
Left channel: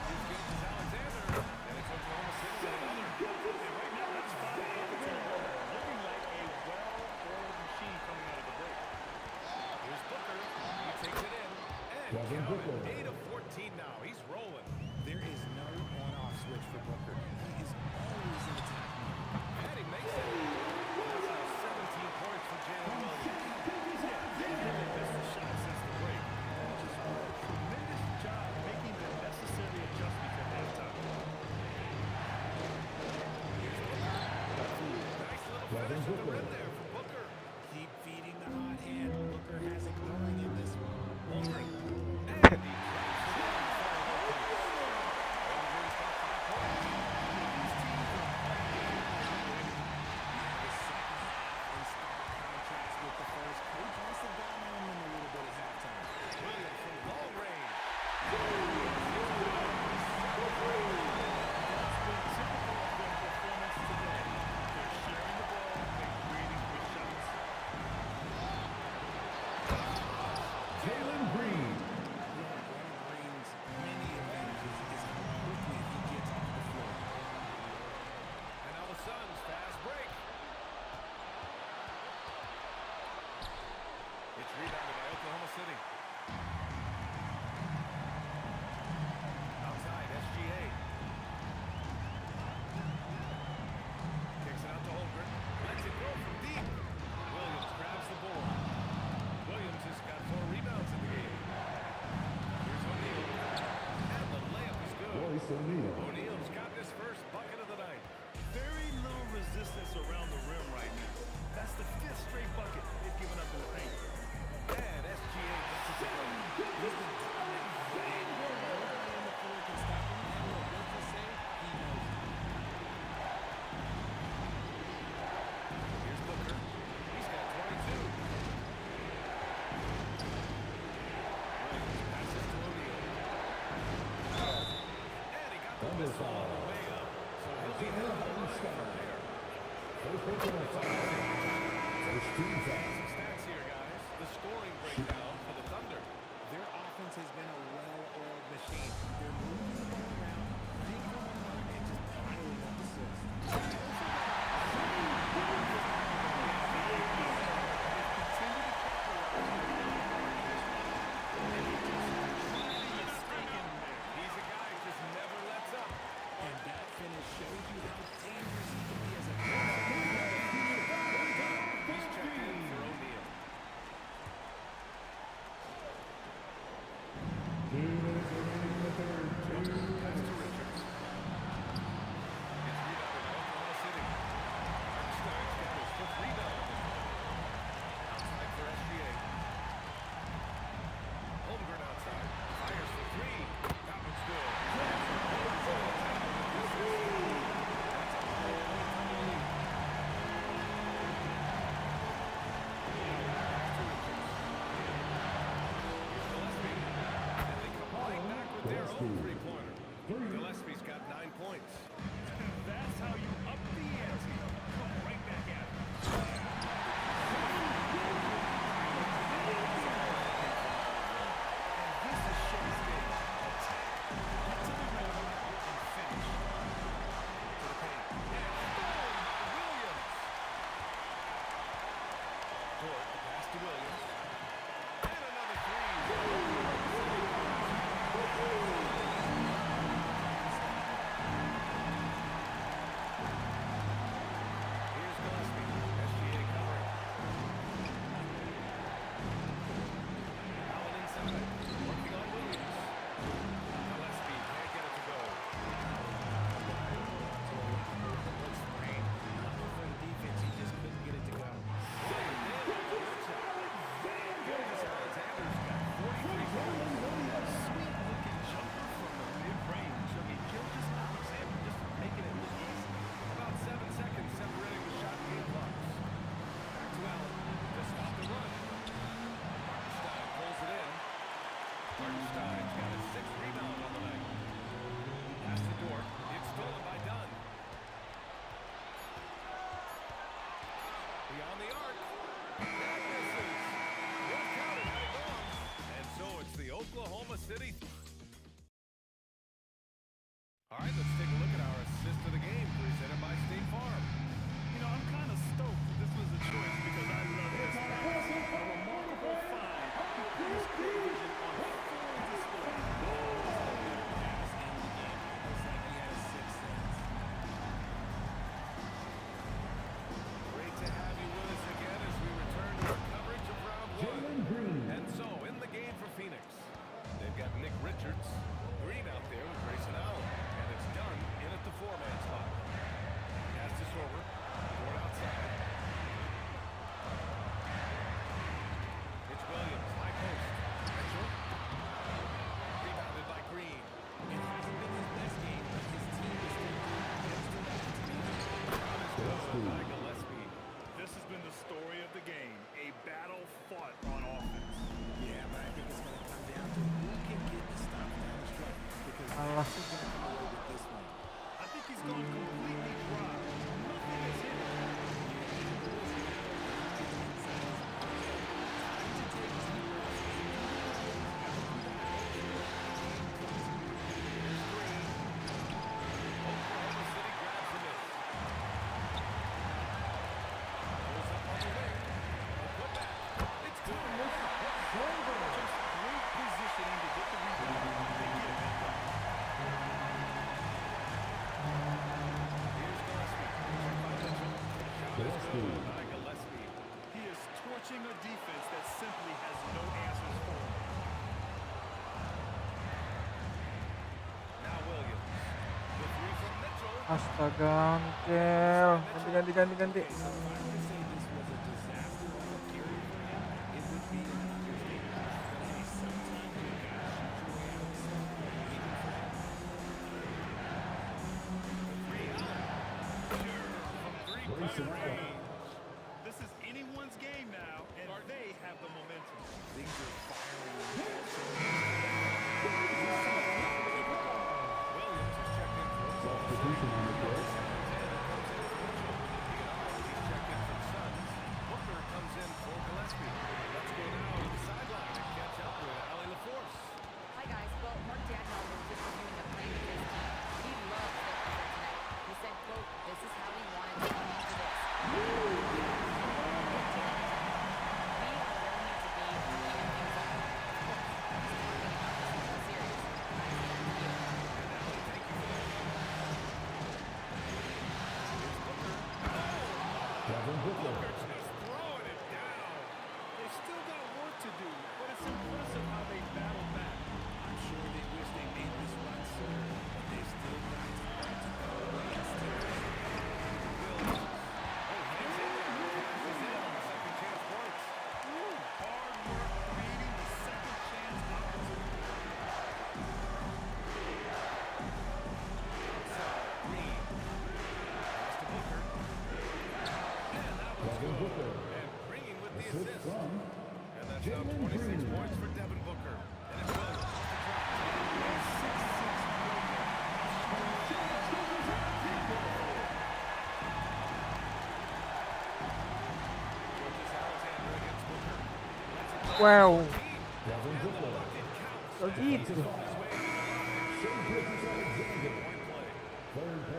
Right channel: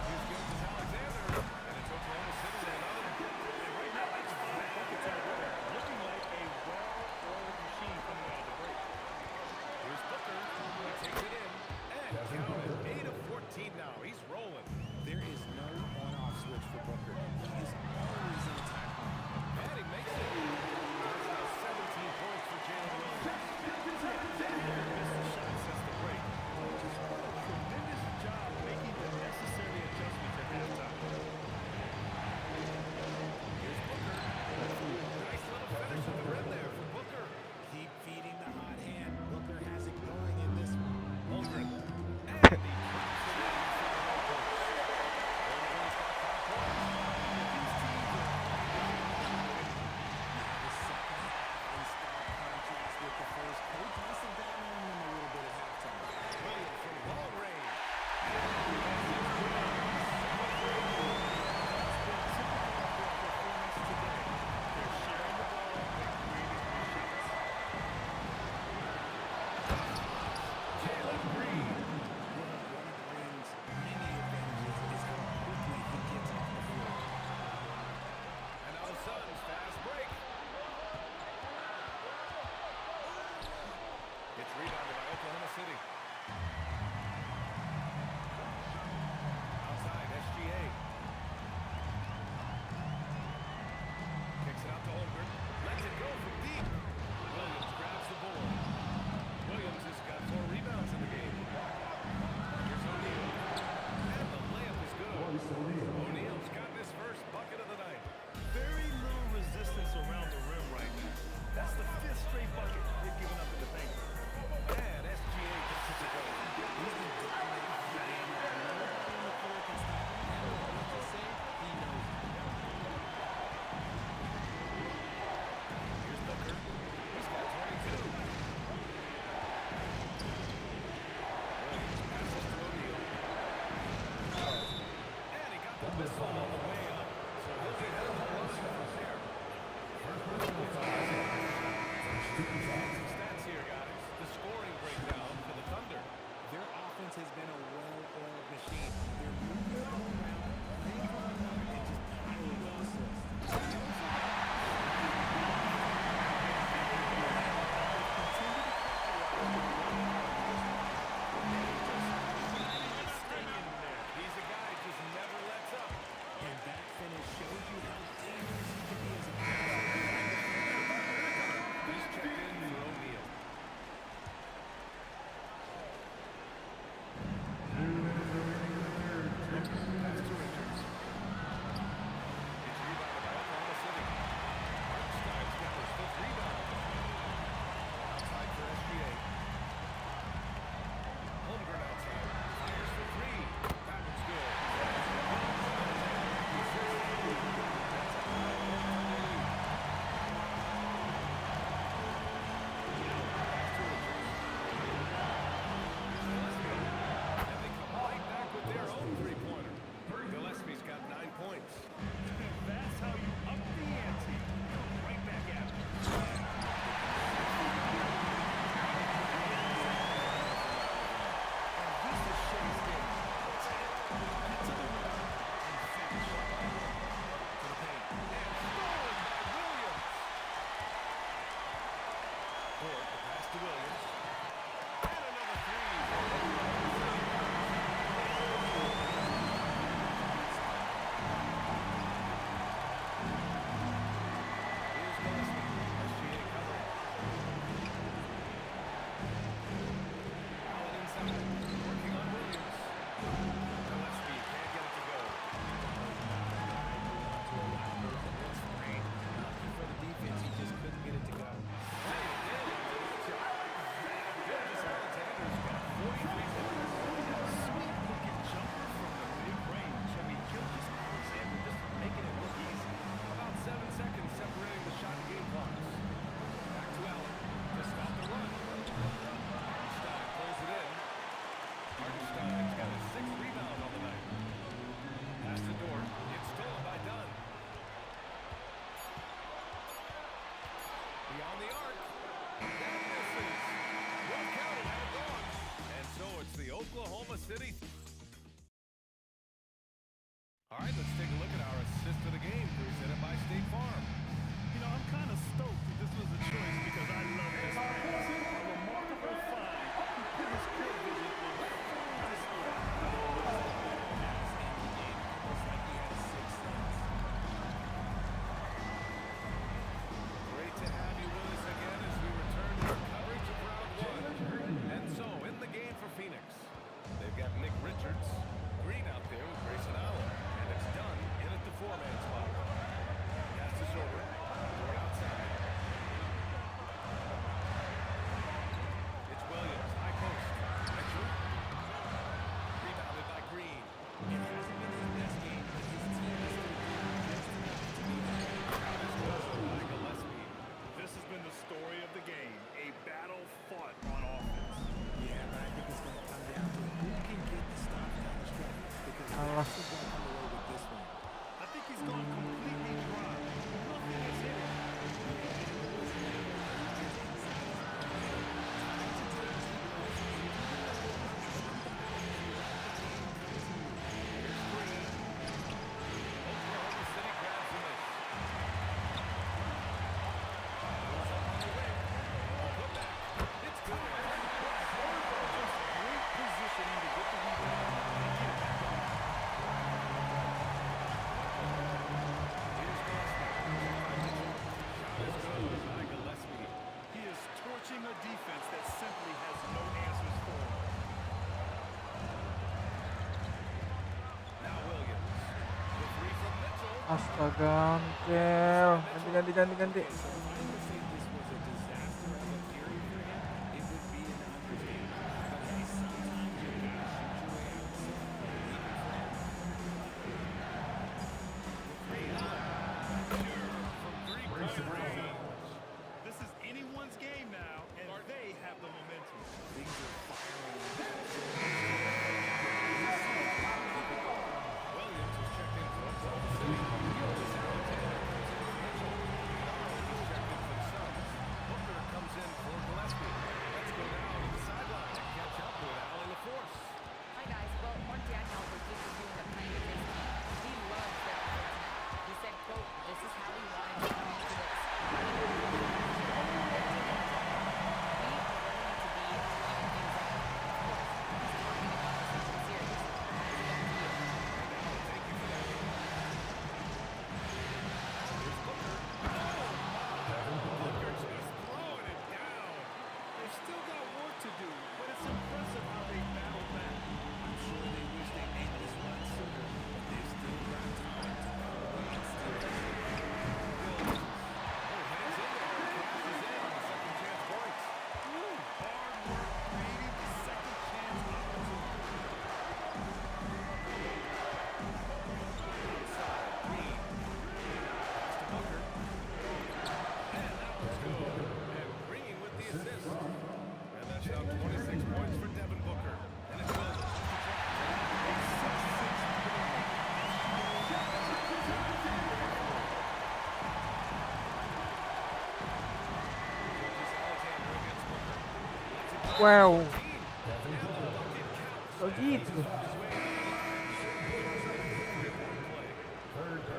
Here's Gilgeous-Alexander. And it's Oklahoma City with another. And right now, that's 5 buckets in a row. Looking like a well-oiled machine coming out of the break. Here's Booker. He takes it in. And count it. 8 of 14 now. He's rolling. There is no on-off switch for Booker. He is always in attack mode. And he makes it. And that's now 17 points for Jalen Williams. Yeah, they haven't missed a shot since the break. Just what a tremendous job making the necessary adjustments at halftime. Here's Booker. Nice little finish at the rim there for Booker. Keep feeding the hot hand. Booker has it going in this one. Holmgren. And he drops it in from the low post. Holmgren's got 5 points. Yeah, these teams are playing with incredible energy. You have the second half in stark contrast with the first. Coach must have gotten on them a little bit at halftime. Williams from long range. And yes, it's good. That's been typical of their performance today. They're sharing the ball and creating good shots. Jalen Green. Yeah, one rebounded by Oklahoma City. Outside, SGA. Kicks it out to Holmgren. Lets it go from deep. Williams grabs the board. Williams has got 4 rebounds in the game. Here's O'Neal. And the layup is good. O'Neal's gotten his first bucket of the night. Very little resistance around the rim right now. That's the 5th straight bucket they've given up in the paint. And SGA gets it to go. He's been dominating the game. Nobody on the floor can stop him. And look, let's just say he knows it. Here's Booker. He's got 22. Williams passes to O'Neal. And he got the whistle on the way up. So he'll be headed to the line from there. Some stats here, guys. The scoring breakdown for the Thunder. Their offense has been a well-oiled machine. They're moving the ball around, playing for one another, and just piling up assists. They also got They've continued to capitalize on the young part of this one. And he's just riding the stake in him there. He's a guy who just never lets up. And that finish shows you how dangerous he can be as a passer. He's checked in for O'Neal. Pass to Richards. It's rebounded by Oklahoma City. Hartenstein's got his 5th rebound on this one. Outside for SGA. Holmgren outside. Fires for 3. That one's good. Gomez Alexander with the assist. That's a 5-point Thunder lead. Pass to Richards. Here's Gillespie. And they come right back with their own 3-pointer. Gillespie's got 9 points. That's how you up the ante. Come right back at him. And this is Shea's game. Attack, get to the rim, and finish. To the paint. And stolen by Williams. Dort, the pass to Williams. And another 3 for Oklahoma City. Here's Gillespie. SGA covering. Allen inside. Working on Williams. Gillespie can't get it to go. Lucky for the defense, he just couldn't get it to go. Giant daylight on that shot. Gilgeous Alexander's got 43 points. Sweet-looking jumper from the mid-range. I mean, Gilgeous Alexander just making it look easy. About 7 seconds separating the shot and game clocks. Back to Allen to stop the run. Hartenstein pulls it in. Hartenstein's got his 6th rebound on the night. Pass to Dort. It's stolen by Dunn. Beyond the arc. That misses. One counted, had it gone. And so it's the Oklahoma City. All right, let's take a look at our assist of the game presented by State Farm. You know, I'm kind of stoked that this was a choice because I love this pass. A remarkable find. He put his court vision on full display. Better pass in the game, almost like he had a 6th sense. Great to have you with us again as we return to our coverage of round 1. And so, in the game for Phoenix, they've got Nick Richards, Green out there with Grayson Allen, and it's Dunn in at the 4-man spot. Pass to Sorber, Dort outside. It's Williams, high post. Mitchell, rebounded by Green. It hasn't been his best game, but his team is still doing just enough to be there. Shot is good by Gillespie. This has been the story of the game. A battle fought on offense. Yeah, but I think it's going to come down to who can get the stops down the stretch, because Allah. that's who's going to come away with this one. I think he's gone completely dry. Nothing has hit him. Yeah, and the listen now is that he gets inside his opponent. Time to take deep breaths and do the things out of the mouth and let the game come to you. Here's Green. Oklahoma City grabs the miss. Pulls up on the wing. The putback. It's good. On the a defense that simply has no answers for him. Now Williams. The three from Mitchell. Astaga, Mikel. Ganti. Okay, so if I were to say this was a disaster of a period for him, it would be an understatement. But hey, sometimes you gotta shoot your way out of the slump, even for him. The three out. Sure, from three-point range. This is anyone's game now, and they have the momentum. Things are firing on all cylinders. We'll see if they can keep it going. Williams is checked in for Oklahoma City. Gilgis Alexander comes in for Mitchell. Iguodala, he's checked in for the Suns. Booker comes in for Gillespie. Let's go now to the sideline and catch up with Allie LaForce. Hi, guys. Well, Mark Dagnall was just reviewing the playing of his team. He loves their effort tonight. He said, quote, "This is how we wanted to come into this. Dictating the tempo. We are where we need to be to even things up." Of course, he's talking about this into the series. Guys, back to you. And Allie, thank you for that. Here's Booker. Oh, my! Booker just throwing it down. They've still got work to do, but it's impressive how they battled back. I'm sure they wish they made this run sooner, but they've still got time to come away and steal this. Williams. Oh, hangs in there and cashes in on the second chance points. Hard work creating the second chance opportunity. Outside, Green. Pass to Booker. And that one's good. And Green with the assist. And that's now 26 points for Devin Booker. And it's Williams off the drop. A 6'6" playmaker. Gilgeous Alexander against Booker. Lets it go. Wow. And the bucket counts. So And gitu. he's on his way to the line. Three-point play.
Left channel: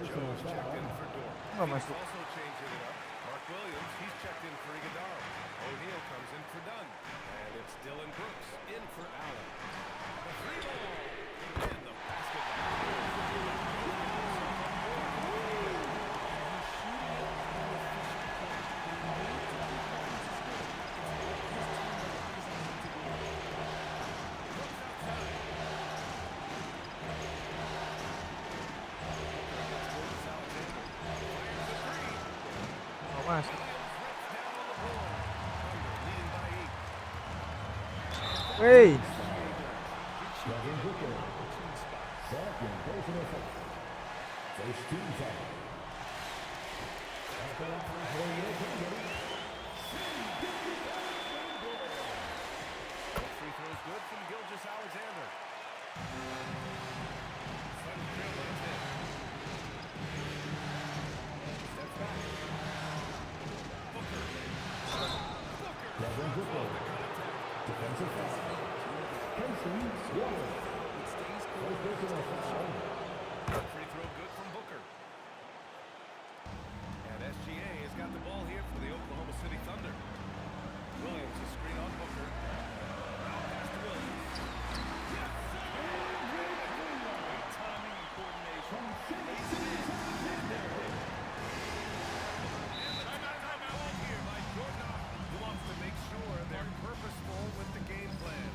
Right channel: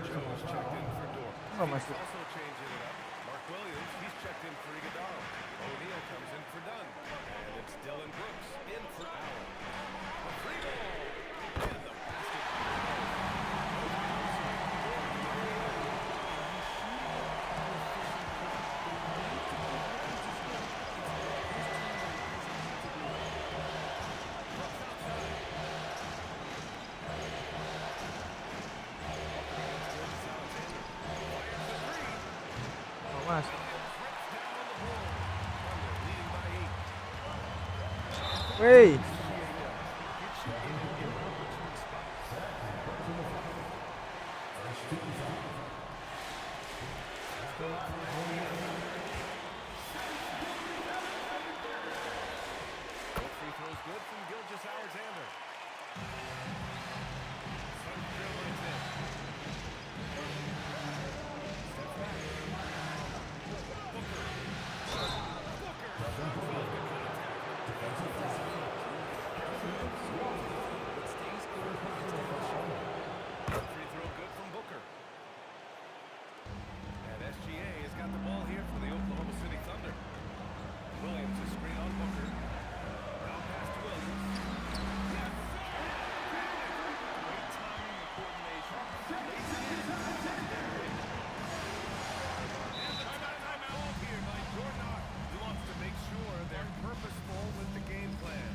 Joe's checked in for Dort. Oh, Phoenix masuk. also changing it up. Mark Williams, he's checked in for Iguodala. O'Neal comes in for Dunn. And it's Dylan Brooks in for Allen. The three ball. And the basket by Joe. Joe's getting himself on the board with the three there. And he's shooting it at an efficient clip, but he needs to keep looking to score. It's what his team relies on him to do. Brooks outside. Booker against Gilgeous Alexander. Fires the three. Oh, masuk. Williams rips down on the board. Thunder leading by 8. Wey. SGA does. He gets you in an inopportune spot. Both free throws good from Gilgeous Alexander. Sun trail lines in. Steps back. Booker. Booker throws off the contact. It stays close, but it's still a shot. Free throw good from Booker. And SGA has got the ball here for the Oklahoma City Thunder. Williams is screen on Booker. Now pass to Williams. Yes, sir! Count it! Great timing and coordination. Lays it in. That's their hit. And the timeout called here by Jordan Ott. He wants to make sure they're purposeful with the game plan.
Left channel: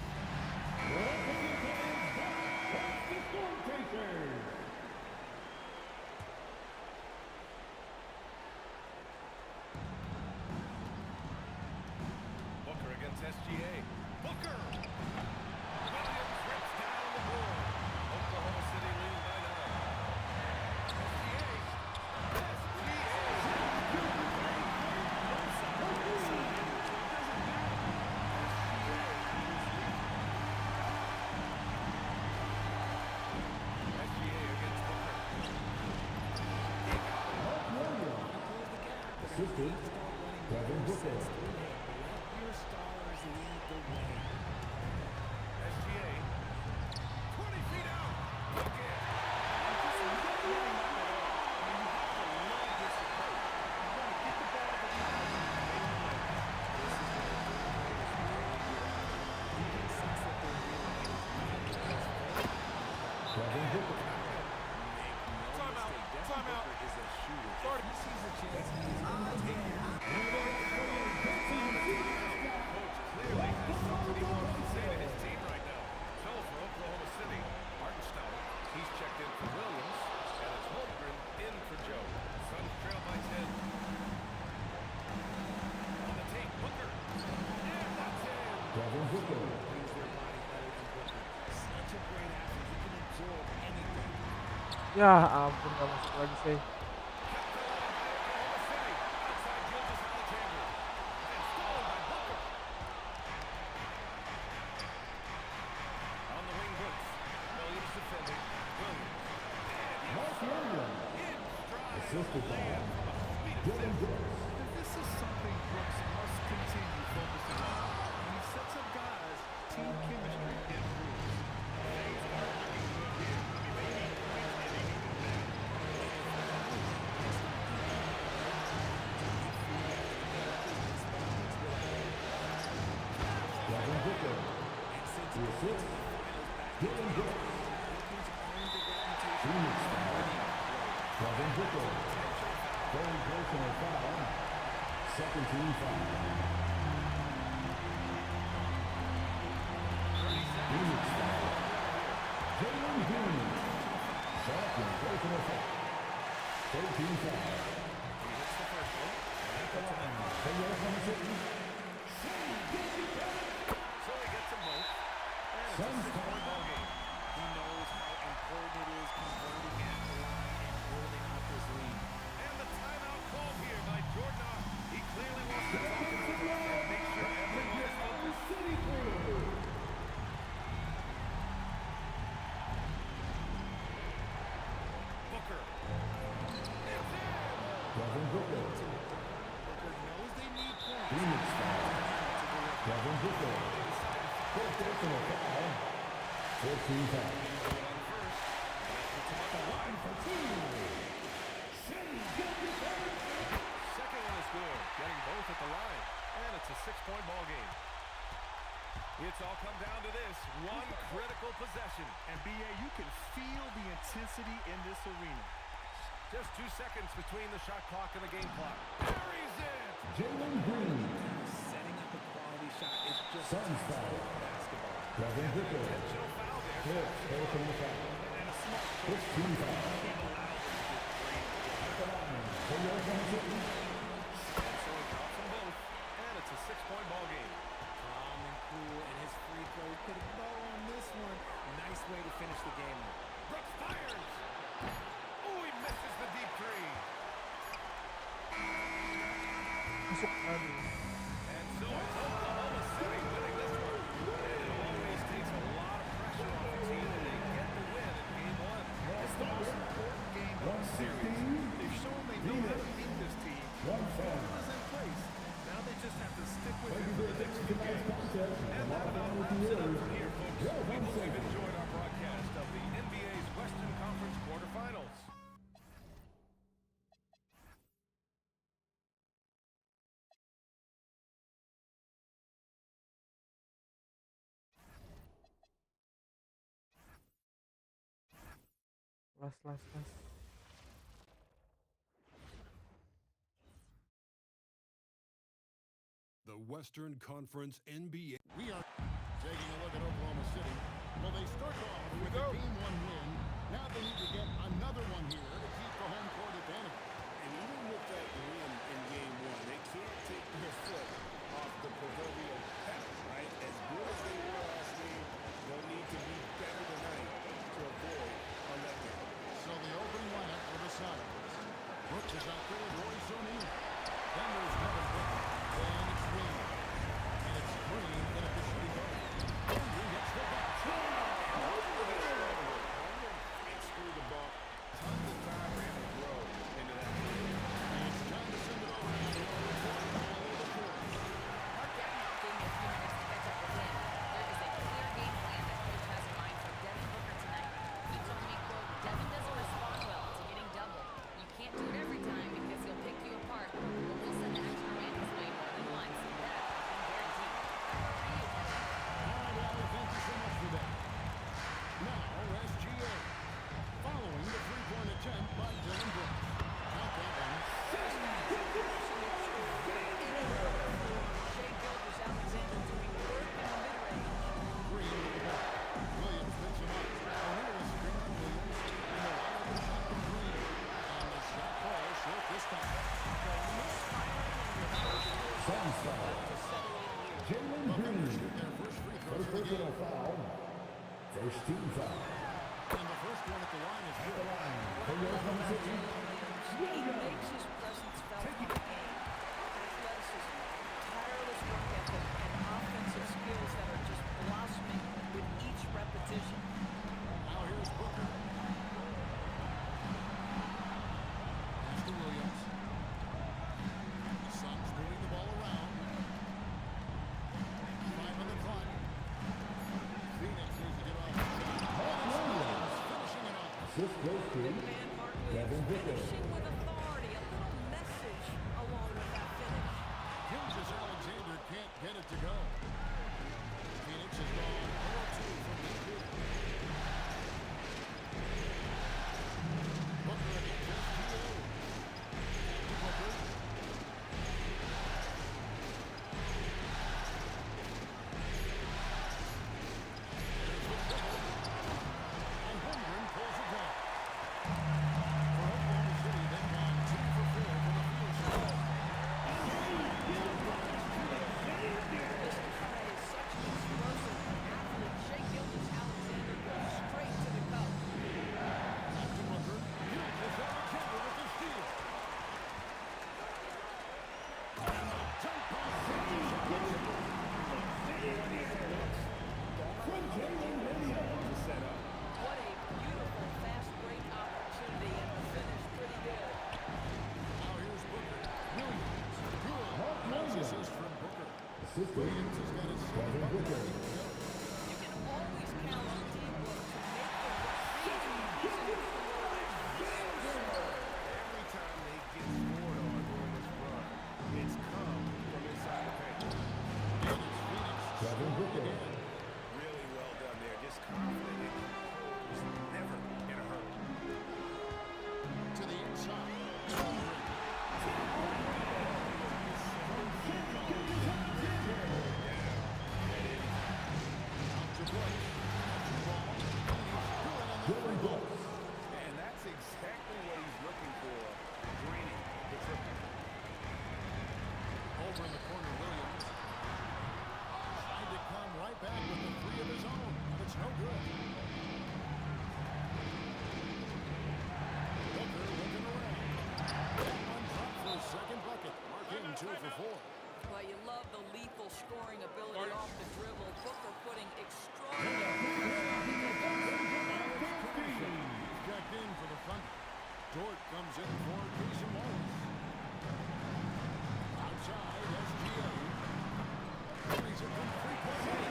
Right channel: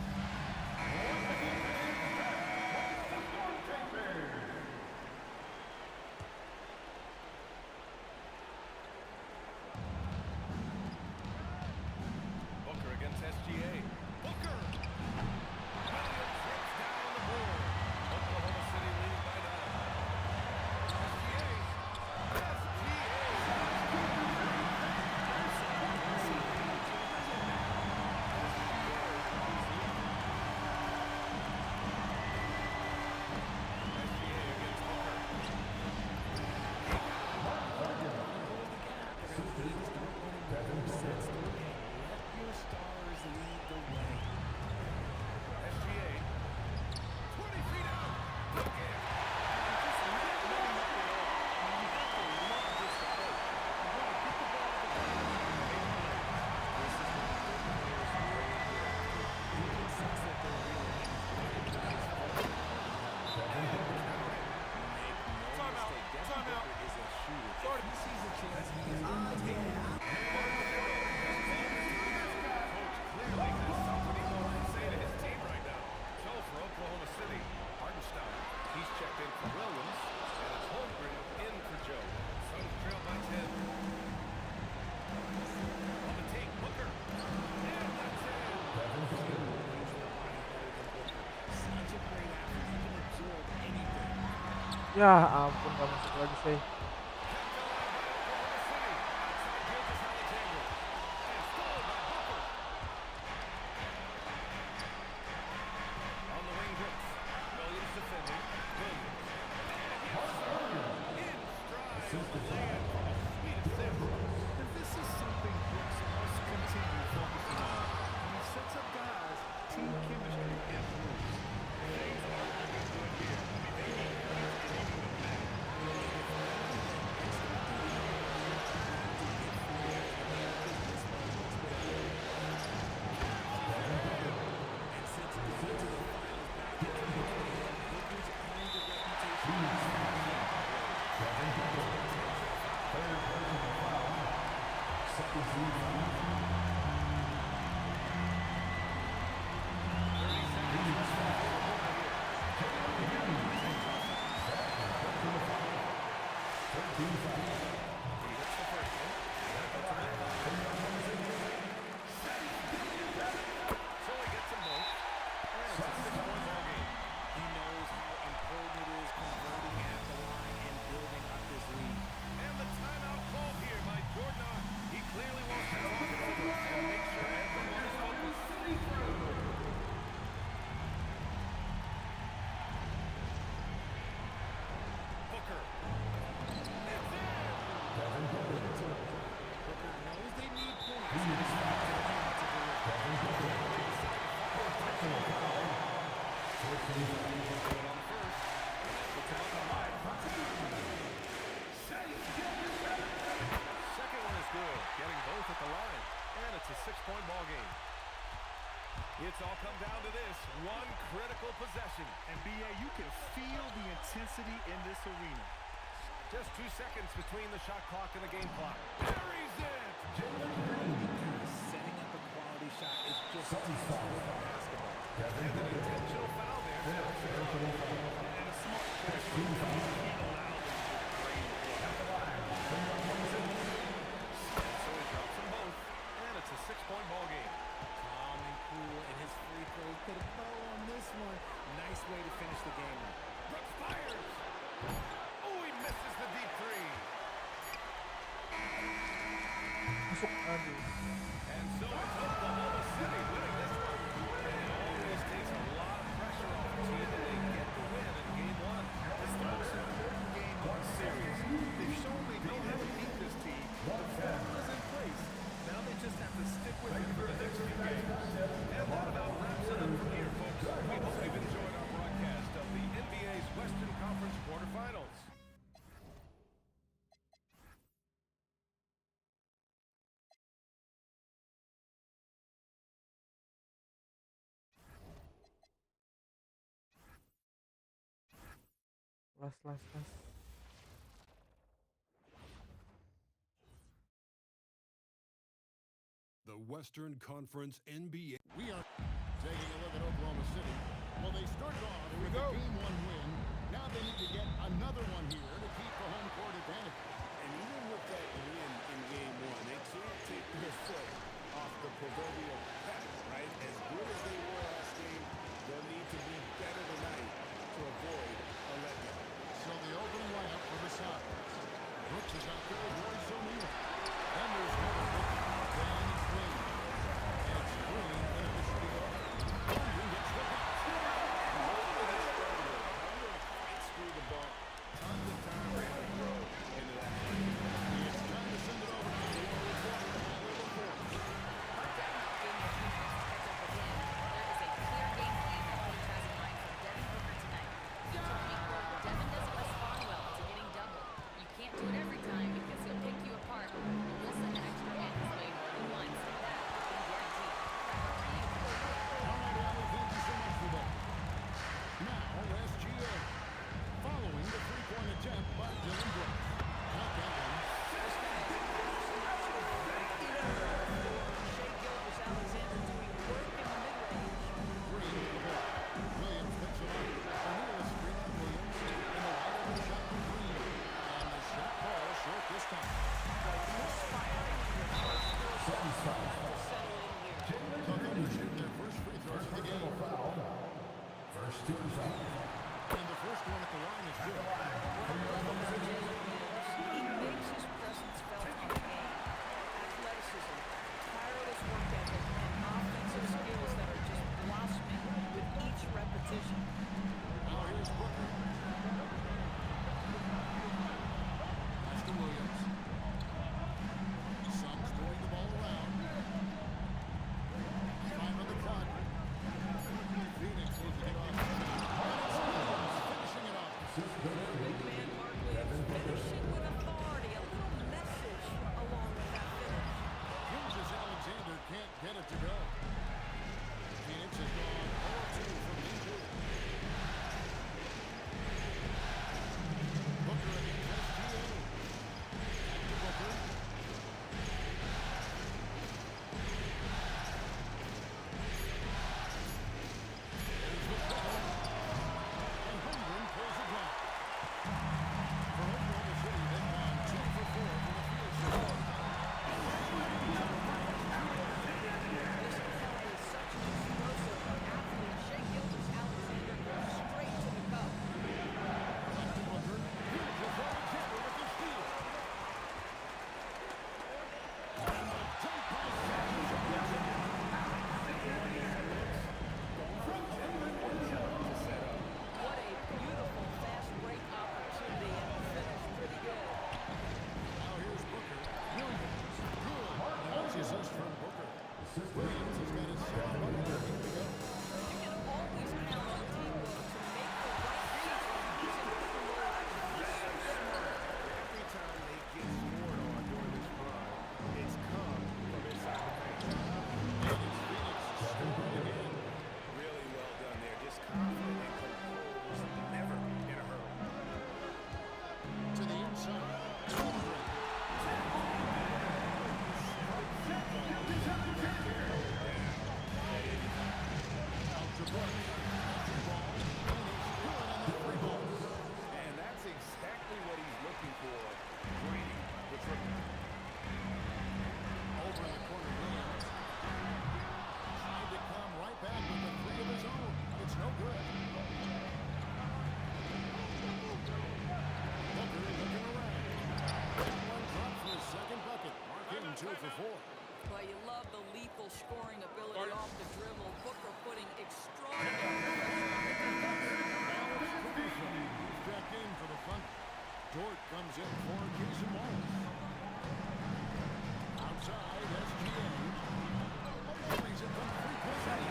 Booker against SGA. Booker! Williams rips down the board. Oklahoma City leading by 9. SGA! SGA! Outside, inside, in between. It doesn't matter. SGA is leading. SGA against Booker. He got it. Want to close the gap. They're going to need to start running more sets through him. Let your stars lead the way. SGA. 20 feet out. Look it. And just not letting up at all. I mean, you have to love this approach. You want to get the ball to the guys and make plays. This is what the good players really get after. You can sense that their real aim is not in his fault. Make no mistake, Devin Booker is a shooter. If he sees a chance, he is going to take it. Ya ampun, gak masuk lagi sih. Kept alive by Oklahoma City. Outside Gilgeous-Alexander. And stolen by Booker. On the wing, Brooks. Williams defending. Williams. And in stride on the land from a sweet assist. And this is something Brooks must continue focusing on. When he sets up guys, team chemistry improves. Things aren't looking good here. I mean, they need points and they need them now. And since going to the finals back in 2021, Booker's earned the reputation of winning road. Intentional foul. Third personal foul. Second team foul. 30 seconds left in the fourth quarter here. And now we've got an intentional foul. Second personal foul. Third team foul. He hits the first one, and that puts him at 5. So he gets them both, and it's a 6-point ball game. He knows how important it is converting at the line and building up his lead. And the timeout called here by Jordan. He clearly wants to talk it over and make sure everyone is focused. Booker. It's in! Booker knows they need points, and it's up to him to deliver. Now they decide to foul intentionally. Do it on the first, and that puts him up to 5. Second one is good, getting both at the line, and it's a 6-point ball game. It's all come down to this one critical possession. And B.A., you can feel the intensity in this arena. Just 2 seconds between the shot clock and the game clock. Buries it! Quality pass, setting up a quality shot is just textbook basketball. And an intentional foul there. And a smart choice. You can't allow them to just drain the play. And so he drops them both, and it's a 6-point ball game. Calm and cool, and his free throws put a bow on this one. Nice way to finish the game up. Brooks fires! Oh, he misses the deep three. Masuk, aduh. And so it's Oklahoma City winning this one. And it always takes a lot of pressure off a team, and they get the win in game 1. It's the most important game of the series. They've shown they know how to beat this team. The formula's in place. Now they just have to stick with it for the next few games. And that about wraps it up from here, folks. We hope you've enjoyed our broadcast of the NBA's Western Conference quarterfinals. Las. The Western Conference NBA. We are taking a look at Oklahoma City. Well, they started off with a Game 1 win. Now they need to get another one here to keep the home court advantage. And even with that win in Game 1, they can't take their foot off the proverbial pedal, right? As good as they were last game, they'll need to be better tonight to avoid a letdown. So the opening lineup for the Suns. Brooks is out there with Royce O'Neal. Then there's Devin Booker. Then it's Williams. And it's Green in at the shooting guard. Holmgren gets the box. And hopefully gets started with Holmgren fights through the ball. Tons of time for him to grow into that play. It's time to send it over now to our reporter, Allie LaForce. Mark Davenport gave me a few minutes to catch up with him. There is a clear game plan that coach has in mind for Devin Booker tonight. He told me, quote, Devin doesn't respond well to getting doubled. You can't do it every time because he'll pick you apart, but we'll send the extra man his way more than once. That I can guarantee. Back over to you, Kevin. All right, Allie, thank you so much for that. Now, SGA. Following the three-point attempt by Dylan Brooks. Count that one. This guy is an absolute scorer, getting anywhere on the floor. Shai Gilgeous-Alexander doing work in the mid-range. Green with the ball. Williams picks him up. O'Neal is screen on Williams. And the wide open shot from Green. And the shot ball short this time. Misfiring on your first four shots. You've got to settle in here. The Thunder shoot their first free throws of the game. First team foul. And the first one at the line is good. What I love about Jalen Williams, he makes his presence felt on the game. Athleticism, tireless work ethic, and offensive skills that are just blossoming with each repetition. Now here's Booker. Pass to Williams. Suns moving the ball around. 5 on the clock. Phoenix needs to get off the shot. And it's Williams finishing it off. Big man Mark Williams finishing with authority. A little message along with that finish. Alexander can't get it to go. Phoenix has gone 0-2 from deep here. Booker against SGA. Back to Booker. There's the triple. And Holmgren pulls it down. For Oklahoma City, they've gone 2 for 4 from the field so far. This guy is such an explosive athlete. Shea Gilgeous-Alexander goes straight to the cup. Up to Booker. Gilgeous-Alexander with the steal. And the dunk by Gilgeous-Alexander. What a beautiful fast break opportunity, and the finish pretty good. Now here's Booker. Williams. Good. Nice assist from Booker. Williams has got his second bucket ready to go. You can always count on D-Book to make the right reads when he's in pick and roll action. He's so smart. Every time they get scored on during this run, it's come from inside the paint. And it's Phoenix scoring again. Really well done there. Just confident and composed. Never in a hurry. To the inside. Holmgren. Out to Brooks. Free ball. And he's good on the free ball. And that's exactly what he's looking for, draining the triple. Over in the corner, Williams. Tried to come right back with the three of his own, but it's no good. Booker looking around. That one dropped for his second bucket. Mark him 2 for 4. Well, you love the lethal scoring ability off the dribble. Booker putting extraordinary pressure on the defense. Alex Caruso. He's checked in for the Thunder. Dort comes in for Jason Wallace. Outside, SGA. He's a complete play.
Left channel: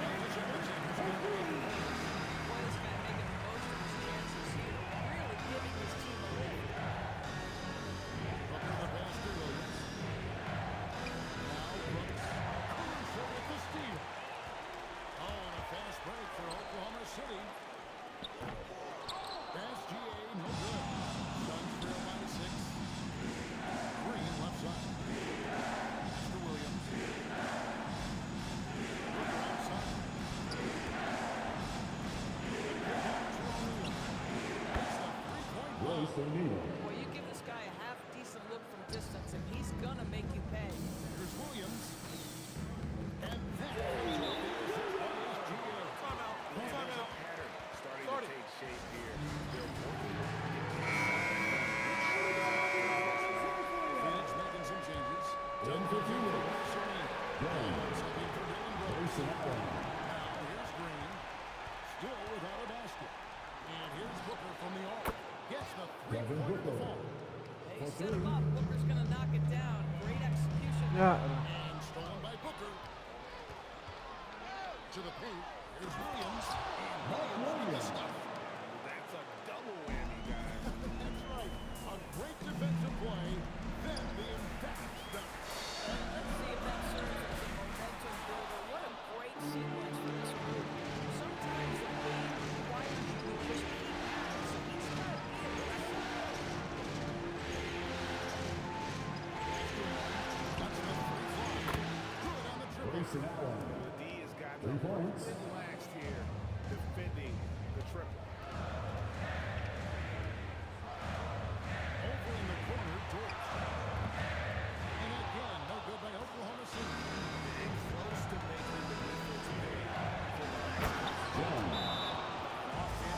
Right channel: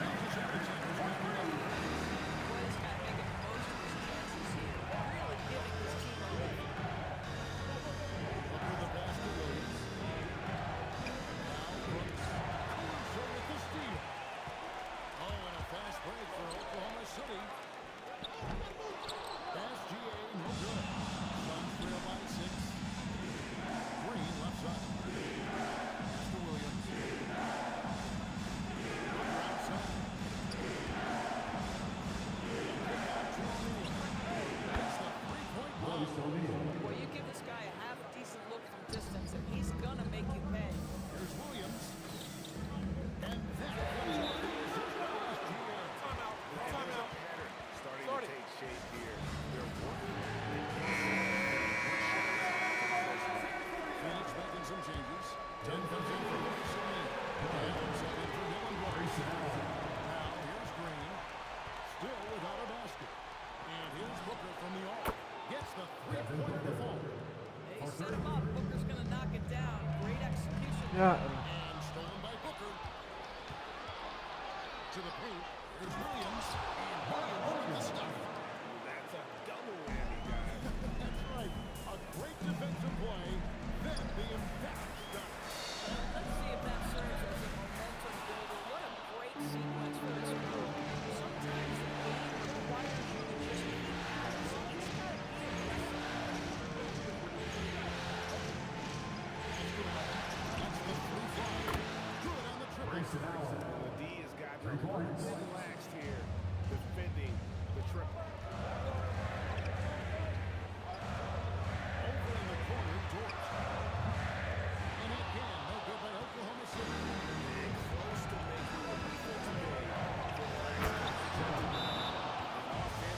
Gilgeous-Alexander's got the other corner. Boy, this guy making the most of his chances here. Really giving his team a lift. Booker the pass to Williams. Now Brooks. Caruso with the steal. Oh, and a fast break for Oklahoma City. SGA no good. Suns trail by 6. Green left side. Pass to Williams. Booker outside. Kick out to O'Neal. It's the 3-point bomb. Boy, you give this guy a half-decent look from distance, and he's gonna make you pay. Here's Williams. And that comes off the assist by SGA. Timeout. And there's a pattern starting to take shape here. They're working the inside. Phoenix making some changes. Dunn comes in for Royce O'Neal. And subbing for Dylan Brooks. Now here's Green. Still without a basket. And here's Booker from the arc. Gets the 3-point of the fall. They set him up. Booker's gonna knock it down. Great execution. And stolen by Booker. To the paint. Here's Williams. And Williams with the stuff. That's a double whammy, guys. That's right. A great defensive play. Then the emphatic stuff. Let's see if that serves as a momentum builder. What a great sequence for this group. Sometimes the game requires you to just keep at it, so he's got to be aggressive. That's the free fly. Good on the triple. And the D has gotten a little bit relaxed here, defending the triple. Over in the corner, Dort. And again, no good by Oklahoma City. Big close to making the defense pay for the last. And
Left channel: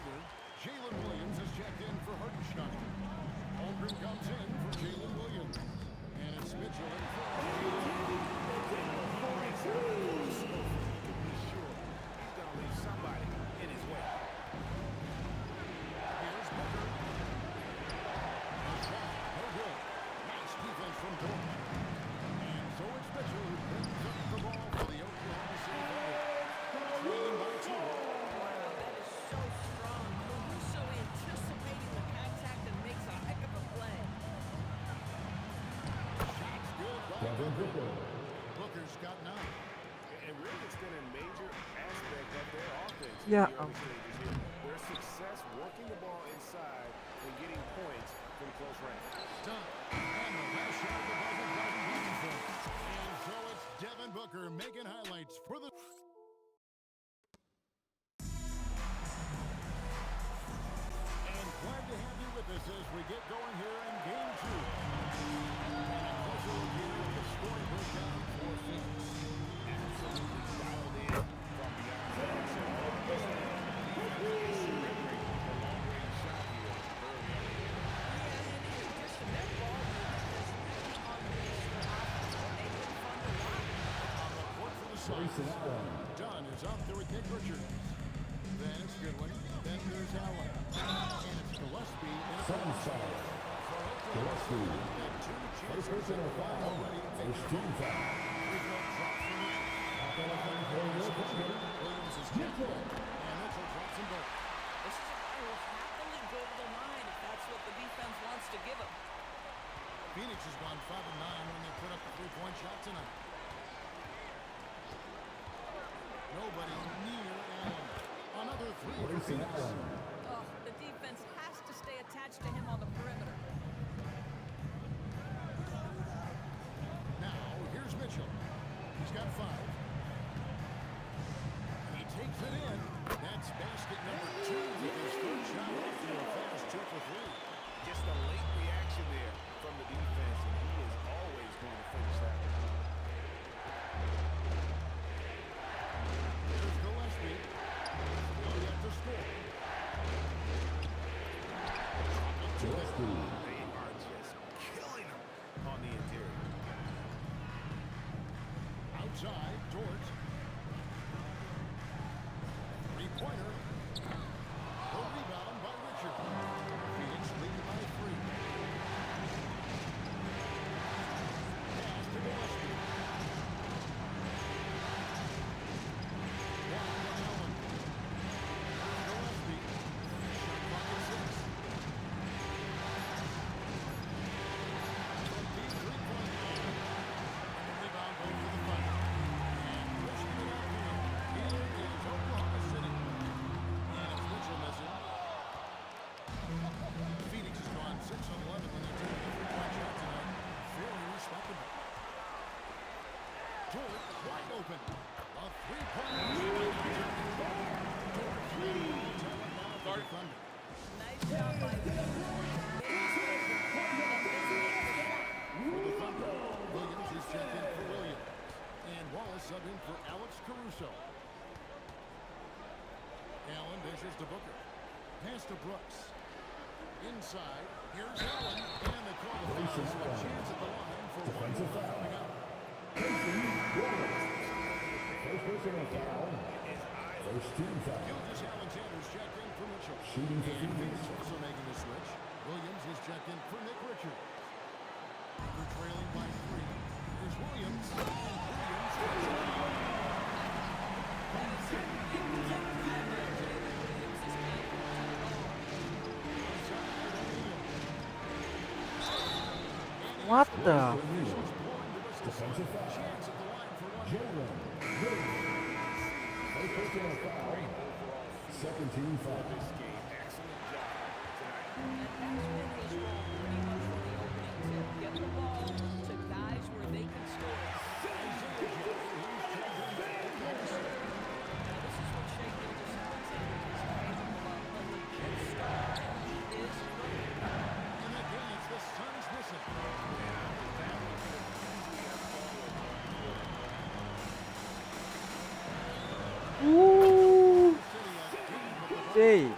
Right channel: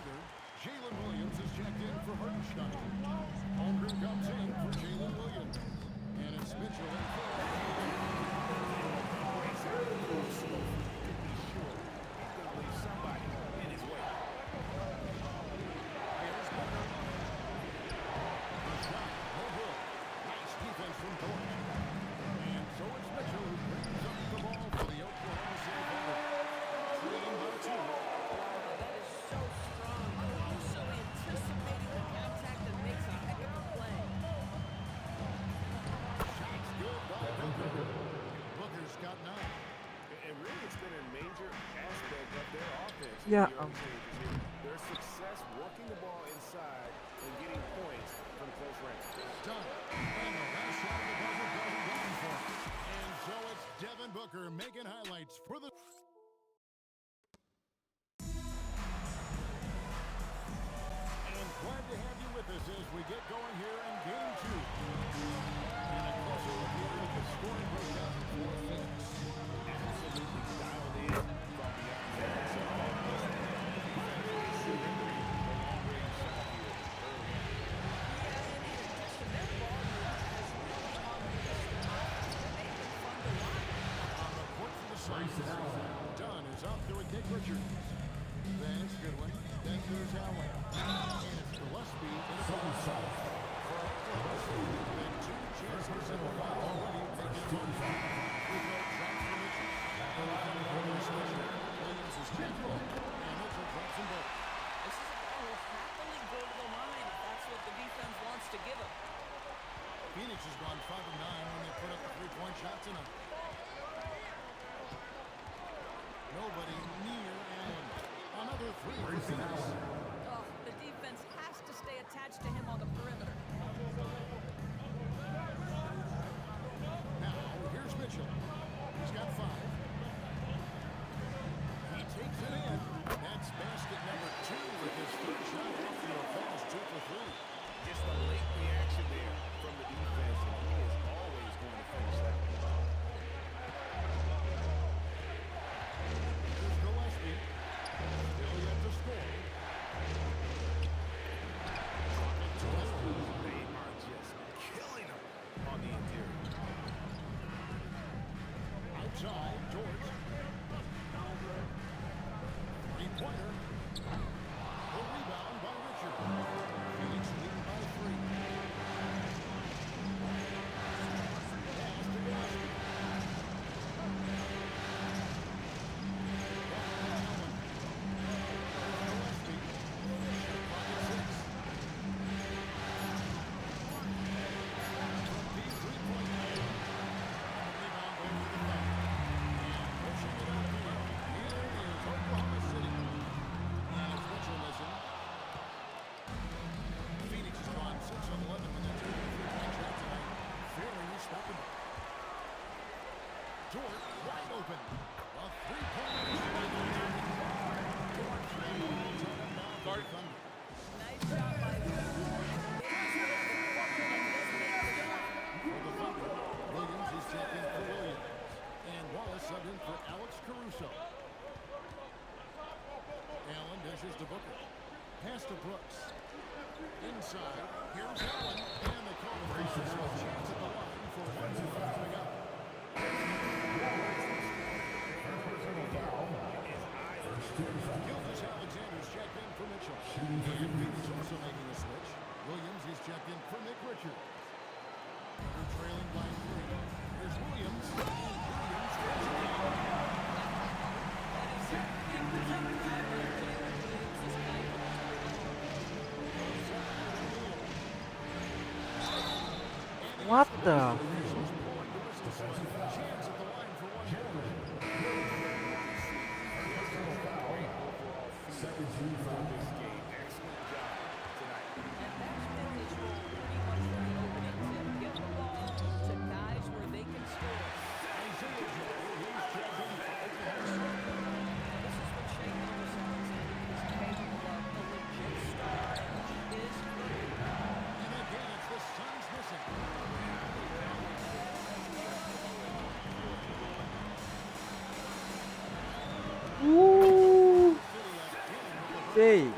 Thunder, Jalen Williams is checked in for Hartenstein. Holmgren comes in for Jalen Williams. And it's Mitchell in for Jalen. He breaks out the crossover. You can be sure he's going to leave somebody in his way. Here's Booker. A shot, no good. Nice defense from George. And so it's Mitchell who brings up the ball for the Oklahoma City Thunder. Trailing by 2. Wow, that is so strong. Caruso anticipating the contact and makes a heck of a play. Shots good by Booker. Booker's got 9. And really, it's been a major aspect of their offense Yeah, in the early stages here. Their success working the ball inside and getting points from close range. Done. And the last shot of the buzzer doesn't go in for him. And so it's Devin Booker making highlights for the... And glad to have you with us as we get going here in Game 2. And a closer look here at the scoring breakdown for Phoenix. Absolutely dialed in from beyond the arc so far. Listen, the defense is surrendering the long-range shot here early on. Yeah, and in addition, their ball movement has really unleashed their offense, and they've been fun to watch. On the court for the Suns, Dunn is up there with Nick Richards. Then it's Goodwin. Then there's Allen. And it's Gillespie in a double shot. For Oklahoma City, they've had 2 chances at the line already. They get a free throw drops for Mitchell. And the Thunder having a switch here. Williams is checked in. And Mitchell drops them both. This is a guy who will happily go to the line if that's what the defense wants to give him. Phoenix has gone 5 of 9 when they put up the 3-point shot tonight. Nobody near Allen. Another 3 for Phoenix. Oh, the defense has to stay attached to him on the perimeter. Now, here's Mitchell. He's got 5. He takes it in. That's basket number 2 with his third shot off to a fast 2 for 3. Just a late reaction there from the defense, and he is always going to finish that one. Here's Gillespie. Still yet to score. Chocolate 2 there. They are just killing him on the interior. Outside, George. 3-pointer. The rebound by Richard. Phoenix leading by 3. Pass to Gillespie. Back to Allen. There's Gillespie. Shot clock at 6. From deep 3-point line. And the rebound goes to the Thunder. And pushing it up here. Here is Oklahoma City. And it's Mitchell missing. Phoenix has gone 6 of 11 when they're taking a 3-point shot tonight. Very respectable. George wide open. A 3-pointer. George and the ball tied up now for the Thunder. Nice job by the For the Thunder, Williams is checked in for Williams. And Wallace subbed in for Alex Caruso. Allen dishes to Booker. Pass to Brooks. Inside, here's Allen. And they call the foul, so a chance at the line for one more coming up. Gilgeous Alexander's checked in for Mitchell. And Phoenix also making a switch. Williams is checked in for Nick Richards. Thunder trailing by 3. Here's Williams. And Williams puts it down. That is a big time by Jalen Williams. This guy can do it all. What the? Officials blowing the whistle, so a chance at the line for one more. Great overall feel for this game. Excellent job tonight. And that's been his role pretty much from the opening tip. Get the ball to guys where they can score. Isaiah Joe, he's checked in for Oklahoma City. Now this is what Shea Gilgeous-Alexander is capable of. A legit star, and he is good. And again, it's the Suns missing. And I think that one could have easily have fallen for him. Ooh. City again with the Hey. It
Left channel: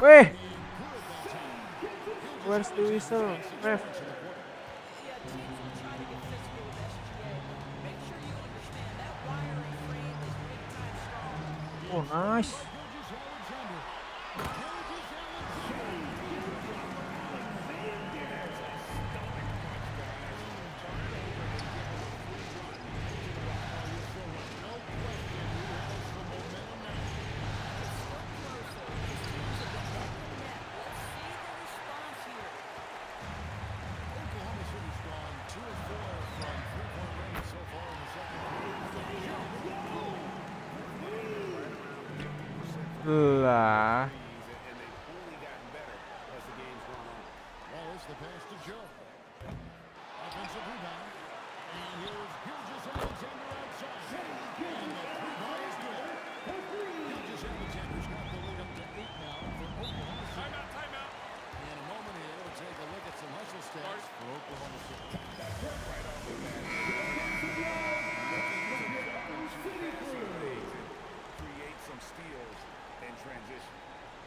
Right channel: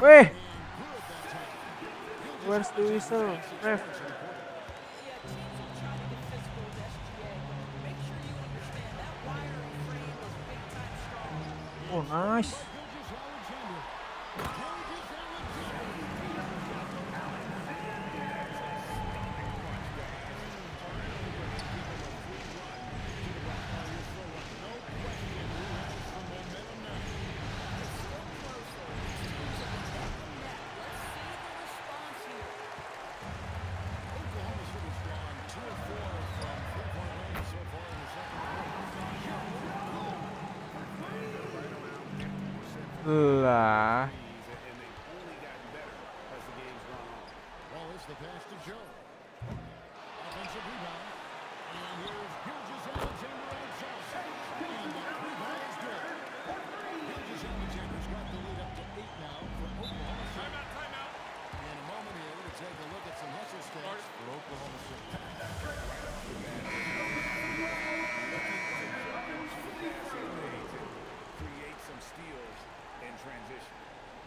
Weh. Where's the whistle, ref? Yeah, teams will try to get physical with SGA, but make sure you understand that wiry frame is big time strong. Oh, nice. Lah. And they've only gotten better as the game's gone on. Wallace, the pass to Joe. Offensive rebound. And here's Gilgeous-Alexander outside. And the three-ball is good. Gilgeous-Alexander's got the lead up to 8 now for Oklahoma City. Timeout. In a moment here to take a look at some hustle stats for Oklahoma City. Right off the bat, looking to jump into the passing lanes and create some steals and transition.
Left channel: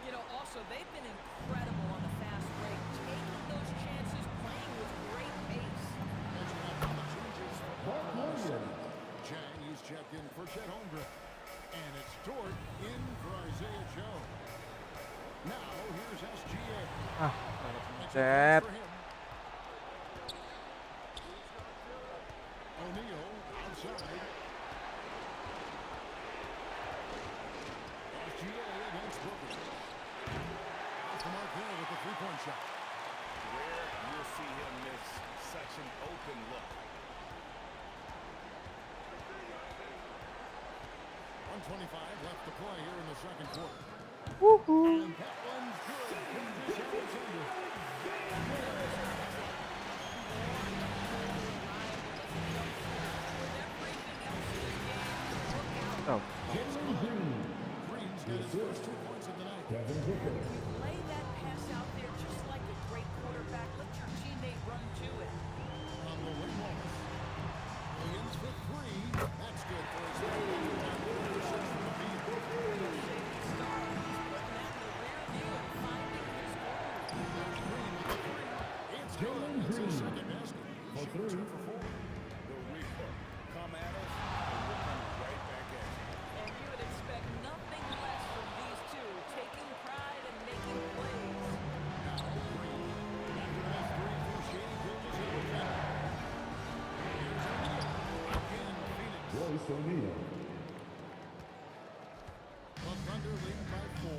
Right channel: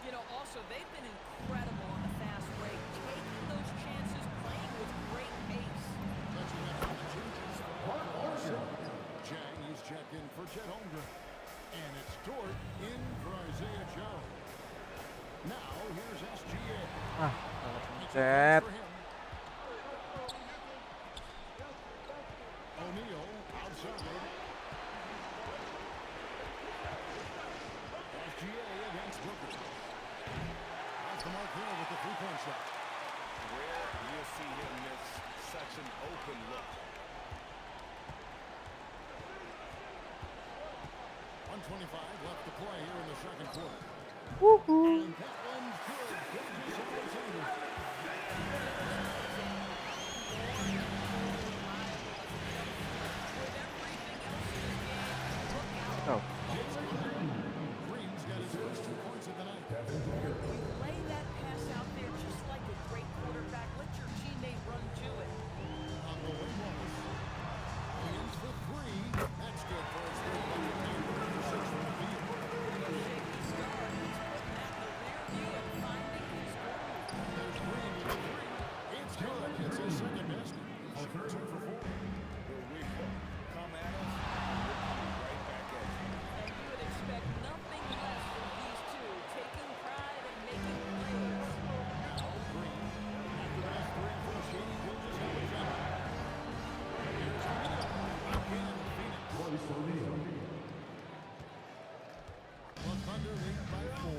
You know, also, they've been incredible on the fast break, taking those chances, playing with great pace. Catching up on the changes for Oklahoma City. Chang, he's checked in for Chet Holmgren. And it's Dort in for Isaiah Joe. Now, here's SGA. Chet. O'Neal outside. SGA against Booker. Off the mark there with the three-point shot. Rare you'll see him miss such an open look. 1:25 left to play here in the second quarter. Woohoo. And that one's good. Gilgeous-Alexander. Oh. Green's got his first 2 points of the night. You lay that pass out there just like a great quarterback. Let your teammate run to it. On the wing, Wallace. Williams for 3. That's good for his third bucket. Now 3 for 6 from the field. Shaky star. He's putting that in the rear view and finding his groove. There's Green with the 3. It's good. It's his second basket. He's shooting 2 for 4. The real come at us, and we're coming right back at you. And you would expect nothing less from these two, taking pride and making plays. Now Green. After that 3 for the shady Gilgeous-Alexander. Here's O'Neal. Again, Phoenix. The Thunder lead by 4.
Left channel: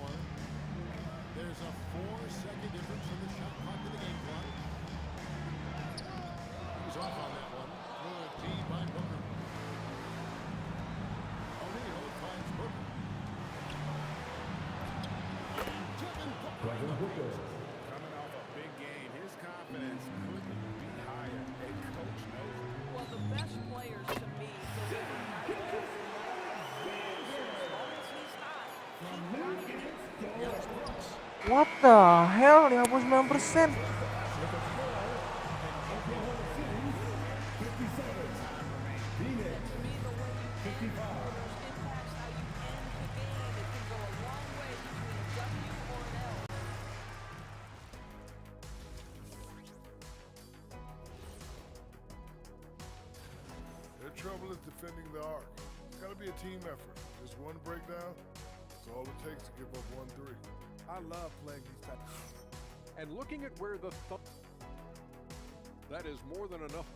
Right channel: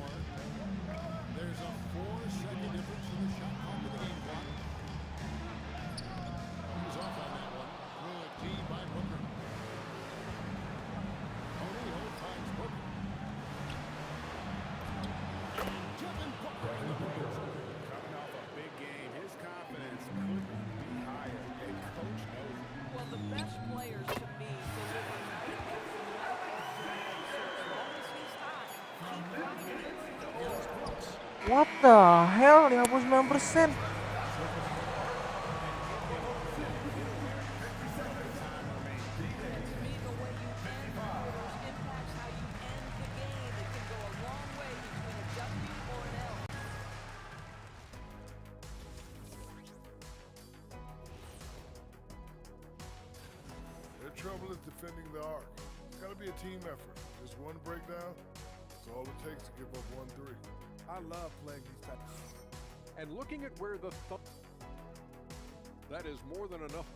There's a 4-second difference in the shot clock to the game clock. He's off on that one. Good D by Booker. O'Neal finds Booker. And Devin Booker in the paint. Coming off a big game, his confidence couldn't be higher, and Coach knows it. Well, the best players to me deliver night after night after night. So as long as he's hot, keep riding it. Here's Brooks. What the hell? 59%. And to me, the way you end quarters impacts how you end the game. It can go a long way between a W or an L. Their trouble is defending the arc. It's got to be a team effort. Just one breakdown, that's all it takes to give up 1-3. I love playing these types. And looking at where the that is more than enough.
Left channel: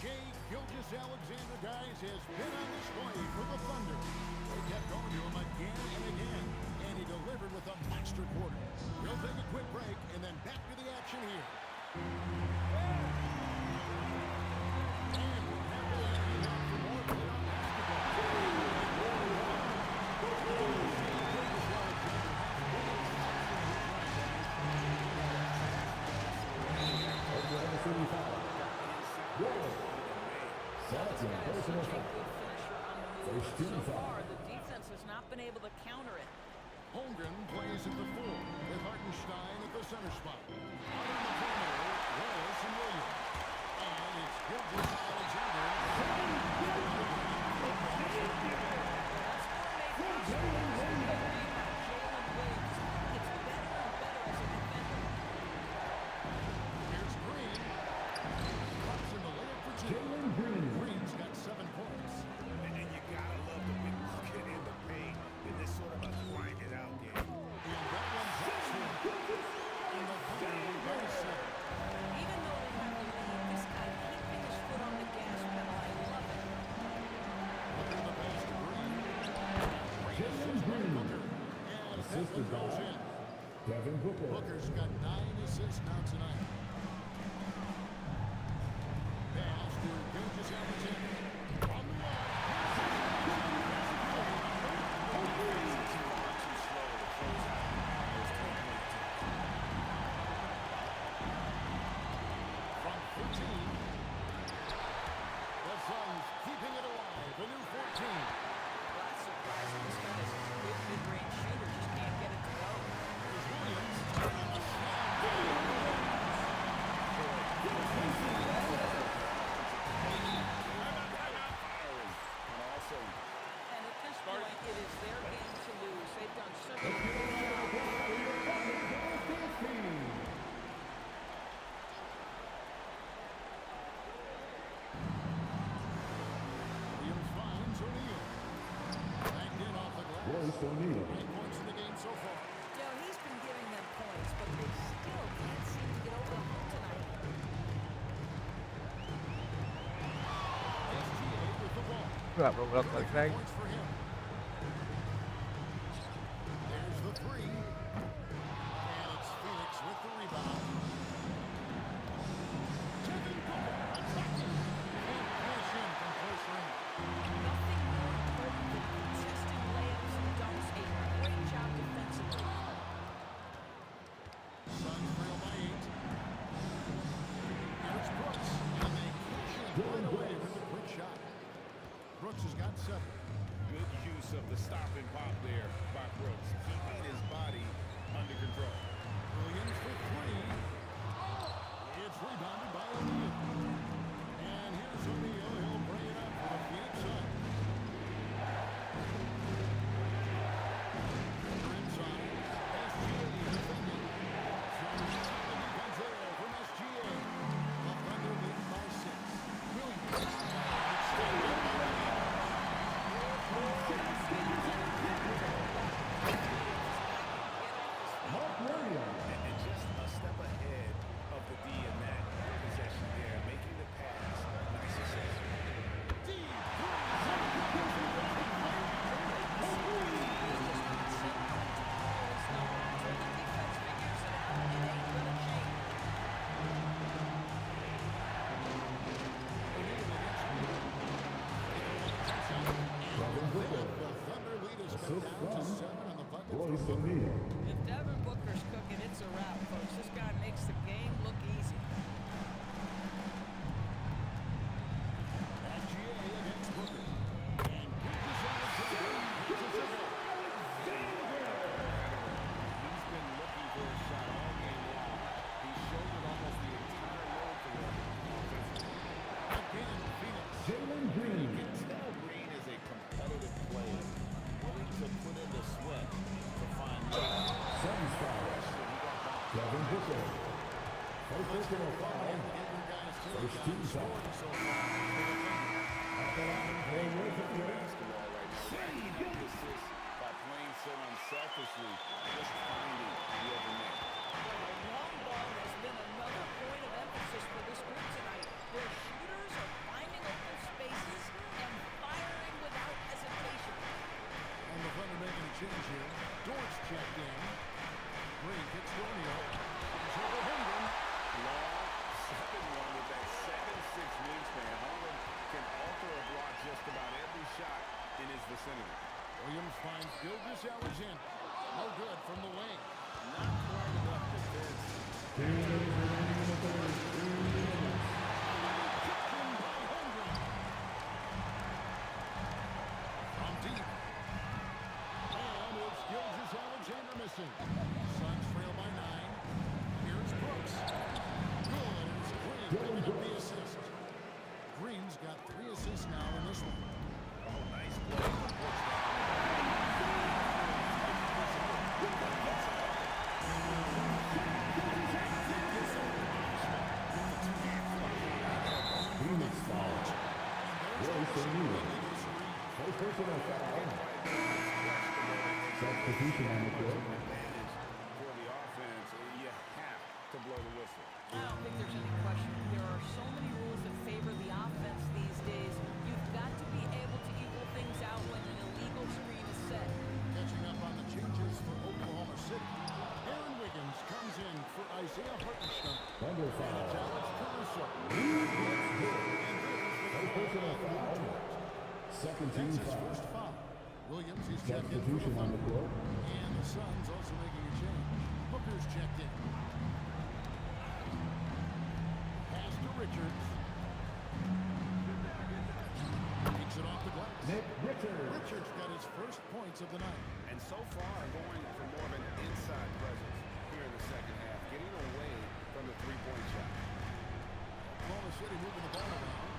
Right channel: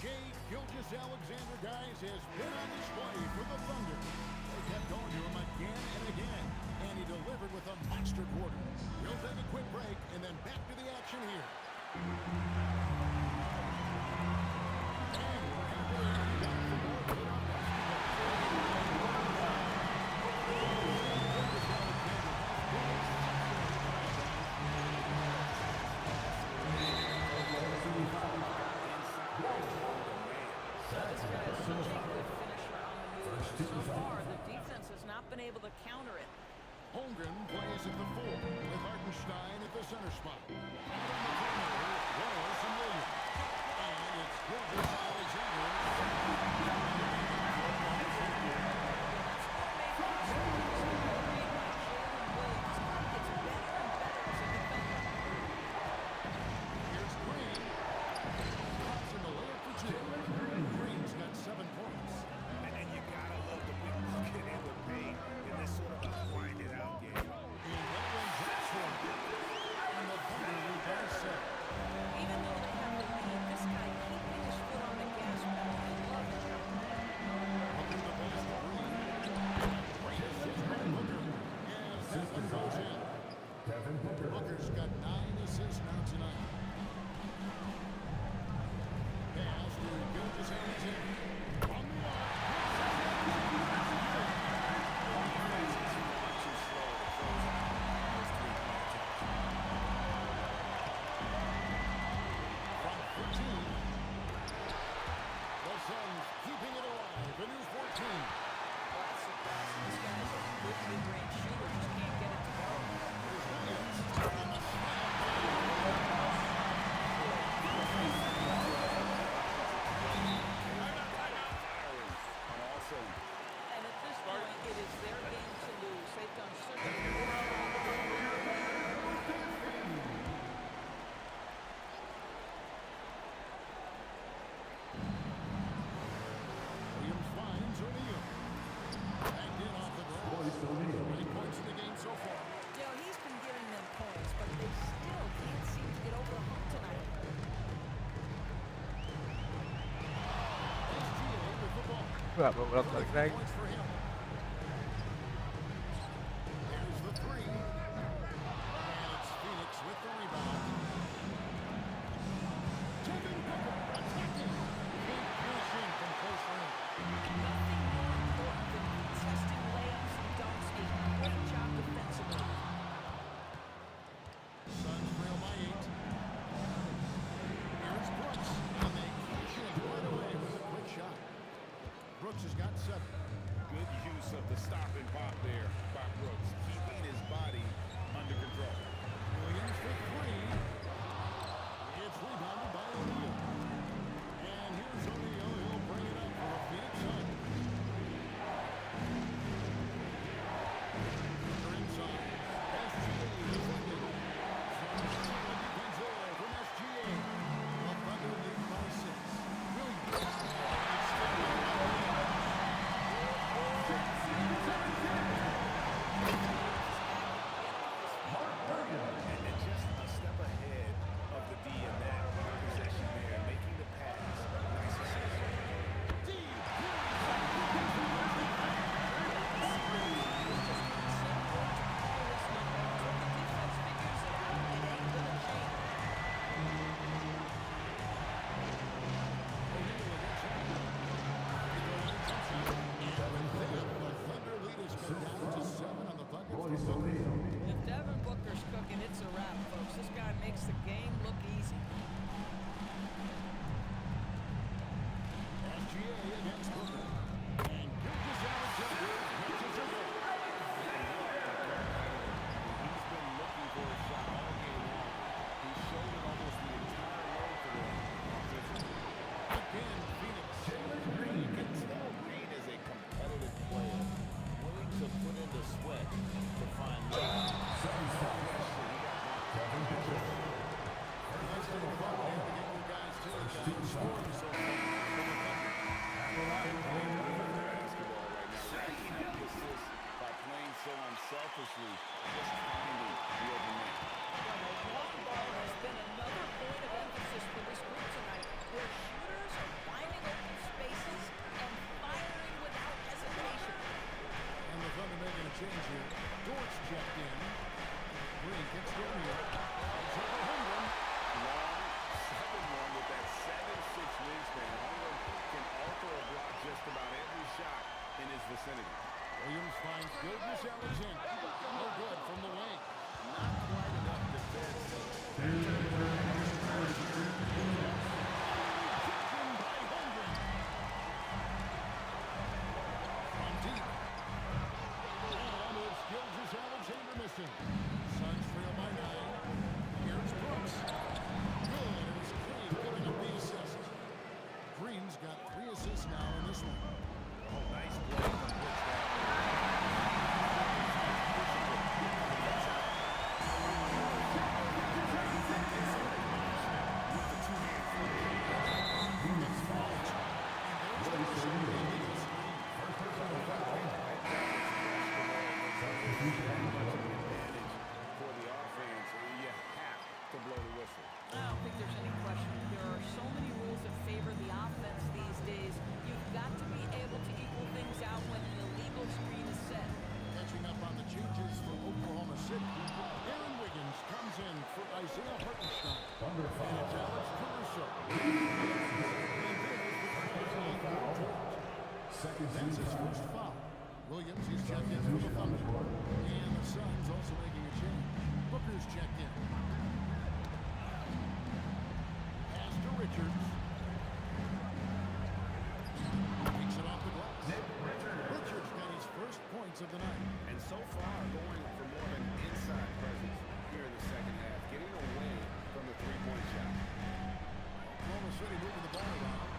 Shea Gilgeous-Alexander, guys, has been on display for the Thunder. They kept going to him again and again, and he delivered with a monster quarter. He'll take a quick break and then back to the action here. And we're happy to have you back for more playoff basketball. Gilgeous-Alexander has been exceptional tonight, guys. This guy is such a good finisher on the move. So far, the defense has not been able to counter it. Holmgren plays at the 4 with Hartenstein at the center spot. Out on the perimeter, Wallace and Williams. And it's Gilgeous-Alexander. Good read by Jalen Williams. This guy gets better and better as a defender. Here's Green. Pops in the layup for two. Green's got 7 points. And you gotta love the big bucket in the paint in this sort of a grinded out game. And that one drops for him. And the Thunder lead by 7. Even though they have the lead, this guy keeping his foot on the gas pedal, I love it. Booker the pass to Green. Great assist by Booker. As that one goes in. Booker's got 9 assists now tonight. Pass to Gilgeous-Alexander. On the arc. Defense is far too slow to close out on those three-point attempts. From 13. The Suns keeping it alive. A new 14. Well, that's surprising. This guy is a good mid-range shooter, just can't get it to go. Here's Williams on the slam by Williams. Firing on all cylinders. And at this point, it is their game to lose. They've done such a good job. Williams finds O'Neal. Backed in off the glass. 9 points in the game so far. You know, he's been giving them points, but they still can't seem to get over the hump tonight. SGA with the ball. Nggak blok balik 3 lagi. points for him. There's the 3. And it's Phoenix with the rebound. Devin Booker attacking. Can't cash in from close range. Nothing more important than contesting layups and dunks. A great job defensively. Suns trail by 8. Here's Brooks. And they cash in right away with a quick shot. Brooks has got 7. Good use of the stop and pop there by Brooks, keeping his body under control. Williams for 3. It's rebounded by O'Neal. And here's O'Neal. He'll bring it up for the Phoenix Suns. Booker inside. SGA defending. Some solid defense there from SGA. The Thunder lead by 6. Williams. And it's stepped in by Williams. And just a step ahead of the D in that possession there, making the pass. Nice assist. Deep O'Neal against O'Neal. They go on a jump shot. And with that, the Thunder lead has cut down to 7 on the bucket for Booker. If Devin Booker's cooking, it's a wrap, folks. This guy makes the game look easy. SGA against Booker. And Gilgeous-Alexander hits it to go. He's been looking for a shot all game long. He shouldered almost the entire load for them offensively. Again, Phoenix. You can tell Green is a competitive player, willing to put in the sweat to find love. No question, he got bumped. Let's take a moment here to get your guys' take on scoring so far for the Thunder. Basketball right now, racking up the assists by playing so unselfishly, just finding the open man. Well, the long ball has been another point of emphasis for this group tonight. Their shooters are finding open spaces and firing without hesitation. And the Thunder making a change here. Dortch checked in. Green kicks to O'Neal. It's over Holmgren. Long 7-1 with that 7'6" wingspan. Holmgren can alter or block just about every shot in his vicinity. Williams finds Gilgeous-Alexander. No good from the wing. Not quite enough defense. Rejection by Holmgren. From deep. And it's Gilgeous-Alexander missing. Suns trail by 9. Here's Brooks. Good, and it's Green picking up the assist. Green's got 3 assists now in this one. Oh, nice play from Brooks down. that much of an advantage for the offense, you have to blow the whistle. I don't think there's any question. There are so many rules that favor the offense these days. You've got to be able to equal things out when an illegal screen is set. Catching up on the changes for Oklahoma City. Aaron Wiggins comes in for Isaiah Hartenstein. And it's Alex Caruso. And there's the foul on Luke George. That's his first foul. Williams, he's checked in for the Thunder. And the Suns also making a change. Booker's checked in. Pass to Richards. Takes it off the glass. Richards got his first points of the night. And so far, going for more of an inside presence here in the second half, getting away from the three-point shot. Oklahoma City moving the ball around.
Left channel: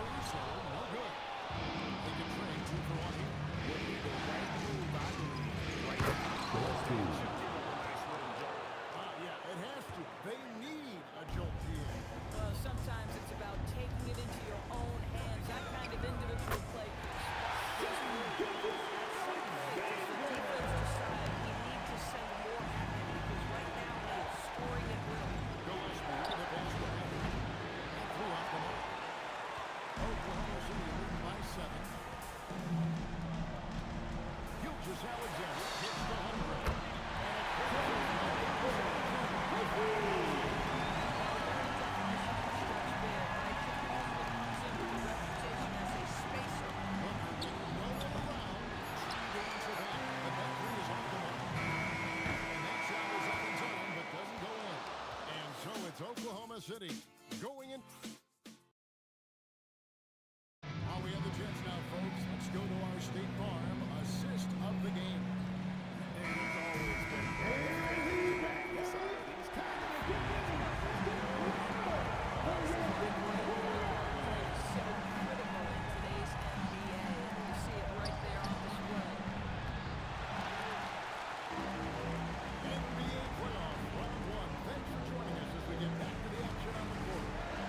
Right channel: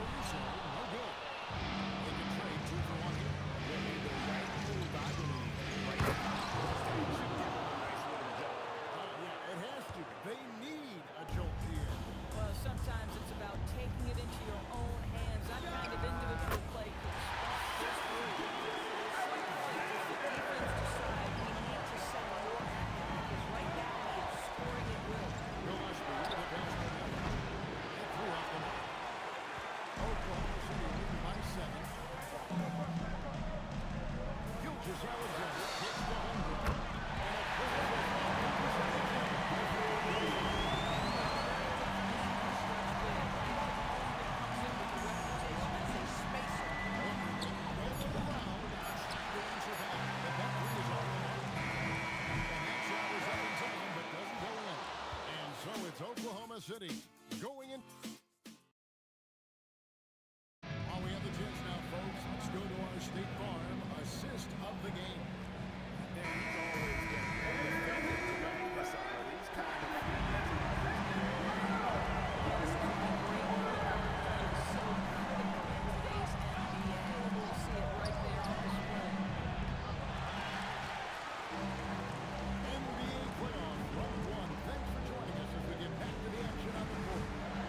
Caruso, no good. They can trade 2 for 1 here. Would be the right move, I believe, right now. That should give them a nice little jolt. Yeah, it has to. They need a jolt here. Well, sometimes it's about taking it into your own hands. That kind of individual play could spark this move. At some point, does the defense decide we need to send more at him? Because right now he is scoring at will. Gillespie with a pass to Evans. That threw off the mark. Oklahoma City leading by 7. Gilgeous Alexander gets the home run. And a critical by Gilgeous Alexander before he goes in. So it's Oklahoma City going in. While we have the chance now, folks, let's go to our State Farm assist of the game. And he's always been to back this out of these kind of feeds. This is why great point guard play is so critical in today's NBA. And you see it right there on display. NBA playoff round 1. Thanks for joining us as we get back to the action on the court.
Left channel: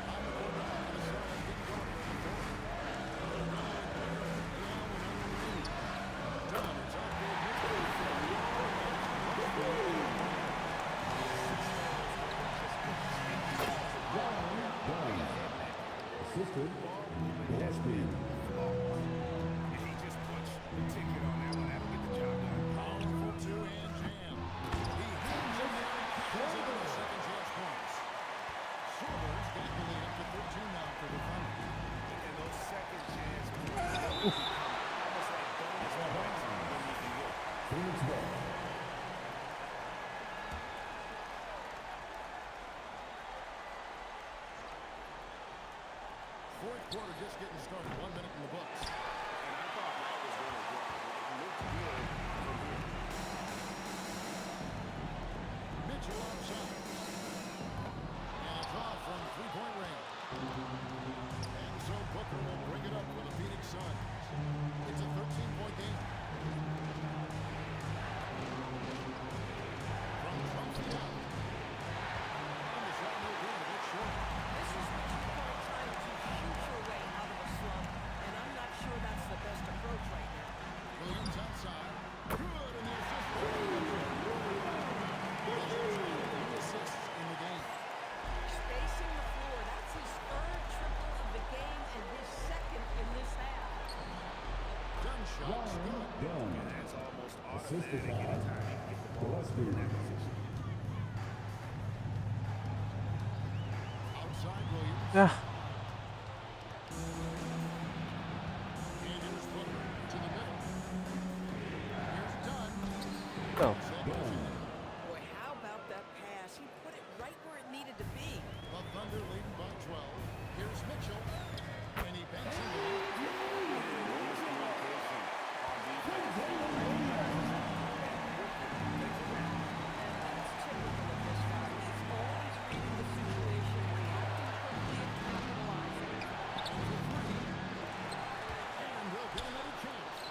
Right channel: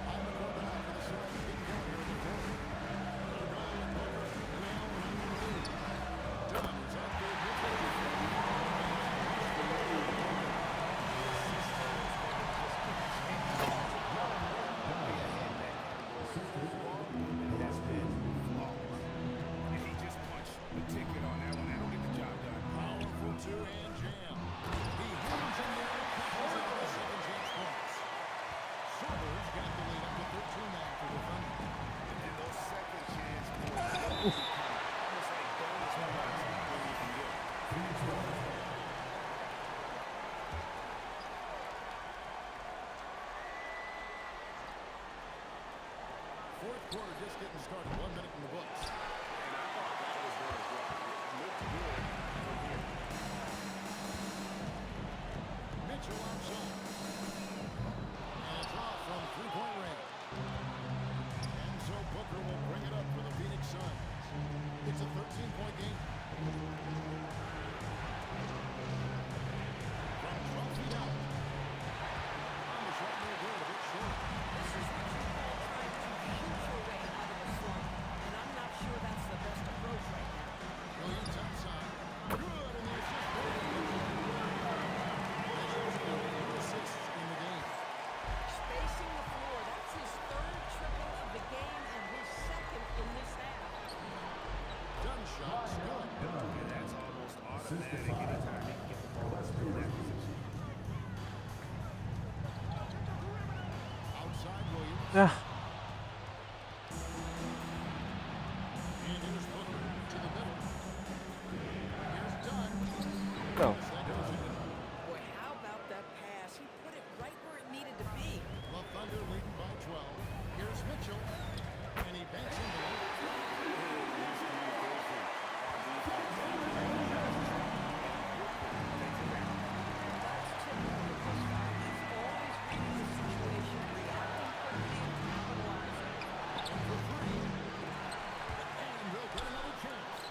On the court now for the Suns getting going here in the fourth. They're going Booker and Allen on the wing. Dunn is out there with the ball movement has been flawless. And he just punched the ticket on that one. That'll get the job done. Powerful two-hand jam. He hangs in there and catches it on the second chance points. Sorber's got the lead up to 13 now for the Thunder. And those second chance points become almost like bonus points when you can get them. Fourth quarter just getting started. 1 minute in the books. And I thought that was going to drop. It looked good from here. Mitchell outside. And it's off from three-point range. And so Booker will bring it up for the Phoenix Suns. It's a 13-point game. From 12 feet out. And the shot no good, a bit short. This is what you call trying to shoot your way out of a slump, and I'm not sure that's the best approach right now. Williams outside. Good, and the assist for Mitchell. Mitchell's got 3 assists in the game. Spacing the floor, that's his 3rd triple of the game and his 2nd in this half. Dunn shot's good. And that's almost automatic anytime he can get the ball in that position. Outside Williams. Dah. And here's Booker to the middle. Here's Dunn. Oh. That goes in. Boy, how about that pass? He put it right where it needed to be. The Thunder leading by 12. Here's Mitchell. And he bends into it. Miscommunication on defense. He recognizes it and quickly takes advantage. And that's typical of this guy. He's always reading the situation, reacting quickly, and capitalizing. And for 3. And they'll get another chance.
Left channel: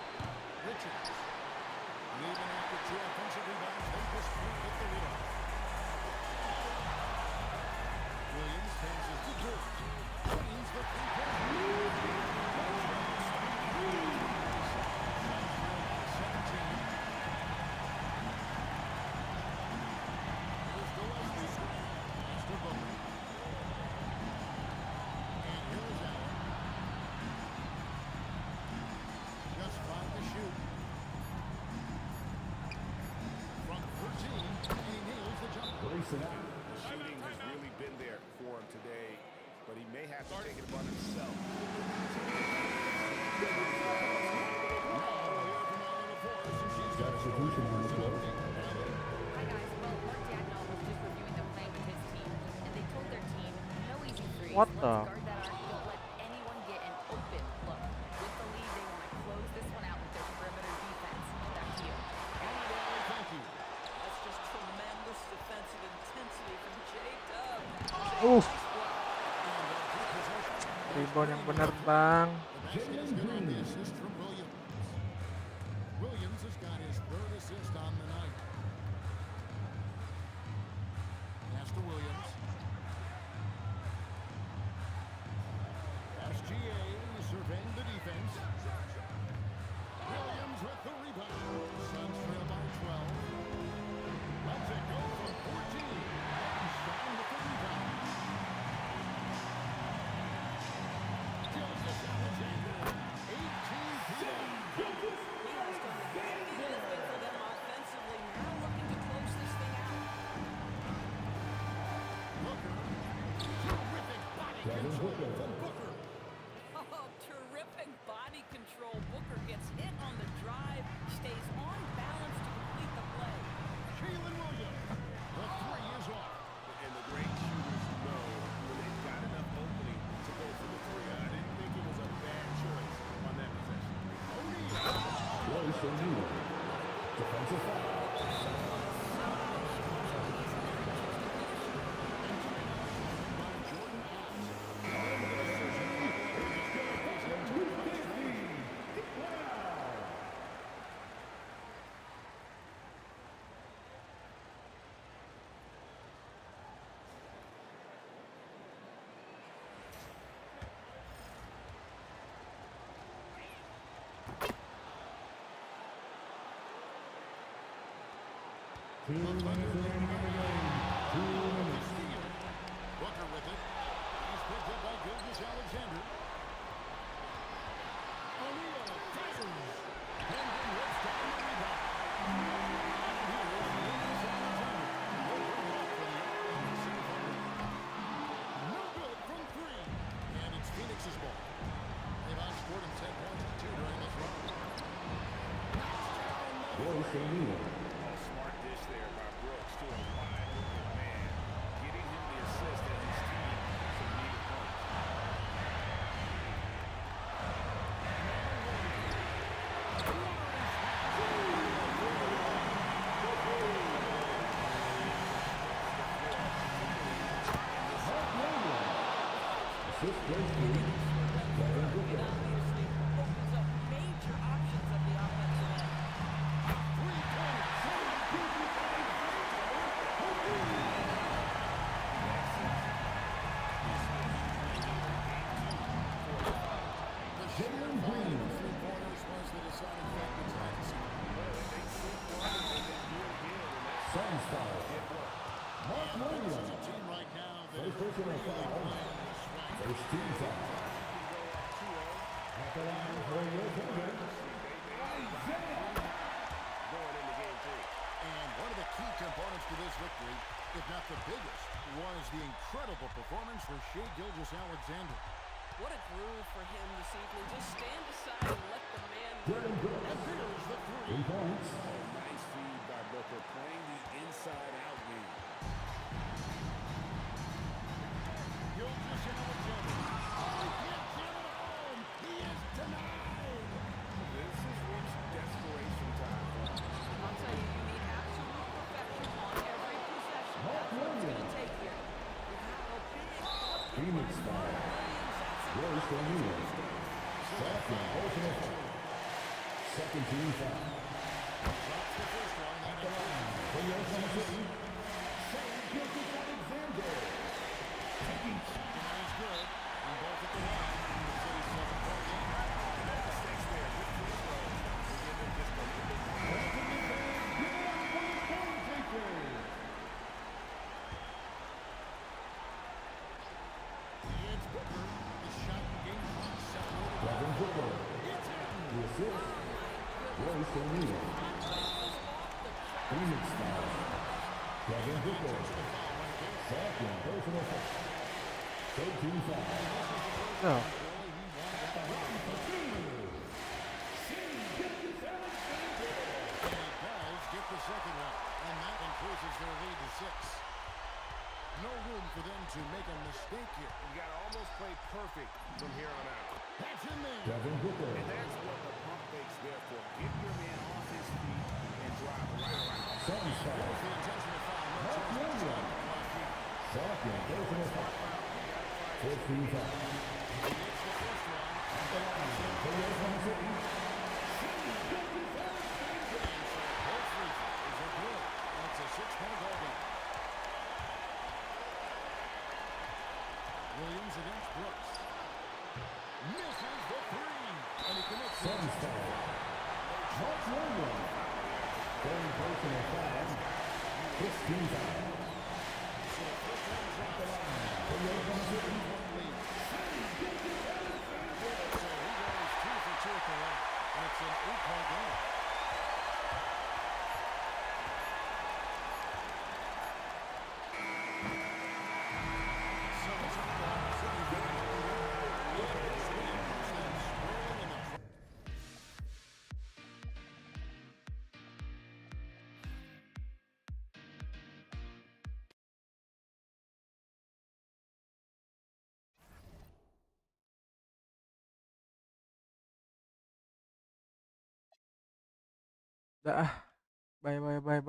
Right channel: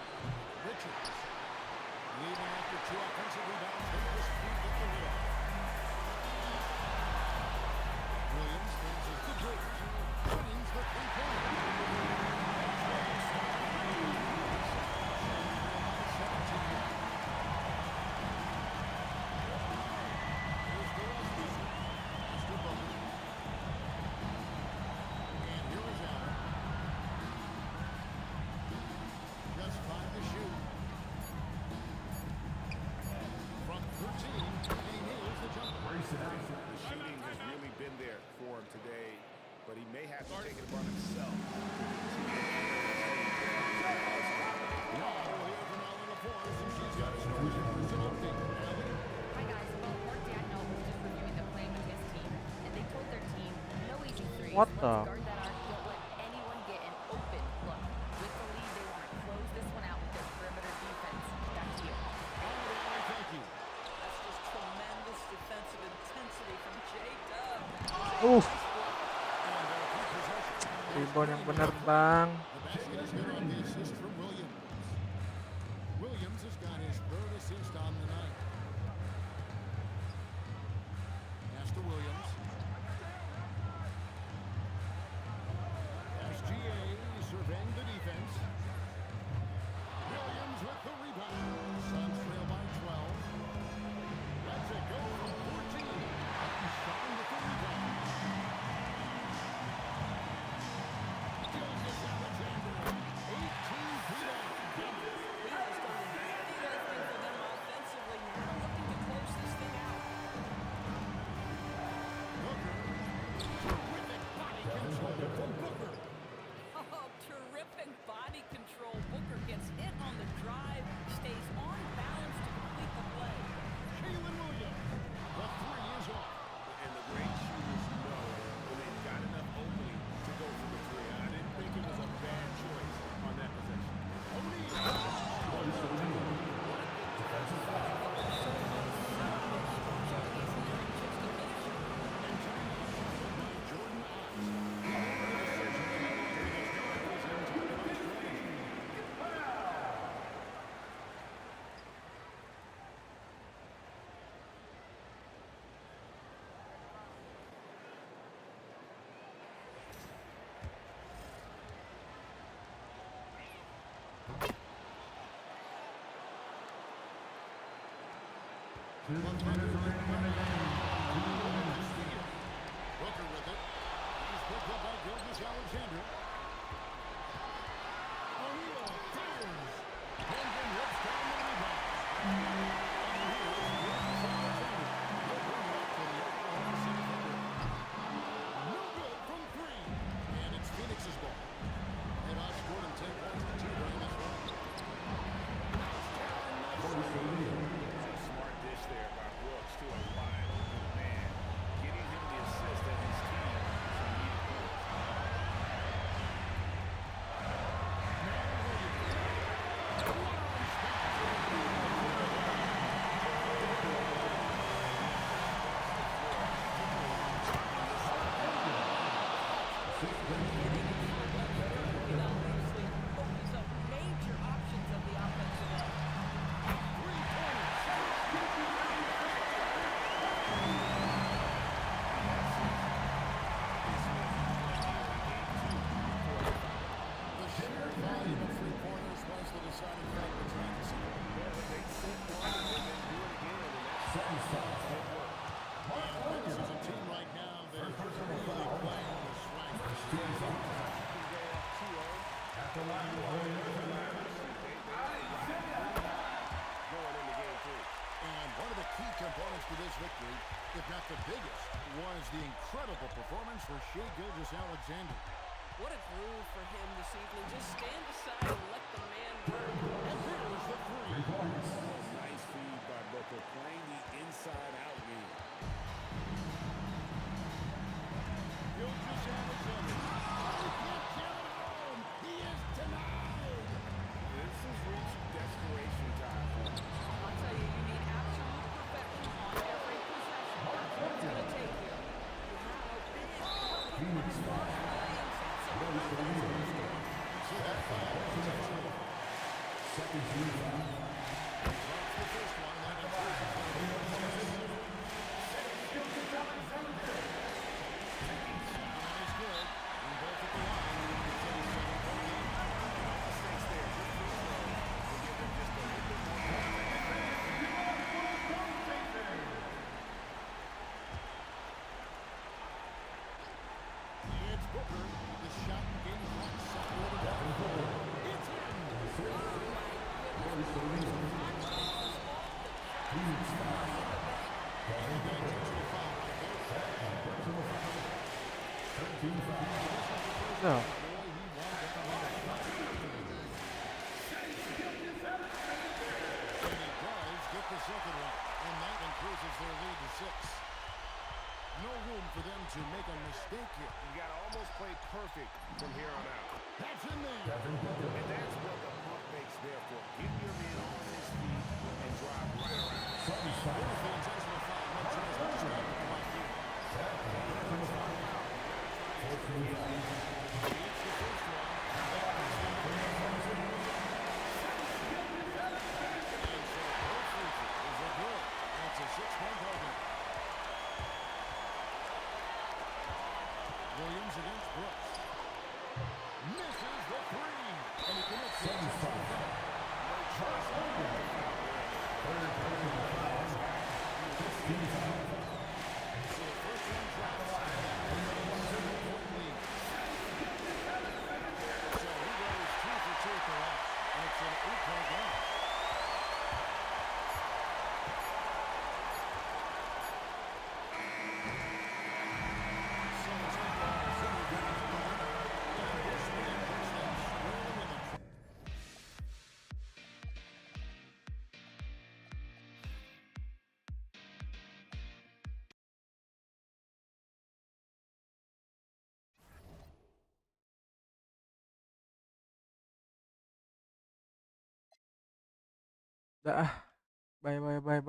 Richards. Even after 2 offensive rebounds, they just can't get the lid off. Williams passes to George. Wins the three-pointer. Suns trail by 17. and he nails the jumper. The shooting has really been there for him today, but he may have to take it upon himself. Now we'll hear from Allie LaForce, and she's got a scoring report update. Allie? Hi, guys. Well, Mark Dagnall was just reviewing the plan with his team, and they told their team, no easy threes. What Let's the? guard that arc. Don't let anyone get an open look. With the lead, they want to close this one out with their perimeter defense. Back to you. All right, Allie, thank you. That's just tremendous defensive intensity from J-Dub. Oof. Nice block. And they'll keep possession. Rebound yang benar, Bang. The basket is good on the assist from Williams. Williams has got his third assist on the night. Pass to Williams. SGA surveying the defense. Williams with the rebound. Suns trail by 12. Lets it go from 14. Hartenstein with the rebound. Gilgeous Alexander, 18 feet out. He has done the heavy lifting for them offensively. Now looking to close this thing out. Booker, terrific body control from Booker. Oh, terrific body control. Booker gets hit on the drive, stays on balance to complete the play. Jalen Williams, the three is off. And the great shooters know when they've got enough opening to go for the three. I didn't think it was a bad choice on that possession. O'Neal. Defensive foul. And timeout called by Jordan Ott. He made the decision to handle up with his guys and talk about strategy. Booker with it. He's picked up by Gilgeous Alexander. O'Neal fires. Holmgren rips down the rebound. And here's Gilgeous Alexander. He'll bring it up for the Oklahoma City Thunder. No good from three. And it's Phoenix's ball. They've outscored him 10 points to 2 during this run. Knocks down the three. Oh, smart dish there by Brooks to a wide open man, getting him the assist and his team some needed points. Now Williams. What a response. It obviously opens up major options at the offensive end. The sheer volume of three-pointers was the deciding factor tonight this evening. They sit one and then do it again, and that's it worked. And Phoenix is a team right now that is really playing with swagger. They can go up 2-0. At the line for your opponent, They are riding pretty high going into game 3. And one of the key components to this victory, if not the biggest, was the incredible performance for Shai Gilgeous-Alexander. What a groove for him this evening. Just stand aside and let the man work. And there's the three. 3 points. Oh, nice feed by Booker, playing the inside-out game. Gilgeous-Alexander. Oh, he can't get it home. He is denied. This has reached desperation time. I'll tell you, you need absolute perfection on every possession. That's what it's going to take here. Wow, big bucket Phoenix by foul. Mark Williams. That's a Willis confidence O'Neal. booster. So that foul intentional. Second team foul. Drops the first one. That includes the For your opponent, second Gilgeous-Alexander. Taking second one is good. And both at the line. It's a 7-point game. No mistakes there. Good free throws. We'll give them just a little bit more pressure. It's Booker. The shot and game clock separated. It's in. Oh, my goodness. Confidence is off the charts. Phoenix Money foul. in the And an intentional foul right there. Second personal foul. 13 foul. Hey, this is the first No. one. Boy, he wanted that one to foul. And he does get the second one. And that increases their lead to 6. No room for them to make a mistake here. You got to almost play perfect from here on out. That's in there. And that's what the pump fake's there for. Get your man off his feet and drive right around. And there's the intentional foul. No choice but to stop the clock here. Second personal foul. 15 foul. He hits the first one. And that puts them up there. And so both free throws are good. And it's a 6-point ball game. Williams against Brooks. Misses the 3. And he commits the intentional foul. No choice but to foul there. Third personal foul. 16 foul. So the first one drops. And that makes it a 7-point lead. So he goes 2 for 2 at the line. And it's an 8-point game. So it's Oklahoma City picking up the win. And this win puts them squarely in the Dah. Bye bye bye.